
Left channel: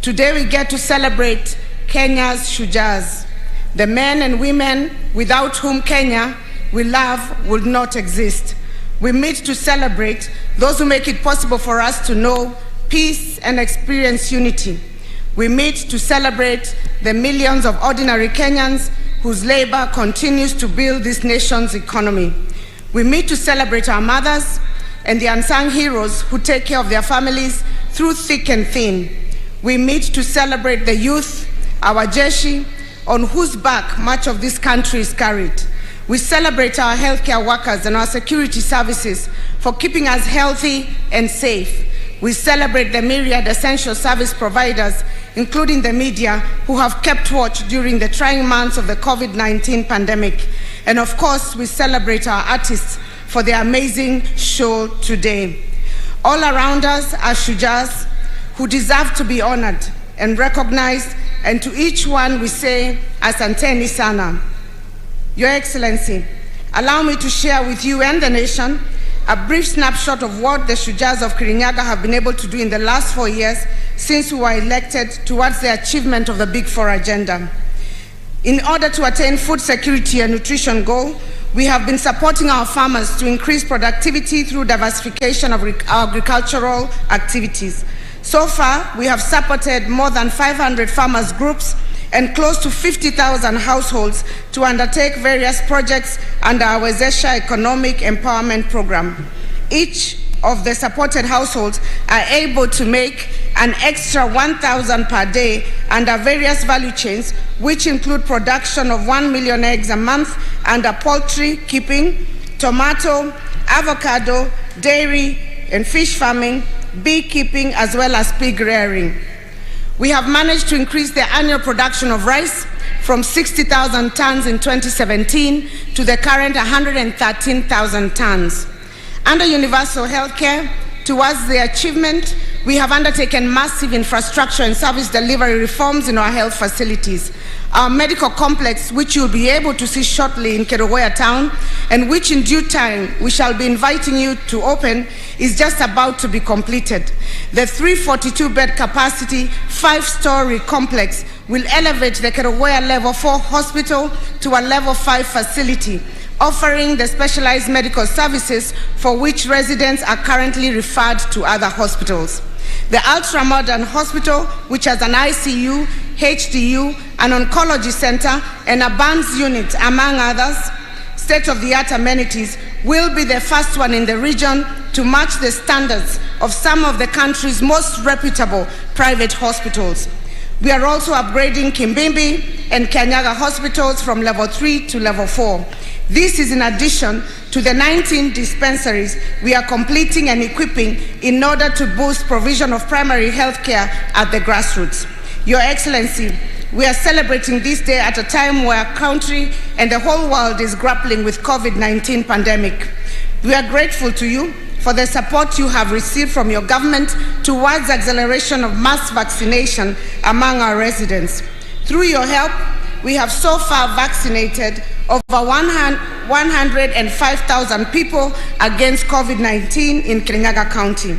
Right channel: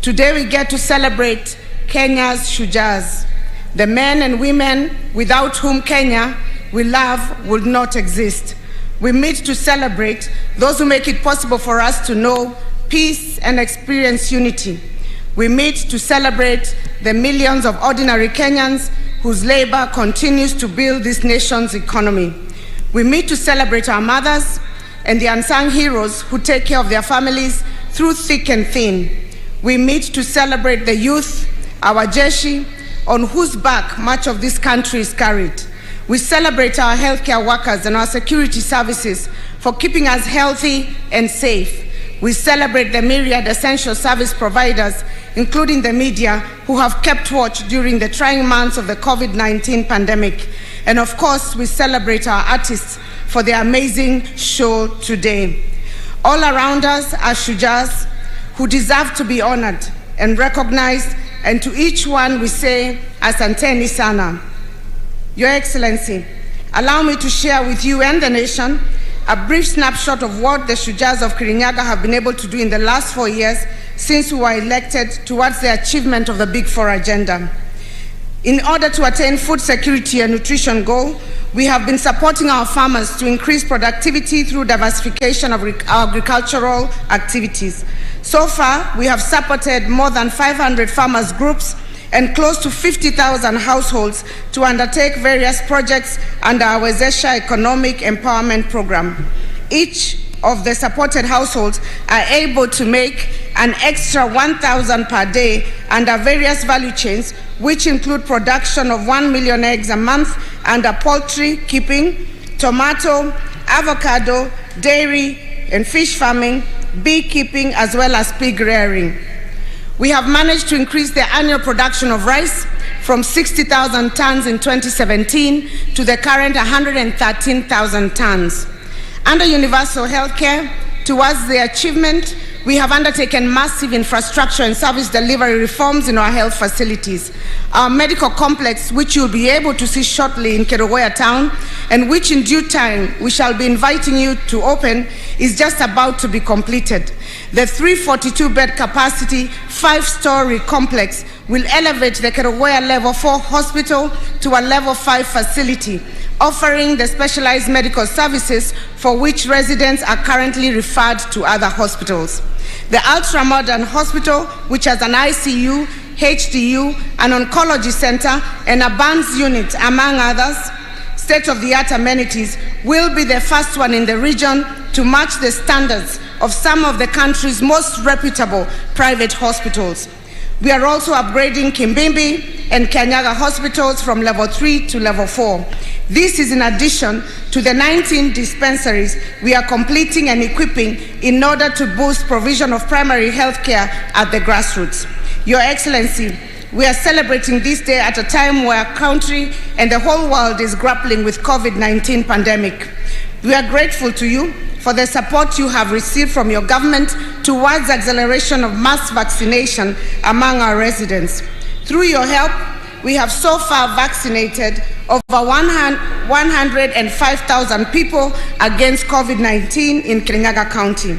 Today we get to celebrate Kenya's Shujaas, the men and women without whom Kenya we love would not exist. We meet to celebrate those who make it possible for us to know peace and experience unity. We meet to celebrate the millions of ordinary Kenyans whose labor continues to build this nation's economy. We meet to celebrate our mothers and the unsung heroes who take care of their families through thick and thin. We meet to celebrate the youth, our Jeshi, on whose back much of this country is carried. We celebrate our healthcare workers and our security services for keeping us healthy and safe. We celebrate the myriad essential service providers, including the media, who have kept watch during the trying months of the COVID-19 pandemic. And of course, we celebrate our artists for their amazing show today. All around us are Shujaas who deserve to be honored and recognized, and to each one we say, Asanteni sana. Your Excellency, allow me to share with you and the nation a brief snapshot of what the Shujaas of Kirinyaga have been able to do in the last 4 years since we were elected towards the achievement of the Big Four agenda. In order to attain food security and nutrition goal, we have been supporting our farmers to increase productivity through diversification of agricultural activities. So far, we have supported more than 500 farmers groups and close to 50,000 households to undertake various projects under our Wezesha Economic Empowerment Program. Each of the supported households are able to make an extra 1,000 per day under various value chains, which include production of 1 million eggs a month under poultry keeping, tomato, avocado, dairy and fish farming, beekeeping, as well as pig rearing. We have managed to increase the annual production of rice from 60,000 tons in 2017 to the current 113,000 tons. Under universal healthcare, towards the achievement, we have undertaken massive infrastructure and service delivery reforms in our health facilities. Our medical complex, which you'll be able to see shortly in Kerugoya town, and which in due time we shall be inviting you to open, is just about to be completed. The 342-bed capacity, 5-story complex will elevate the Kerugoya Level 4 Hospital to a Level 5 facility, offering the specialized medical services for which residents are currently referred to other hospitals. The ultra-modern hospital, which has an ICU, HDU, an oncology center, and a burns unit, among others, state-of-the-art amenities, will be the first one in the region to match the standards of some of the country's most reputable private hospitals. We are also upgrading Kimbimbi and Kirinyaga hospitals from level 3 to level 4. This is in addition to the 19 dispensaries we are completing and equipping in order to boost provision of primary health care at the grassroots. Your Excellency, we are celebrating this day at a time where our country and the whole world is grappling with COVID-19 pandemic. We are grateful to you for the support you have received from your government towards acceleration of mass vaccination among our residents. Through your help, we have so far vaccinated over 105,000 people against COVID-19 in Kirinyaga County.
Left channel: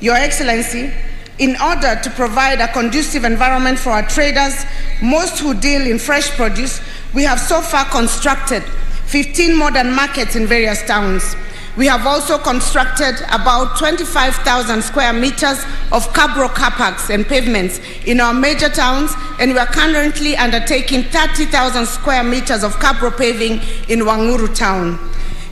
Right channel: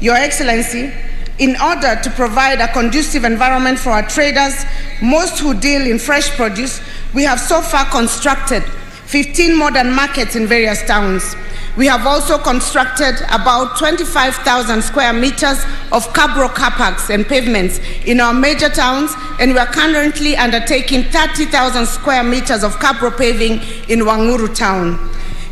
Your Excellency, in order to provide a conducive environment for our traders, most who deal in fresh produce, we have so far constructed 15 modern markets in various towns. We have also constructed about 25,000 square meters of cabro car parks and pavements in our major towns, and we are currently undertaking 30,000 square meters of cabro paving in Wanguru town.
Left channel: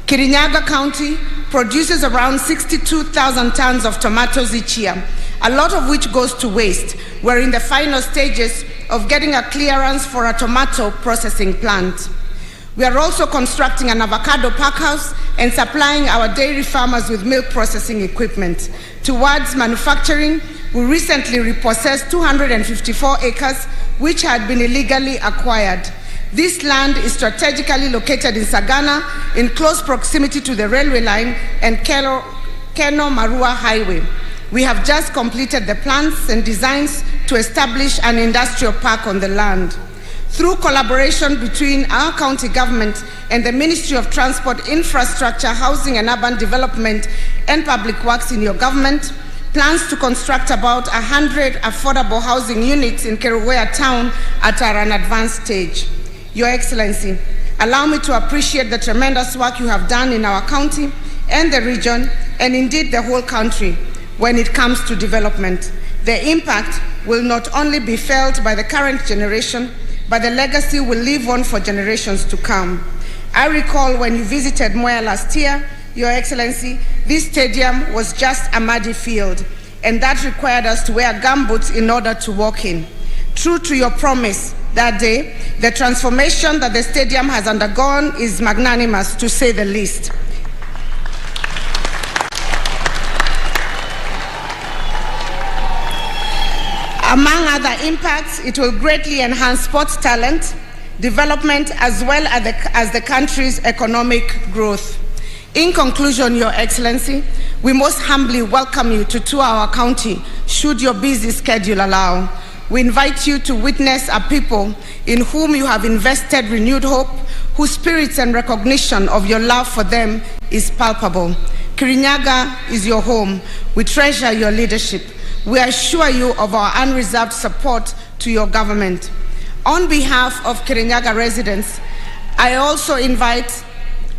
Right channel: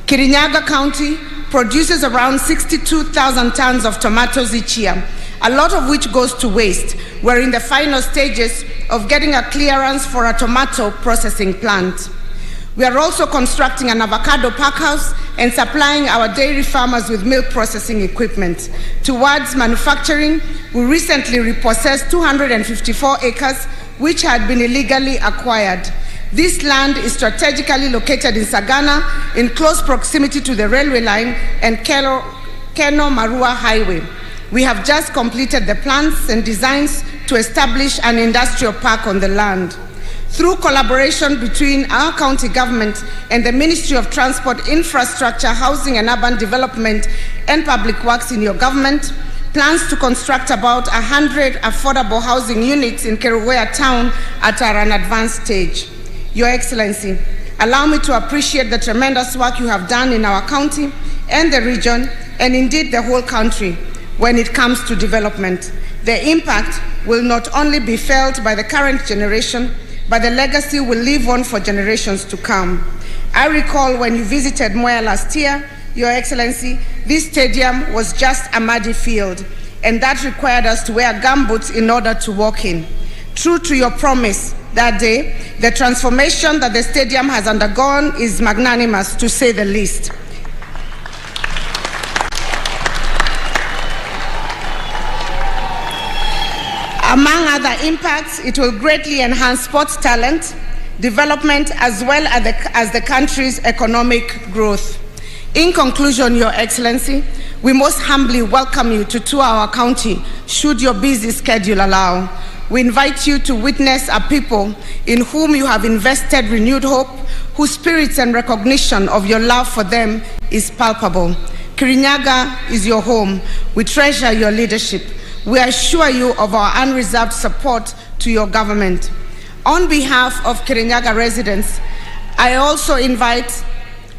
Kirinyaga County produces around 62,000 tons of tomatoes each year, a lot of which goes to waste. We're in the final stages of getting a clearance for a tomato processing plant. We are also constructing an avocado packhouse and supplying our dairy farmers with milk processing equipment. Towards manufacturing, we recently repossessed 254 acres which had been illegally acquired. This land is strategically located in Sagana in close proximity to the railway line and Keno-Marua Highway. We have just completed the plans and designs to establish an industrial park on the land. Through collaboration between our county government and the Ministry of Transport, Infrastructure, Housing and Urban Development and Public Works in your government, plans to construct about 100 affordable housing units in Kerugoya town are an advanced stage. Your Excellency, allow me to appreciate the tremendous work you have done in our county and the region, and indeed the whole country, when it comes to development. The impact will not only be felt by the current generation, but the legacy will live on for generations to come. I recall when you visited Mwea last year, Your Excellency, this stadium was just a muddy field, and that required us to wear gumboots in order to walk in. True to your promise that day, the transformation that the stadium has undergone is magnanimous, to say the least. Among other impacts, it will greatly enhance sports talent, development, as well as the country's economic growth. In conclusion, Your Excellency, we most humbly welcome you to tour our county, should your busy schedule allow. We invite you to witness a people in whom you have invested renewed hope, whose spirits and recognition of your love for them is palpable. Kirinyaga is your home. We treasure your leadership. We assure you of our unreserved support to your government. On behalf of Kirinyaga residents, I also invite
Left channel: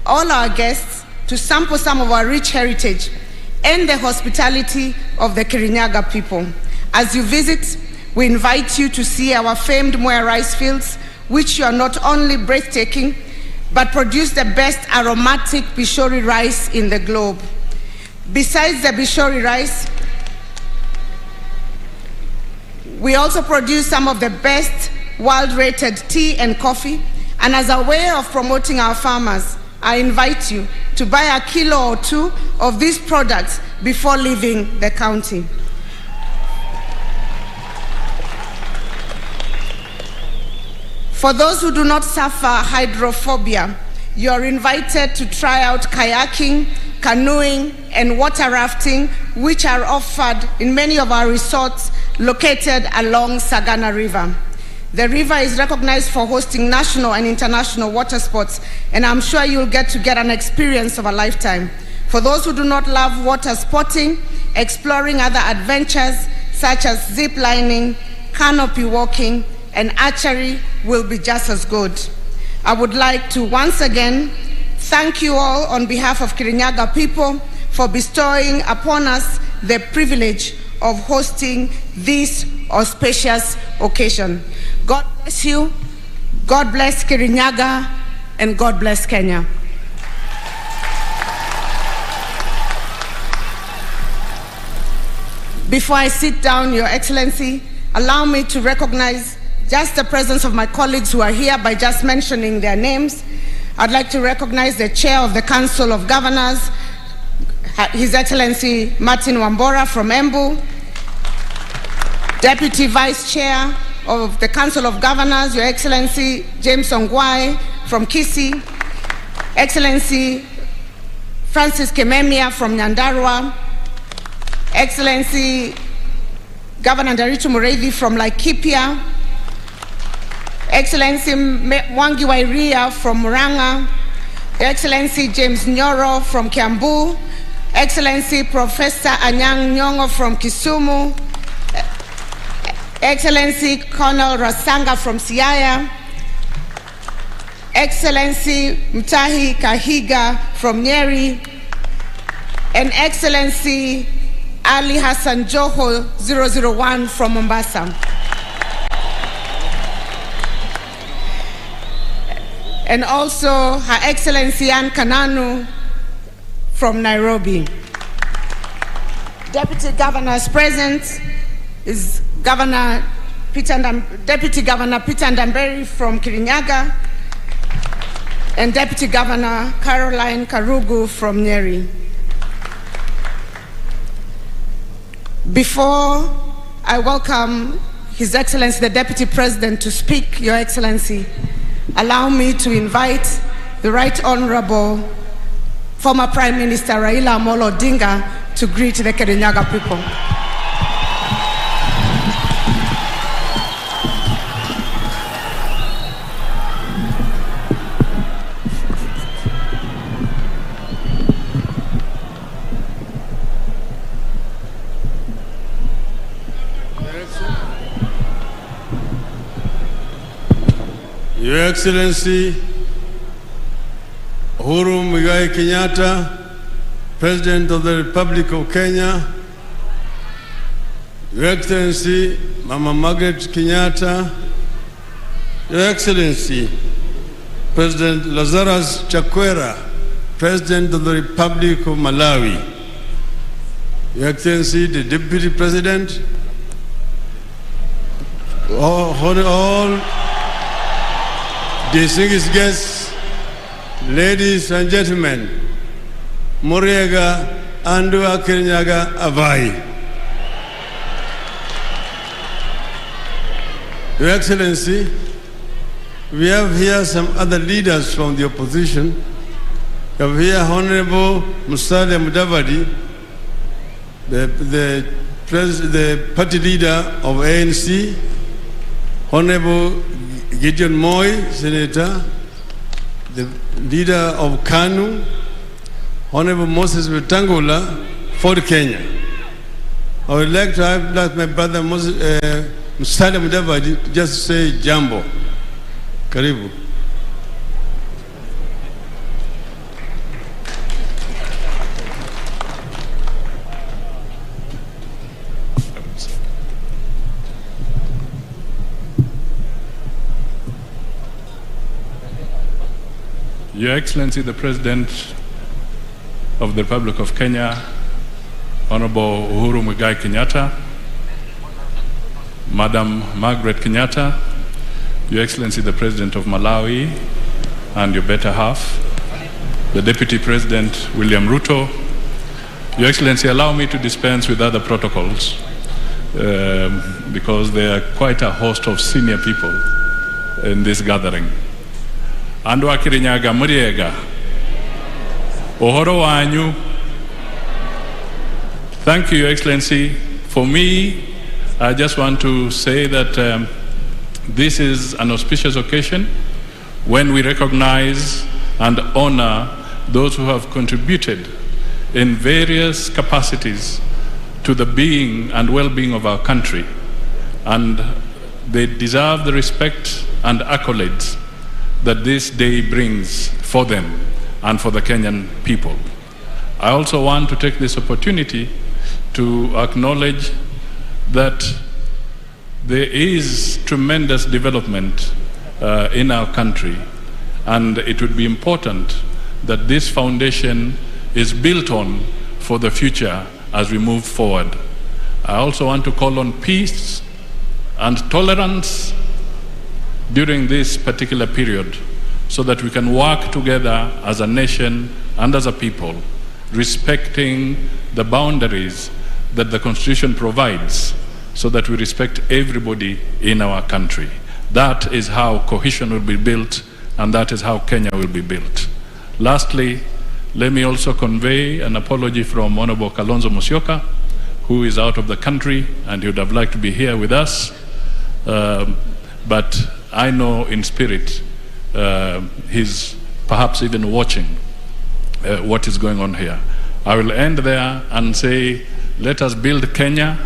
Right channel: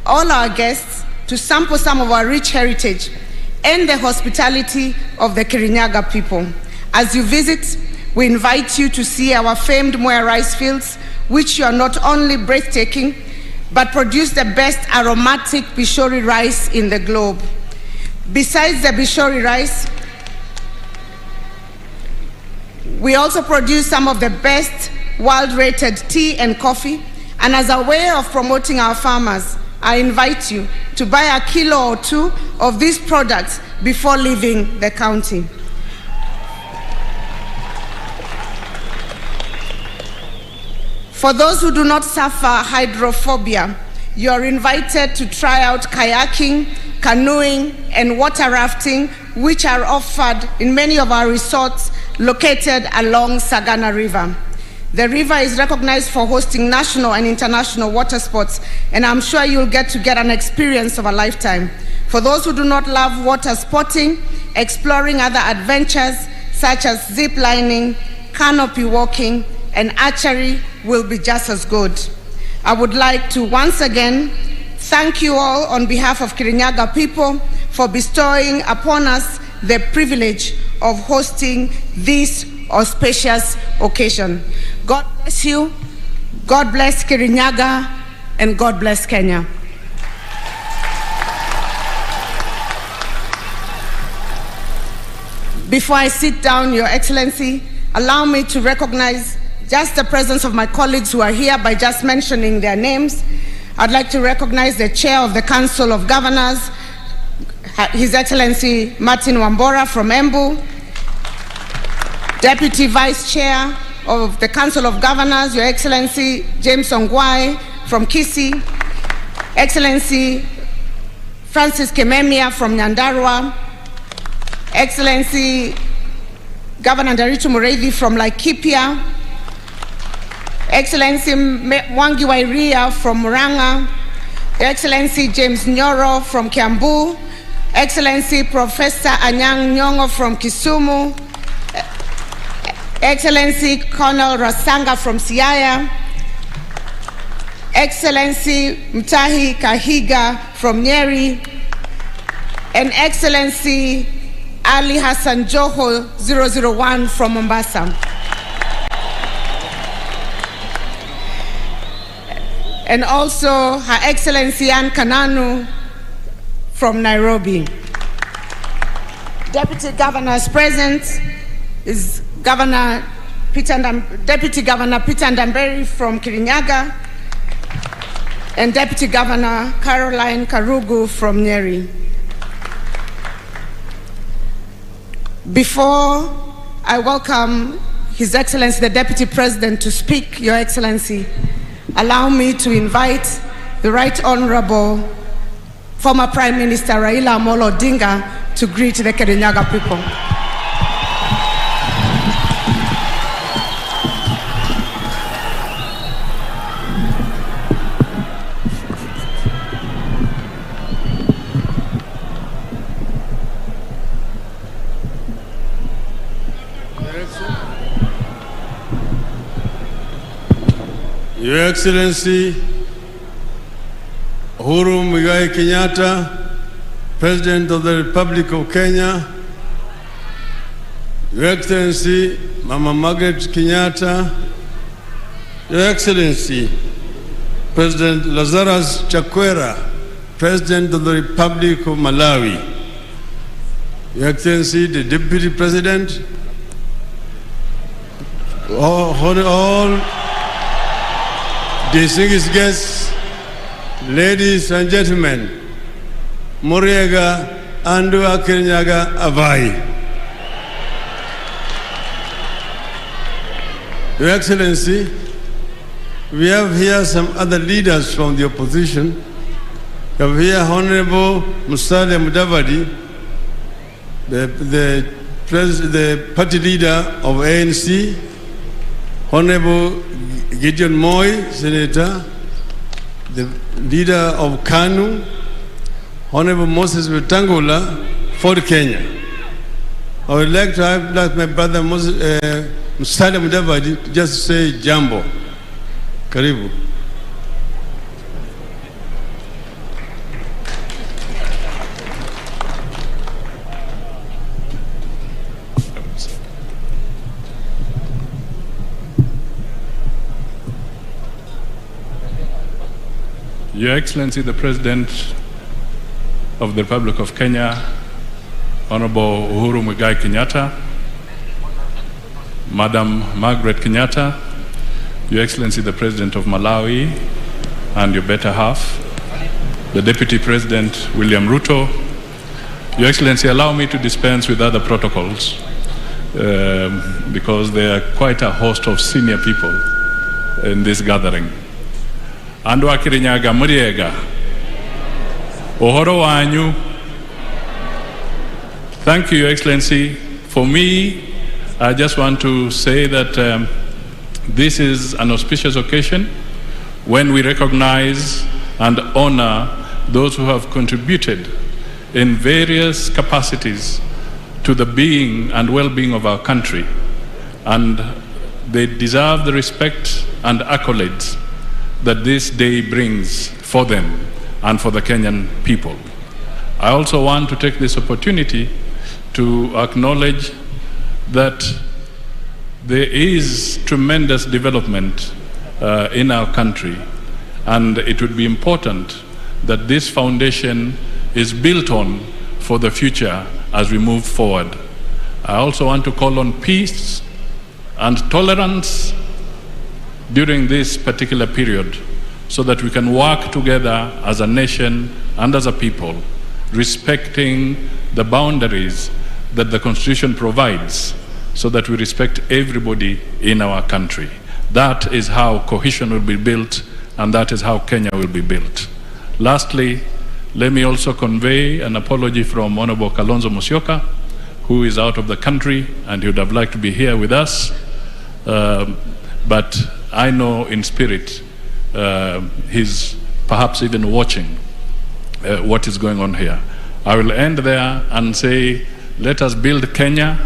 all our guests to sample some of our rich heritage and the hospitality of the Kirinyaga people. As you visit, we invite you to see our famed Mwea rice fields, which are not only breathtaking, but produce the best aromatic Bishori rice in the globe. Besides the Bishori rice, we also produce some of the best world-rated tea and coffee, and as a way of promoting our farmers, I invite you to buy a kilo or two of these products before leaving the county. For those who do not suffer hydrophobia, you are invited to try out kayaking, canoeing, and water rafting, which are offered in many of our resorts located along Sagana River. The river is recognized for hosting national and international water sports, and I'm sure you'll get an experience of a lifetime. For those who do not love water sporting, exploring other adventures such as zip lining, canopy walking, and archery will be just as good. I would like to once again thank you all on behalf of Kirinyaga people for bestowing upon us the privilege of hosting this auspicious occasion. God bless you, God bless Kirinyaga, and God bless Kenya. Before I sit down, Your Excellency, allow me to recognize just the presence of my colleagues who are here by just mentioning their names. I'd like to recognize the Chair of the Council of Governors, His Excellency Martin Wambora from Embu, Deputy Vice Chair of the Council of Governors, Your Excellency James Ongwae from Kisii, Excellency Francis Kememia from Nyandarua, Excellency Governor Nderitu Mureithi from Laikipia, Excellency Mwangi Wairia from Murang'a, Excellency James Nyoro from Kiambu, Excellency Professor Anyang' Nyong'o from Kisumu, Excellency Colonel Rasanga from Siaya, Excellency Mutahi Kahiga from Nyeri, and Excellency Ali Hassan Joho 001 from Mombasa. And also Her Excellency Anne Kananu from Nairobi. Deputy Governors present is Deputy Governor Peter Ndamberi from Kirinyaga and Deputy Governor Caroline Karugu from Nyeri. Before I welcome His Excellency the Deputy President to speak, Your Excellency, allow me to invite the Right Honorable former Prime Minister Raila Amolo Odinga to greet the Kirinyaga people. Your Excellency Uhuru Muigai Kenyatta, President of the Republic of Kenya, Your Excellency Mama Margaret Kenyatta, Your Excellency President Lazarus Chakwera, President of the Republic of Malawi, Your Excellency the Deputy President, all distinguished guests, ladies and gentlemen, Muriega Andua Kirinyaga Avai. Your Excellency, we have here some other leaders from the opposition. We have here Honorable Musalia Mudavadi, the party leader of ANC, Honorable Gideon Moi, Senator, the leader of KANU, Honorable Moses Wetangula, for Kenya. I would like to have my brother Musalia Mudavadi just say jambo. Karibu. Your Excellency, the President of the Republic of Kenya, Honorable Uhuru Muigai Kenyatta, Madam Margaret Kenyatta, Your Excellency, the President of Malawi, and your better half, the Deputy President, William Ruto. Your Excellency, allow me to dispense with other protocols because there are quite a host of senior people in this gathering. Andua Kirinyaga Muriega, Ohoro Wanyu. Thank you, Your Excellency. For me, I just want to say that this is an auspicious occasion when we recognize and honor those who have contributed in various capacities to the being and well-being of our country, and they deserve the respect and accolades that this day brings for them and for the Kenyan people. I also want to take this opportunity to acknowledge that there is tremendous development in our country, and it would be important that this foundation is built on for the future as we move forward. I also want to call on peace and tolerance during this particular period so that we can work together as a nation and as a people, respecting the boundaries that the Constitution provides so that we respect everybody in our country. That is how cohesion will be built, and that is how Kenya will be built. Lastly, let me also convey an apology from Honorable Kalonzo Musyoka, who is out of the country and he would have liked to be here with us. But I know in spirit he's perhaps even watching what is going on here. I will end there and say, let us build Kenya,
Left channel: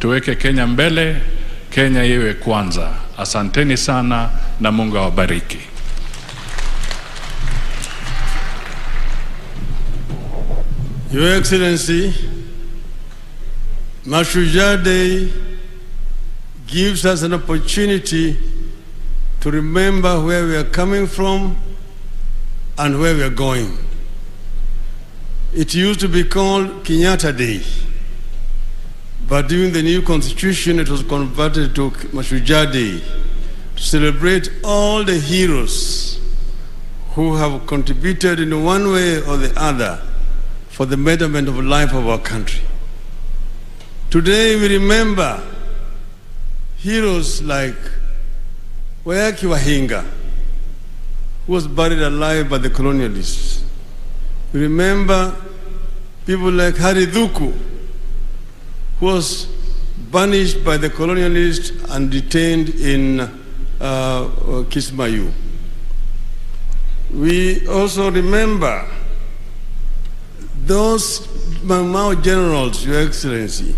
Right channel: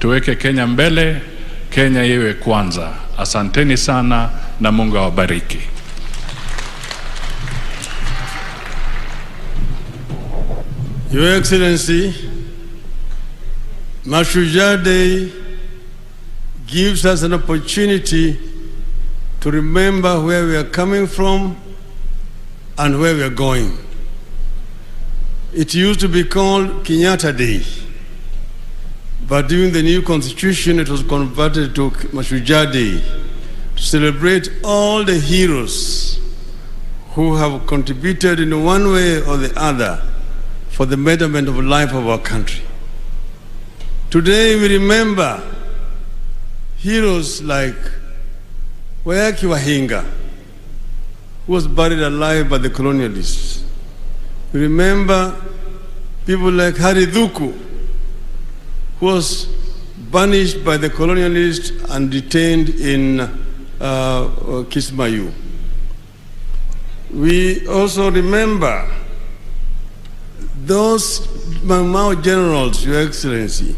tuweke Kenya mbele, Kenya iwe kwanza. Asanteni sana na Mungu awabariki. Your Excellency, Mashujaa Day gives us an opportunity to remember where we are coming from and where we are going. It used to be called Kenyatta Day, but during the new constitution it was converted to Mashujaa Day to celebrate all the heroes who have contributed in one way or the other for the betterment of life of our country. Today we remember heroes like Wayaki Wahinga, who was buried alive by the colonialists. We remember people like Hari Dhuku, who was banished by the colonialists and detained in Kismayu. We also remember those Mau generals, Your Excellency.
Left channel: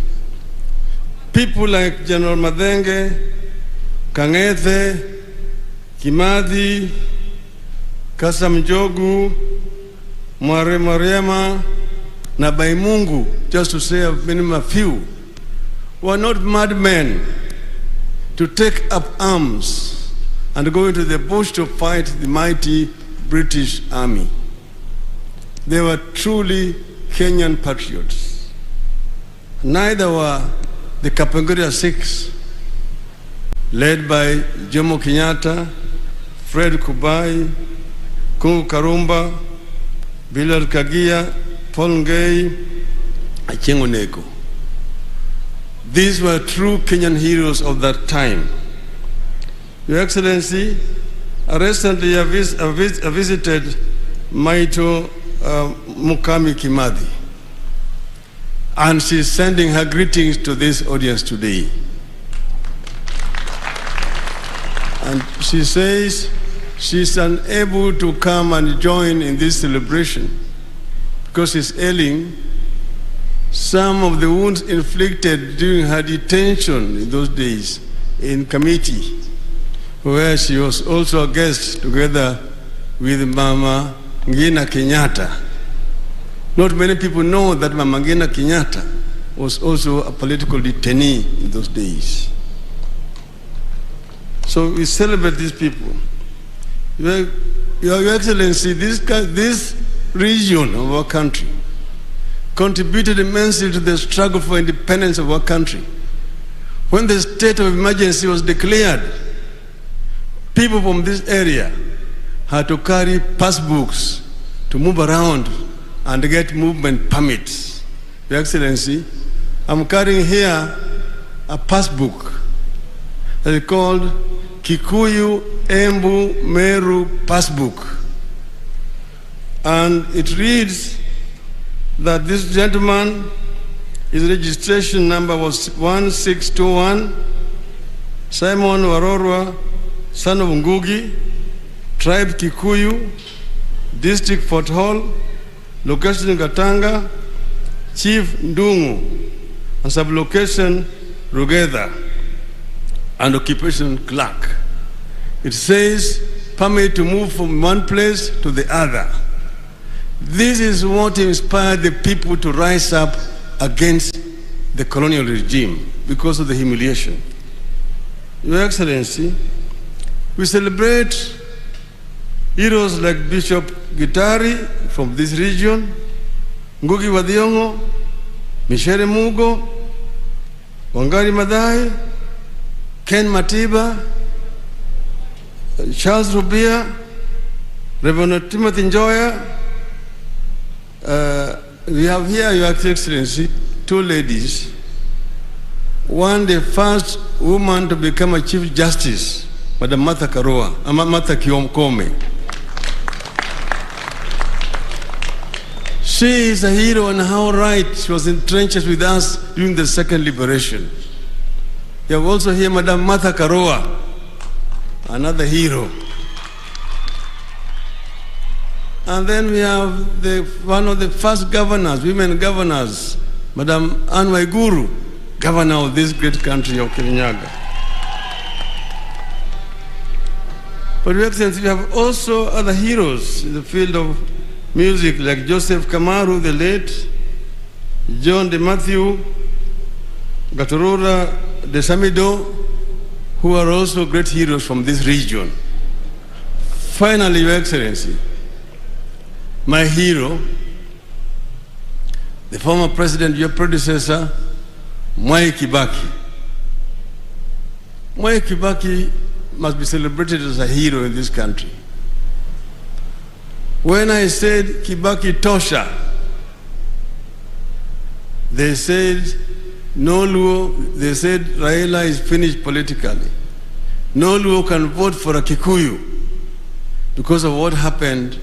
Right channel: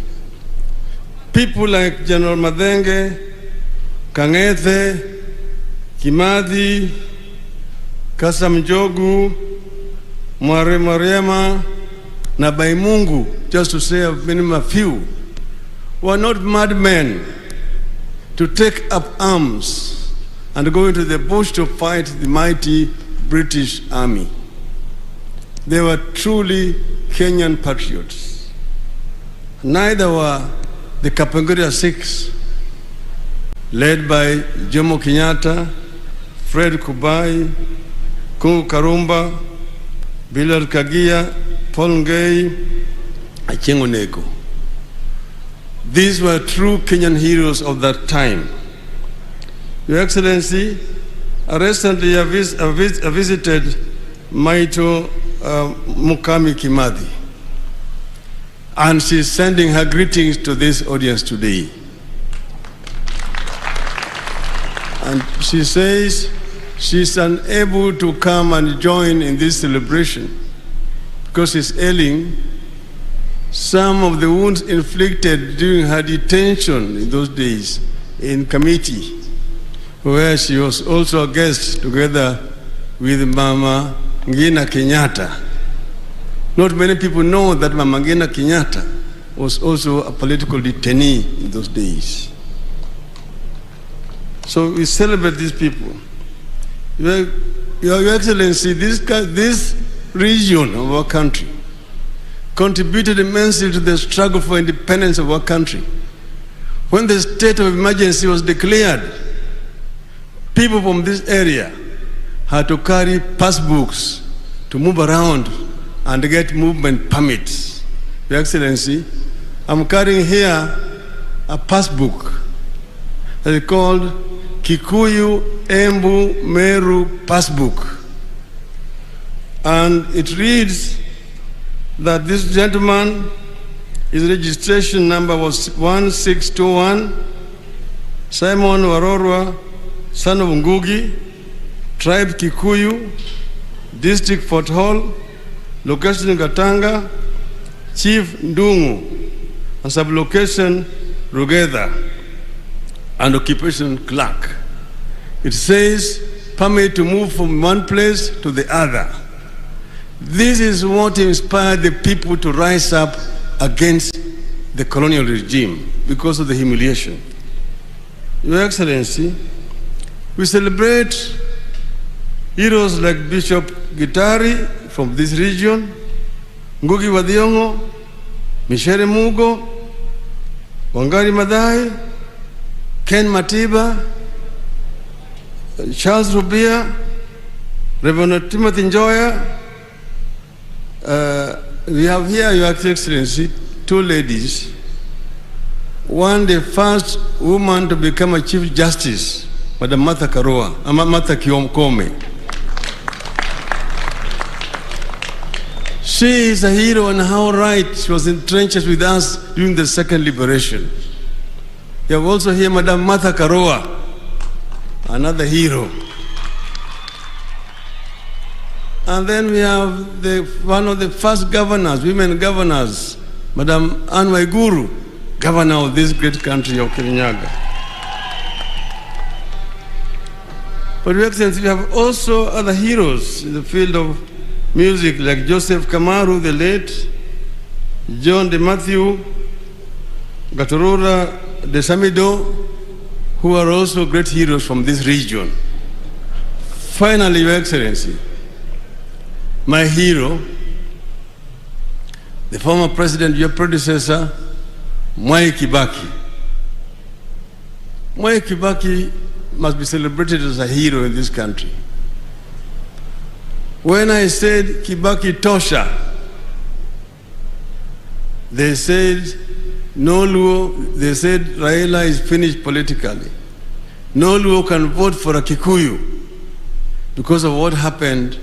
People like General Madenge, Kang'ethe, Kimathi, Kasam Jogu, Mware Mariama, na Baimungu, just to say a few, were not madmen to take up arms and go into the bush to fight the mighty British army. They were truly Kenyan patriots. Neither were the Kapenguria Six, led by Jomo Kenyatta, Fred Kubai, Kungu Karumba, Bilal Kagia, Paul Ngei, Achieng' Oneko. These were true Kenyan heroes of that time. Your Excellency, recently I visited Maito Mukami Kimathi, and she's sending her greetings to this audience today. And she says she's unable to come and join in this celebration because she's ailing. Some of the wounds inflicted during her detention in those days in Kamiti, where she was also a guest together with Mama Ngina Kenyatta. Not many people know that Mama Ngina Kenyatta was also a political detainee in those days. So we celebrate these people. Your Excellency, this region of our country contributed immensely to the struggle for independence of our country. When the state of emergency was declared, people from this area had to carry passbooks to move around and get movement permits. Your Excellency, I'm carrying here a passbook that is called Kikuyu Embu Meru Passbook. And it reads that this gentleman, his registration number was 1621, Simon Warorwa, son of Ngugi, tribe Kikuyu, district Fort Hall, location Gatanga, Chief Ndungu, and sublocation Rugeda and occupation clerk. It says permit to move from one place to the other. This is what inspired the people to rise up against the colonial regime because of the humiliation. Your Excellency, we celebrate heroes like Bishop Gitari from this region, Ngugi wa Thiong'o, Michere Mugo, Wangari Maathai, Ken Matiba, Charles Rubia, Reverend Timothy Njoya. We have here, Your Excellency, two ladies. One, the first woman to become a Chief Justice, Madam Martha Karua, Martha Koome. She is a hero and how right she was in trenches with us during the second liberation. You have also here Madam Martha Karua, another hero. And then we have one of the first governors, women governors, Madam Anne Waiguru, governor of this great country of Kirinyaga. But Your Excellency, we have also other heroes in the field of music like Joseph Kamaru, the late, John De Matthew, Gatorora De Samido, who are also great heroes from this region. Finally, Your Excellency, my hero, the former president, your predecessor, Mwai Kibaki. Mwai Kibaki must be celebrated as a hero in this country. When I said Kibaki Tosha, they said no Luo, they said Raila is finished politically. No Luo can vote for a Kikuyu because of what happened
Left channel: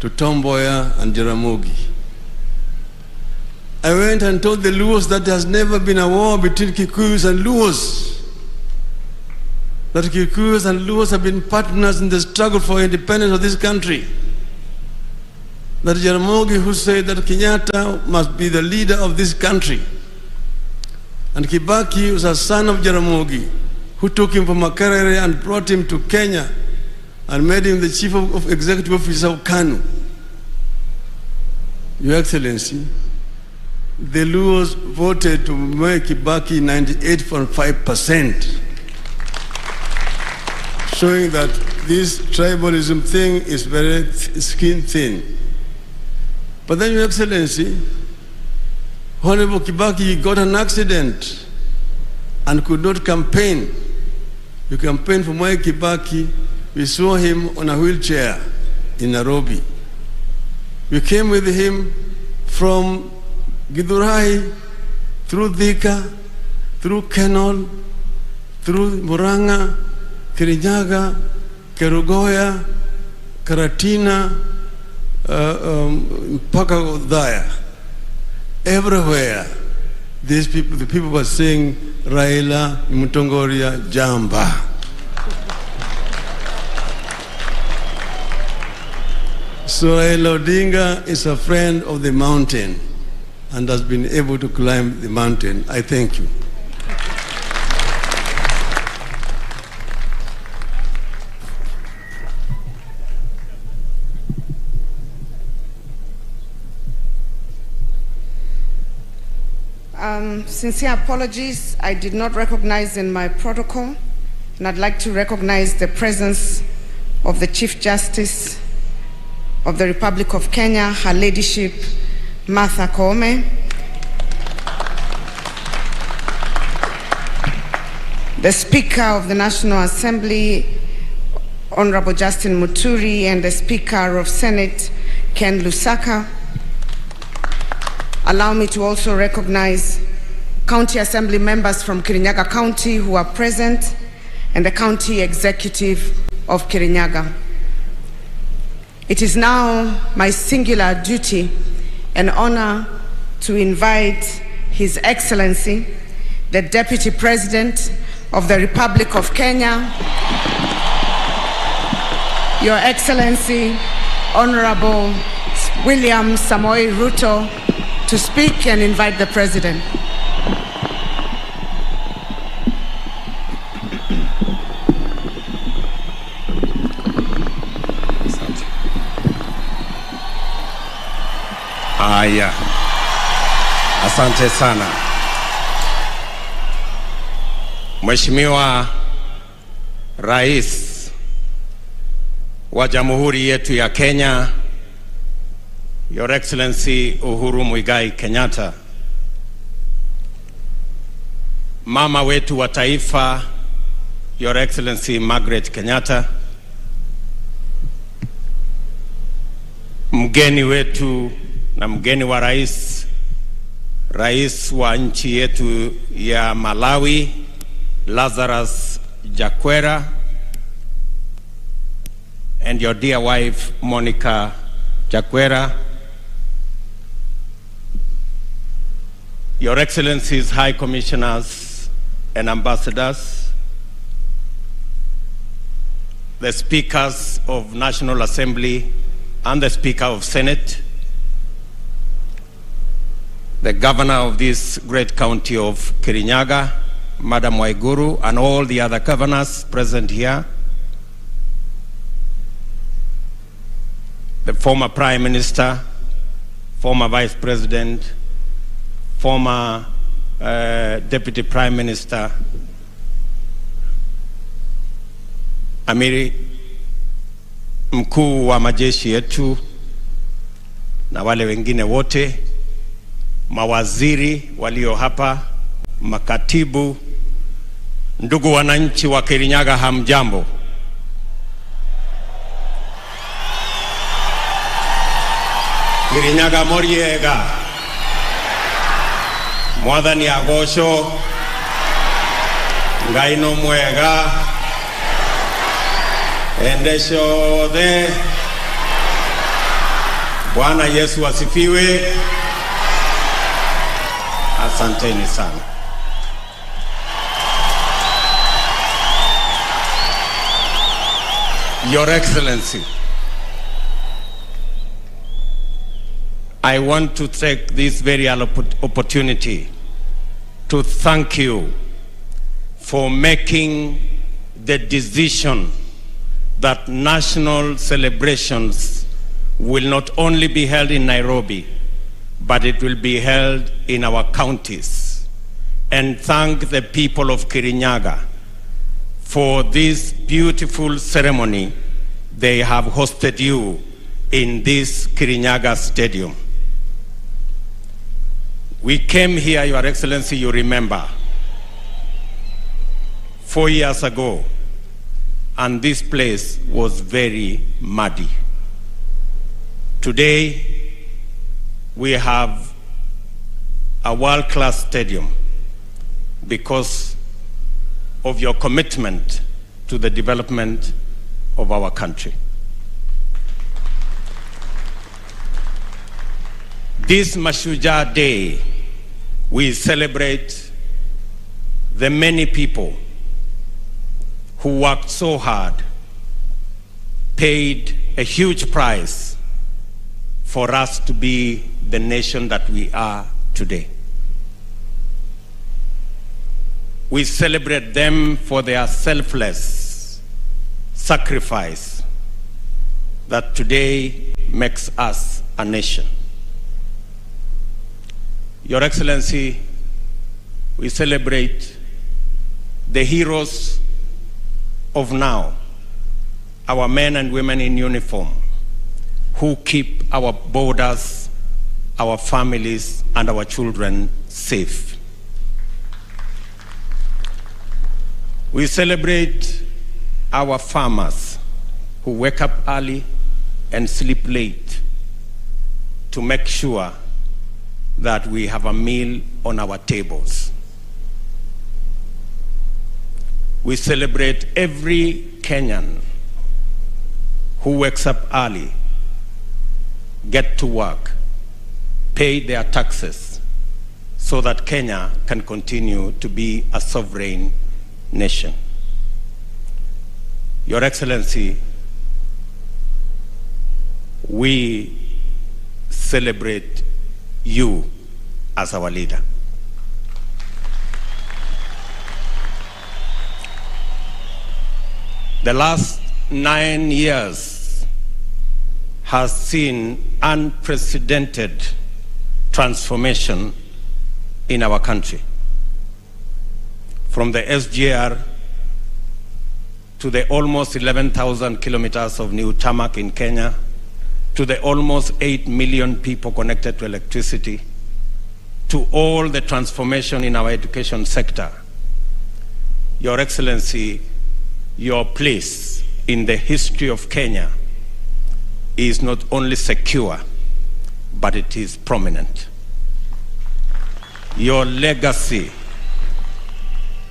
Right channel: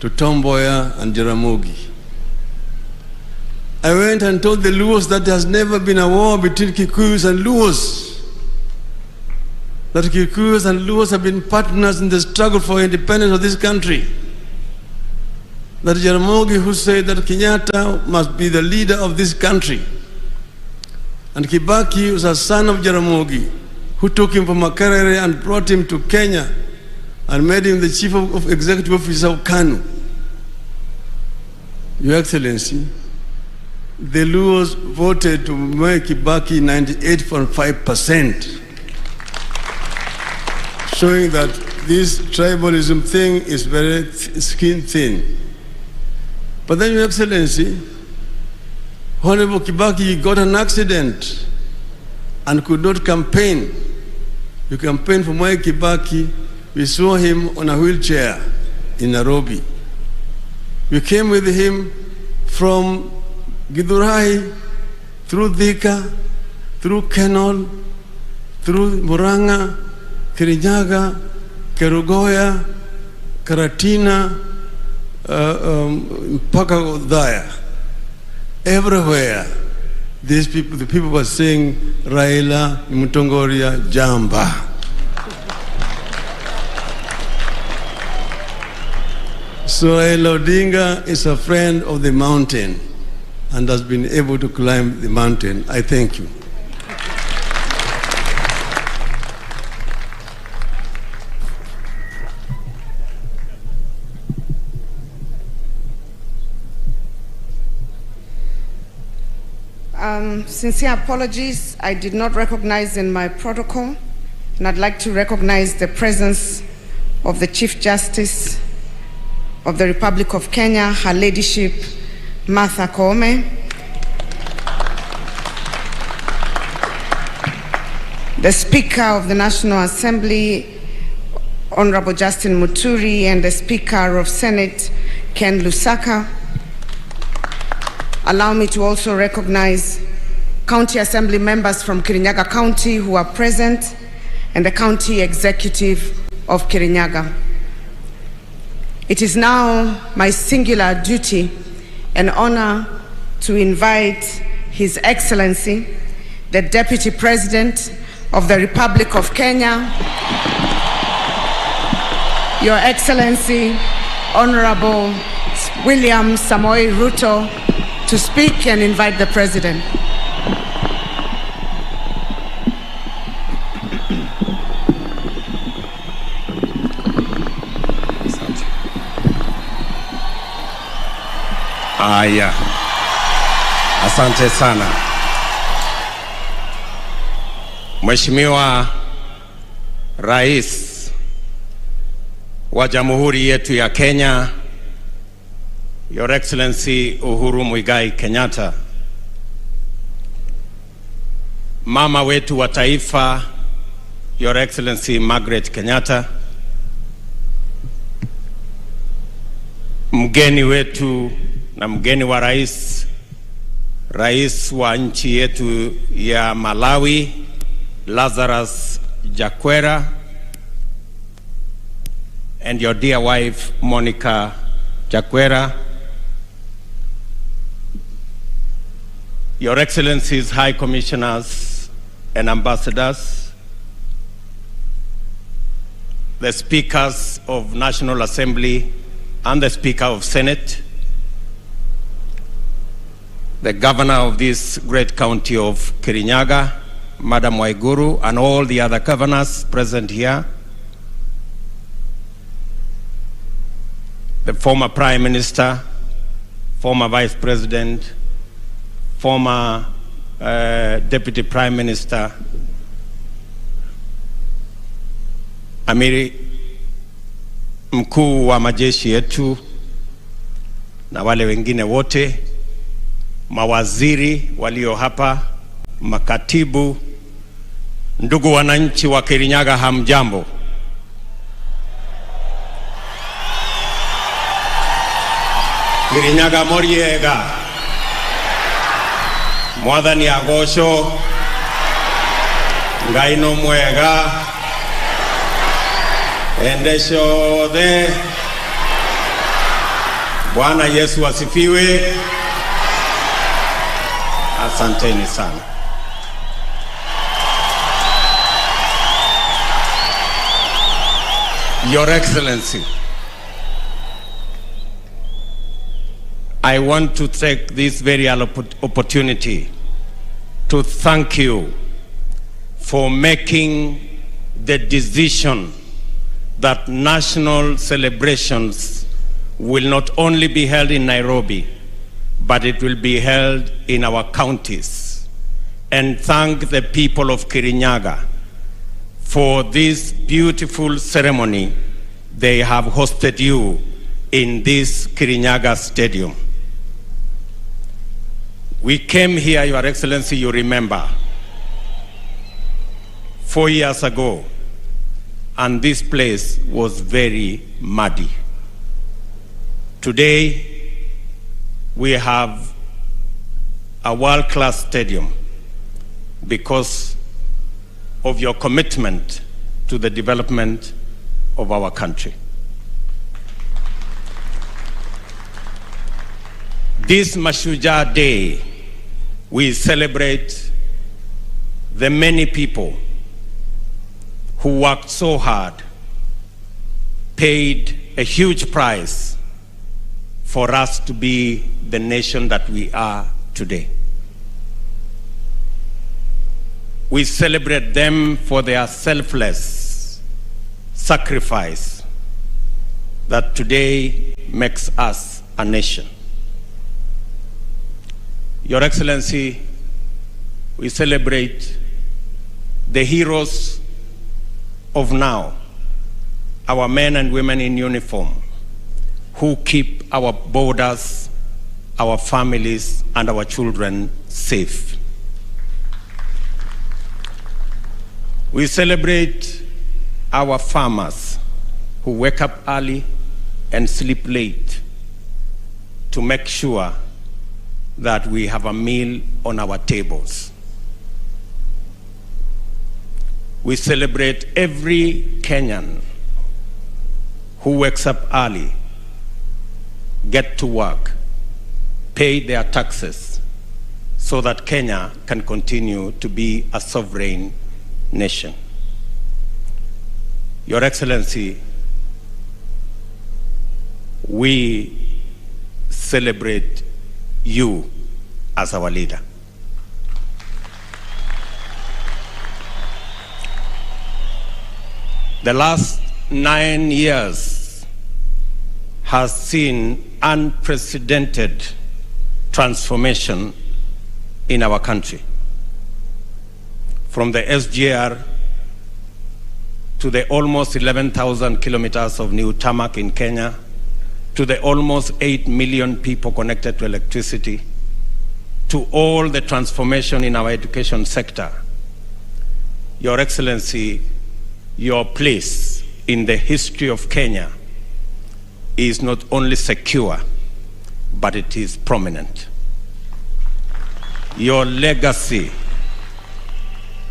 to Tom Mboya and Jaramogi. I went and told the Luos that there has never been a war between Kikuyus and Luos. That Kikuyus and Luos have been partners in the struggle for independence of this country. That Jaramogi, who said that Kenyatta must be the leader of this country, and Kibaki was a son of Jaramogi, who took him from Makerere and brought him to Kenya and made him the chief of executive officer of KANU. Your Excellency, the Luos voted to make Kibaki 98.5%, showing that this tribalism thing is very skin thin. But then, Your Excellency, Honorable Kibaki got an accident and could not campaign. You campaigned for Mwai Kibaki. We saw him on a wheelchair in Nairobi. We came with him from Githurai, through Thika, through Kenol, through Muranga, Kirinyaga, Kerugoya, Karatina, mpaka Othaya. Everywhere, these people, the people were saying, Raila Mutongoria Jamba. So Raila Odinga is a friend of the mountain and has been able to climb the mountain. I thank you. Sincere apologies. I did not recognize in my protocol, and I'd like to recognize the presence of the Chief Justice of the Republic of Kenya, Her Ladyship Martha Koome, the Speaker of the National Assembly, Honorable Justin Muturi, and the Speaker of Senate, Ken Lusaka. Allow me to also recognize County Assembly members from Kirinyaga County who are present, and the County Executive of Kirinyaga. It is now my singular duty and honor to invite His Excellency, the Deputy President of the Republic of Kenya, Your Excellency, Honorable William Samoei Ruto, to speak and invite the President. Aya, asante sana Mheshimiwa Rais wa Jamhuri yetu ya Kenya, Your Excellency Uhuru Muigai Kenyatta, mama wetu wa taifa, Your Excellency Margaret Kenyatta, mgeni wetu na mgeni wa rais, rais wa nchi yetu ya Malawi, Lazarus Chakwera, and your dear wife, Monica Chakwera, Your Excellencies, High Commissioners and Ambassadors, the Speakers of National Assembly and the Speaker of Senate, the Governor of this great county of Kirinyaga, Madam Waiguru, and all the other governors present here, the former Prime Minister, former Vice President, former Deputy Prime Minister, Amiri mkuu wa majeshi yetu na wale wengine wote, mawaziri walio hapa, makatibu, ndugu wananchi wa Kirinyaga, hamjambo. Kirinyaga moriega, mwathani agosho, Ngai no mwega, endesho de Bwana Yesu asifiwe. Asanteni sana. Your Excellency, I want to take this very opportunity to thank you for making the decision that national celebrations will not only be held in Nairobi, but it will be held in our counties. And thank the people of Kirinyaga for this beautiful ceremony. They have hosted you in this Kirinyaga Stadium. We came here, Your Excellency, you remember, 4 years ago, and this place was very muddy. Today, we have a world-class stadium because of your commitment to the development of our country. This Mashujaa Day, we celebrate the many people who worked so hard, paid a huge price for us to be the nation that we are today. We celebrate them for their selfless sacrifice that today makes us a nation. Your Excellency, we celebrate the heroes of now, our men and women in uniform who keep our borders, our families, and our children safe. We celebrate our farmers who wake up early and sleep late to make sure that we have a meal on our tables. We celebrate every Kenyan who wakes up early, get to work, pay their taxes so that Kenya can continue to be a sovereign nation. Your Excellency, we celebrate you as our leader. The last 9 years has seen unprecedented transformation in our country. From the SGR to the almost 11,000 kilometers of new tarmac in Kenya, to the almost 8 million people connected to electricity, to all the transformation in our education sector. Your Excellency, your place in the history of Kenya is not only secure, but it is prominent. Your legacy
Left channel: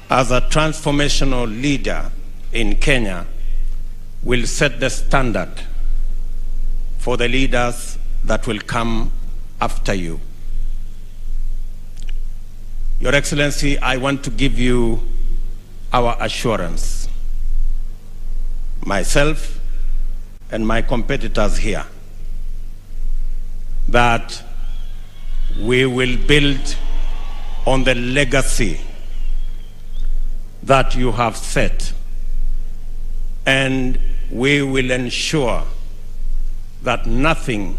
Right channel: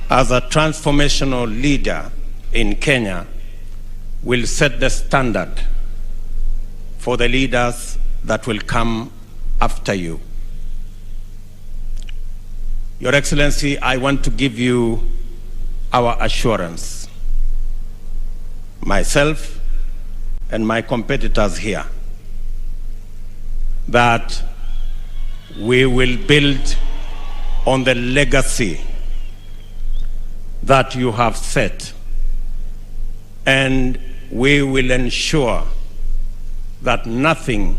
as a transformational leader in Kenya will set the standard for the leaders that will come after you. Your Excellency, I want to give you our assurance, myself and my competitors here, that we will build on the legacy that you have set, and we will ensure that nothing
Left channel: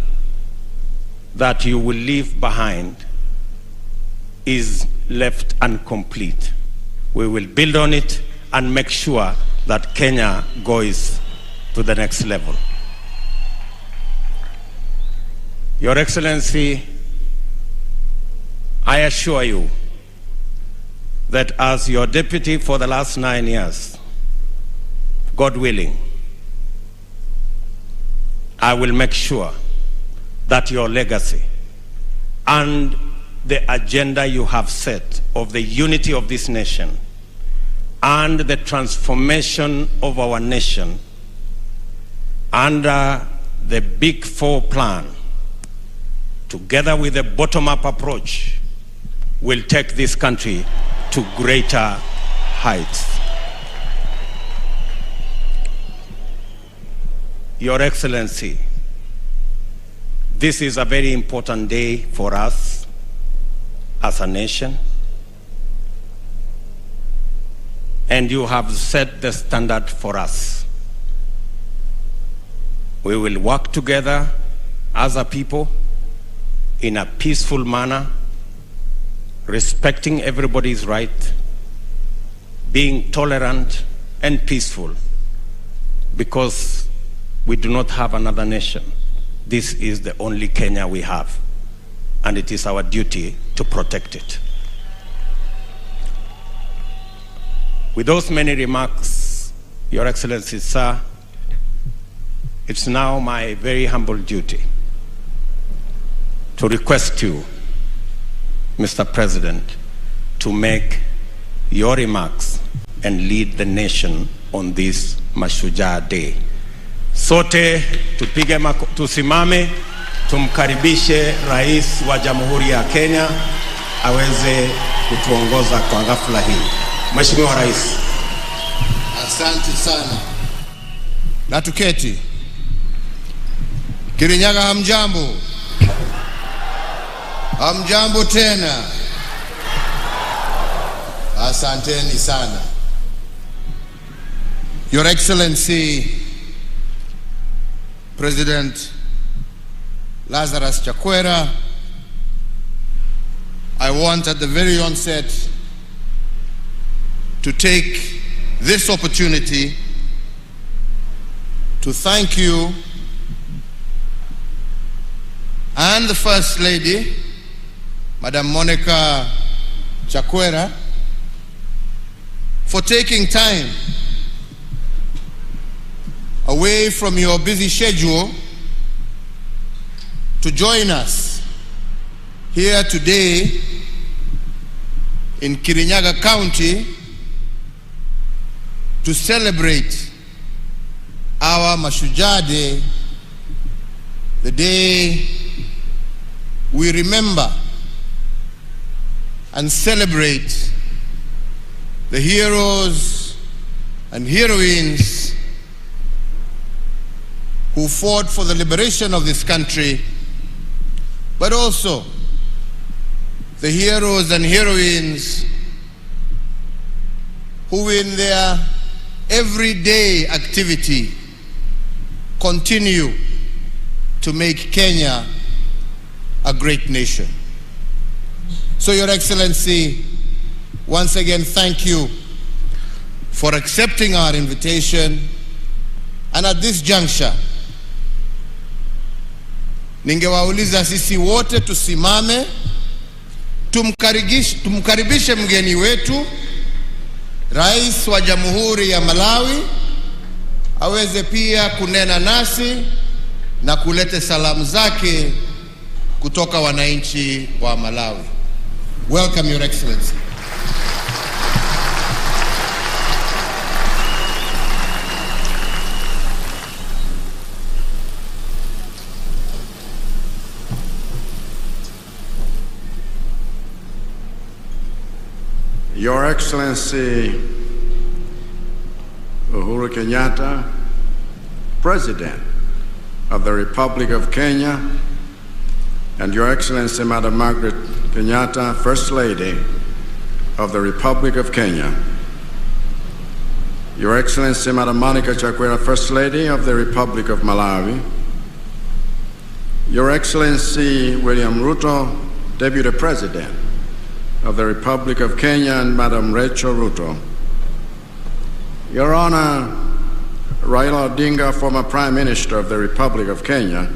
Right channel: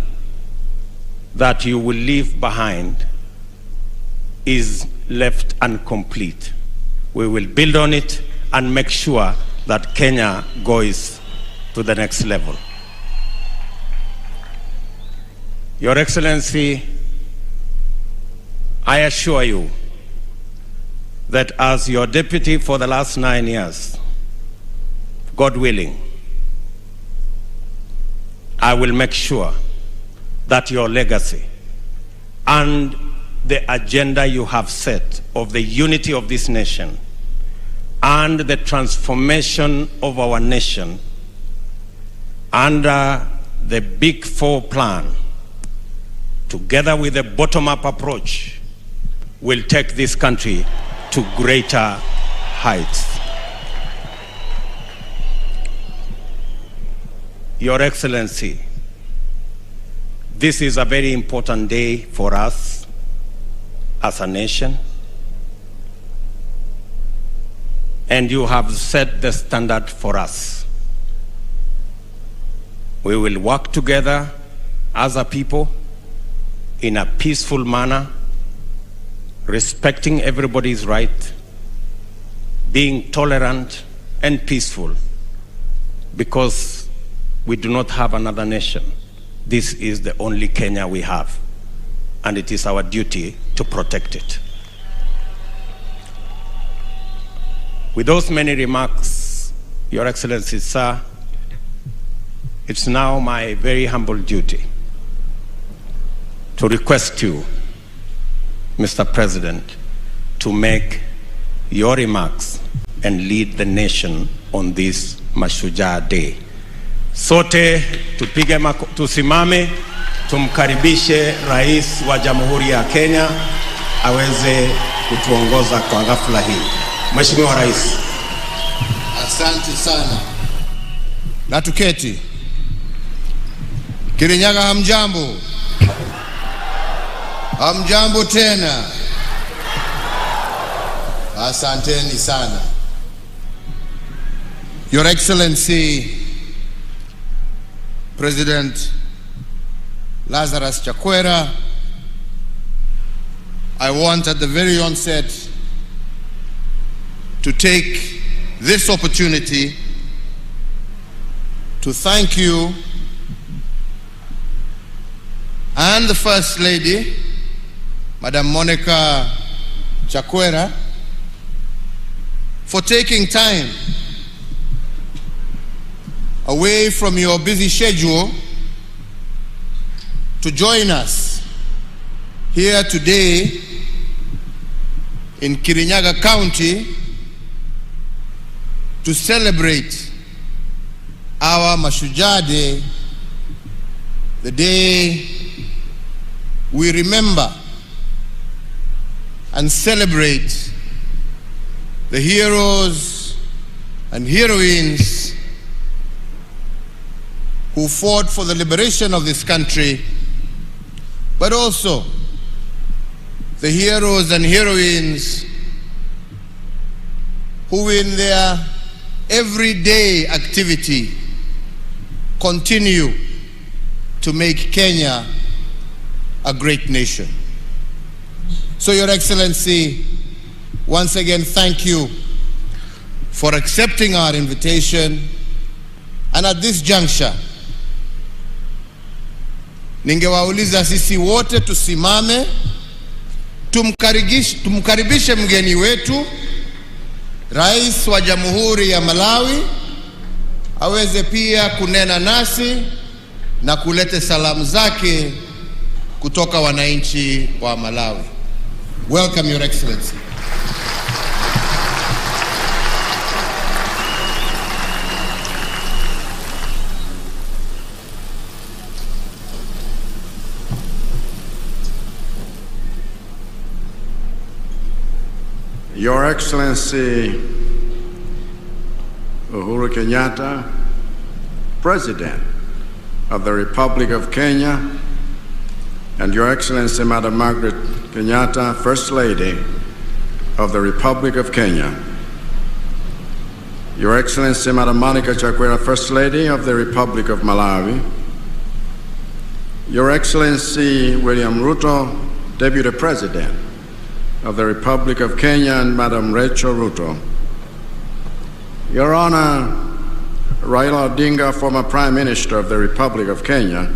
that you will leave behind is left incomplete. We will build on it and make sure that Kenya goes to the next level. Your Excellency, I assure you that as your deputy for the last 9 years, God willing, I will make sure that your legacy and the agenda you have set of the unity of this nation and the transformation of our nation under the Big Four plan, together with a bottom-up approach, will take this country to greater heights. Your Excellency, this is a very important day for us as a nation, and you have set the standard for us. We will work together as a people in a peaceful manner, respecting everybody's right, being tolerant and peaceful, because we do not have another nation. This is the only Kenya we have, and it is our duty to protect it. With those many remarks, Your Excellency, sir, it's now my very humble duty to request you, Mr. President, to make your remarks and lead the nation on this Mashujaa Day. Sote tupige tusimame, tumkaribishe Rais wa Jamhuri ya Kenya aweze kutuongoza kwa ghafla hii. Mheshimiwa Rais. Asante sana. Na tuketi. Kirinyaga hamjambo. Hamjambo tena. Asanteni sana. Your Excellency President Lazarus Chakwera, I want at the very onset to take this opportunity to thank you and the First Lady, Madam Monica Chakwera, for taking time away from your busy schedule to join us here today in Kirinyaga County to celebrate our Mashujaa Day, the day we remember and celebrate the heroes and heroines who fought for the liberation of this country, but also the heroes and heroines who in their everyday activity continue to make Kenya a great nation. So, Your Excellency, once again, thank you for accepting our invitation. And at this juncture, ningewauliza sisi wote tusimame, tumkaribishe mgeni wetu, Rais wa Jamhuri ya Malawi, aweze pia kunena nasi na kuleta salamu zake kutoka wananchi wa Malawi. Welcome, Your Excellency. Your Excellency Uhuru Kenyatta, President of the Republic of Kenya, and Your Excellency Madam Margaret Kenyatta, First Lady of the Republic of Kenya, Your Excellency Madam Monica Chakwera, First Lady of the Republic of Malawi, Your Excellency William Ruto, Deputy President of the Republic of Kenya, and Madam Rachel Ruto, Your Honor Raila Odinga, former Prime Minister of the Republic of Kenya,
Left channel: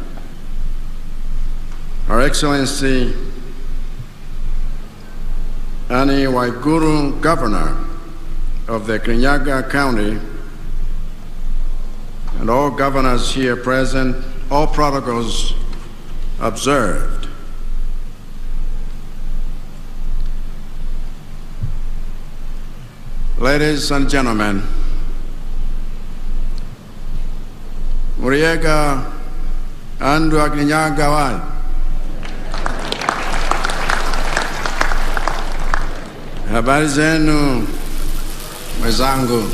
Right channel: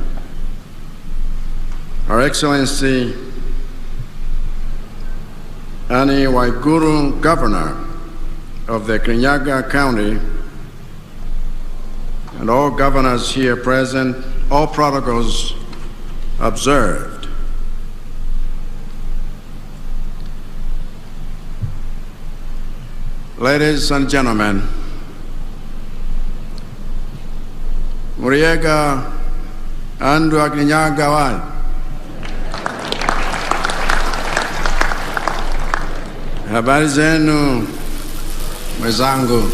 Her Excellency Annie Waiguru, Governor of the Kirinyaga County, and all governors here present, all protocols observed. Ladies and gentlemen, Muriega andu Kirinyaga wai. Habari zenu mwenzangu,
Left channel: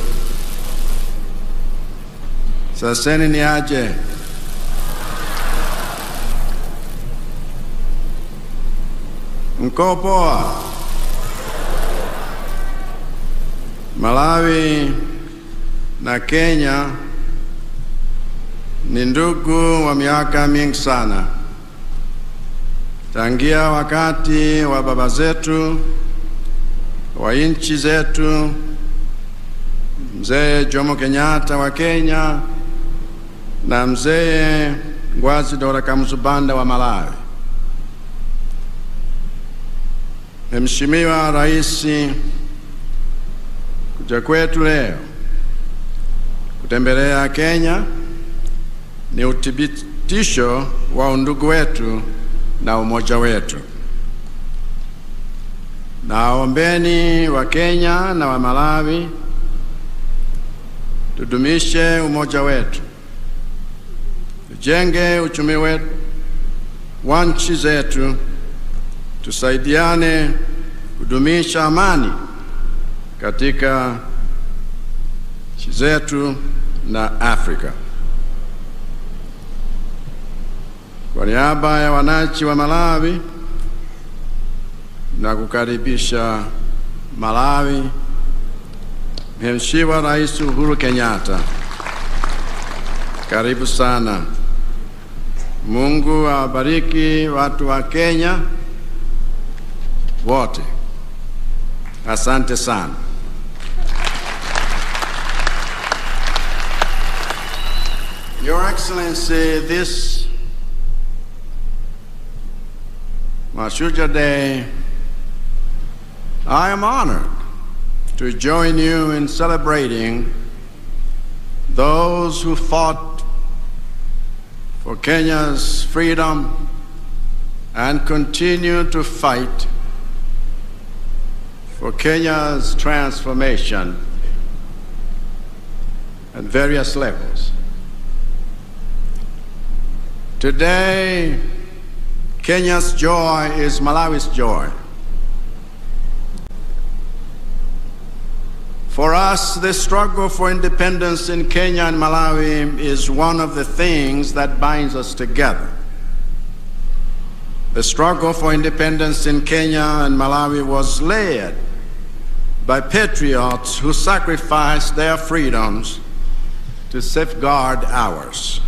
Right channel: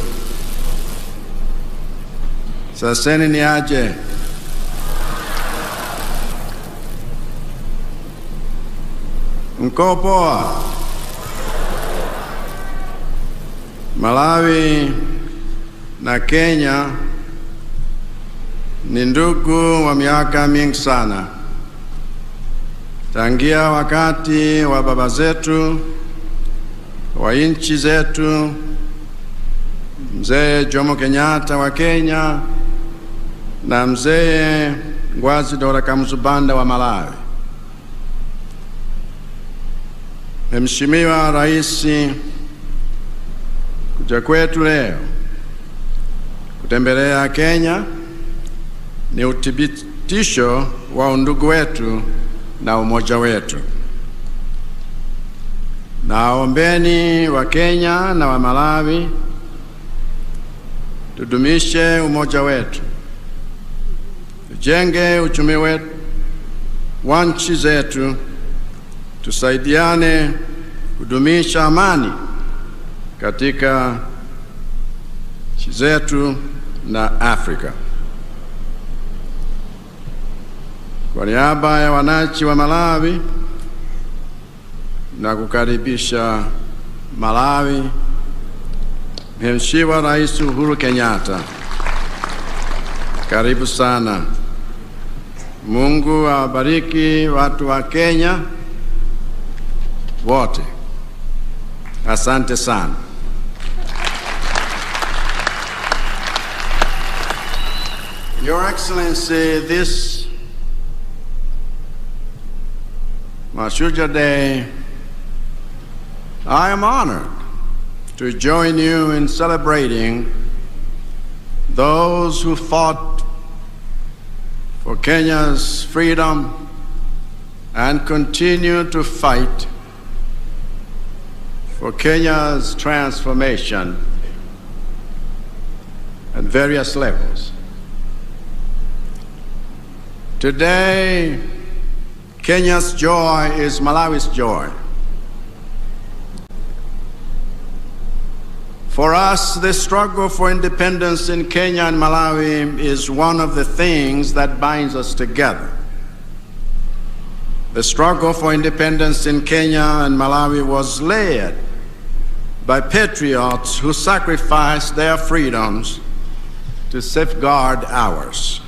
saseni ni aje? Mko poa? Malawi na Kenya ni ndugu wa miaka mingi sana. Tangia wakati wa baba zetu, wa nchi zetu, Mzee Jomo Kenyatta wa Kenya na Mzee Ngwazi Dora Kamsubanda wa Malawi. Mheshimiwa Rais, kuja kwetu leo kutembelea Kenya ni uthibitisho wa undugu wetu na umoja wetu. Naombeni wa Kenya na wa Malawi tudumishe umoja wetu, tujenge uchumi wetu wa nchi zetu, tusaidiane kudumisha amani katika nchi zetu na Afrika. Kwa niaba ya wananchi wa Malawi na kukaribisha Malawi, Mheshimiwa Rais Uhuru Kenyatta, karibu sana. Mungu awabariki watu wa Kenya wote. Asante sana. Your Excellency, this Mashujaa Day, I am honored to join you in celebrating those who fought for Kenya's freedom and continue to fight for Kenya's transformation at various levels. Today, Kenya's joy is Malawi's joy. For us, the struggle for independence in Kenya and Malawi is one of the things that binds us together. The struggle for independence in Kenya and Malawi was led by patriots who sacrificed their freedoms to safeguard ours.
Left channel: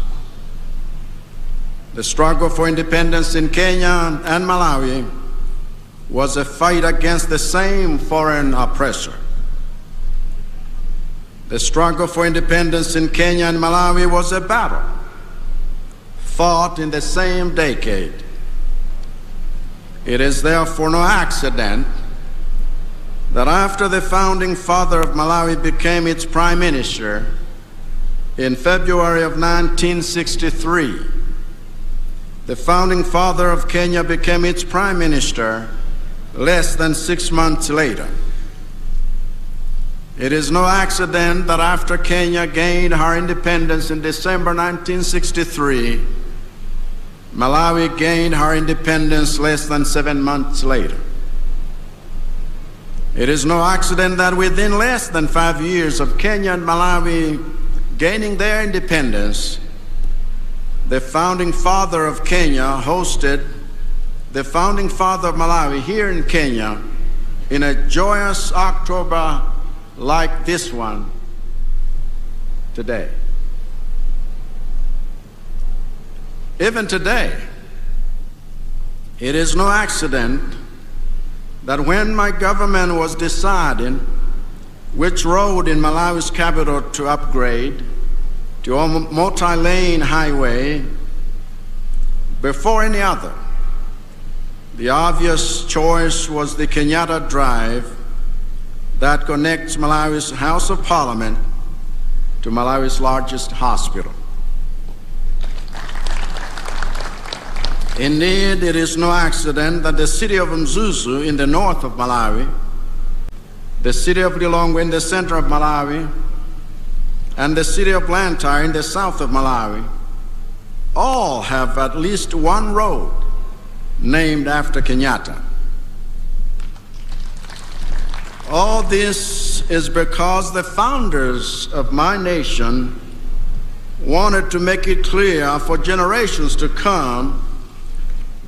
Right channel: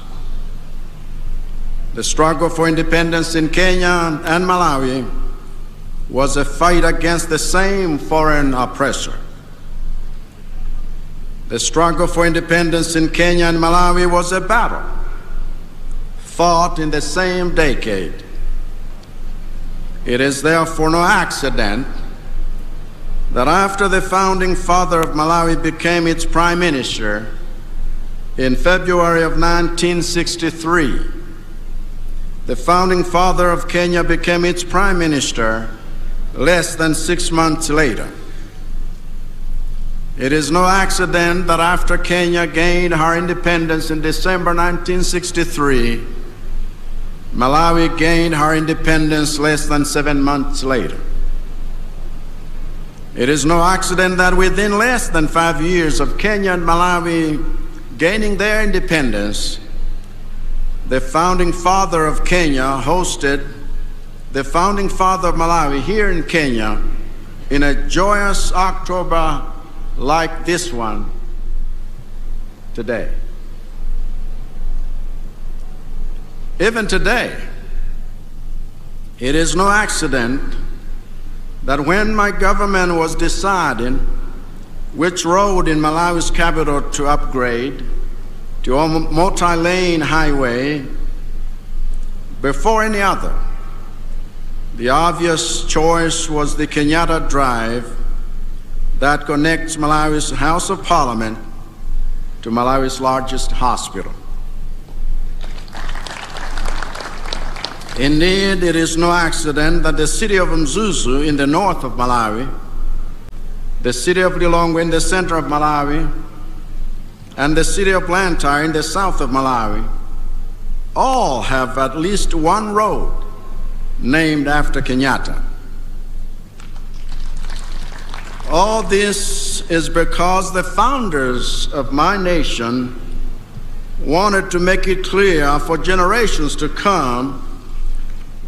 The struggle for independence in Kenya and Malawi was a fight against the same foreign oppressor. The struggle for independence in Kenya and Malawi was a battle fought in the same decade. It is therefore no accident that after the founding father of Malawi became its prime minister in February of 1963, the founding father of Kenya became its prime minister less than 6 months later. It is no accident that after Kenya gained her independence in December 1963, Malawi gained her independence less than 7 months later. It is no accident that within less than 5 years of Kenya and Malawi gaining their independence, the founding father of Kenya hosted the founding father of Malawi here in Kenya in a joyous October like this one today. Even today, it is no accident that when my government was deciding which road in Malawi's capital to upgrade to a multi-lane highway, before any other, the obvious choice was the Kenyatta Drive that connects Malawi's House of Parliament to Malawi's largest hospital. Indeed, it is no accident that the city of Mzuzu in the north of Malawi, the city of Lilongwe in the center of Malawi, and the city of Blantyre in the south of Malawi all have at least one road named after Kenyatta. All this is because the founders of my nation wanted to make it clear for generations to come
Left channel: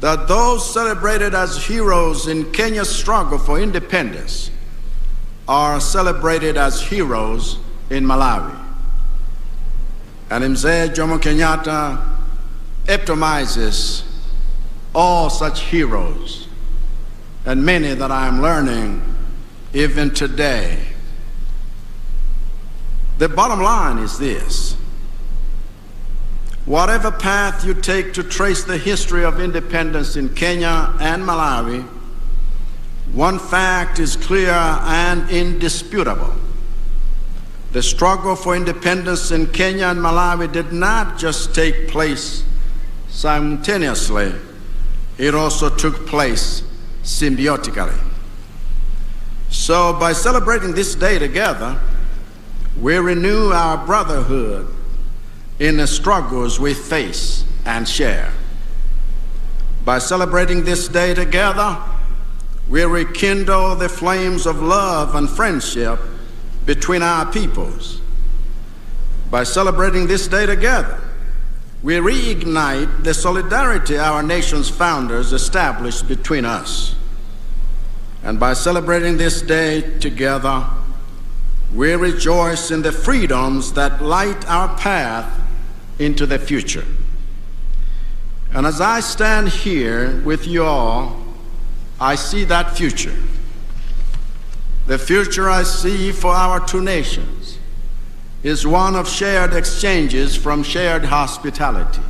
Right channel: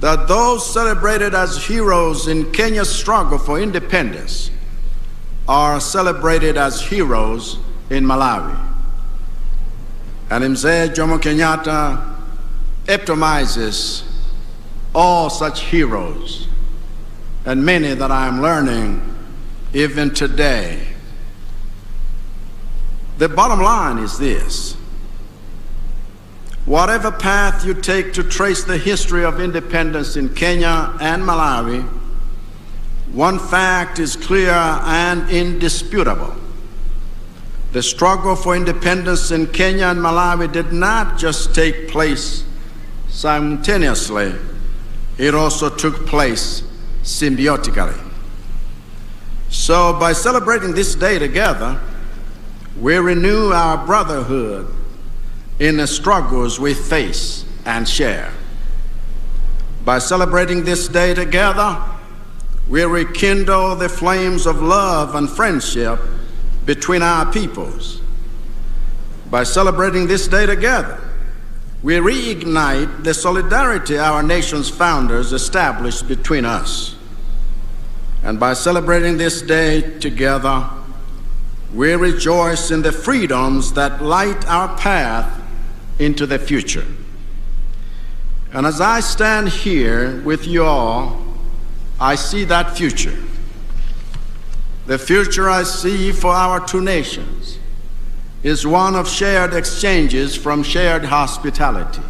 that those celebrated as heroes in Kenya's struggle for independence are celebrated as heroes in Malawi. And Mzee Jomo Kenyatta epitomizes all such heroes, and many that I am learning even today. The bottom line is this: whatever path you take to trace the history of independence in Kenya and Malawi, one fact is clear and indisputable. The struggle for independence in Kenya and Malawi did not just take place simultaneously, it also took place symbiotically. So by celebrating this day together, we renew our brotherhood in the struggles we face and share. By celebrating this day together, we rekindle the flames of love and friendship between our peoples. By celebrating this day together, we reignite the solidarity our nation's founders established between us. And by celebrating this day together, we rejoice in the freedoms that light our path into the future. And as I stand here with you all, I see that future. The future I see for our two nations is one of shared exchanges from shared hospitality.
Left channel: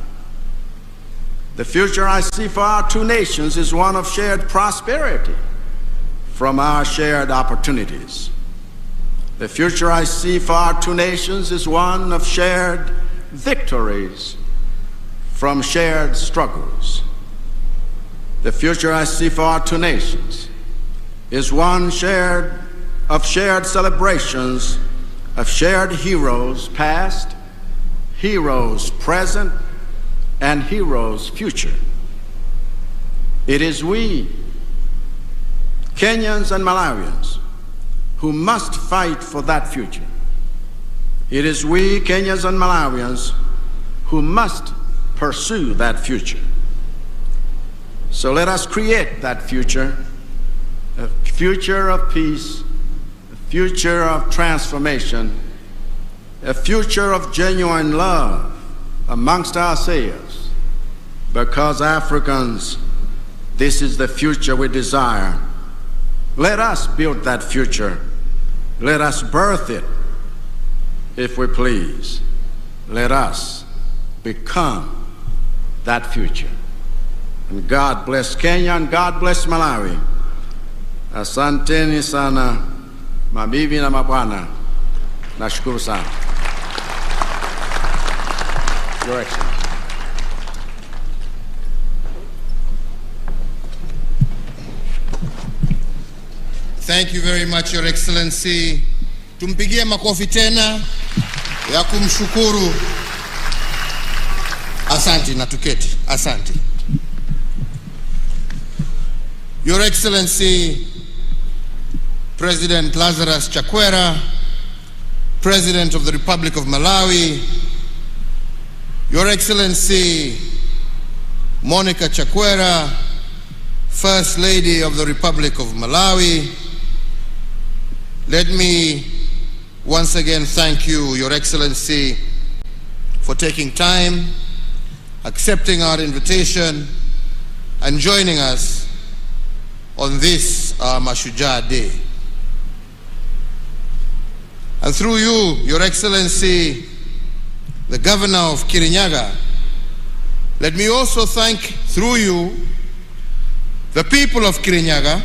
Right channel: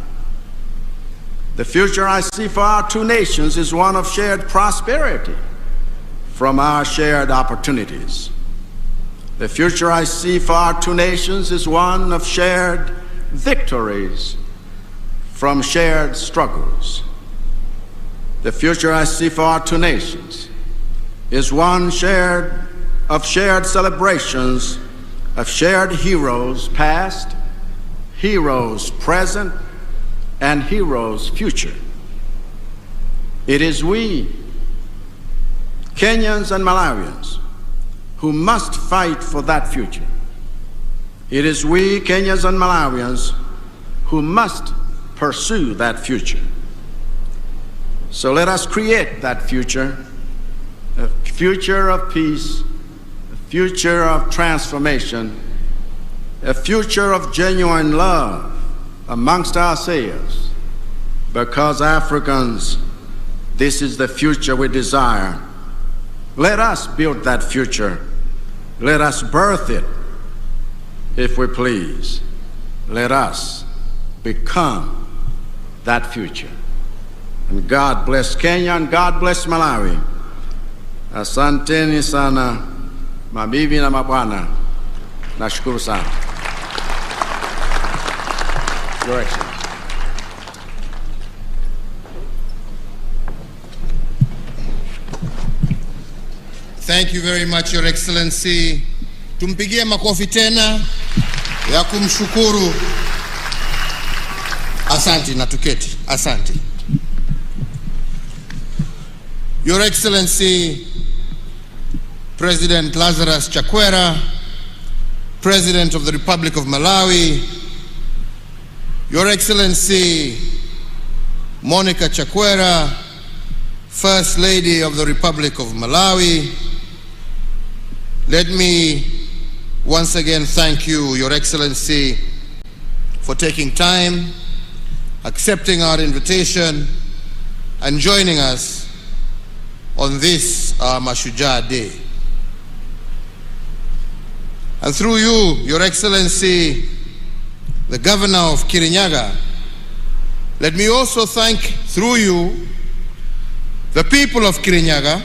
The future I see for our two nations is one of shared prosperity from our shared opportunities. The future I see for our two nations is one of shared victories from shared struggles. The future I see for our two nations is one of shared celebrations of shared heroes past, heroes present, and heroes future. It is we, Kenyans and Malawians, who must fight for that future. It is we, Kenyans and Malawians, who must pursue that future. So let us create that future, a future of peace, a future of transformation, a future of genuine love amongst ourselves, because Africans, this is the future we desire Let us build that future. Let us birth it, if we please. Let us become that future. And God bless Kenya and God bless Malawi. Asanteni sana, mabibi na mabwana. Nashukuru sana. Your Excellency. Thank you very much, Your Excellency. Tumpigie makofi tena ya kumshukuru. Asante na tuketi. Asante. Your Excellency, President Lazarus Chakwera, President of the Republic of Malawi, Your Excellency Monica Chakwera, First Lady of the Republic of Malawi, let me once again thank you, Your Excellency, for taking time, accepting our invitation, and joining us on this Mashujaa Day. And through you, Your Excellency, the Governor of Kirinyaga, let me also thank, through you, the people of Kirinyaga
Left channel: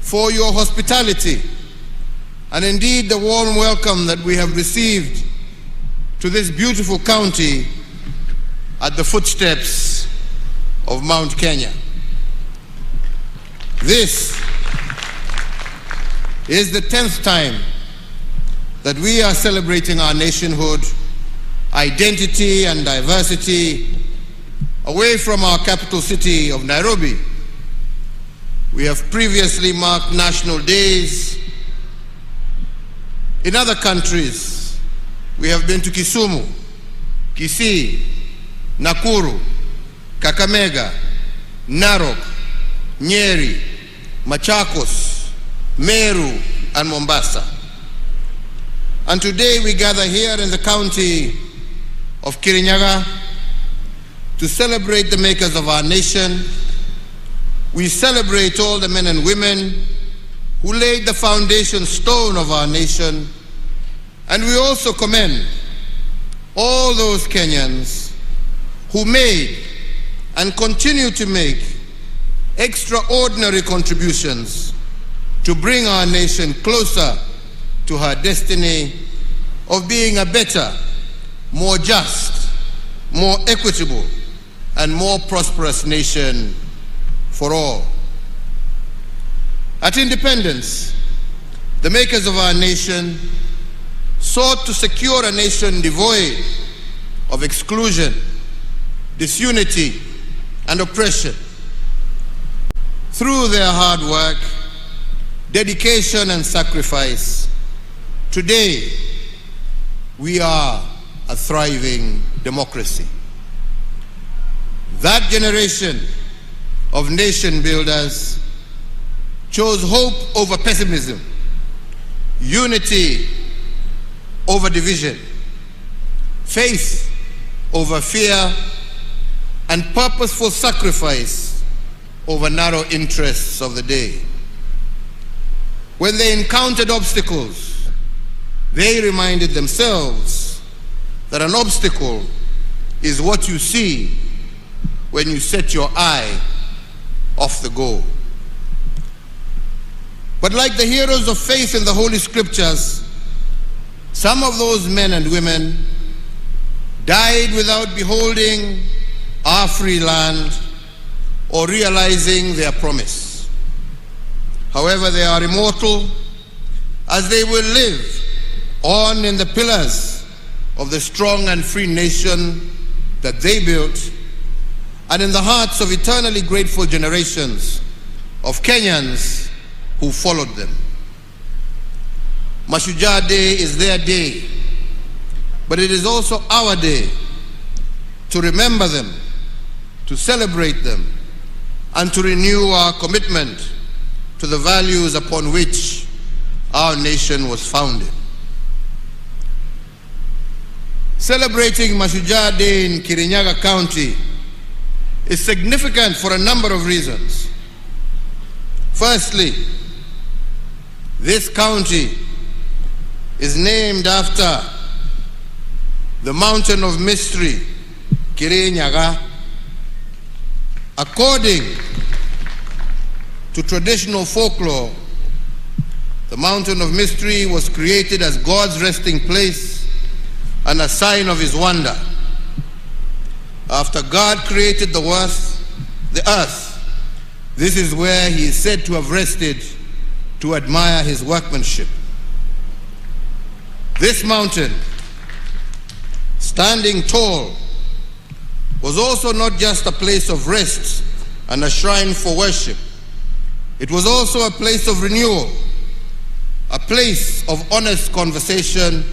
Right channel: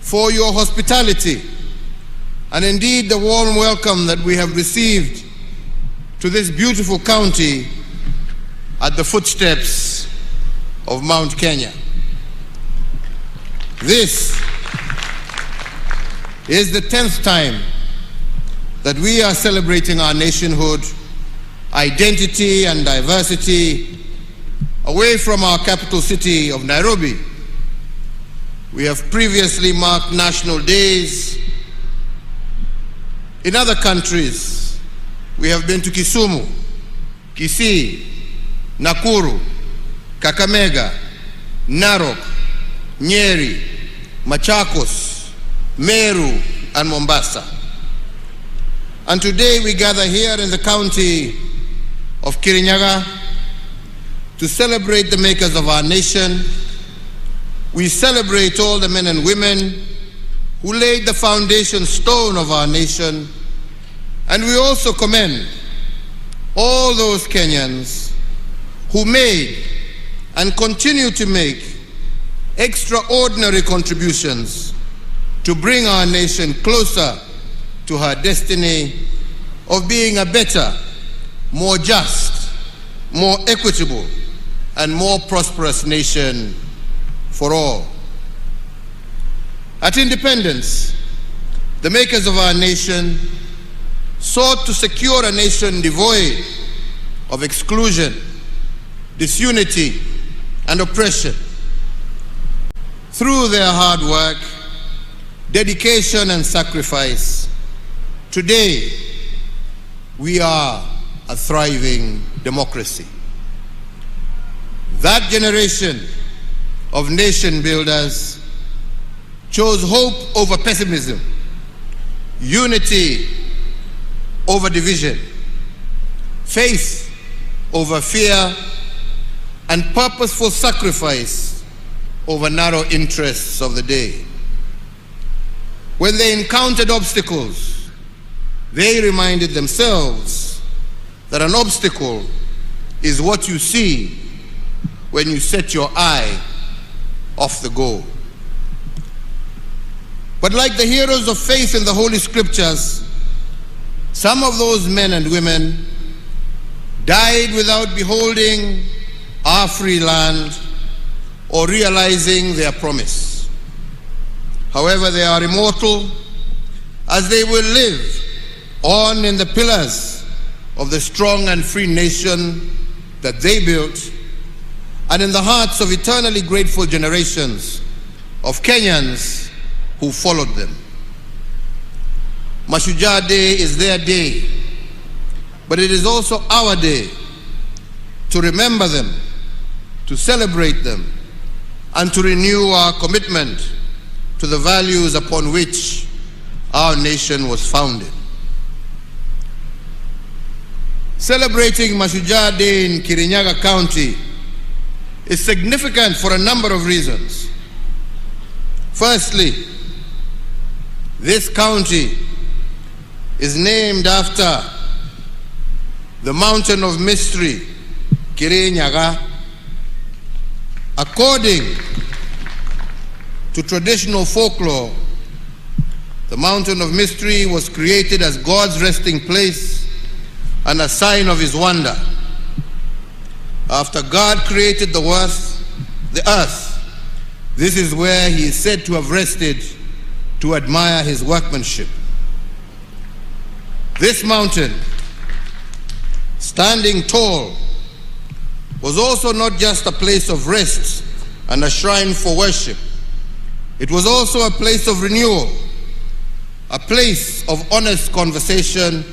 for your hospitality and indeed the warm welcome that we have received to this beautiful county at the footsteps of Mount Kenya. This is the 10th time that we are celebrating our nationhood, identity and diversity away from our capital city of Nairobi. We have previously marked national days in other countries. We have been to Kisumu, Kisii, Nakuru, Kakamega, Narok, Nyeri, Machakos, Meru, and Mombasa. And today we gather here in the county of Kirinyaga to celebrate the makers of our nation. We celebrate all the men and women who laid the foundation stone of our nation, and we also commend all those Kenyans who made and continue to make extraordinary contributions to bring our nation closer to her destiny of being a better, more just, more equitable, and more prosperous nation for all. At independence, the makers of our nation sought to secure a nation devoid of exclusion, disunity, and oppression. Through their hard work, dedication, and sacrifice, today we are a thriving democracy. That generation of nation builders chose hope over pessimism, unity over division, faith over fear, and purposeful sacrifice over narrow interests of the day. When they encountered obstacles, they reminded themselves that an obstacle is what you see when you set your eye off the goal. But like the heroes of faith in the Holy Scriptures, some of those men and women died without beholding our free land or realizing their promise. However, they are immortal, as they will live on in the pillars of the strong and free nation that they built, and in the hearts of eternally grateful generations of Kenyans who followed them. Mashujaa Day is their day, but it is also our day to remember them, to celebrate them, and to renew our commitment to the values upon which our nation was founded. Celebrating Mashujaa Day in Kirinyaga County is significant for a number of reasons. Firstly, this county is named after the mountain of mystery, Kirinyaga. According to traditional folklore, the mountain of mystery was created as God's resting place and a sign of his wonder. After God created the earth, this is where he is said to have rested to admire his workmanship. This mountain, standing tall, was also not just a place of rest and a shrine for worship. It was also a place of renewal, a place of honest conversation,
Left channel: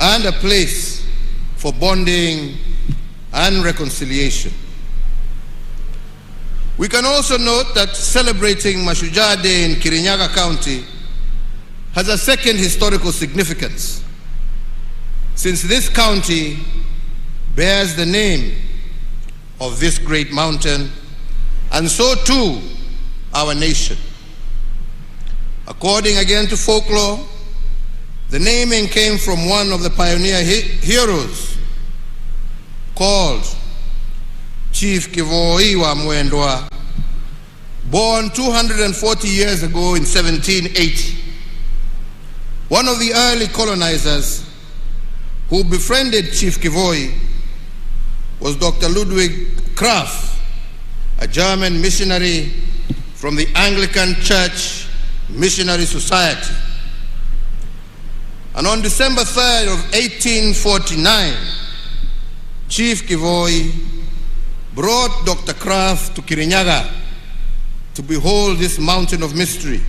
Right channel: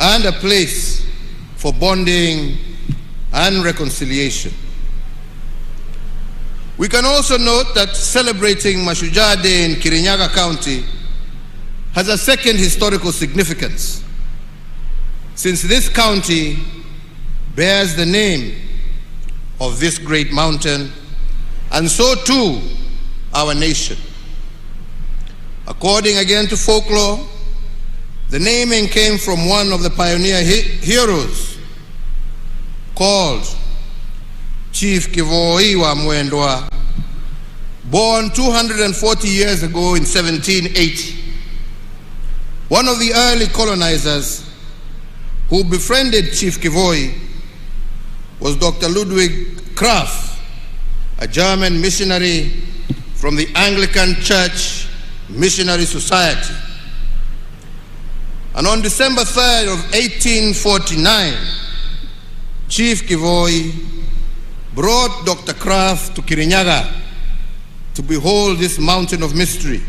and a place for bonding and reconciliation. We can also note that celebrating Mashujaa Day in Kirinyaga County has a second historical significance, since this county bears the name of this great mountain, and so too our nation. According again to folklore, the naming came from one of the pioneer heroes called Chief Kivoi wa Mwendwa, born 240 years ago in 1780. One of the early colonizers who befriended Chief Kivoi was Dr. Ludwig Krapf, a German missionary from the Anglican Church Missionary Society. And on December 3rd of 1849, Chief Kivoi brought Dr. Krapf to Kirinyaga to behold this mountain of mystery.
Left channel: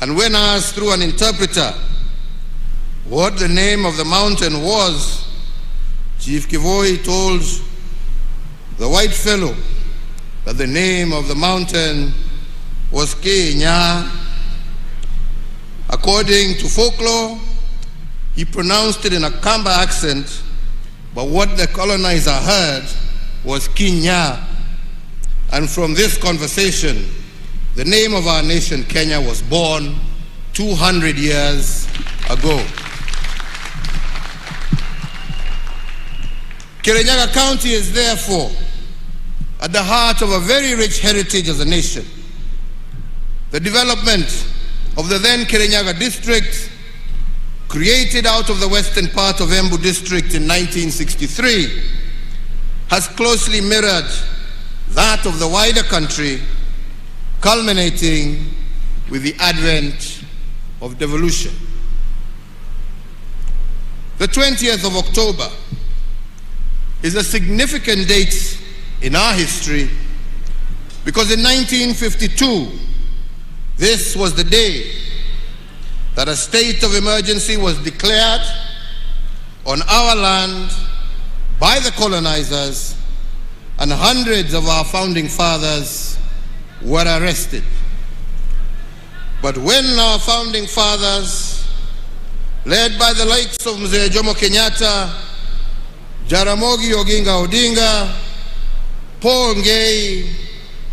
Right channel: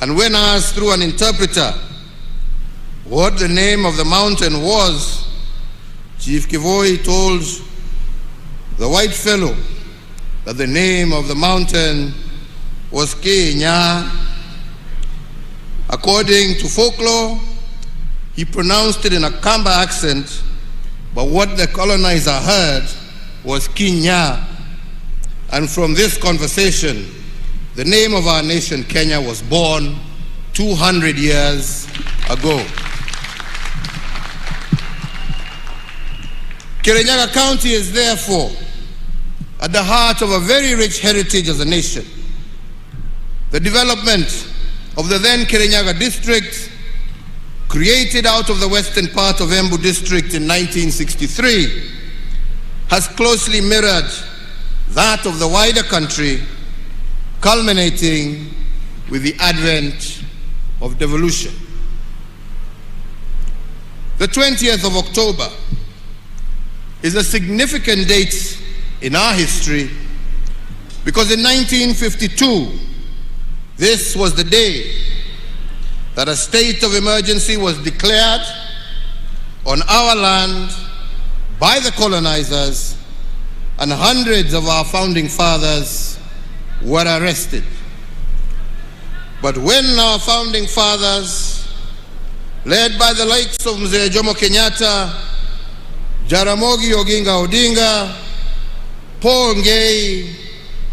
And when asked through an interpreter what the name of the mountain was, Chief Kivoi told the white fellow that the name of the mountain was Kenya. According to folklore, he pronounced it in a Kamba accent, but what the colonizer heard was Kinya. And from this conversation, the name of our nation, Kenya, was born 200 years ago. Kirinyaga County is therefore at the heart of a very rich heritage as a nation. The development of the then Kirinyaga district, created out of the western part of Embu district in 1963, has closely mirrored that of the wider country, culminating with the advent of devolution. The 20th of October is a significant date in our history because in 1952, this was the day that a state of emergency was declared on our land by the colonizers, and hundreds of our founding fathers were arrested. But when our founding fathers, led by the likes of Mzee Jomo Kenyatta, Jaramogi Oginga Odinga, Paul Ngei,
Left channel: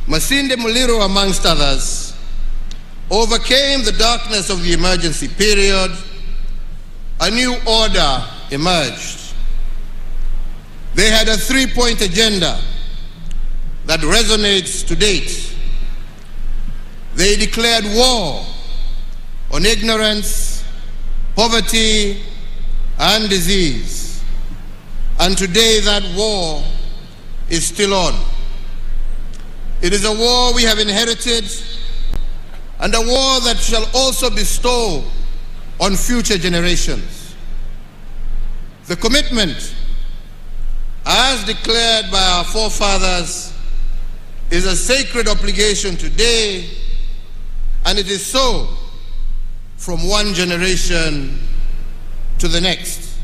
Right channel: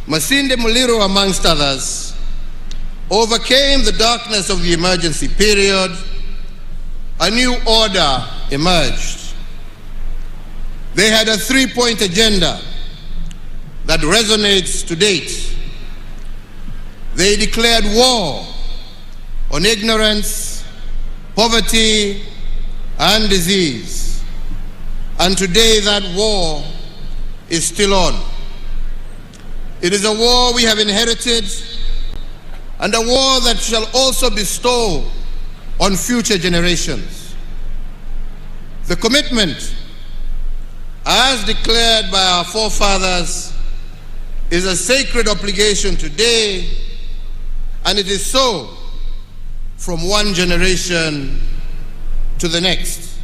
Masinde Muliro, amongst others, overcame the darkness of the emergency period, a new order emerged. They had a three-point agenda that resonates to date. They declared war on ignorance, poverty, and disease. And today that war is still on. It is a war we have inherited, and a war that shall also bestow on future generations. The commitment, as declared by our forefathers, is a sacred obligation today, and it is so from one generation to the next.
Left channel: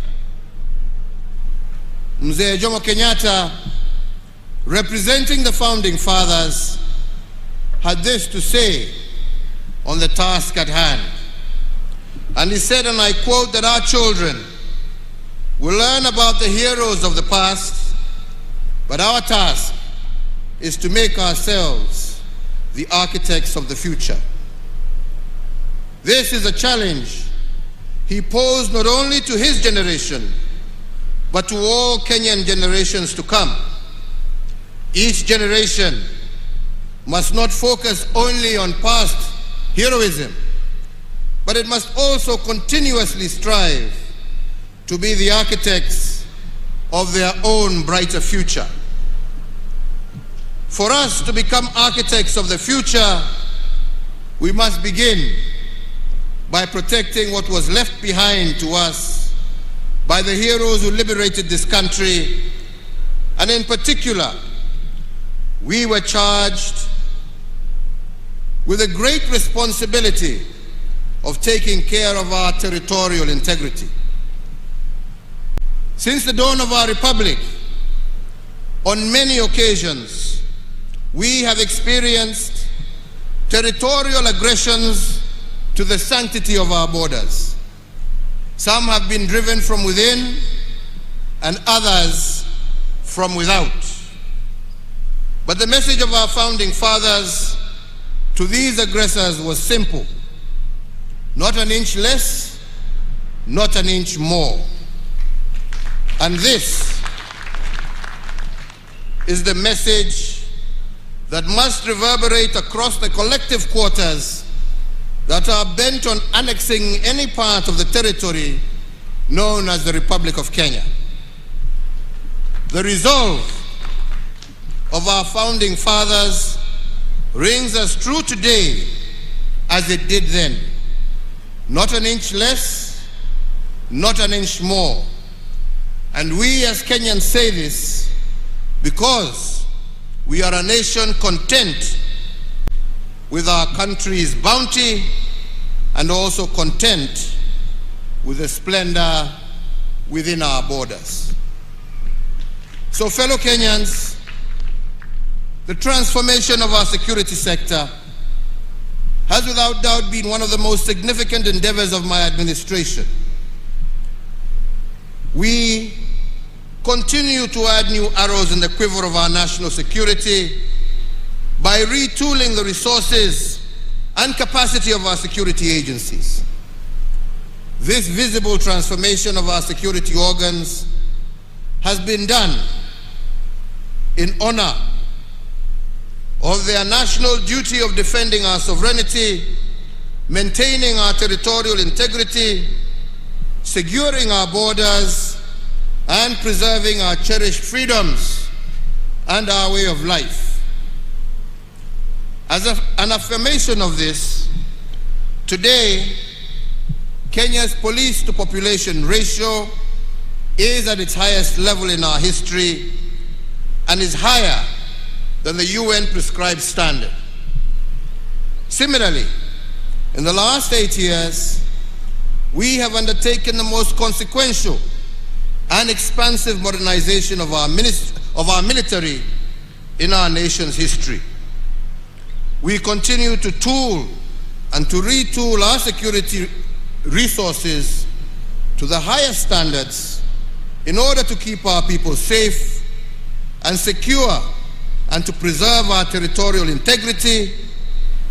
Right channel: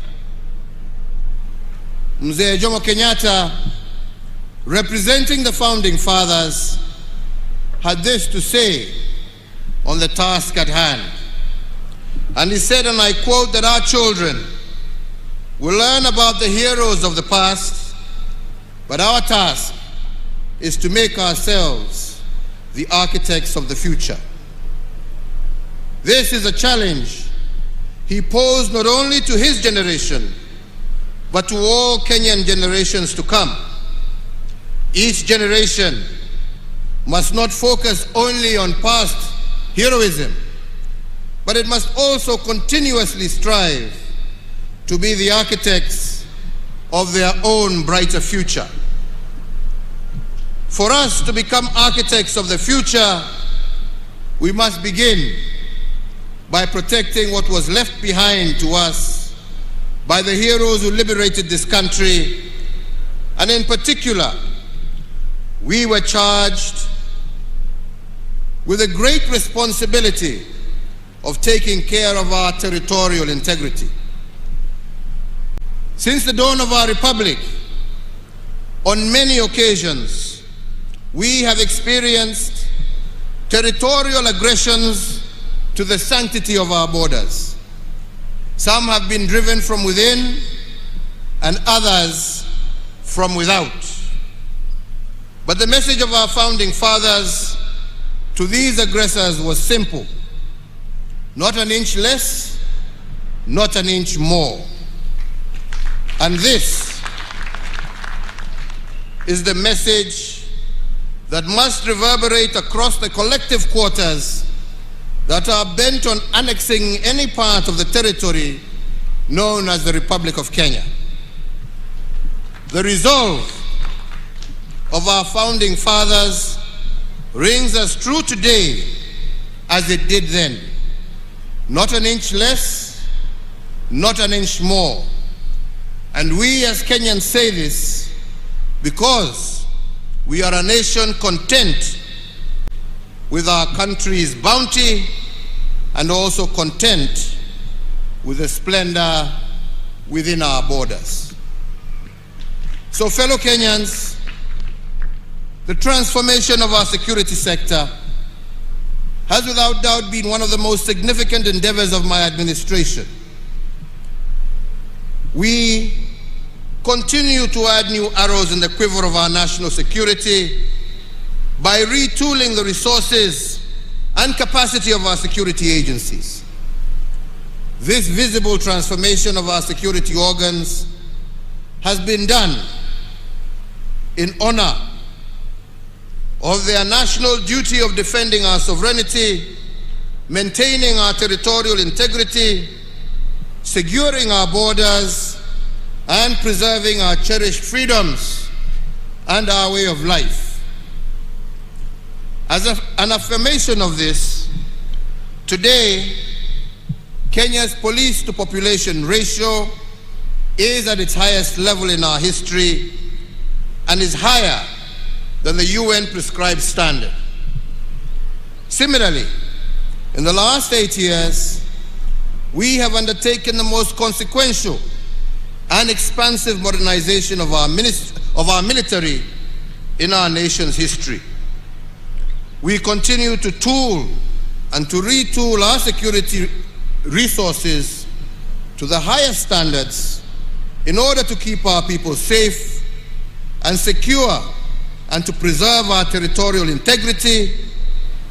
Mzee Jomo Kenyatta, representing the founding fathers, had this to say on the task at hand. And he said, and I quote, that our children will learn about the heroes of the past, but our task is to make ourselves the architects of the future. This is a challenge he posed not only to his generation, but to all Kenyan generations to come. Each generation must not focus only on past heroism, but it must also continuously strive to be the architects of their own brighter future. For us to become architects of the future, we must begin by protecting what was left behind to us by the heroes who liberated this country, and in particular, we were charged with a great responsibility of taking care of our territorial integrity. Since the dawn of our republic, on many occasions, we have experienced territorial aggressions to the sanctity of our borders. Some have been driven from within and others from without. But the message of our founding fathers to these aggressors was simple: not an inch less, not an inch more. And this is the message that must reverberate across the collective quarters that are bent on annexing any part of the territory known as the Republic of Kenya. The resolve of our founding fathers rings as true today as it did then. Not an inch less, not an inch more. And we as Kenyans say this because we are a nation content with our country's bounty and also content with the splendor within our borders. So, fellow Kenyans, the transformation of our security sector has without doubt been one of the most significant endeavors of my administration. We continue to add new arrows in the quiver of our national security by retooling the resources and capacity of our security agencies. This visible transformation of our security organs has been done in honor of their national duty of defending our sovereignty, maintaining our territorial integrity, securing our borders, and preserving our cherished freedoms and our way of life. As an affirmation of this, today, Kenya's police to population ratio is at its highest level in our history and is higher than the UN prescribed standard. Similarly, in the last 8 years, we have undertaken the most consequential and expansive modernization of our military in our nation's history. We continue to tool and to retool our security resources to the highest standards in order to keep our people safe and secure and to preserve our territorial integrity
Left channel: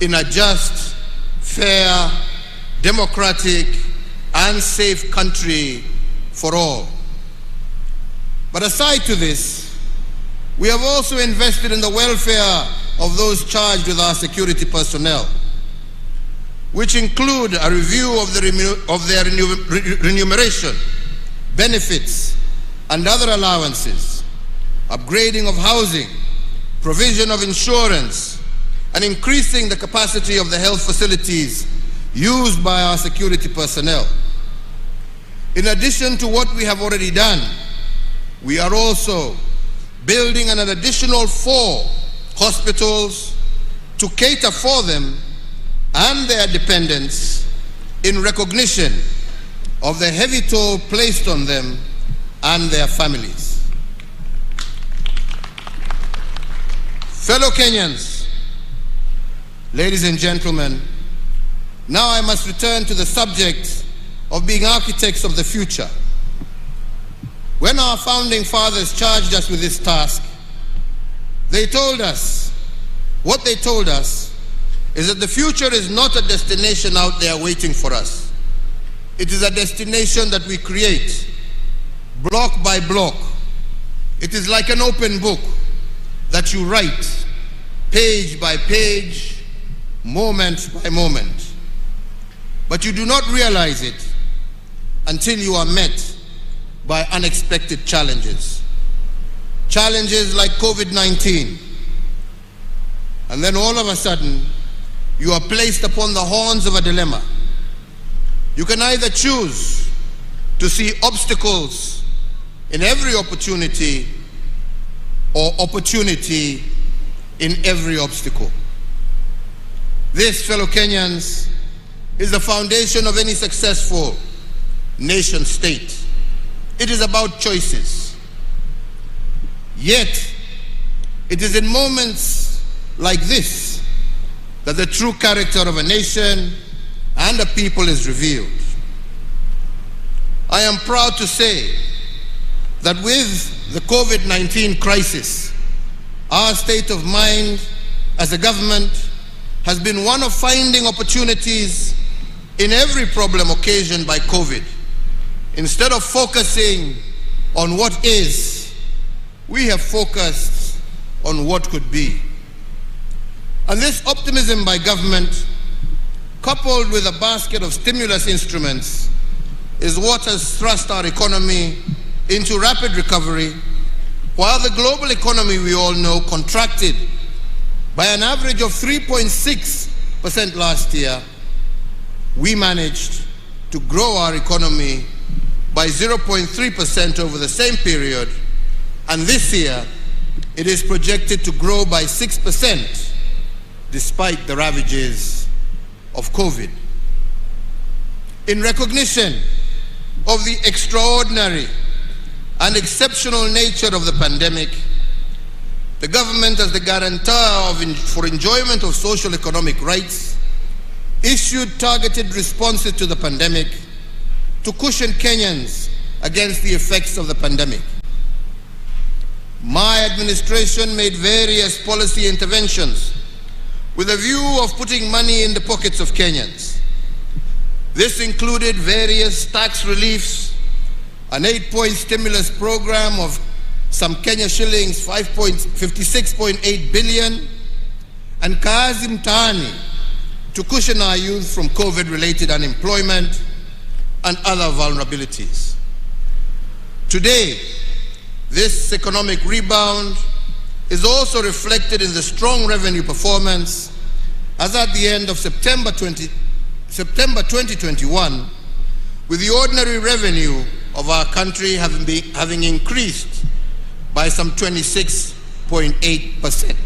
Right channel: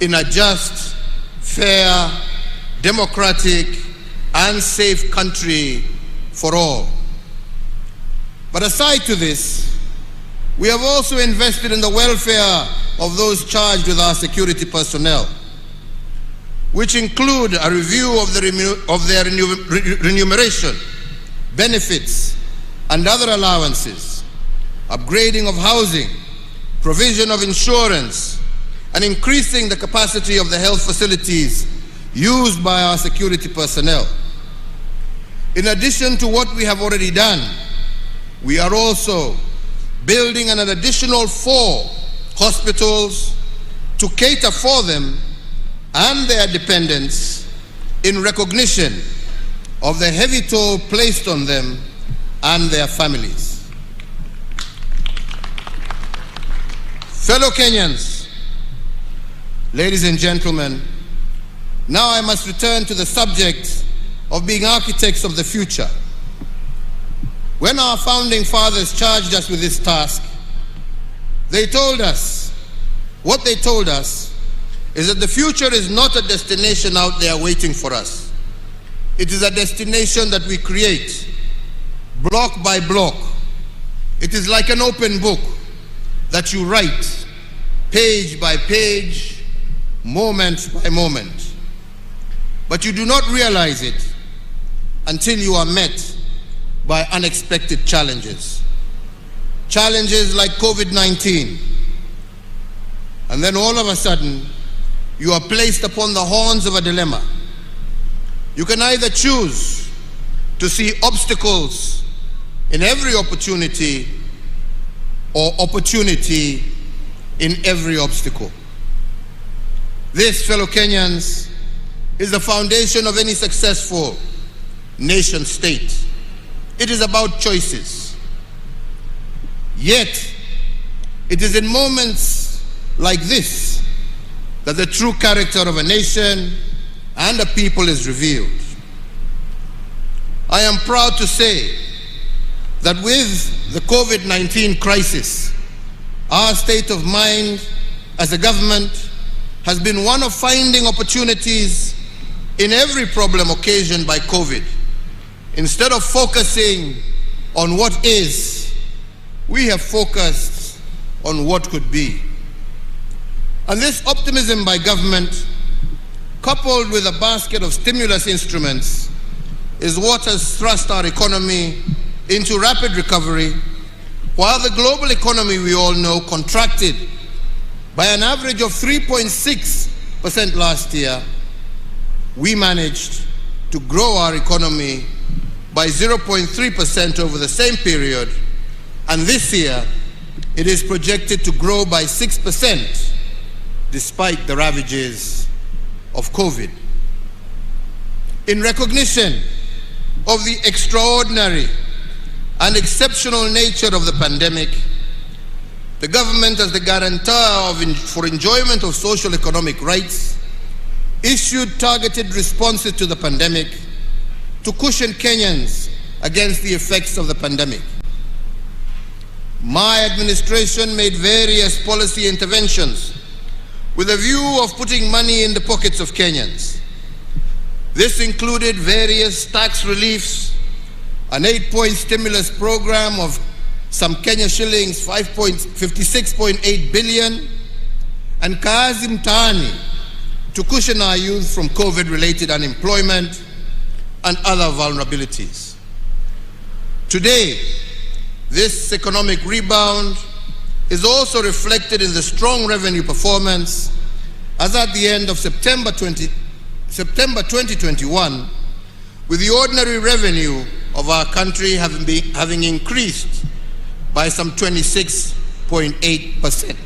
in a just, fair, democratic, and safe country for all. But aside to this, we have also invested in the welfare of those charged with our security personnel, which include a review of their remuneration, benefits, and other allowances, upgrading of housing, provision of insurance, and increasing the capacity of the health facilities used by our security personnel. In addition to what we have already done, we are also building an additional 4 hospitals to cater for them and their dependents in recognition of the heavy toll placed on them and their families. Fellow Kenyans, ladies and gentlemen, now I must return to the subject of being architects of the future. When our founding fathers charged us with this task, what they told us is that the future is not a destination out there waiting for us. It is a destination that we create, block by block. It is like an open book that you write, page by page, moment by moment. But you do not realize it until you are met by unexpected challenges. Challenges like COVID-19. And then all of a sudden, you are placed upon the horns of a dilemma. You can either choose to see obstacles in every opportunity or opportunity in every obstacle. This, fellow Kenyans, is the foundation of any successful nation state. It is about choices. Yet, it is in moments like this that the true character of a nation and a people is revealed. I am proud to say that with the COVID-19 crisis, our state of mind as a government has been one of finding opportunities in every problem occasioned by COVID. Instead of focusing on what is, we have focused on what could be. And this optimism by government, coupled with a basket of stimulus instruments, is what has thrust our economy into rapid recovery, while the global economy, we all know, contracted by an average of 3.6% last year. We managed to grow our economy by 0.3% over the same period, and this year it is projected to grow by 6% despite the ravages of COVID. In recognition of the extraordinary and exceptional nature of the pandemic, the government, as the guarantor for enjoyment of social economic rights, issued targeted responses to the pandemic to cushion Kenyans against the effects of the pandemic. My administration made various policy interventions with a view of putting money in the pockets of Kenyans. This included various tax reliefs, an 8-point stimulus program of some Kenya shillings 56.8 billion, and Kazi Mtaani to cushion our youth from COVID-related unemployment and other vulnerabilities. Today, this economic rebound is also reflected in the strong revenue performance, as at the end of September 2021, with the ordinary revenue of our country having increased by some 26.8%.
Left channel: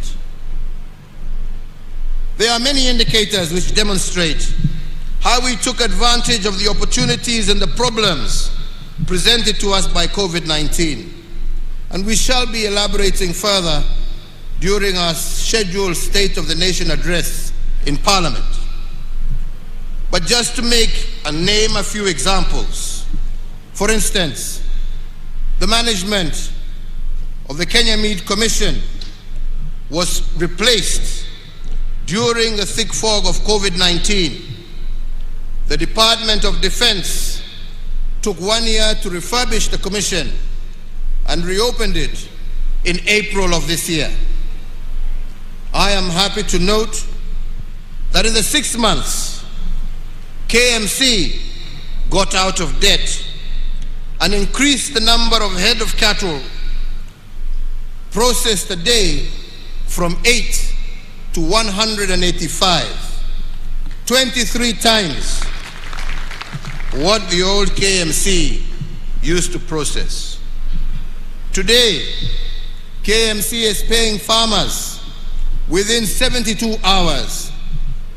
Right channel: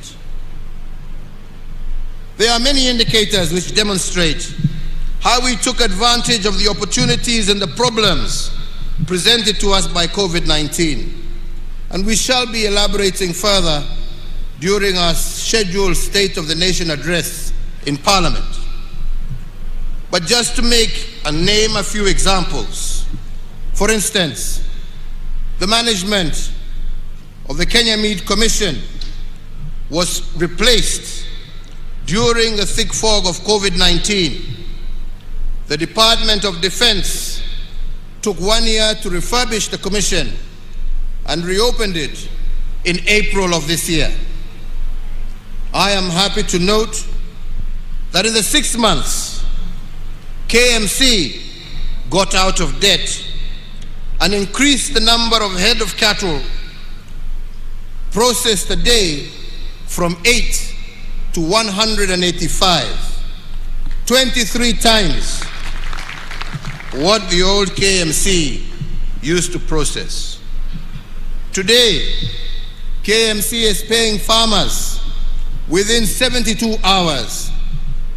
There are many indicators which demonstrate how we took advantage of the opportunities and the problems presented to us by COVID-19. And we shall be elaborating further during our scheduled State of the Nation address in Parliament. But just to make and name a few examples, for instance, the management of the Kenya Meat Commission was replaced during the thick fog of COVID-19. The Department of Defense took 1 year to refurbish the commission and reopened it in April of this year. I am happy to note that in the 6 months, KMC got out of debt and increased the number of head of cattle processed a day from 8 to 185, 23 times what the old KMC used to process. Today, KMC is paying farmers within 72 hours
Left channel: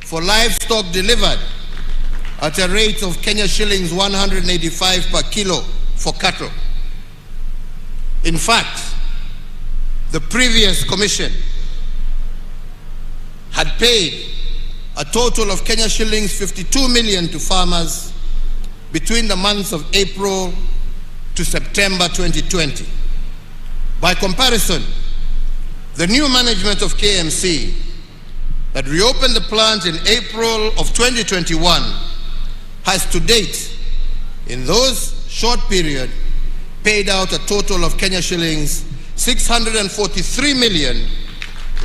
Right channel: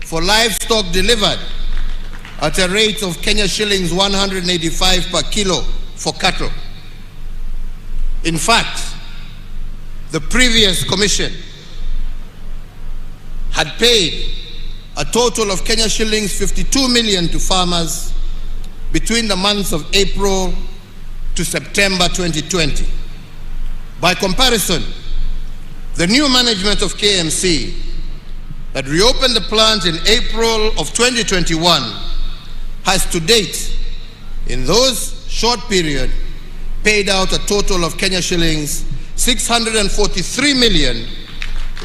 for livestock delivered at a rate of Kenya shillings 185 per kilo for cattle. In fact, the previous commission had paid a total of Kenya shillings 52 million to farmers between the months of April to September 2020. By comparison, the new management of KMC that reopened the plant in April of 2021 has to date, in those short period, paid out a total of Kenya shillings 643 million,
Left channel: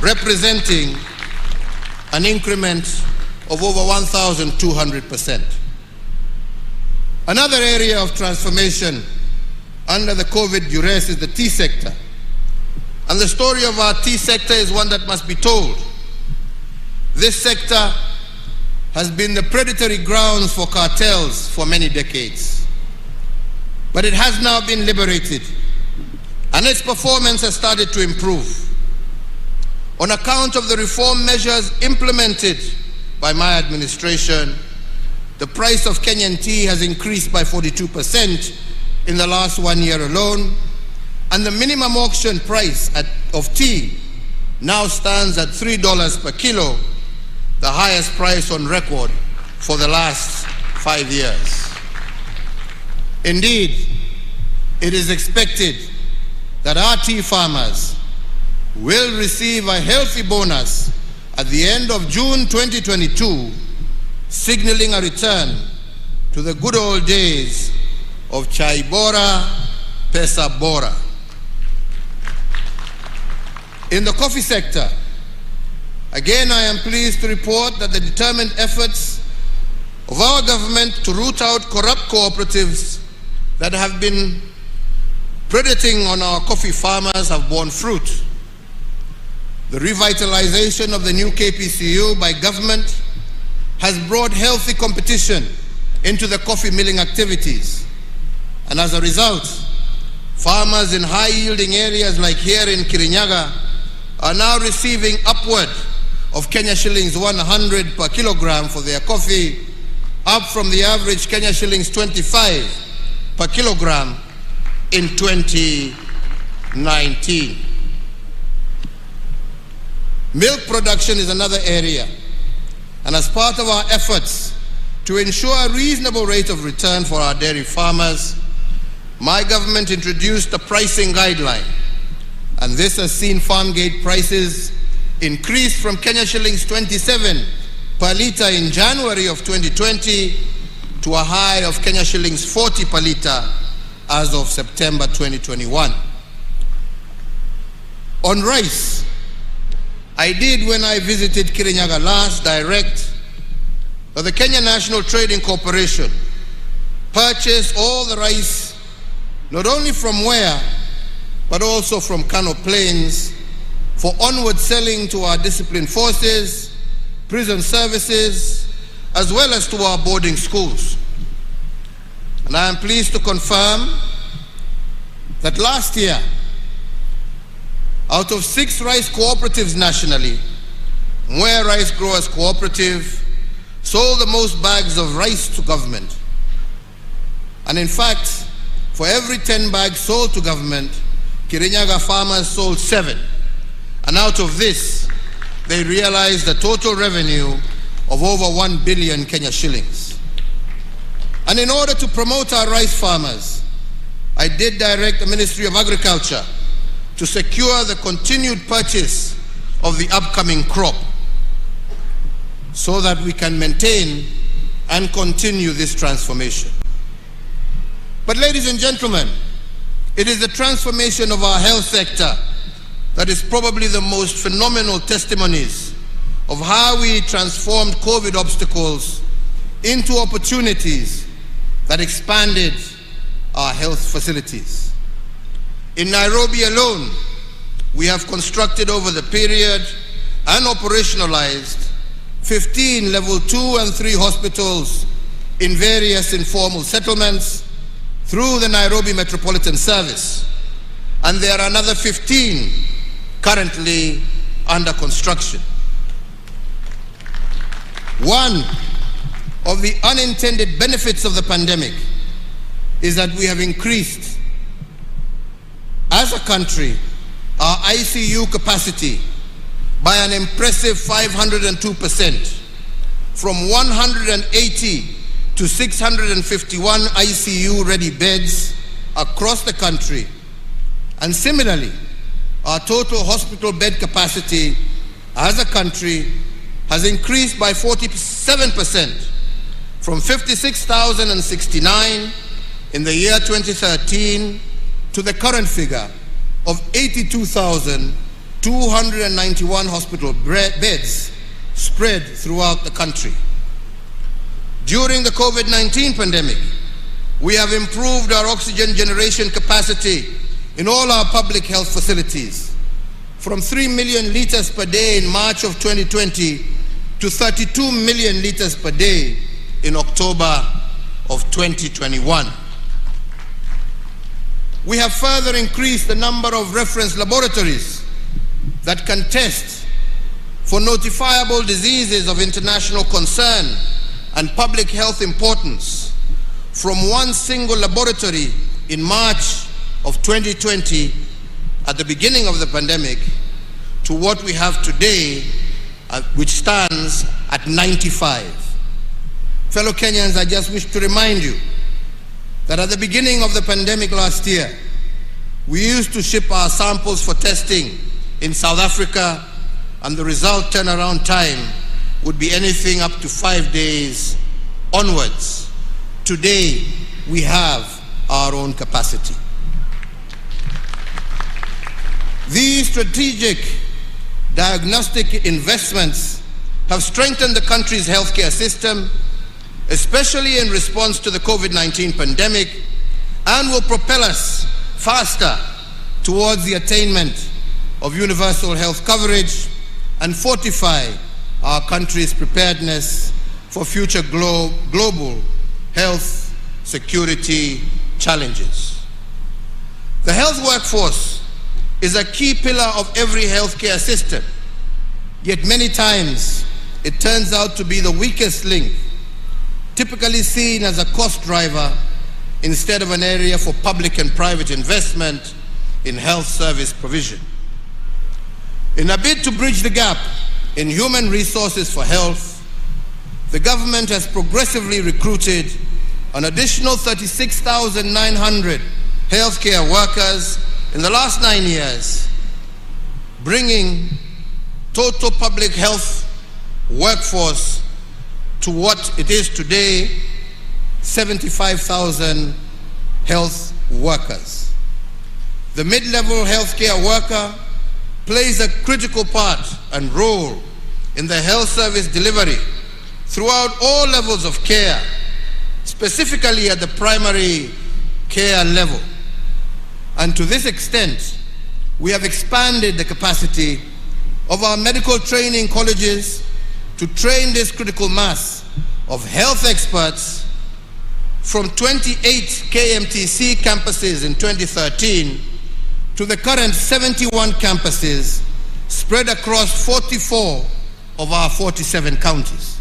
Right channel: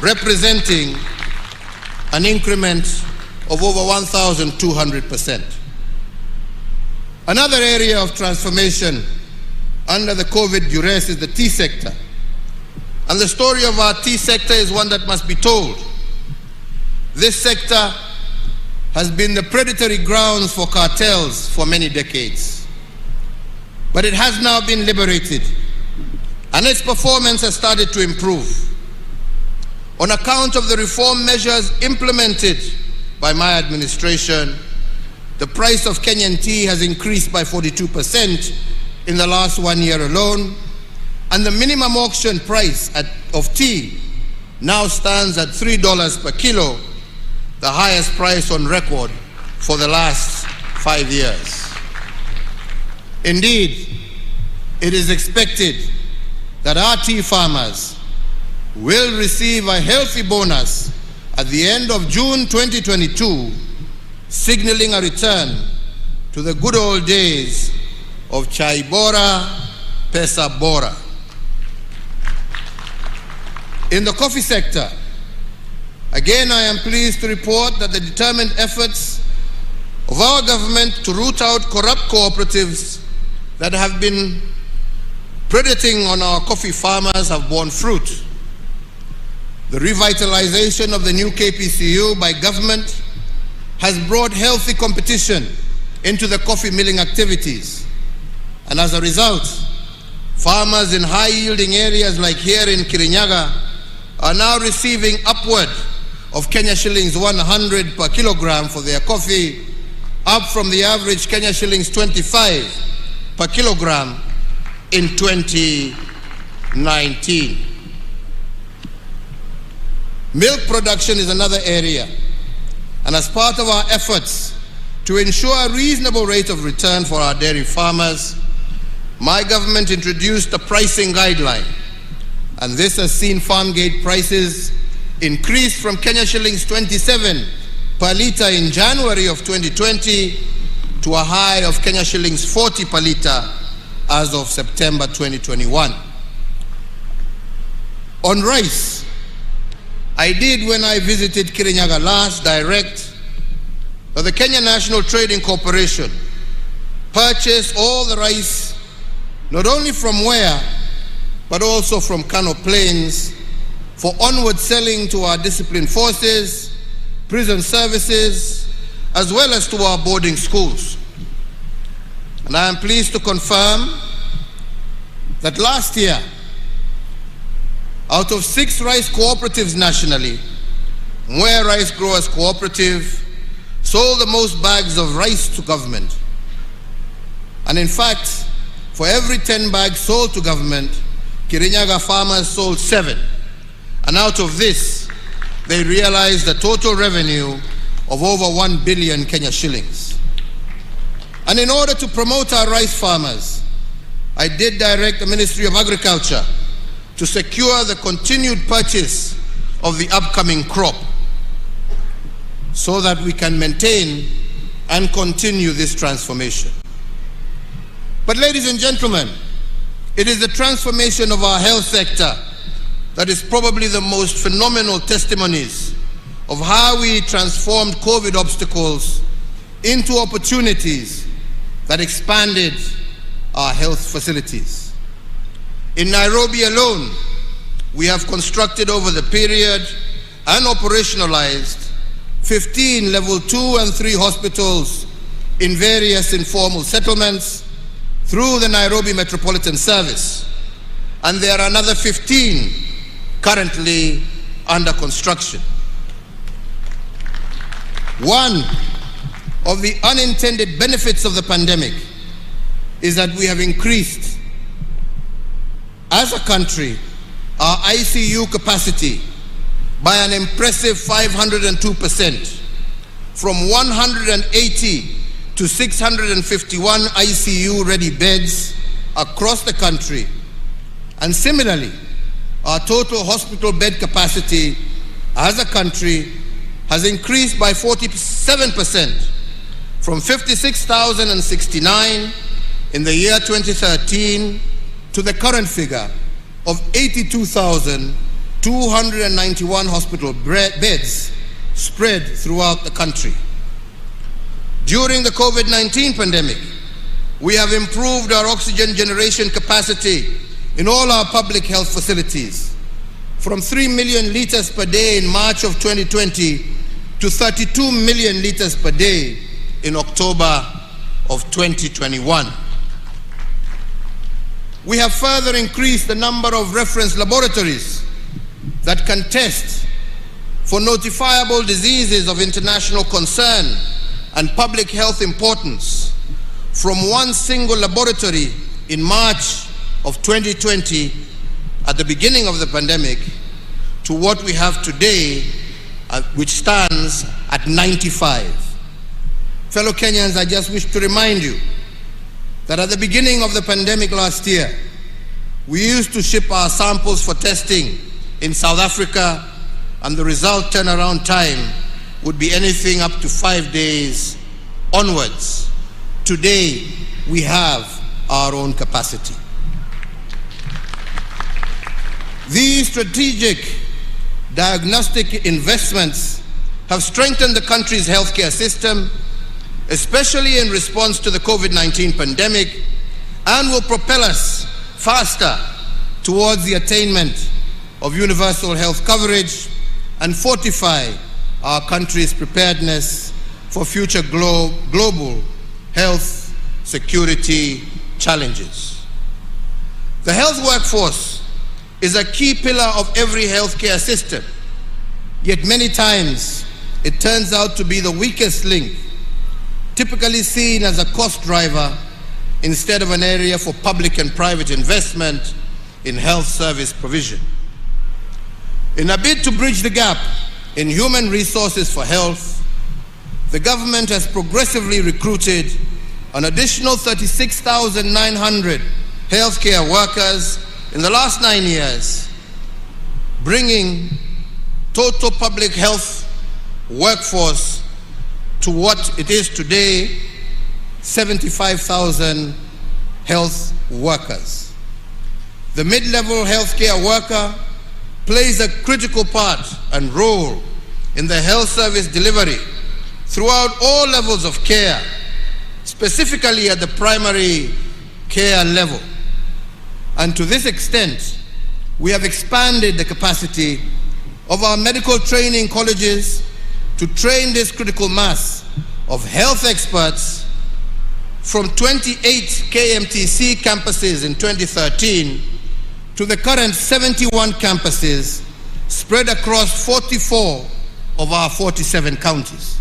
representing an increment of over 1,200%. Another area of transformation under the COVID duress is the tea sector. And the story of our tea sector is one that must be told. This sector has been the predatory grounds for cartels for many decades. But it has now been liberated, and its performance has started to improve. On account of the reform measures implemented by my administration, the price of Kenyan tea has increased by 42% in the last 1 year alone, and the minimum auction price of tea now stands at $3 per kilo, the highest price on record for the last 5 years. Indeed, it is expected that our tea farmers will receive a healthy bonus at the end of June 2022, signaling a return to the good old days of Chai Bora, Pesa Bora. In the coffee sector, again, I am pleased to report that the determined efforts of our government to root out corrupt cooperatives that have been predating on our coffee farmers have borne fruit. The revitalization of the new KPCU by government has brought healthy competition into the coffee milling activities. And as a result, farmers in high-yielding areas like here in Kirinyaga are now receiving upward of Kenya shillings 100 per kilogram for their coffee, up from the average Kenya shillings 25 per kilogram in 2019. Milk production is another area, and as part of our efforts to ensure a reasonable rate of return for our dairy farmers, my government introduced a pricing guideline, and this has seen farm gate prices increase from Kenya shillings 27 per litre in January of 2020 to a high of Kenya shillings 40 per litre as of September 2021. On rice, I did, when I visited Kirinyaga last, direct that the Kenya National Trading Corporation purchase all the rice, not only from Wea, but also from Kano Plains, for onward selling to our disciplined forces, prison services, as well as to our boarding schools. And I am pleased to confirm that last year, out of 6 rice cooperatives nationally, Mwea Rice Growers Cooperative sold the most bags of rice to government. And in fact, for every 10 bags sold to government, Kirinyaga farmers sold 7. And out of this, they realized a total revenue of over 1 billion Kenya shillings. And in order to promote our rice farmers, I did direct the Ministry of Agriculture to secure the continued purchase of the upcoming crop so that we can maintain and continue this transformation. But ladies and gentlemen, it is the transformation of our health sector that is probably the most phenomenal testimonies of how we transformed COVID obstacles into opportunities that expanded our health facilities. In Nairobi alone, we have constructed over the period and operationalized 15 level 2 and 3 hospitals in various informal settlements through the Nairobi Metropolitan Service. And there are another 15 currently under construction. One of the unintended benefits of the pandemic is that we have increased, as a country, our ICU capacity by an impressive 502%, from 180 to 651 ICU-ready beds across the country. And similarly, our total hospital bed capacity as a country has increased by 47% from 56,069 in the year 2013 to the current figure of 82,291 hospital beds spread throughout the country. During the COVID-19 pandemic, we have improved our oxygen generation capacity in all our public health facilities from 3 million liters per day in March of 2020 to 32 million liters per day in October of 2021. We have further increased the number of reference laboratories that can test for notifiable diseases of international concern and public health importance from one single laboratory in March of 2020 at the beginning of the pandemic to what we have today, which stands at 95. Fellow Kenyans, I just wish to remind you that at the beginning of the pandemic last year, we used to ship our samples for testing in South Africa, and the result turnaround time would be anything up to 5 days onwards. Today, we have our own capacity. These strategic diagnostic investments have strengthened the country's healthcare system, especially in response to the COVID-19 pandemic, and will propel us faster towards the attainment of universal health coverage and fortify our country's preparedness for future global health security challenges. The health workforce is a key pillar of every healthcare system, yet many times it turns out to be the weakest link, typically seen as a cost driver instead of an area for public and private investment in health service provision. In a bid to bridge the gap in human resources for health, the government has progressively recruited an additional 36,900 healthcare workers in the last 9 years, bringing total public health workforce to what it is today, 75,000 health workers. The mid-level healthcare worker plays a critical part and role in the health service delivery throughout all levels of care, specifically at the primary care level. And to this extent, we have expanded the capacity of our medical training colleges to train this critical mass of health experts from 28 KMTC campuses in 2013 to the current 71 campuses spread across 44 of our 47 counties.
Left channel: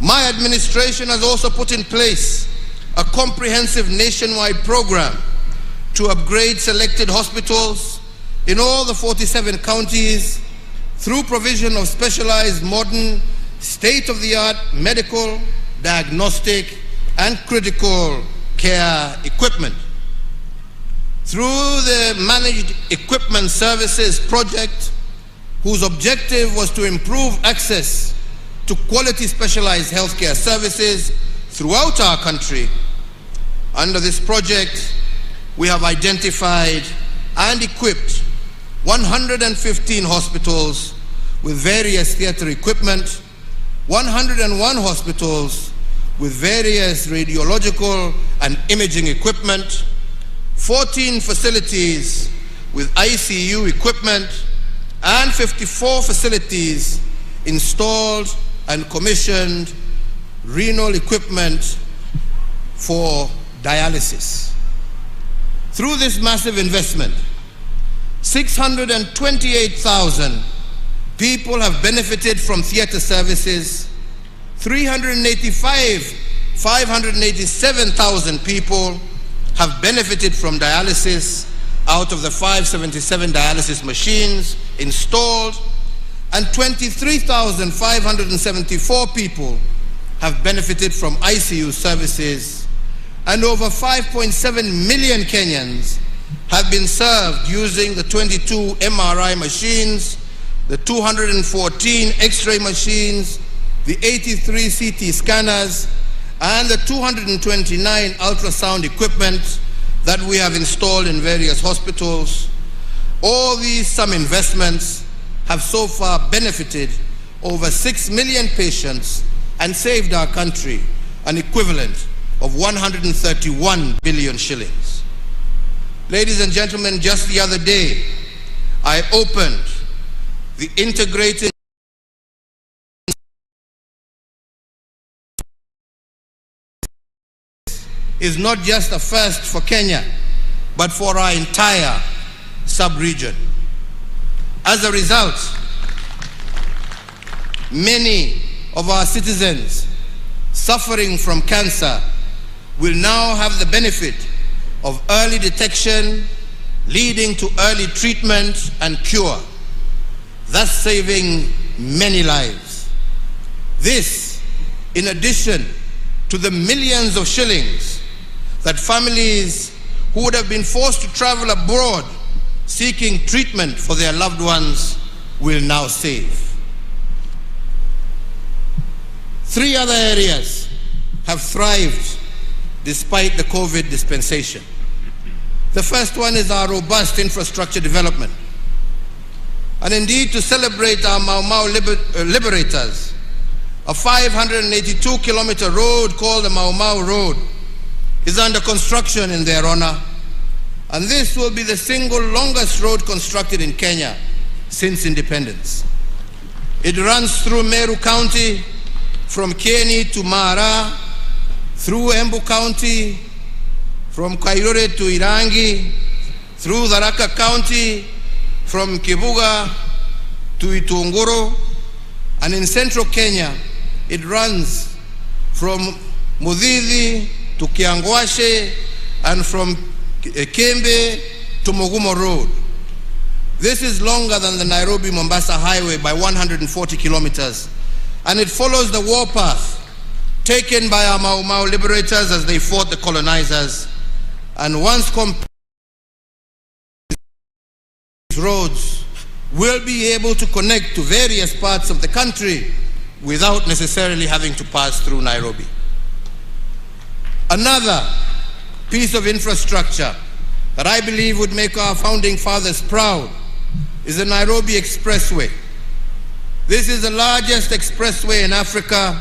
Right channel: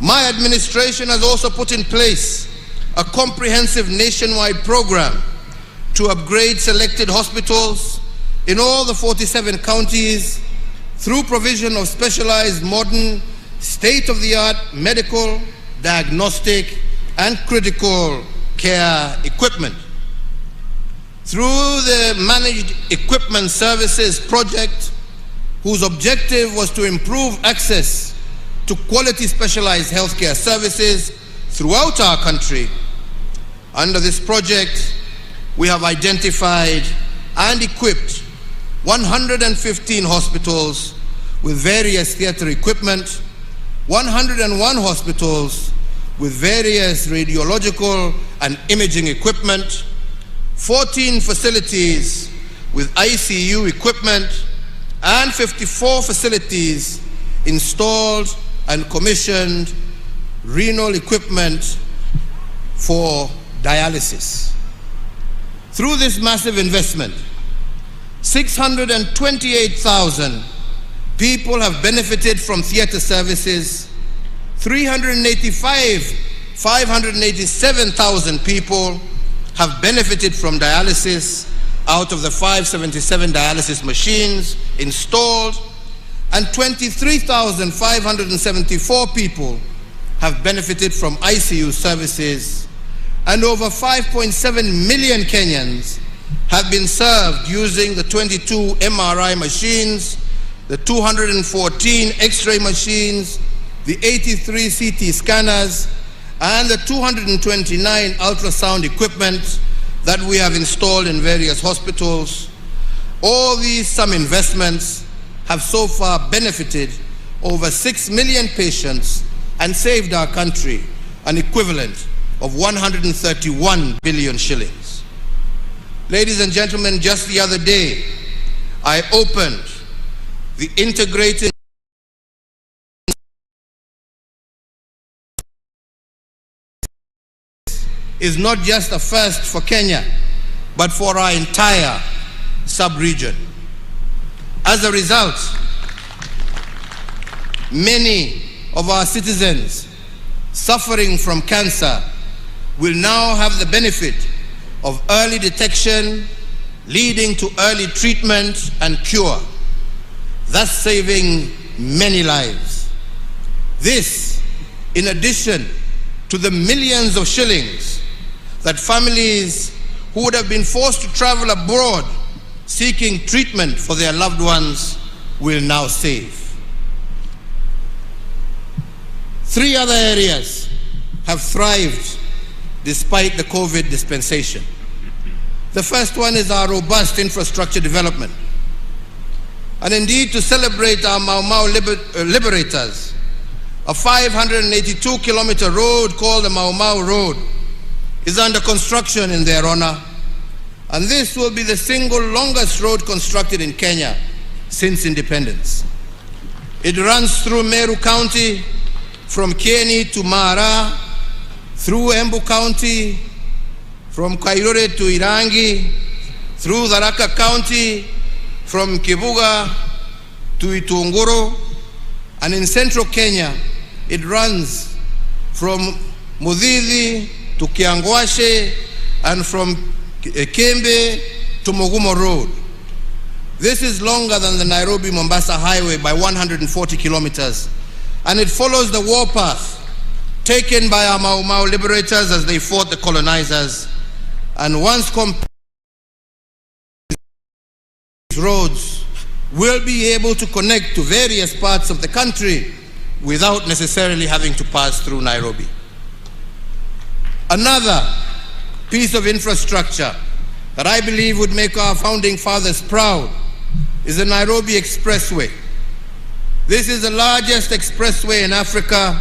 My administration has also put in place a comprehensive nationwide program to upgrade selected hospitals in all the 47 counties through provision of specialized modern state-of-the-art medical, diagnostic, and critical care equipment. Through the Managed Equipment Services project, whose objective was to improve access to quality specialized healthcare services throughout our country. Under this project, we have identified and equipped 115 hospitals with various theater equipment, 101 hospitals with various radiological and imaging equipment, 14 facilities with ICU equipment, and 54 facilities installed and commissioned renal equipment for dialysis. Through this massive investment, 628,000 people have benefited from theater services. 587,000 people have benefited from dialysis out of the 577 dialysis machines installed, and 23,574 people have benefited from ICU services, and over 5.7 million Kenyans have been served using the 22 MRI machines the 214 X-ray machines, the 83 CT scanners, and the 229 ultrasound equipment that we have installed in various hospitals. All these some investments have so far benefited over 6 million patients and saved our country an equivalent of 131 billion shillings. Ladies and gentlemen, just the other day, I opened the integrated is not just a first for Kenya, but for our entire sub-region. As a result, many of our citizens suffering from cancer will now have the benefit of early detection, leading to early treatment and cure, thus saving many lives. This, in addition to the millions of shillings that families who would have been forced to travel abroad seeking treatment for their loved ones will now save. 3 other areas have thrived despite the COVID dispensation. The first one is our robust infrastructure development. And indeed, to celebrate our Mau Mau liberators, a 582-kilometer road called the Mau Mau Road is under construction in their honor, and this will be the single longest road constructed in Kenya since independence. It runs through Meru County, from Kieni to Mara, through Embu County, from Kairore to Irangi, through Tharaka County, from Kibuga to Itunguru, and in central Kenya, it runs from Mudhidhi to Kiangwashe, and from Kembe to Mogumo Road. This is longer than the Nairobi-Mombasa highway by 140 kilometers, and it follows the warpath taken by our Mau Mau liberators as they fought the colonizers. And once complete, roads will be able to connect to various parts of the country without necessarily having to pass through Nairobi. Another piece of infrastructure that I believe would make our founding fathers proud is the Nairobi Expressway. This is the largest expressway in Africa,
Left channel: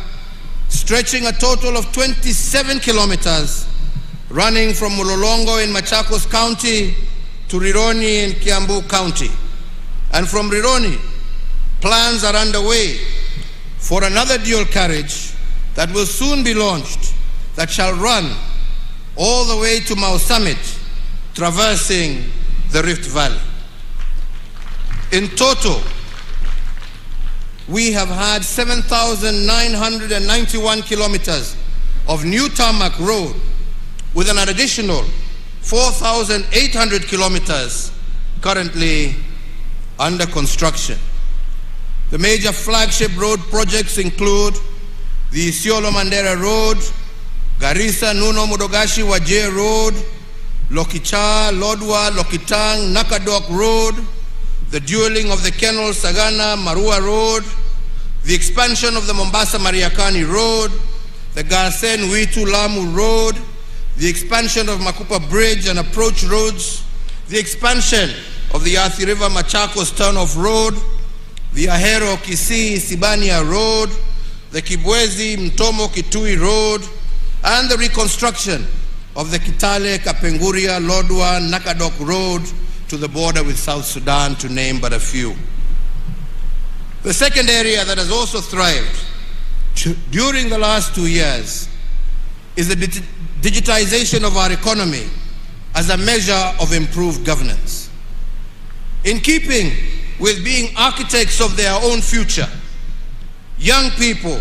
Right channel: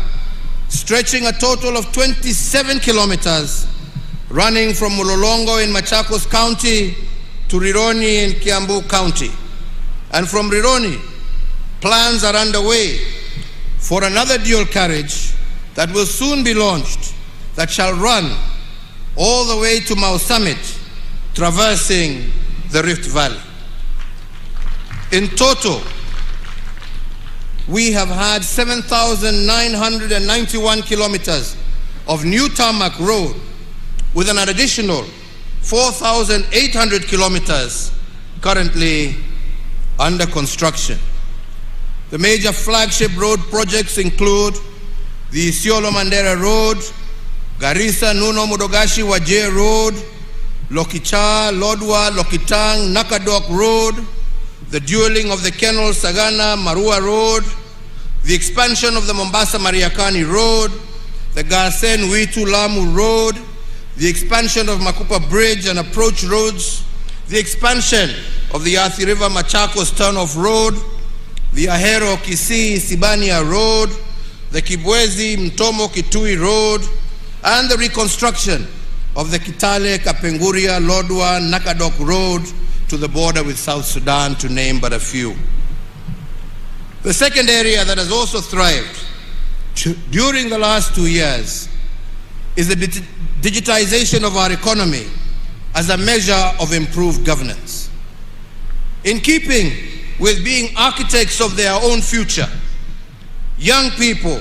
stretching a total of 27 kilometers, running from Mulolongo in Machakos County to Rironi in Kiambu County. And from Rironi, plans are underway for another dual carriage that will soon be launched that shall run all the way to Mau Summit, traversing the Rift Valley. In total, we have had 7,991 kilometers of new tarmac road with an additional 4,800 kilometers currently under construction. The major flagship road projects include the Isiolo Mandera Road, Garissa Nuno Mudogashi Wajir Road, Lokicha, Lodwa, Lokitang, Nakadok Road, the dueling of the Kenol Sagana Marua Road, the expansion of the Mombasa Mariakani Road, the Garsen Witu Lamu Road, the expansion of Makupa Bridge and approach roads, the expansion of the Athi River Machakos Turnoff Road, the Ahero Kisii Sibania Road, the Kibwezi Mtomo Kitui Road, and the reconstruction of the Kitale Kapenguria Lodwa Nakadok Road to the border with South Sudan, to name but a few. The second area that has also thrived during the last 2 years is the digitization of our economy as a measure of improved governance. In keeping with being architects of their own future, young people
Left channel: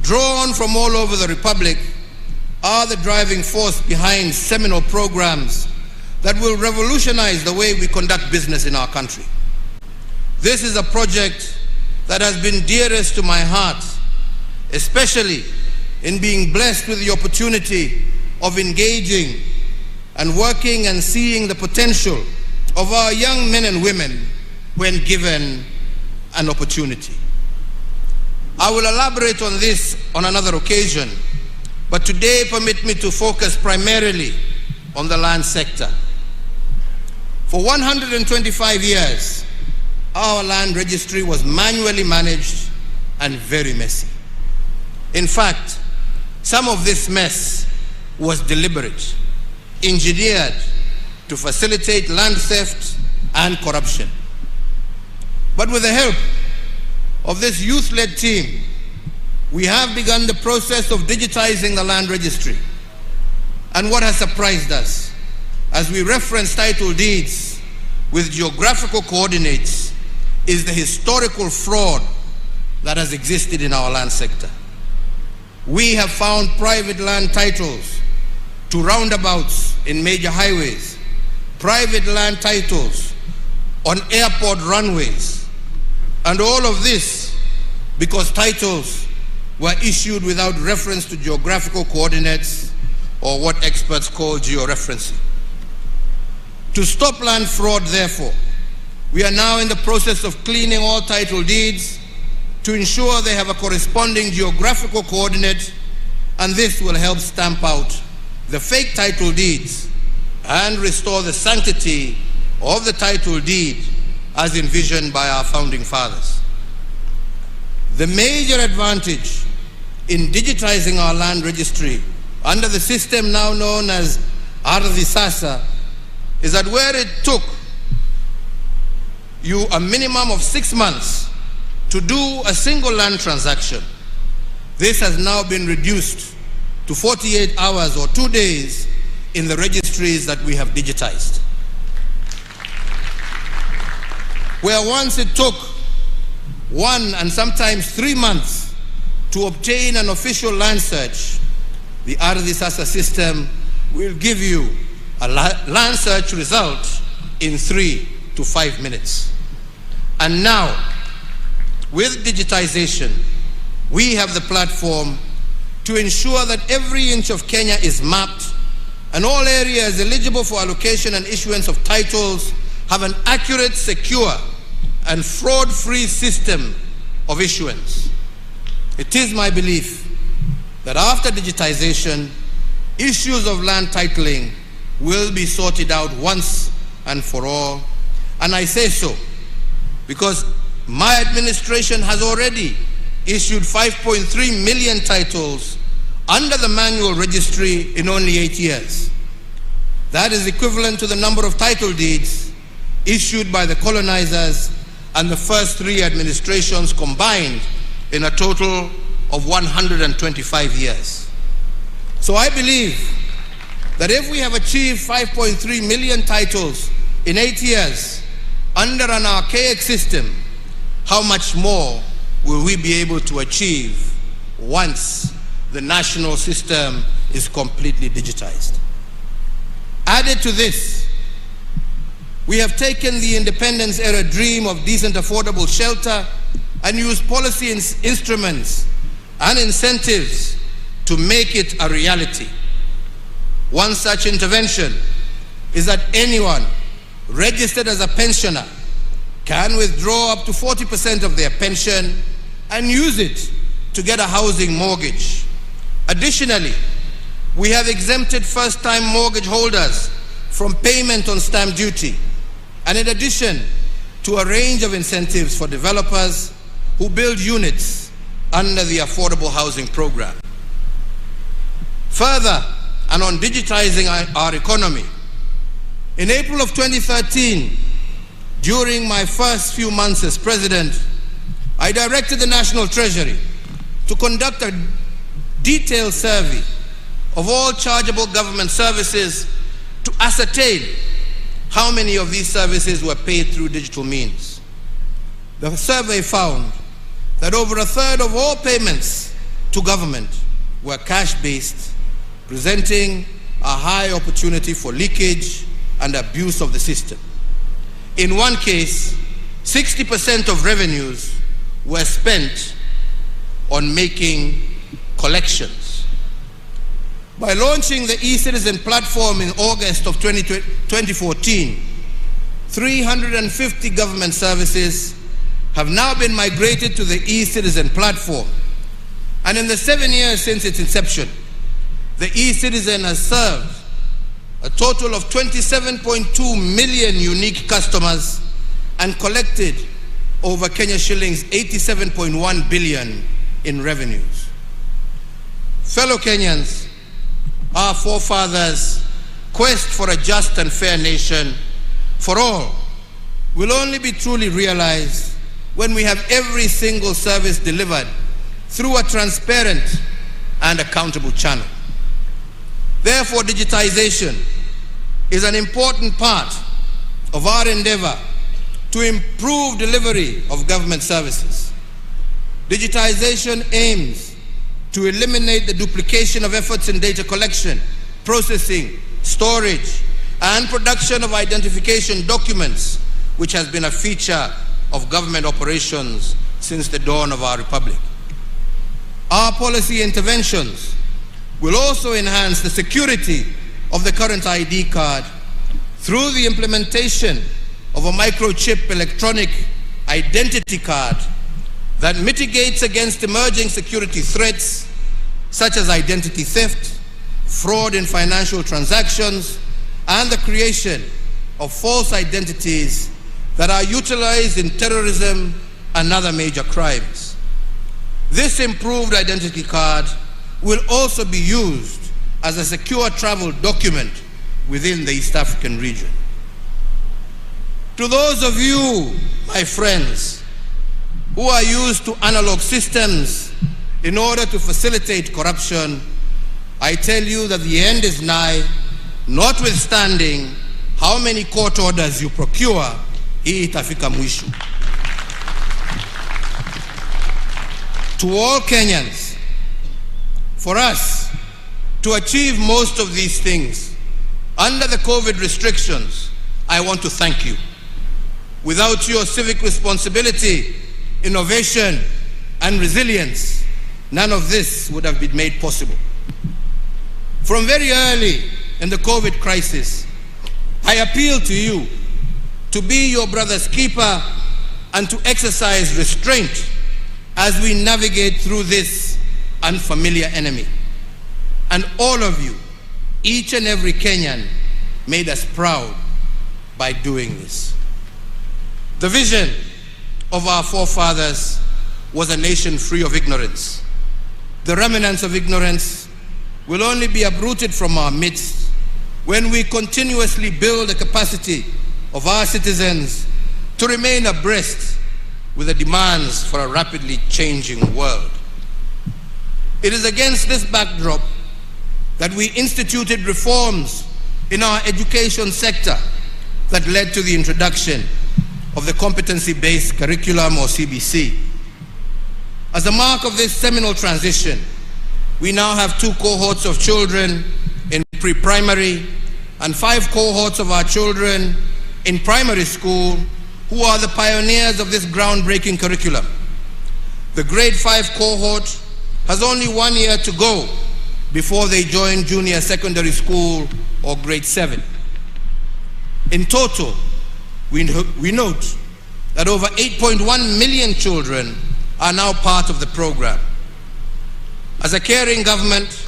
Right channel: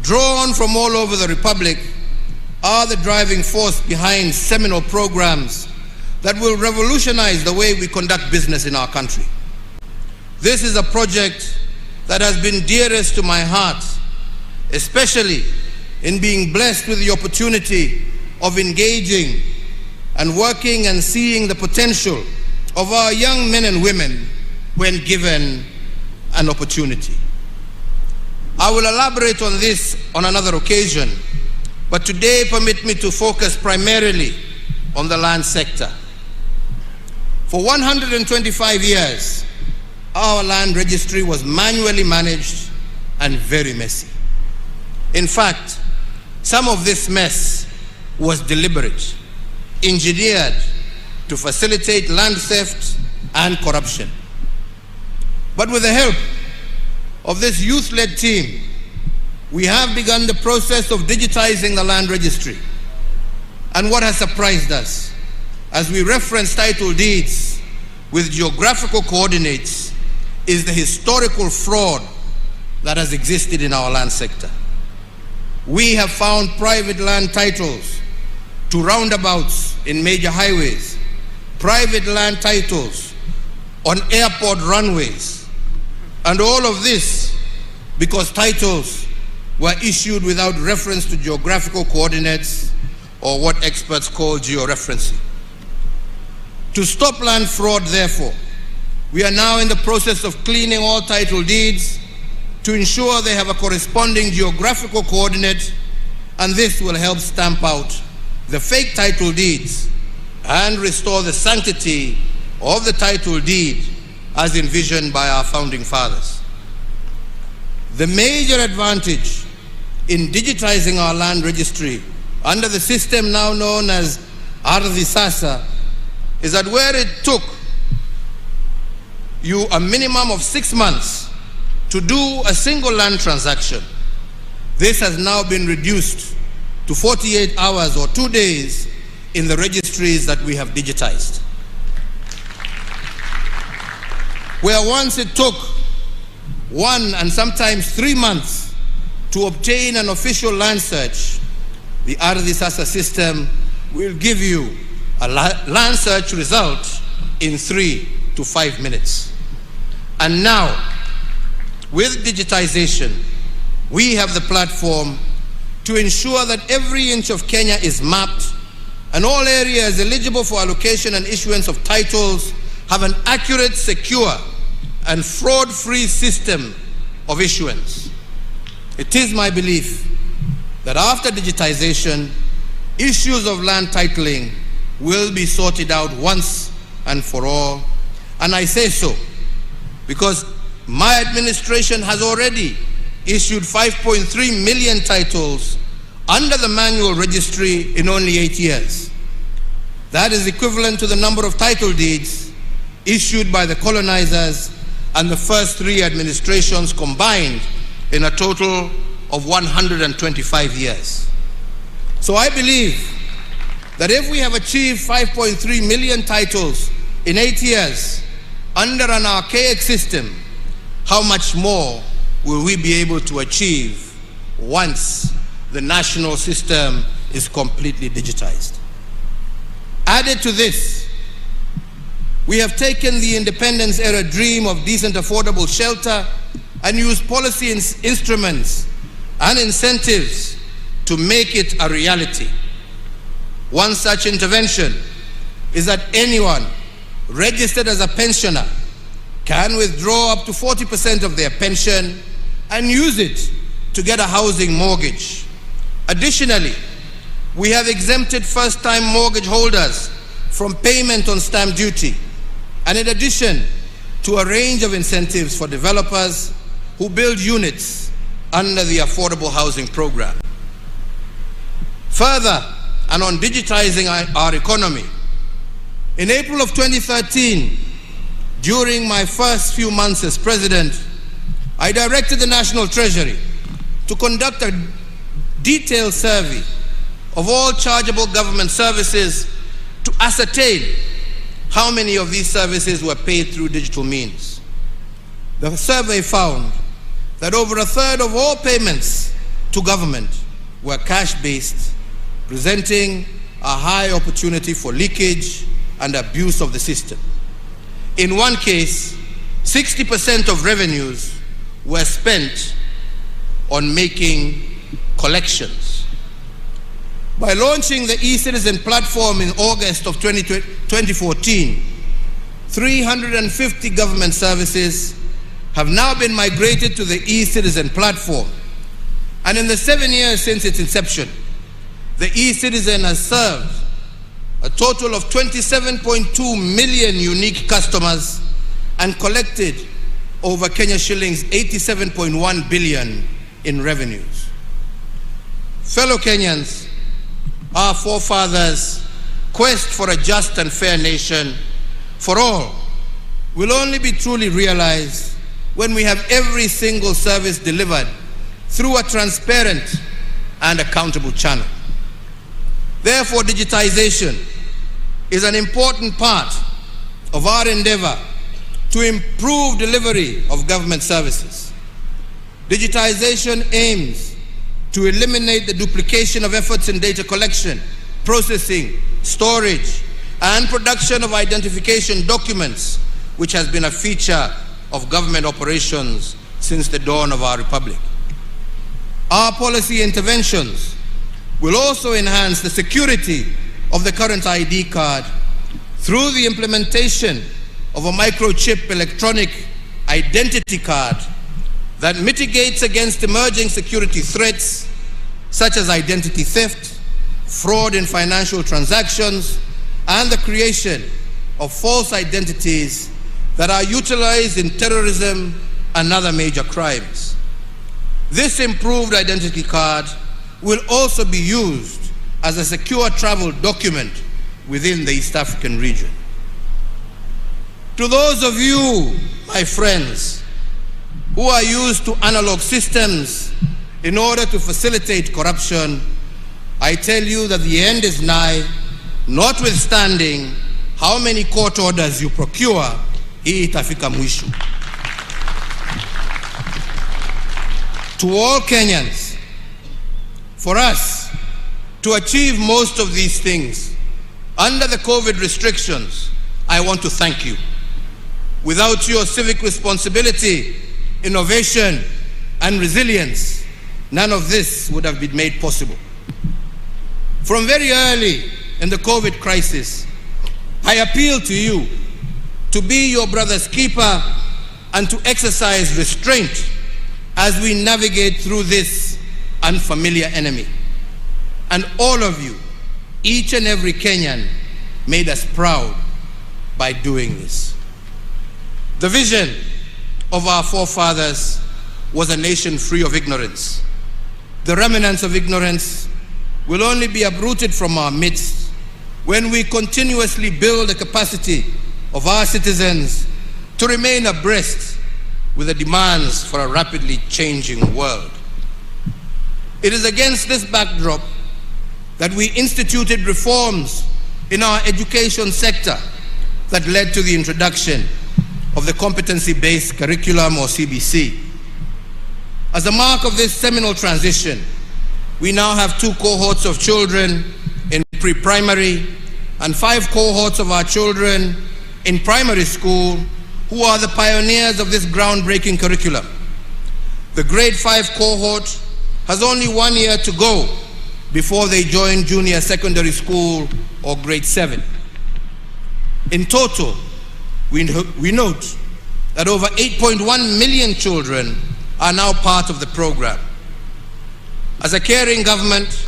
drawn from all over the Republic are the driving force behind seminal programs that will revolutionize the way we conduct business in our country. This is a project that has been dearest to my heart, especially in being blessed with the opportunity of engaging and working and seeing the potential of our young men and women when given an opportunity. I will elaborate on this on another occasion, but today permit me to focus primarily on the land sector. For 125 years, our land registry was manually managed and very messy. In fact, some of this mess was deliberate, engineered to facilitate land theft and corruption. But with the help of this youth-led team, we have begun the process of digitizing the land registry. And what has surprised us, as we reference title deeds with geographical coordinates, is the historical fraud that has existed in our land sector. We have found private land titles to roundabouts in major highways, private land titles on airport runways, and all of this because titles were issued without reference to geographical coordinates, or what experts call georeferencing. To stop land fraud, therefore, we are now in the process of cleaning all title deeds to ensure they have a corresponding geographical coordinate, and this will help stamp out the fake title deeds and restore the sanctity of the title deed as envisioned by our founding fathers. The major advantage in digitizing our land registry under the system now known as Ardhi Sasa is that where it took you a minimum of 6 months to do a single land transaction, this has now been reduced to 48 hours or 2 days in the registries that we have digitized. Where once it took 1 and sometimes 3 months to obtain an official land search, the Ardhi Sasa system will give you a land search result in 3 to 5 minutes. And now, with digitization, we have the platform to ensure that every inch of Kenya is mapped and all areas eligible for allocation and issuance of titles have an accurate, secure, and fraud-free system of issuance. It is my belief that after digitization, issues of land titling will be sorted out once and for all. And I say so because my administration has already issued 5.3 million titles under the manual registry in only 8 years. That is equivalent to the number of title deeds issued by the colonizers and the first 3 administrations combined in a total of 125 years. So I believe that if we have achieved 5.3 million titles in 8 years under an archaic system, how much more will we be able to achieve once the national system is completely digitized? Added to this, we have taken the independence era dream of decent, affordable shelter and used policy instruments and incentives to make it a reality. One such intervention is that anyone registered as a pensioner can withdraw up to 40% of their pension and use it to get a housing mortgage. Additionally, we have exempted first-time mortgage holders from payment on stamp duty, and in addition to a range of incentives for developers who build units under the Affordable Housing Program. Further, and on digitizing our economy, in April of 2013, during my first few months as president, I directed the National Treasury to conduct a detailed survey of all chargeable government services to ascertain how many of these services were paid through digital means. The survey found that over a third of all payments to government were cash-based, presenting a high opportunity for leakage and abuse of the system. In one case, 60% of revenues were spent on making collections. By launching the eCitizen platform in August of 2014, 350 government services have now been migrated to the e-Citizen platform. And in the 7 years since its inception, the e-Citizen has served a total of 27.2 million unique customers and collected over Kenya shillings 87.1 billion in revenues. Fellow Kenyans, our forefathers' quest for a just and fair nation for all will only be truly realized when we have every single service delivered through a transparent and accountable channel. Therefore, digitization is an important part of our endeavor to improve delivery of government services. Digitization aims to eliminate the duplication of efforts in data collection, processing, storage, and production of identification documents, which has been a feature of government operations since the dawn of our republic. Our policy interventions will also enhance the security of the current ID card through the implementation of a microchip electronic identity card that mitigates against emerging security threats such as identity theft, fraud in financial transactions, and the creation of false identities that are utilized in terrorism and other major crimes. This improved identity card will also be used as a secure travel document within the East African region. To those of you, my friends, who are used to analog systems in order to facilitate corruption, I tell you that the end is nigh, notwithstanding how many court orders you procure, hii itafika mwisho. To all Kenyans, for us to achieve most of these things under the COVID restrictions, I want to thank you. Without your civic responsibility, innovation, and resilience, none of this would have been made possible. From very early in the COVID crisis, I appeal to you to be your brother's keeper and to exercise restraint as we navigate through this unfamiliar enemy. And all of you, each and every Kenyan, made us proud by doing this. The vision of our forefathers was a nation free of ignorance. The remnants of ignorance will only be uprooted from our midst when we continuously build the capacity of our citizens to remain abreast with the demands for a rapidly changing world. It is against this backdrop that we instituted reforms in our education sector that led to the introduction of the competency-based curriculum, or CBC. As a mark of this seminal transition, we now have 2 cohorts of children in pre-primary and 5 cohorts of our children in primary school who are the pioneers of this groundbreaking curriculum. The grade 5 cohort has only 1 year to go before they join junior secondary school or grade 7. In total, we note that over 8.1 million children are now part of the program. As a caring government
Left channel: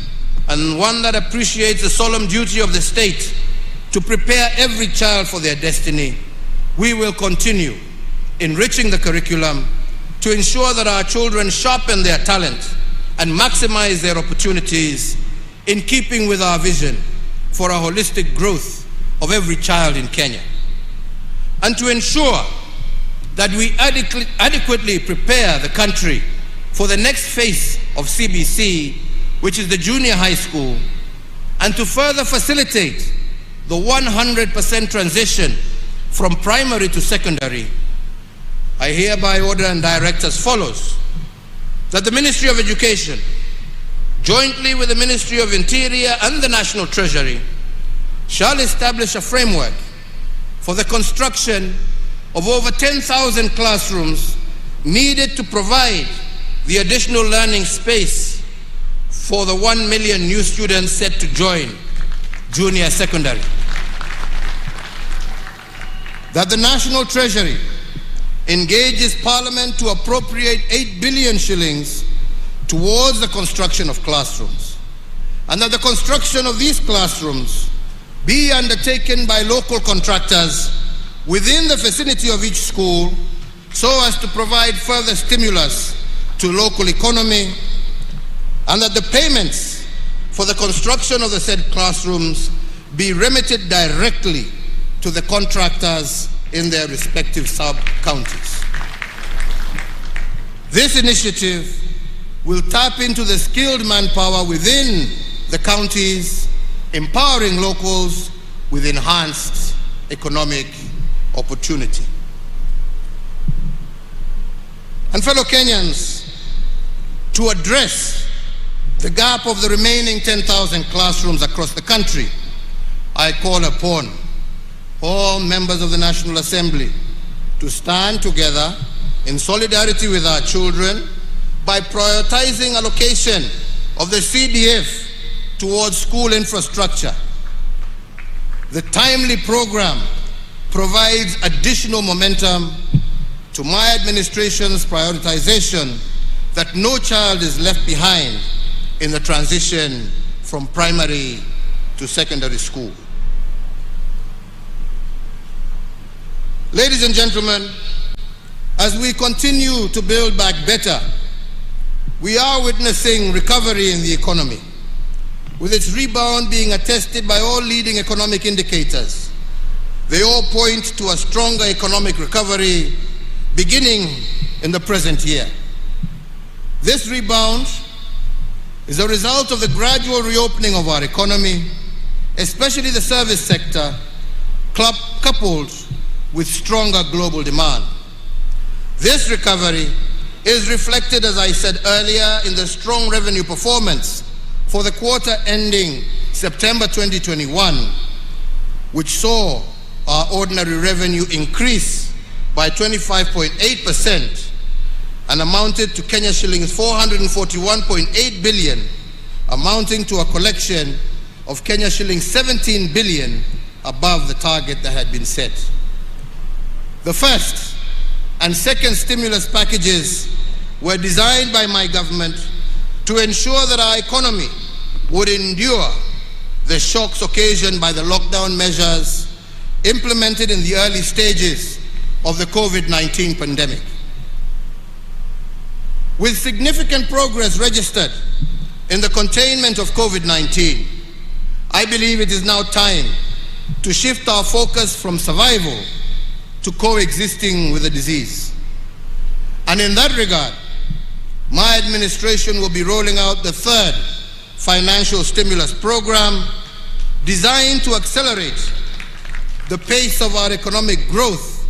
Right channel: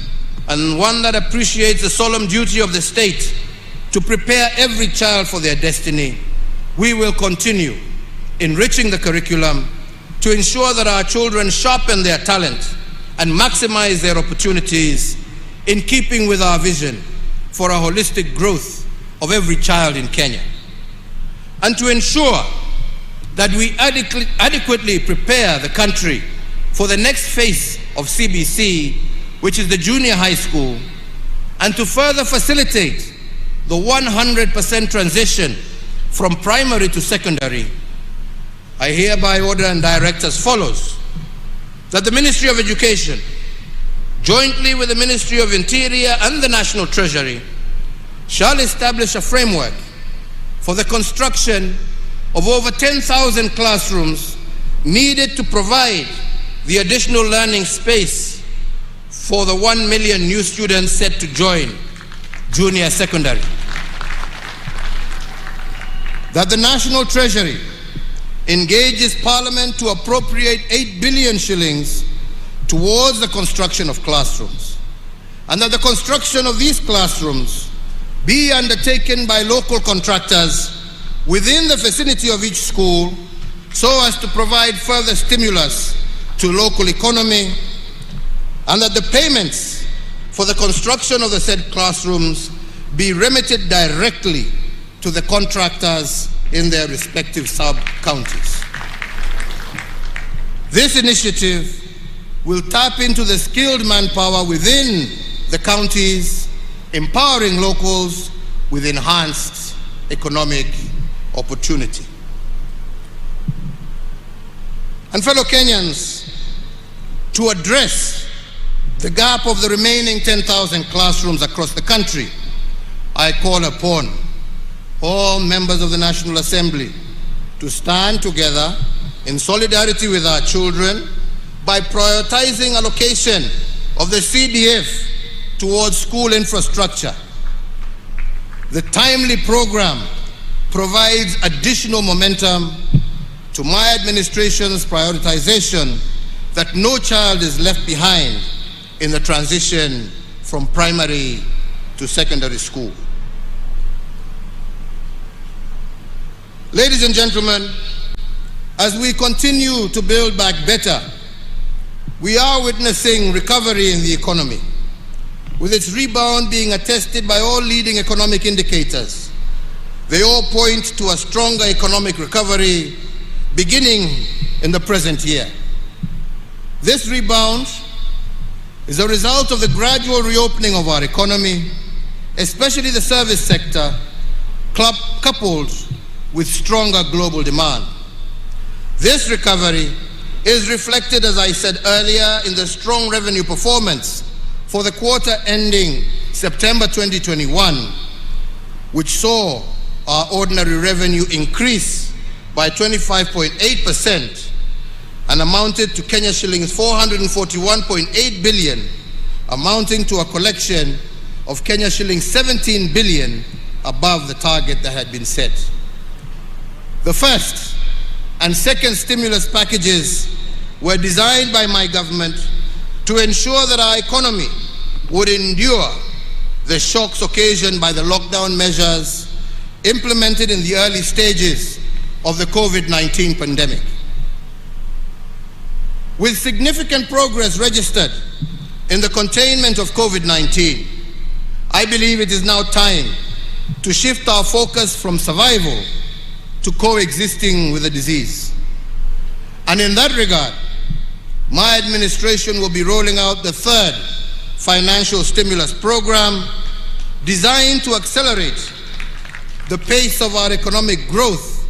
and one that appreciates the solemn duty of the state to prepare every child for their destiny, we will continue enriching the curriculum to ensure that our children sharpen their talent and maximize their opportunities in keeping with our vision for a holistic growth of every child in Kenya. And to ensure that we adequately prepare the country for the next phase of CBC, which is the junior high school, and to further facilitate the 100% transition from primary to secondary, I hereby order and direct as follows: that the Ministry of Education, jointly with the Ministry of Interior and the National Treasury, shall establish a framework for the construction of over 10,000 classrooms needed to provide the additional learning space for the 1 million new students set to join junior secondary. That the National Treasury engages Parliament to appropriate 8 billion shillings towards the construction of classrooms, and that the construction of these classrooms be undertaken by local contractors within the vicinity of each school so as to provide further stimulus to local economy, and that the payments for the construction of the said classrooms be remitted directly to the contractors in their respective sub-counties. This initiative will tap into the skilled manpower within the counties, empowering locals with enhanced economic opportunity. And fellow Kenyans, to address the gap of the remaining 10,000 classrooms across the country, I call upon all members of the National Assembly to stand together in solidarity with our children by prioritizing allocation of the CDF towards school infrastructure. The timely program provides additional momentum to my administration's prioritization that no child is left behind in the transition from primary to secondary school. Ladies and gentlemen, as we continue to build back better, we are witnessing recovery in the economy, with its rebound being attested by all leading economic indicators. They all point to a stronger economic recovery beginning in the present year. This rebound is a result of the gradual reopening of our economy, especially the service sector, coupled with stronger global demand. This recovery is reflected, as I said earlier, in the strong revenue performance for the quarter ending September 2021, which saw our ordinary revenue increase by 25.8% and amounted to Kenya shillings 441.8 billion, amounting to a collection of Kenya shillings 17 billion above the target that had been set. The first and second stimulus packages were designed by my government to ensure that our economy would endure the shocks occasioned by the lockdown measures implemented in the early stages of the COVID-19 pandemic. With significant progress registered in the containment of COVID-19, I believe it is now time to shift our focus from survival to coexisting with the disease. And in that regard, my administration will be rolling out the third financial stimulus program designed to accelerate the pace of our economic growth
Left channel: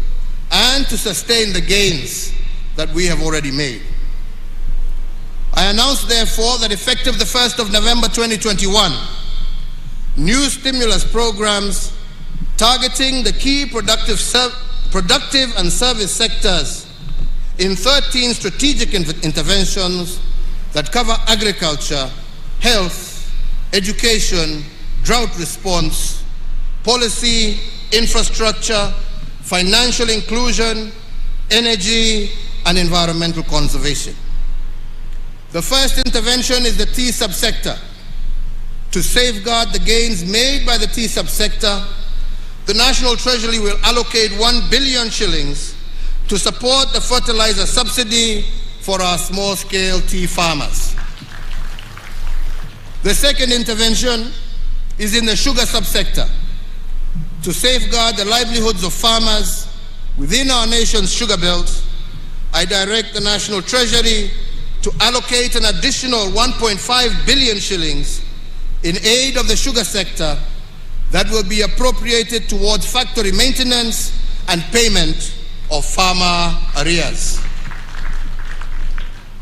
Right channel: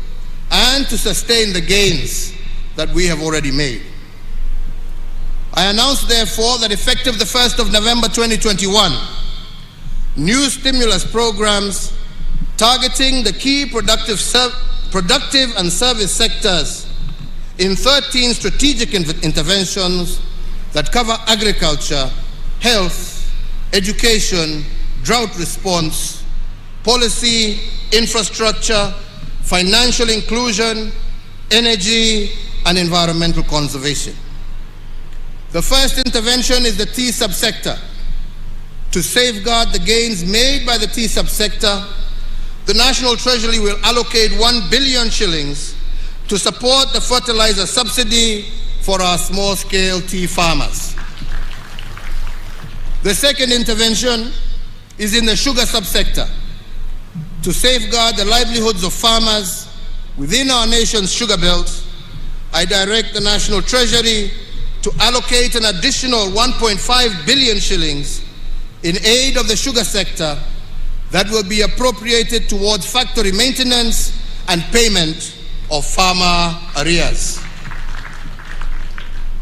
and to sustain the gains that we have already made. I announce, therefore, that effective the 1st of November 2021, new stimulus programs targeting the key productive and service sectors in 13 strategic interventions that cover agriculture, health, education, drought response, policy, infrastructure, financial inclusion, energy, and environmental conservation. The first intervention is the tea subsector. To safeguard the gains made by the tea subsector, the National Treasury will allocate 1 billion shillings to support the fertilizer subsidy for our small-scale tea farmers. The second intervention is in the sugar subsector. To safeguard the livelihoods of farmers within our nation's sugar belt, I direct the National Treasury to allocate an additional 1.5 billion shillings in aid of the sugar sector that will be appropriated towards factory maintenance and payment of farmer arrears.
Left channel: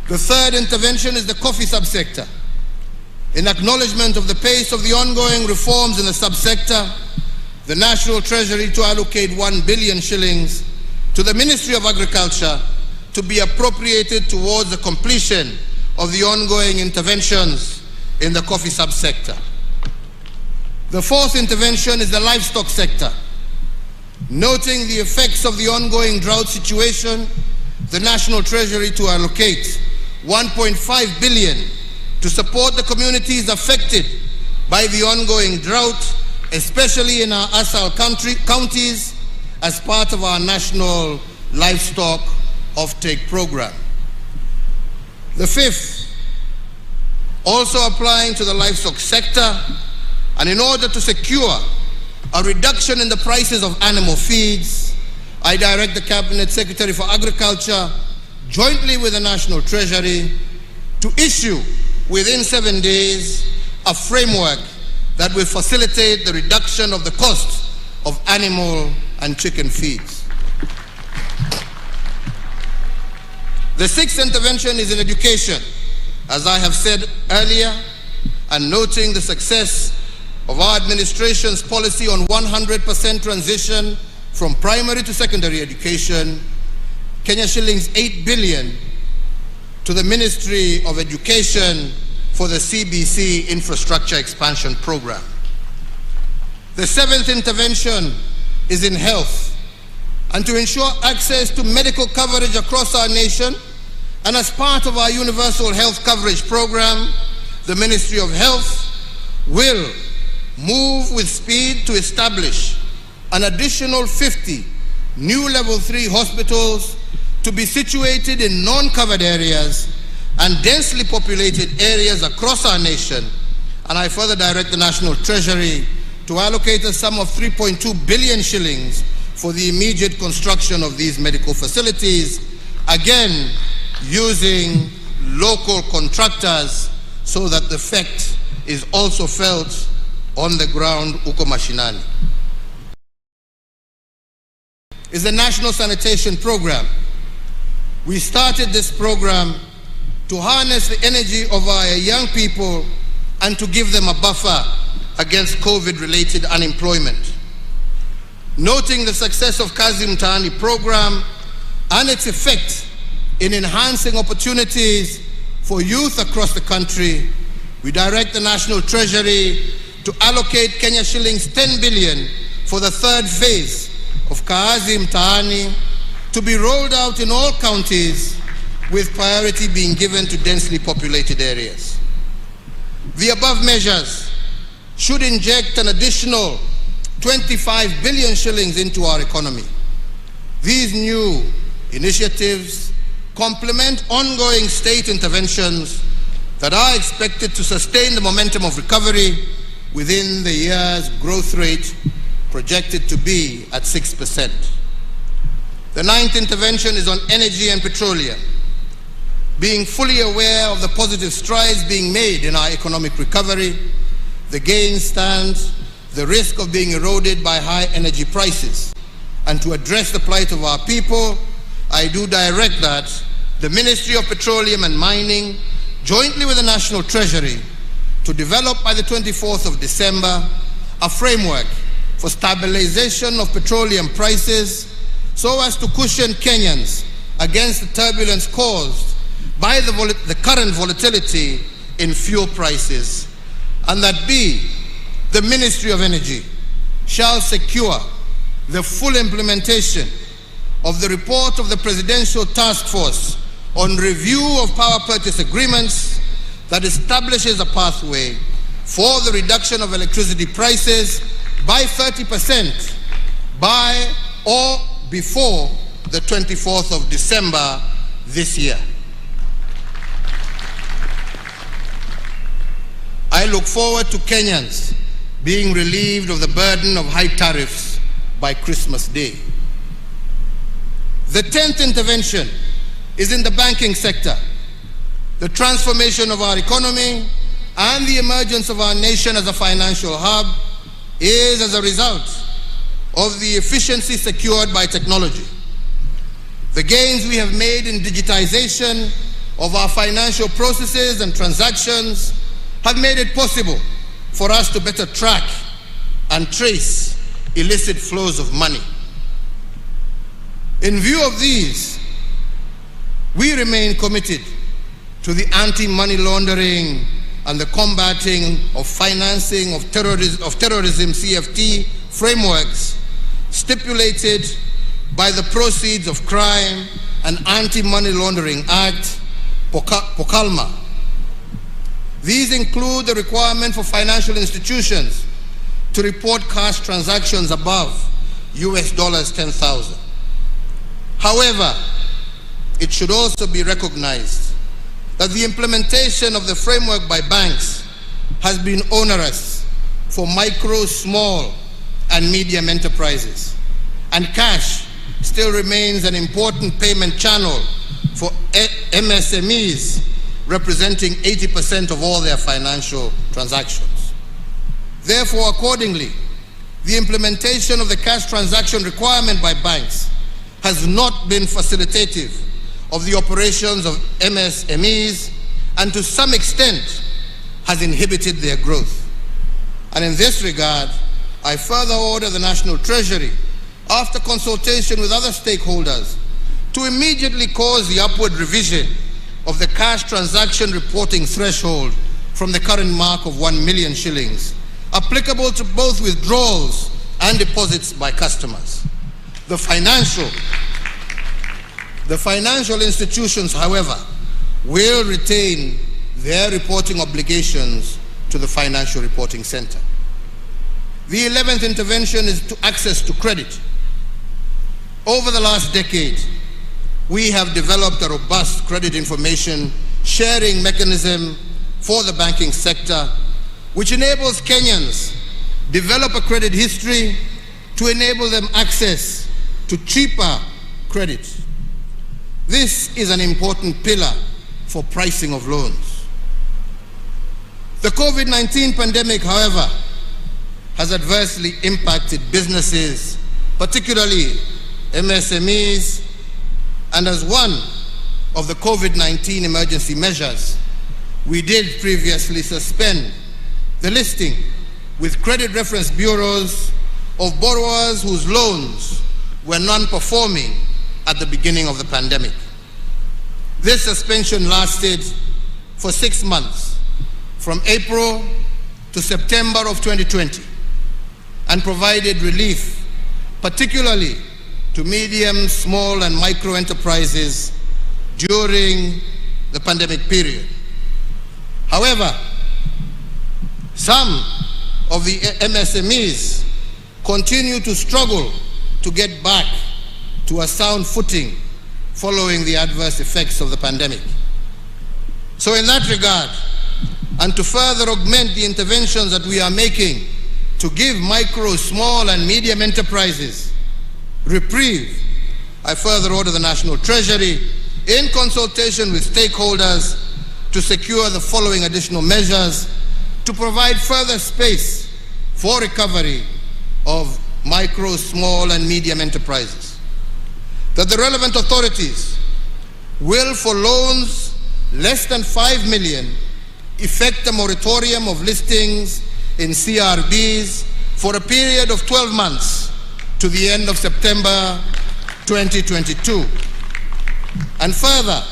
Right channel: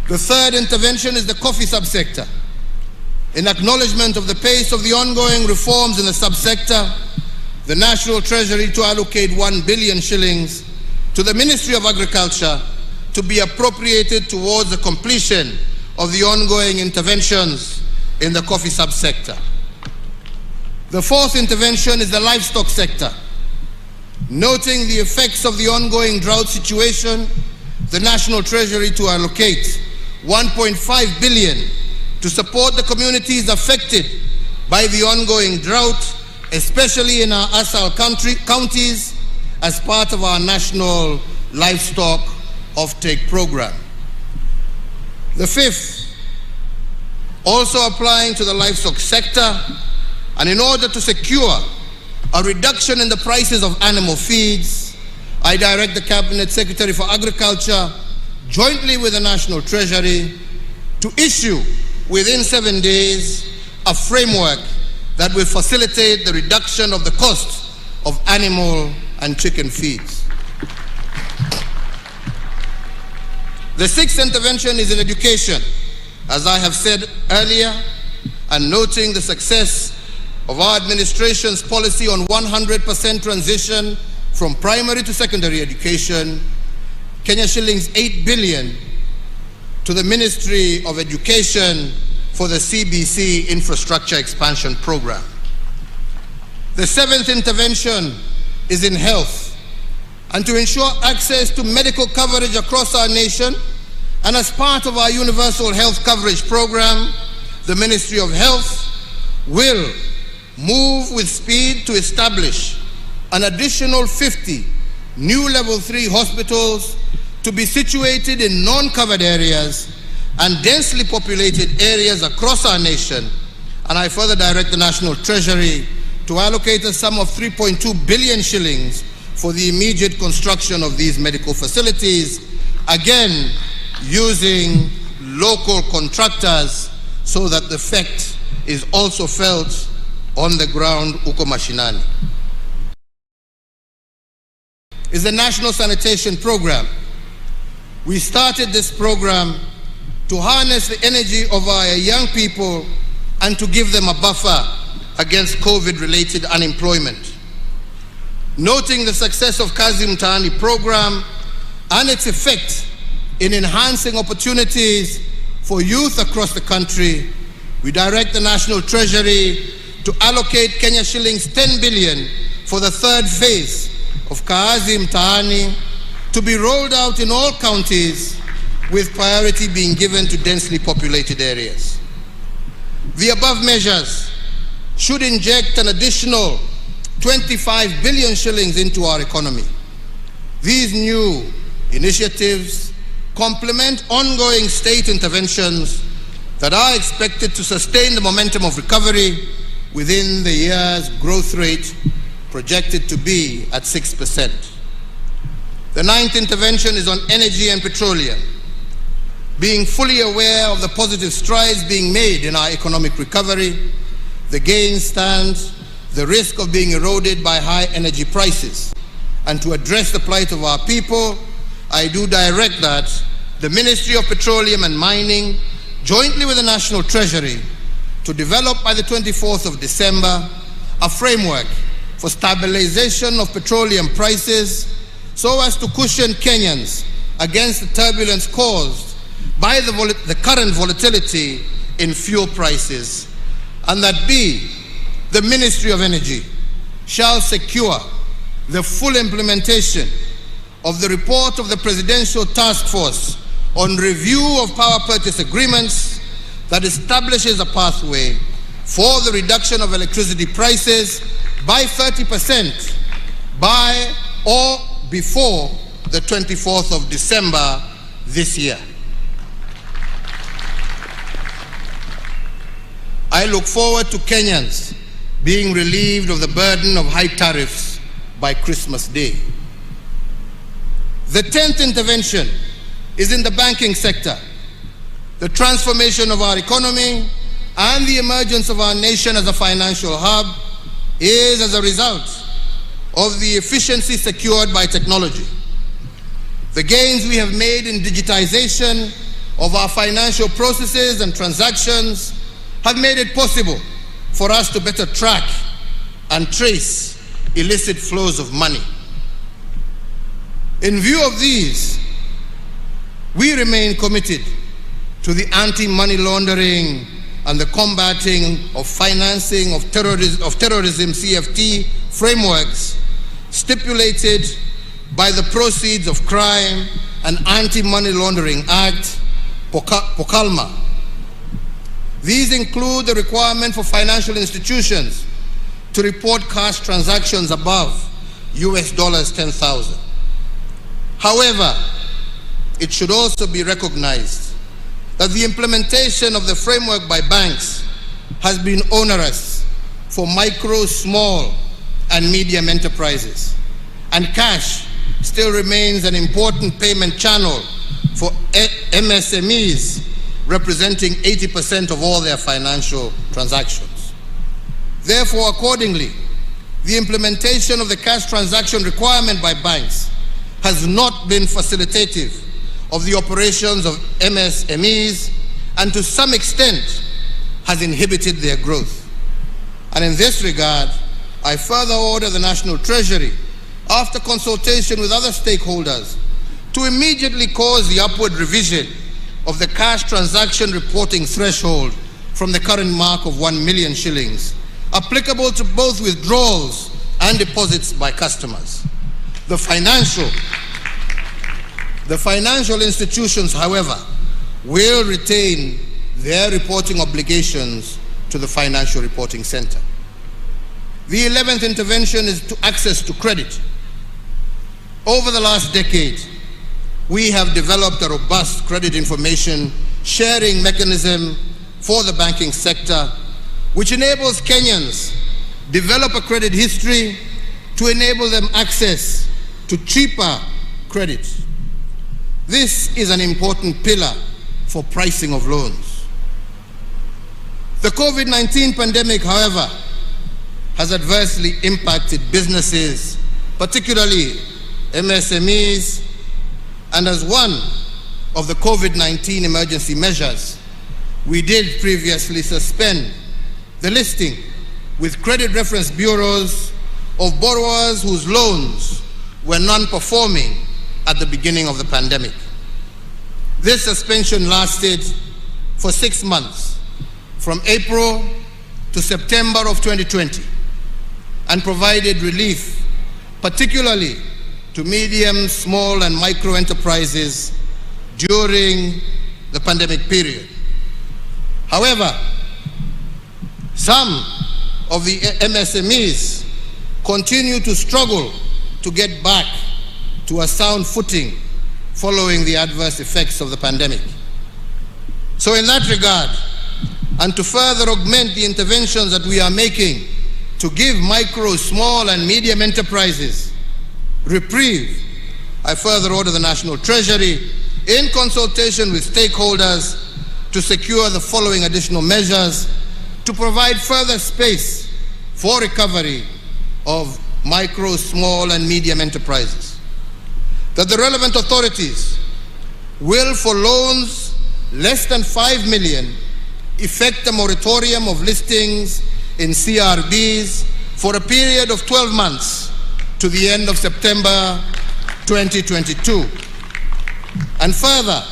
The third intervention is the coffee subsector. In acknowledgement of the pace of the ongoing reforms in the subsector, the National Treasury to allocate 1 billion shillings to the Ministry of Agriculture to be appropriated towards the completion of the ongoing interventions in the coffee subsector. The fourth intervention is the livestock sector. Noting the effects of the ongoing drought situation, the National Treasury to allocate 1.5 billion to support the communities affected by the ongoing drought, especially in our ASAL counties, as part of our National Livestock Offtake Program. The fifth, also applying to the livestock sector, and in order to secure a reduction in the prices of animal feeds, I direct the Cabinet Secretary for Agriculture, jointly with the National Treasury, to issue within 7 days a framework that will facilitate the reduction of the cost of animal and chicken feeds. The sixth intervention is in education. As I have said earlier, and noting the success of our administration's policy on 100% transition from primary to secondary education, Kenya shillings 8 billion to the Ministry of Education for the CBC Infrastructure Expansion Program. The seventh intervention is in health, and to ensure access to medical coverage across our nation, and as part of our Universal Health Coverage Program, the Ministry of Health will move with speed to establish an additional 50 new level 3 hospitals to be situated in non-covered areas and densely populated areas across our nation. And I further direct the National Treasury to allocate a sum of 3.2 billion shillings for the immediate construction of these medical facilities, again using local contractors so that the effect is also felt on the ground uko mashinani. Is the National Sanitation Program. We started this program to harness the energy of our young people and to give them a buffer against COVID-related unemployment. Noting the success of Kazi Mtaani program and its effect in enhancing opportunities for youth across the country, we direct the National Treasury to allocate Kenya shillings 10 billion for the third phase of Kazi Mtaani to be rolled out in all counties, with priority being given to densely populated areas. The above measures should inject an additional 25 billion shillings into our economy. These new initiatives complement ongoing state interventions that are expected to sustain the momentum of recovery within the year's growth rate projected to be at 6%. The ninth intervention is on energy and petroleum. Being fully aware of the positive strides being made in our economic recovery, the gain stands the risk of being eroded by high energy prices. And to address the plight of our people, I do direct that the Ministry of Petroleum and Mining, jointly with the National Treasury, to develop by the 24th of December a framework for stabilization of petroleum prices so as to cushion Kenyans against the turbulence caused by the current volatility in fuel prices, and that B, the Ministry of Energy shall secure the full implementation of the report of the Presidential Task Force on review of power purchase agreements that establishes a pathway for the reduction of electricity prices by 30% by or before the 24th of December this year. I look forward to Kenyans being relieved of the burden of high tariffs by Christmas Day. The 10th intervention is in the banking sector. The transformation of our economy and the emergence of our nation as a financial hub is as a result of the efficiency secured by technology. The gains we have made in digitization of our financial processes and transactions have made it possible for us to better track and trace illicit flows of money. In view of these, we remain committed to the anti-money laundering and the combating of financing of terrorism CFT frameworks stipulated by the Proceeds of Crime and Anti-Money Laundering Act, POCALMA. These include the requirement for financial institutions to report cash transactions above US dollars 10,000. However, it should also be recognized that the implementation of the framework by banks has been onerous for micro, small, and medium enterprises, and cash still remains an important payment channel for MSMEs, representing 80% of all their financial transactions. Therefore, accordingly, the implementation of the cash transaction requirement by banks has not been facilitative of the operations of MSMEs, and to some extent has inhibited their growth. And in this regard, I further order the National Treasury, after consultation with other stakeholders, to immediately cause the upward revision of the cash transaction reporting threshold from the current mark of 1 million shillings, applicable to both withdrawals and deposits by customers. The financial institutions, however, will retain their reporting obligations to the Financial Reporting Center. The 11th intervention is to access to credit. Over the last decade, we have developed a robust credit information sharing mechanism for the banking sector, which enables Kenyans develop a credit history to enable them access to cheaper credit. This is an important pillar for pricing of loans. The COVID-19 pandemic, however, has adversely impacted businesses, particularly MSMEs, and as one of the COVID-19 emergency measures, we did previously suspend the listing with credit reference bureaus of borrowers whose loans were non-performing at the beginning of the pandemic. This suspension lasted for 6 months, from April to September of 2020, and provided relief, particularly to medium, small, and micro enterprises during the pandemic period. However, some of the MSMEs continue to struggle to get back to a sound footing following the adverse effects of the pandemic. So in that regard, and to further augment the interventions that we are making to give micro, small, and medium enterprises reprieve, I further order the National Treasury, in consultation with stakeholders, to secure the following additional measures to provide further space for recovery of micro, small, and medium enterprises. That the relevant authorities will, for loans less than 5 million, effect a moratorium of listings in CRBs for a period of 12 months to the end of September 2022. And further,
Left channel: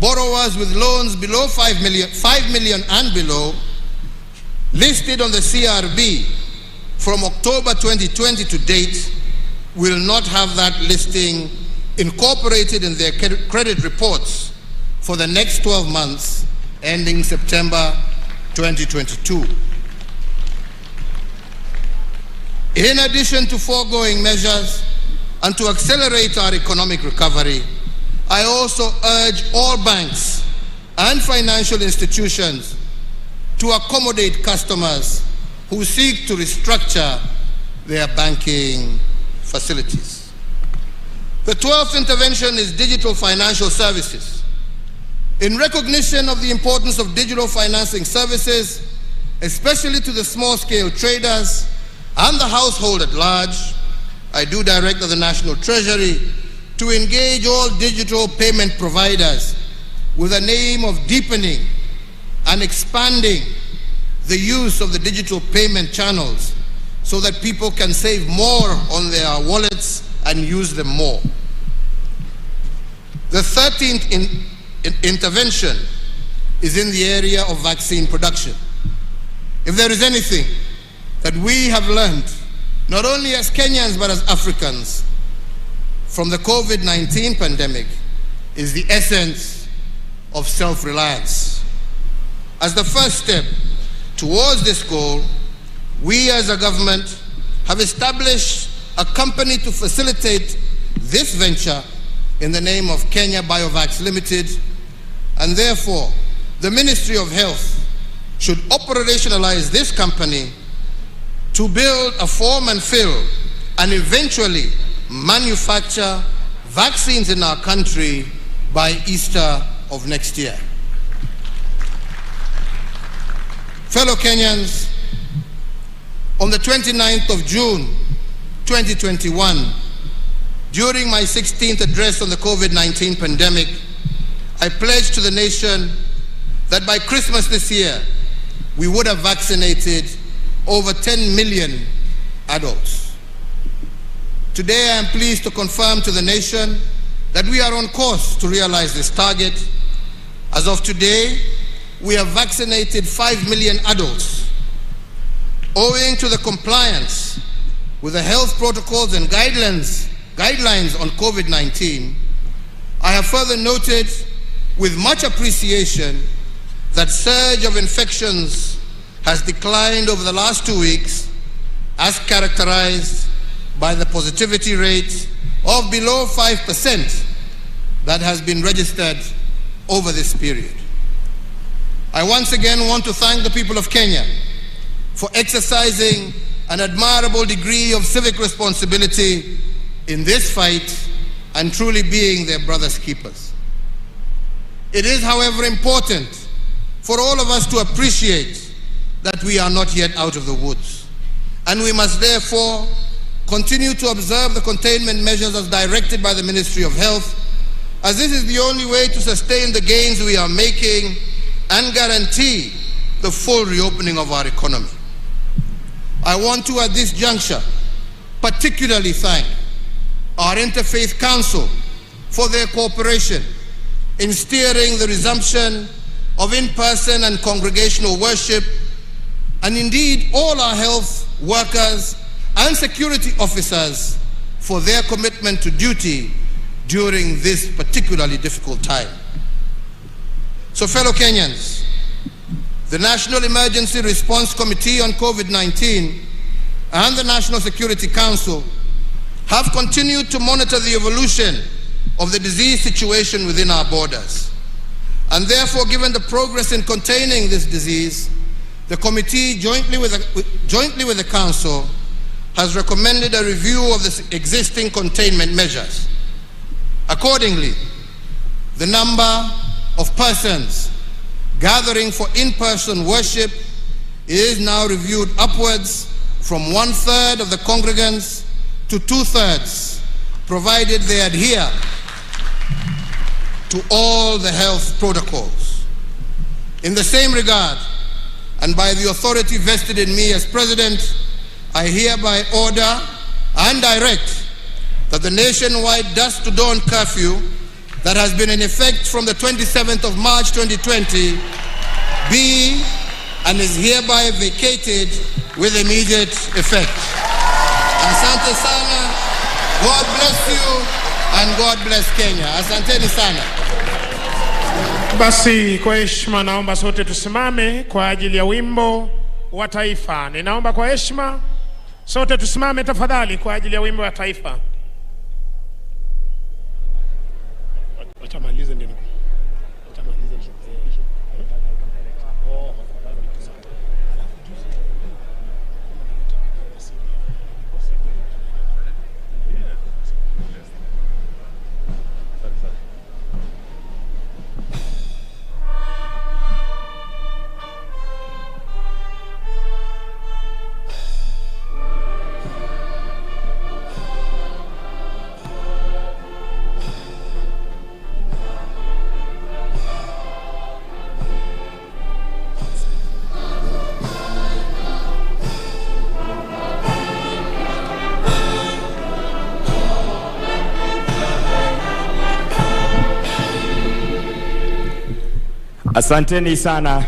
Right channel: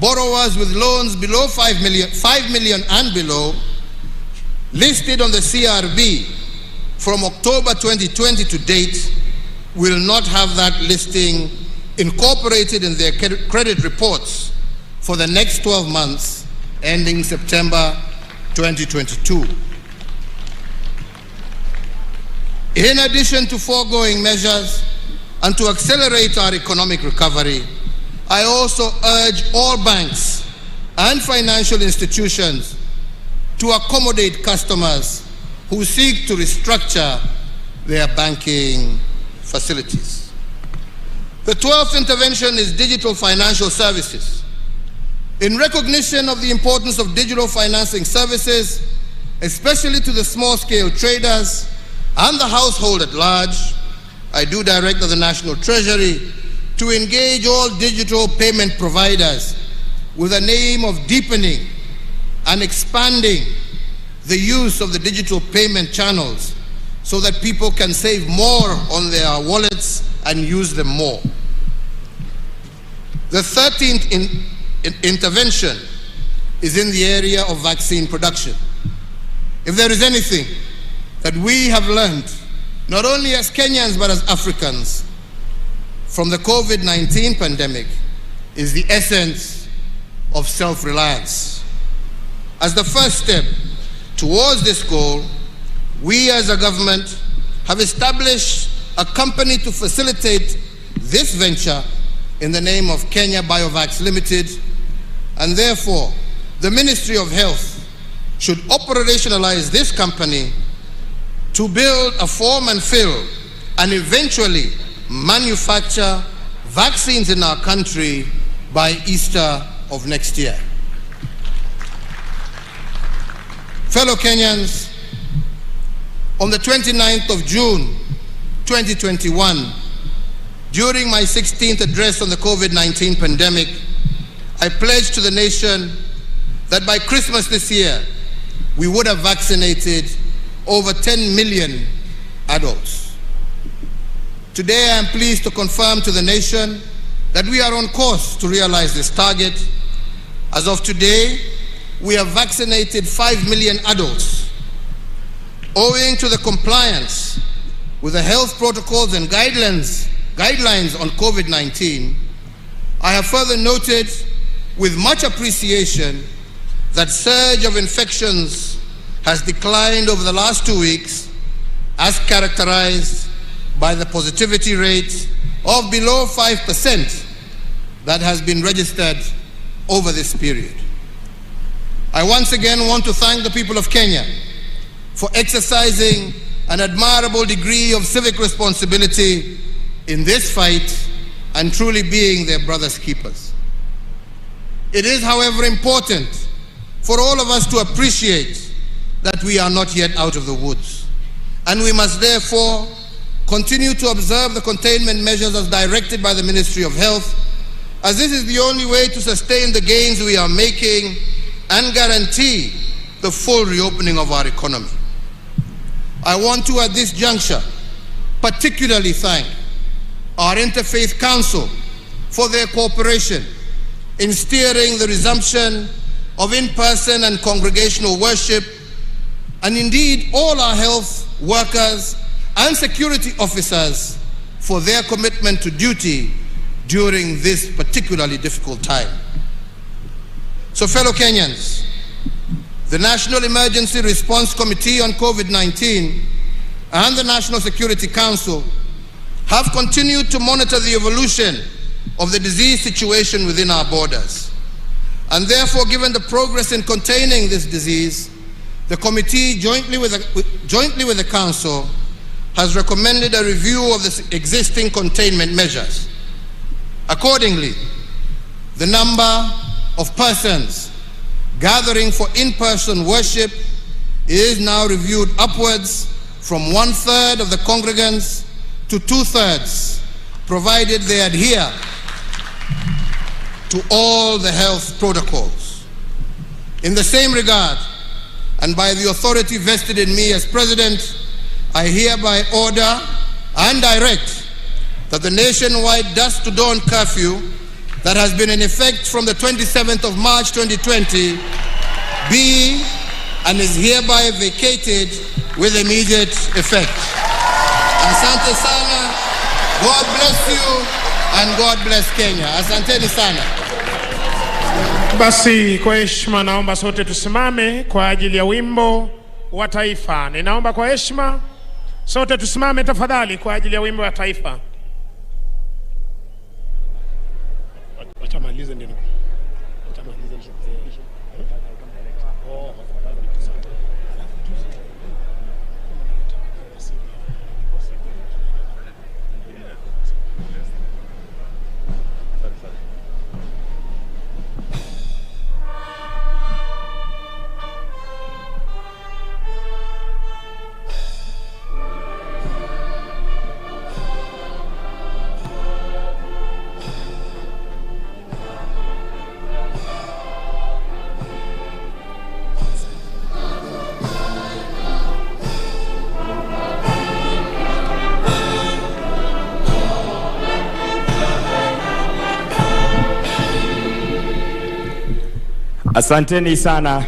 borrowers with loans below 5 million and below, listed on the CRB from October 2020 to date, will not have that listing incorporated in their credit reports for the next 12 months ending September 2022. In addition to foregoing measures and to accelerate our economic recovery, I also urge all banks and financial institutions to accommodate customers who seek to restructure their banking facilities. The 12th intervention is digital financial services. In recognition of the importance of digital financing services, especially to the small-scale traders and the household at large, I do direct the National Treasury to engage all digital payment providers with an aim of deepening and expanding the use of the digital payment channels so that people can save more on their wallets and use them more. The 13th intervention is in the area of vaccine production. If there is anything that we have learned not only as Kenyans but as Africans, from the COVID-19 pandemic is the essence of self-reliance. As the first step towards this goal, we as a government have established a company to facilitate this venture in the name of Kenya Biovax Limited, and therefore the Ministry of Health should operationalize this company to build a form and fill and eventually manufacture vaccines in our country by Easter of next year. Fellow Kenyans, on the 29th of June 2021, during my 16th address on the COVID-19 pandemic, I pledged to the nation that by Christmas this year, we would have vaccinated over 10 million adults. Today, I am pleased to confirm to the nation that we are on course to realize this target. As of today, we have vaccinated 5 million adults. Owing to the compliance with the health protocols and guidelines on COVID-19, I have further noted with much appreciation that surge of infections has declined over the last 2 weeks, as characterized by the positivity rate of below 5% that has been registered over this period. I once again want to thank the people of Kenya for exercising an admirable degree of civic responsibility in this fight and truly being their brother's keepers. It is, however, important for all of us to appreciate that we are not yet out of the woods, and we must therefore continue to observe the containment measures as directed by the Ministry of Health, as this is the only way to sustain the gains we are making and guarantee the full reopening of our economy. I want to, at this juncture, particularly thank our Interfaith Council for their cooperation in steering the resumption of in-person and congregational worship, and indeed all our health workers and security officers for their commitment to duty during this particularly difficult time. So, fellow Kenyans, the National Emergency Response Committee on COVID-19 and the National Security Council have continued to monitor the evolution of the disease situation within our borders. And therefore, given the progress in containing this disease, the committee, jointly with the Council, has recommended a review of the existing containment measures. Accordingly, the number of persons gathering for in-person worship is now reviewed upwards from 1/3 of the congregants to 2/3, provided they adhere to all the health protocols. In the same regard, and by the authority vested in me as President, I hereby order and direct that the nationwide dusk to dawn curfew that has been in effect from the 27th of March 2020 be and is hereby vacated with immediate effect. Asante sana, God bless you and God bless Kenya. Asanteni sana. Basi kwa heshima naomba sote tusimame kwa ajili ya wimbo wa taifa. Ninaomba kwa heshima sote tusimame tafadhali kwa ajili ya wimbo wa taifa. Watamalize ndio. Asanteni sana.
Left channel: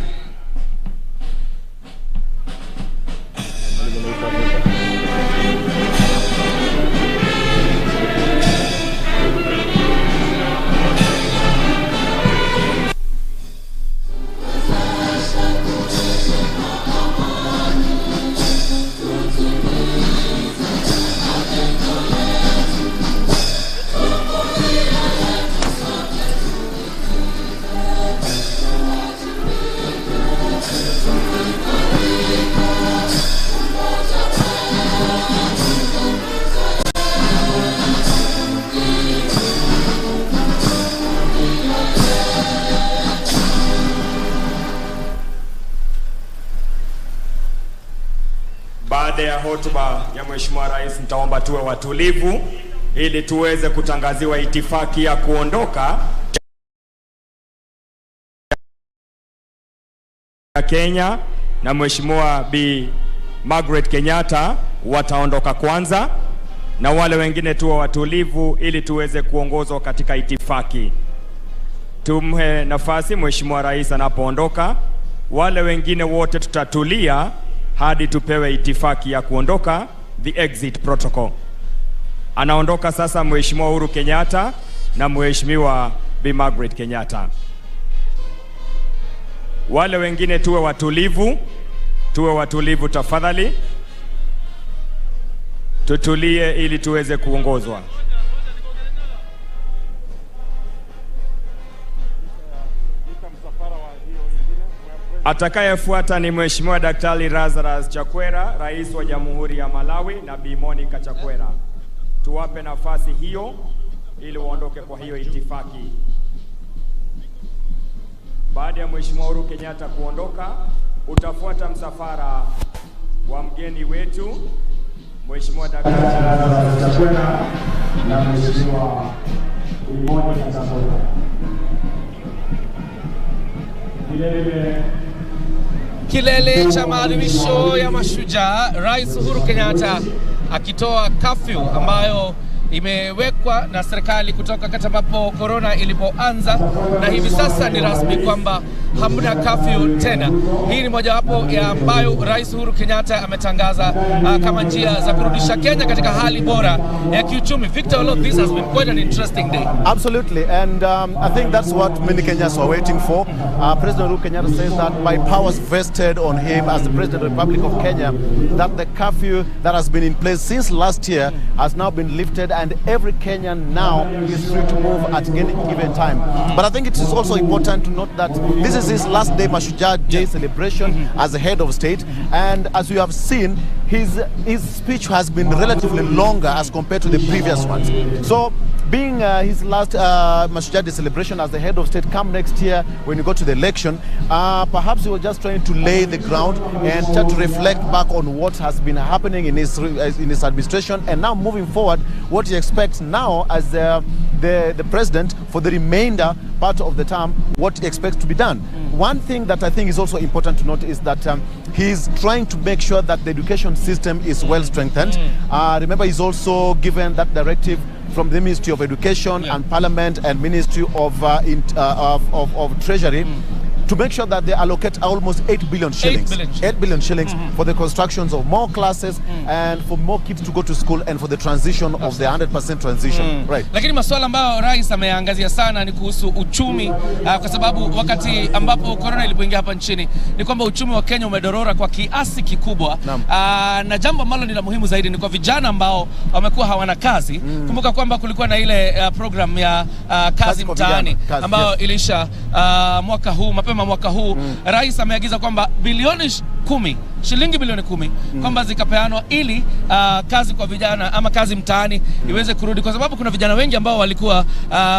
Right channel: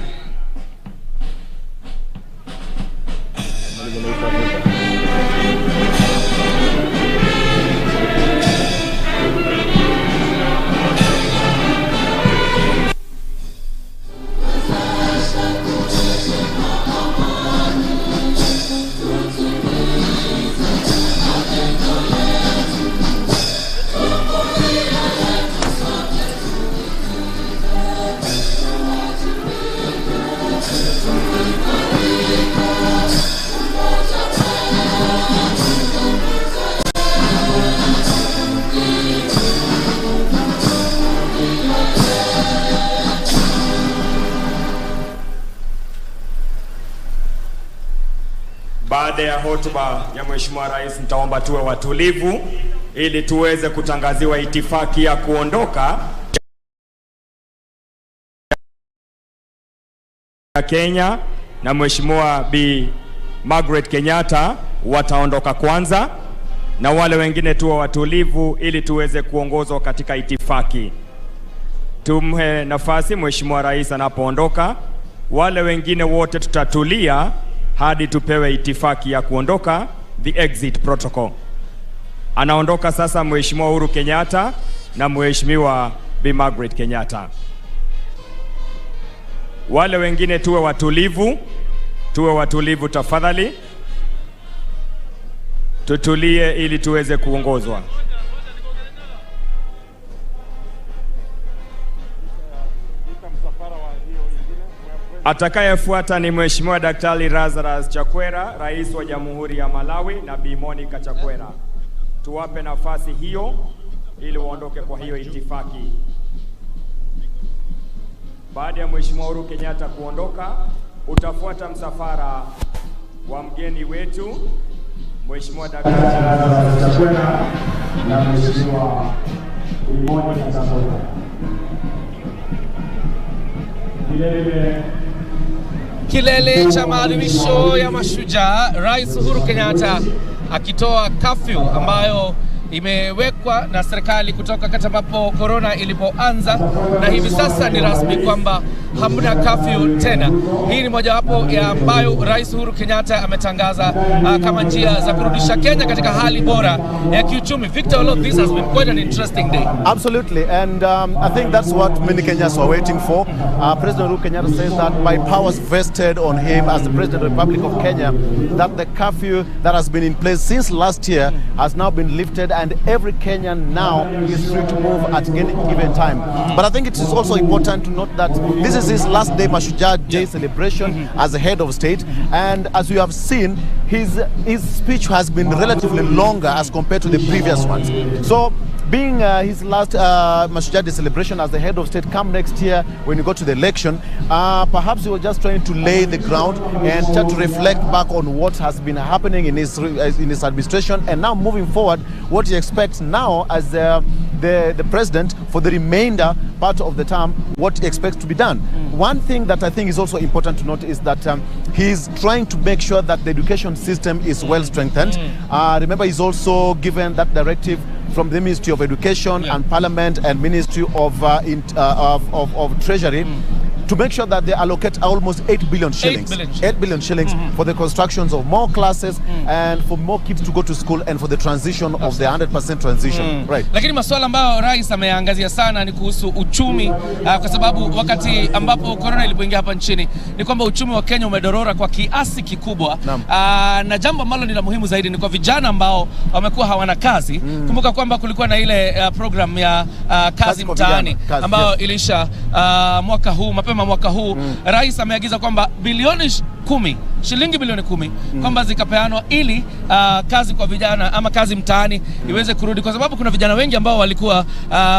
Baada ya hotuba ya Mheshimiwa Rais, nitaomba tuwe watulivu ili tuweze kutangaziwa itifaki ya kuondoka ya Kenya, na Mheshimiwa Bi Margaret Kenyatta wataondoka kwanza, na wale wengine tuwe watulivu ili tuweze kuongozwa katika itifaki. Tumhe nafasi Mheshimiwa Rais anapoondoka. Wale wengine wote tutatulia hadi tupewe itifaki ya kuondoka, the exit protocol. Anaondoka sasa Mheshimiwa Uhuru Kenyatta na Mheshimiwa Bi Margaret Kenyatta. Wale wengine tuwe watulivu tafadhali. Tutulie ili tuweze kuongozwa. Atakayefuata ni Mheshimiwa Daktari Lazarus Chakwera, Rais wa Jamhuri ya Malawi, na Bi Monica Chakwera. Tuwape nafasi hiyo ili waondoke kwa hiyo itifaki. Baada ya Mheshimiwa Uhuru Kenyatta kuondoka, utafuata msafara wa mgeni wetu Mheshimiwa Daktari Lazarus Chakwera na Mheshimiwa Bi Monica Chakwera. Kilele cha maadhimisho ya mashujaa, Rais Uhuru Kenyatta akitoa curfew ambayo imewekwa na serikali kutoka wakati ambapo corona ilipoanza, na hivi sasa ni rasmi kwamba hamna curfew tena. Hii ni mojawapo ya ambayo Rais Uhuru Kenyatta ametangaza kama njia za kurudisha Kenya katika hali bora ya kiuchumi. Victor Oloo, this has been quite an interesting day. Absolutely, and I think that's what many Kenyans were waiting for. President Uhuru Kenyatta says that by powers vested on him as the President of the Republic of Kenya, that the curfew that has been in place since last year has now been lifted, and every Kenyan now is free to move at any given time. But I think it is also important to note that this is his last day Mashujaa Day celebration as the head of state, and as we have seen, his speech has been relatively longer as compared to the previous ones. So being his last Mashujaa Day celebration as the head of state come next year when you go to the election, perhaps he was just trying to lay the ground and try to reflect back on what has been happening in his administration, and now moving forward, what he expects now as the president for the remainder part of the term, what he expects to be done. One thing that I think is also important to note is that he's trying to make sure that the education system is well strengthened. Remember, he's also given that directive from the Ministry of Education and Parliament and Ministry of Treasury to make sure that they allocate almost 8 billion shillings. 8 billion shillings for the constructions of more classes and for more kids to go to school and for the transition of the 100% transition. Right. Lakini masuala ambayo rais ameangazia sana ni kuhusu uchumi, kwa sababu wakati ambapo corona ilipoingia hapa nchini ni kwamba uchumi wa Kenya umedorora kwa kiasi kikubwa. Na jambo ambalo ni la muhimu zaidi ni kwa vijana ambao wamekuwa hawana kazi. Kumbuka kwamba kulikuwa na ile program ya kazi mtaani ambayo ilisha mwaka huu, mapema mwaka huu. Rais ameagiza kwamba shilingi bilioni 10 kwamba zikapeanwa ili kazi kwa vijana ama kazi mtaani iweze kurudi, kwa sababu kuna vijana wengi ambao walikuwa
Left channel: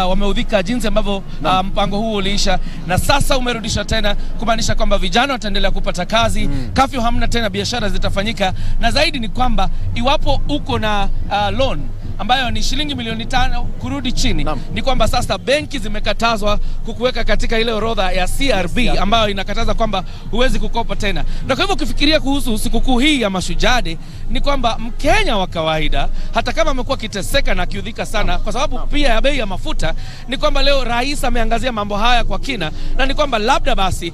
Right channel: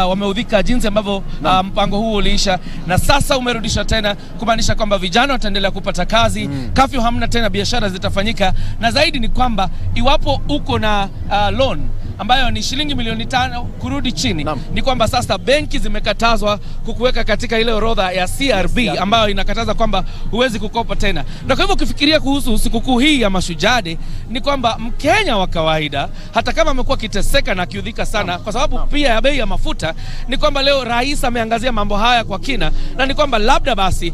wameudhika jinsi ambavyo mpango huu uliisha, na sasa umerudisha tena, kumaanisha kwamba vijana wataendelea kupata kazi. Curfew hamna tena, biashara zitafanyika, na zaidi ni kwamba iwapo uko na loan ambayo ni shilingi milioni 5 kurudi chini, ni kwamba sasa benki zimekatazwa kukuweka katika ile orodha ya CRB ambayo inakataza kwamba huwezi kukopa tena. Na kwa hivyo ukifikiria kuhusu sikukuu hii ya Mashujaa Day, ni kwamba Mkenya wa kawaida, hata kama amekuwa kiteseka na kiudhika sana kwa sababu pia ya bei ya mafuta, ni kwamba leo rais ameangazia mambo haya kwa kina, na ni kwamba labda basi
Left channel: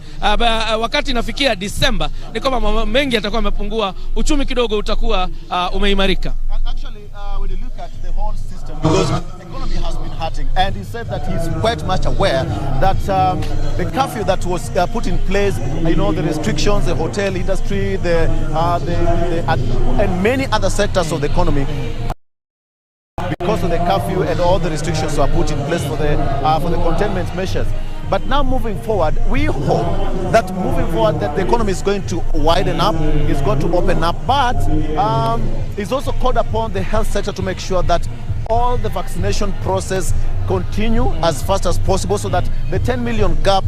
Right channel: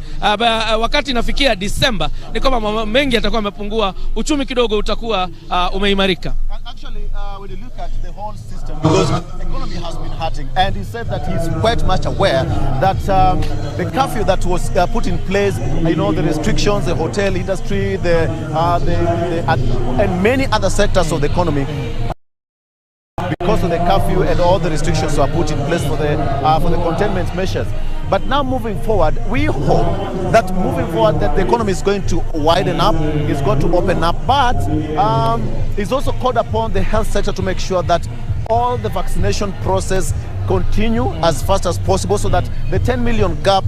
wakati inafikia Disemba ni kwamba mambo mengi yatakuwa yamepungua, uchumi kidogo utakuwa umeimarika. Actually, when you look at the whole system, because the economy has been hurting, and he said that he's quite much aware that the curfew that was put in place, the restrictions, the hotel industry, and many other sectors of the economy, because of the curfew and all the restrictions were put in place for the containment measures. But now moving forward, we hope that the economy is going to widen up, it's going to open up, but it's also called upon the health sector to make sure that all the vaccination process continue as fast as possible so that the 10 million gap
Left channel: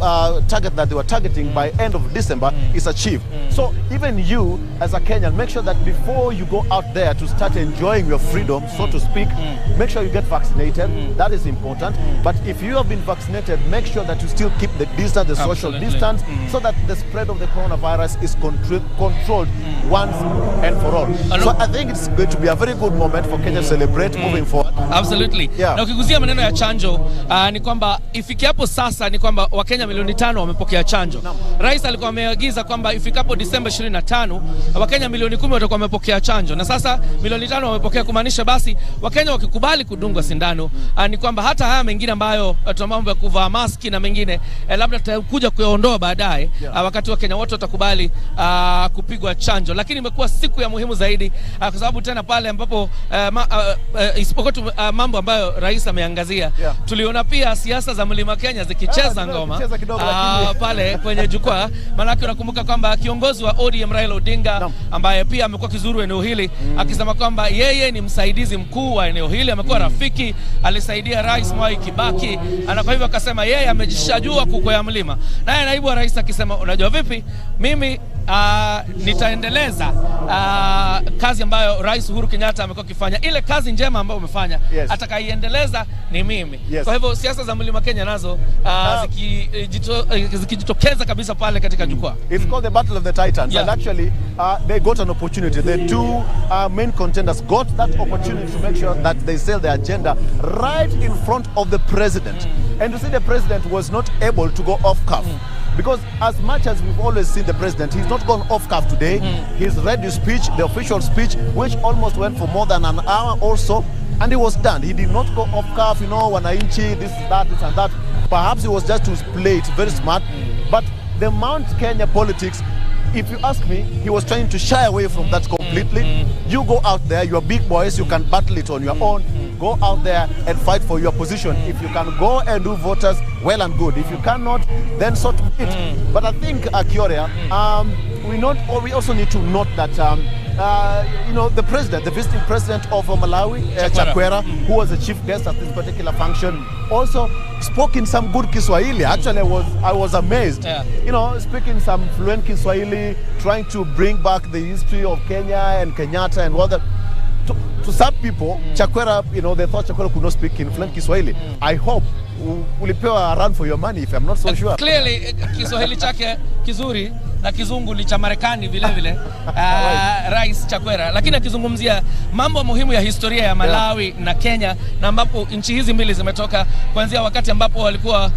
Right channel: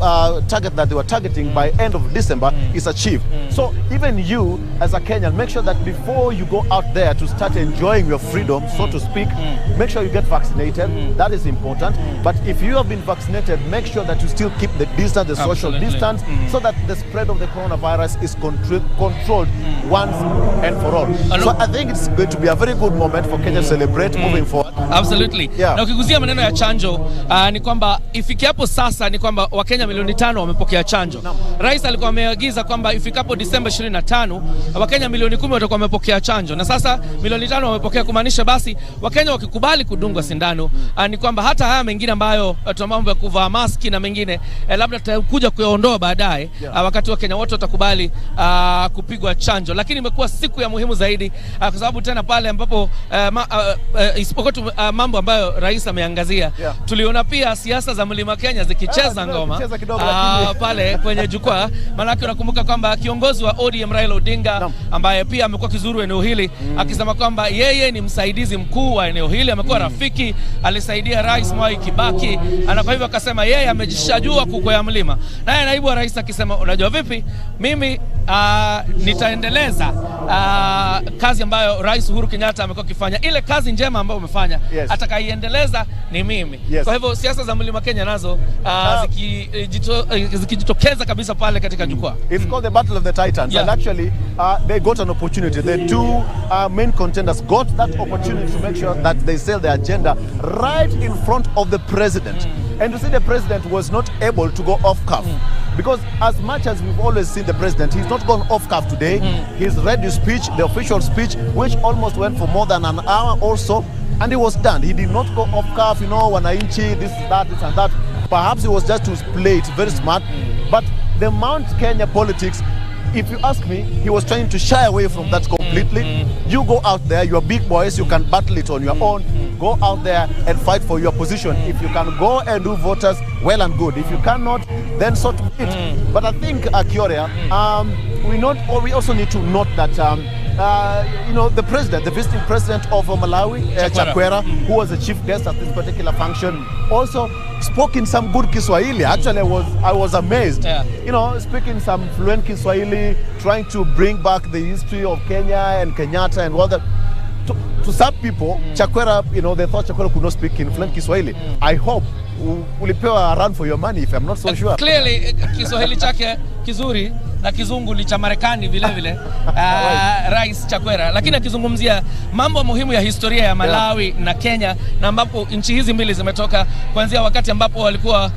target that they were targeting by end of December is achieved. So even you as a Kenyan, make sure that before you go out there to start enjoying your freedom, so to speak, make sure you get vaccinated. That is important. But if you have been vaccinated, make sure that you still keep the distance, the social distance, so that the spread of the coronavirus is controlled once and for all. So I think it's going to be a very good moment for Kenya to celebrate moving forward. Absolutely. Na ukiguzia maneno ya chanjo, ni kwamba ifikapo sasa ni kwamba Wakenya milioni 5 wamepokea chanjo. Rais alikuwa ameagiza kwamba ifikapo Disemba 25 Wakenya milioni 10 watakuwa wamepokea chanjo. Na sasa milioni 5 wamepokea, kumaanisha basi Wakenya wakikubali kudungwa sindano, ni kwamba hata haya mengine ambayo mambo ya kuvaa maski na mengine labda tutakuja kuyaondoa baadaye wakati Wakenya wote watakubali kupigwa chanjo. Lakini imekuwa siku ya muhimu zaidi kwa sababu tena pale ambapo isipokuwa mambo ambayo rais ameangazia, tuliona pia siasa za Mlima Kenya zikicheza ngoma pale kwenye jukwaa. Maana unakumbuka kwamba kiongozi wa ODM Raila Odinga ambaye pia amekuwa kizuru eneo hili akisema kwamba yeye ni msaidizi mkuu wa eneo hili, amekuwa rafiki, alisaidia Rais Mwai Kibaki, na kwa hivyo akasema yeye amejishajua kukwea mlima. Naye naibu wa rais akisema, unajua vipi, mimi nitaendeleza kazi ambayo Rais Uhuru Kenyatta amekuwa akifanya, ile kazi njema ambayo umefanya, atakaiendeleza ni mimi. Kwa hivyo siasa za Mlima Kenya nazo zikijitokeza kabisa pale katika jukwaa. It's called the Battle of the Titans, and actually they got an opportunity. The two main contenders got that opportunity to make sure that they sell their agenda right in front of the president. And you see, the president was not able to go off cuff. Because as much as we've always seen the president, he's not gone off cuff today. He's read his speech, the official speech, which almost went for more than an hour or so, and he was done. He did not go off cuff, you know, wananchi, this, that, this and that. Perhaps it was just to play it very smart. But the Mount Kenya politics, if you ask me, he was trying to shy away from that completely. You go out there, you are big boys, you can battle it on your own. Go out there and fight for your position. If you can go and do voters, well and good. If you cannot, then so be it. But I think, Kioria, we also need to note that you know, the president, the visiting president of Malawi, Chakwera, who was the chief guest at this particular function, also spoke in some good Kiswahili. Actually, I was amazed. You know, speaking some fluent Kiswahili, trying to bring back the history of Kenya and Kenyatta and all that. To some people, Chakwera, you know, they thought Chakwera could not speak in fluent Kiswahili. I hope ulipewa a run for your money, if I'm not so sure. Clearly, Kiswahili chake kizuri na kizungu ni cha Marekani vile vile, Rais Chakwera, lakini akizungumzia mambo muhimu ya historia ya Malawi na Kenya, na ambapo nchi hizi mbili zimetoka kuanzia wakati ambapo walikuwa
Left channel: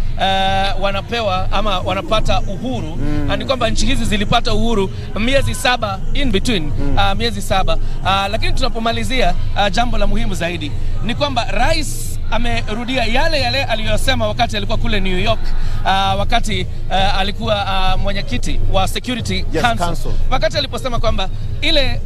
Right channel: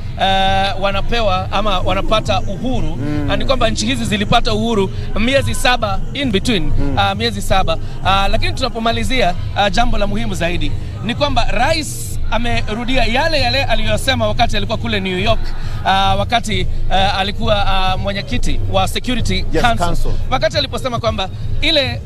wanapewa ama wanapata uhuru. Ni kwamba nchi hizi zilipata uhuru miezi 7 in between, miezi 7. Lakini tunapomalizia, jambo la muhimu zaidi ni kwamba rais amerudia yale aliyosema wakati alikuwa kule New York, wakati alikuwa mwenyekiti wa Security Council. Wakati aliposema kwamba ile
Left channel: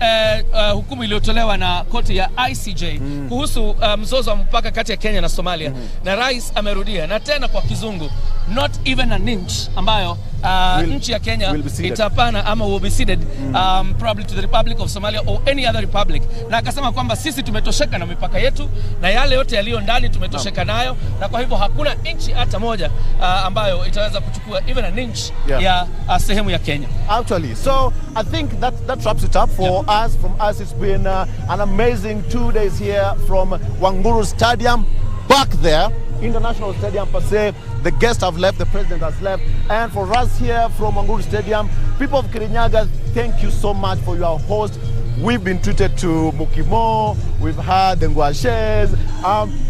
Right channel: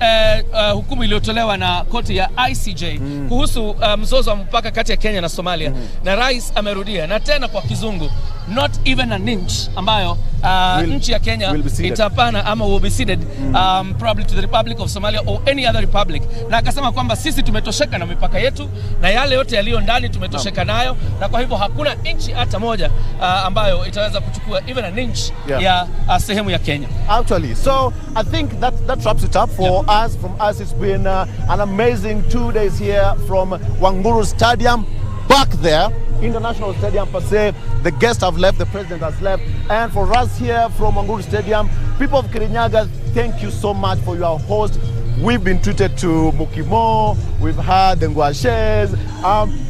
hukumu iliyotolewa na koti ya ICJ kuhusu mzozo wa mpaka kati ya Kenya na Somalia, na rais amerudia na tena kwa kizungu, not even an inch, ambayo nchi ya Kenya itapana ama will be ceded probably to the Republic of Somalia or any other republic. Na akasema kwamba sisi tumetosheka na mipaka yetu na yale yote yaliyo ndani tumetosheka nayo, na kwa hivyo hakuna inchi hata moja ambayo itaweza kuchukua even an inch ya sehemu ya Kenya. Actually, so I think that wraps it up for us. From us, it's been an amazing 2 days here from Wanguru Stadium. Back there, International Stadium per se, the guests have left, the president has left, and for us here from Wanguru Stadium, people of Kirinyaga, thank you so much for your host. We've been treated to Mukimo, we've had the Nguashes.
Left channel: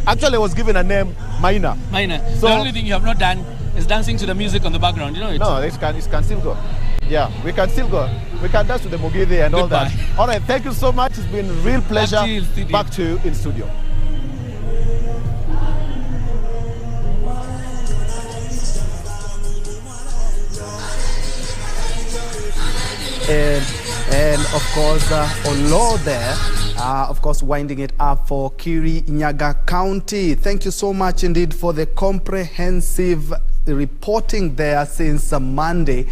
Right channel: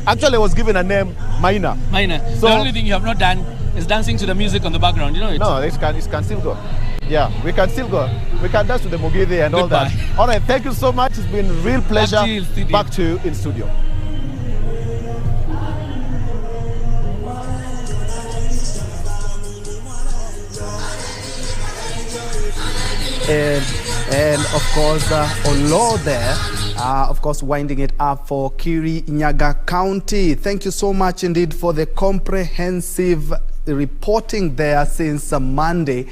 Actually, I was given a name, Maina. So, the only thing you have not done is dancing to the music on the background, you know it? No, it can still go. Yeah, we can still go. We can dance to the Mugithi and all that. All right, thank you so much. It's been a real pleasure. Back to you in studio. And of course, Olo there, of course, winding it up for Kirinyaga County. Thank you so much indeed for the comprehensive reporting there since Monday.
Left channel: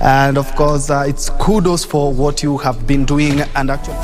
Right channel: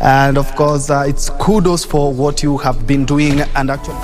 And of course, it's kudos for what you have been doing, and actually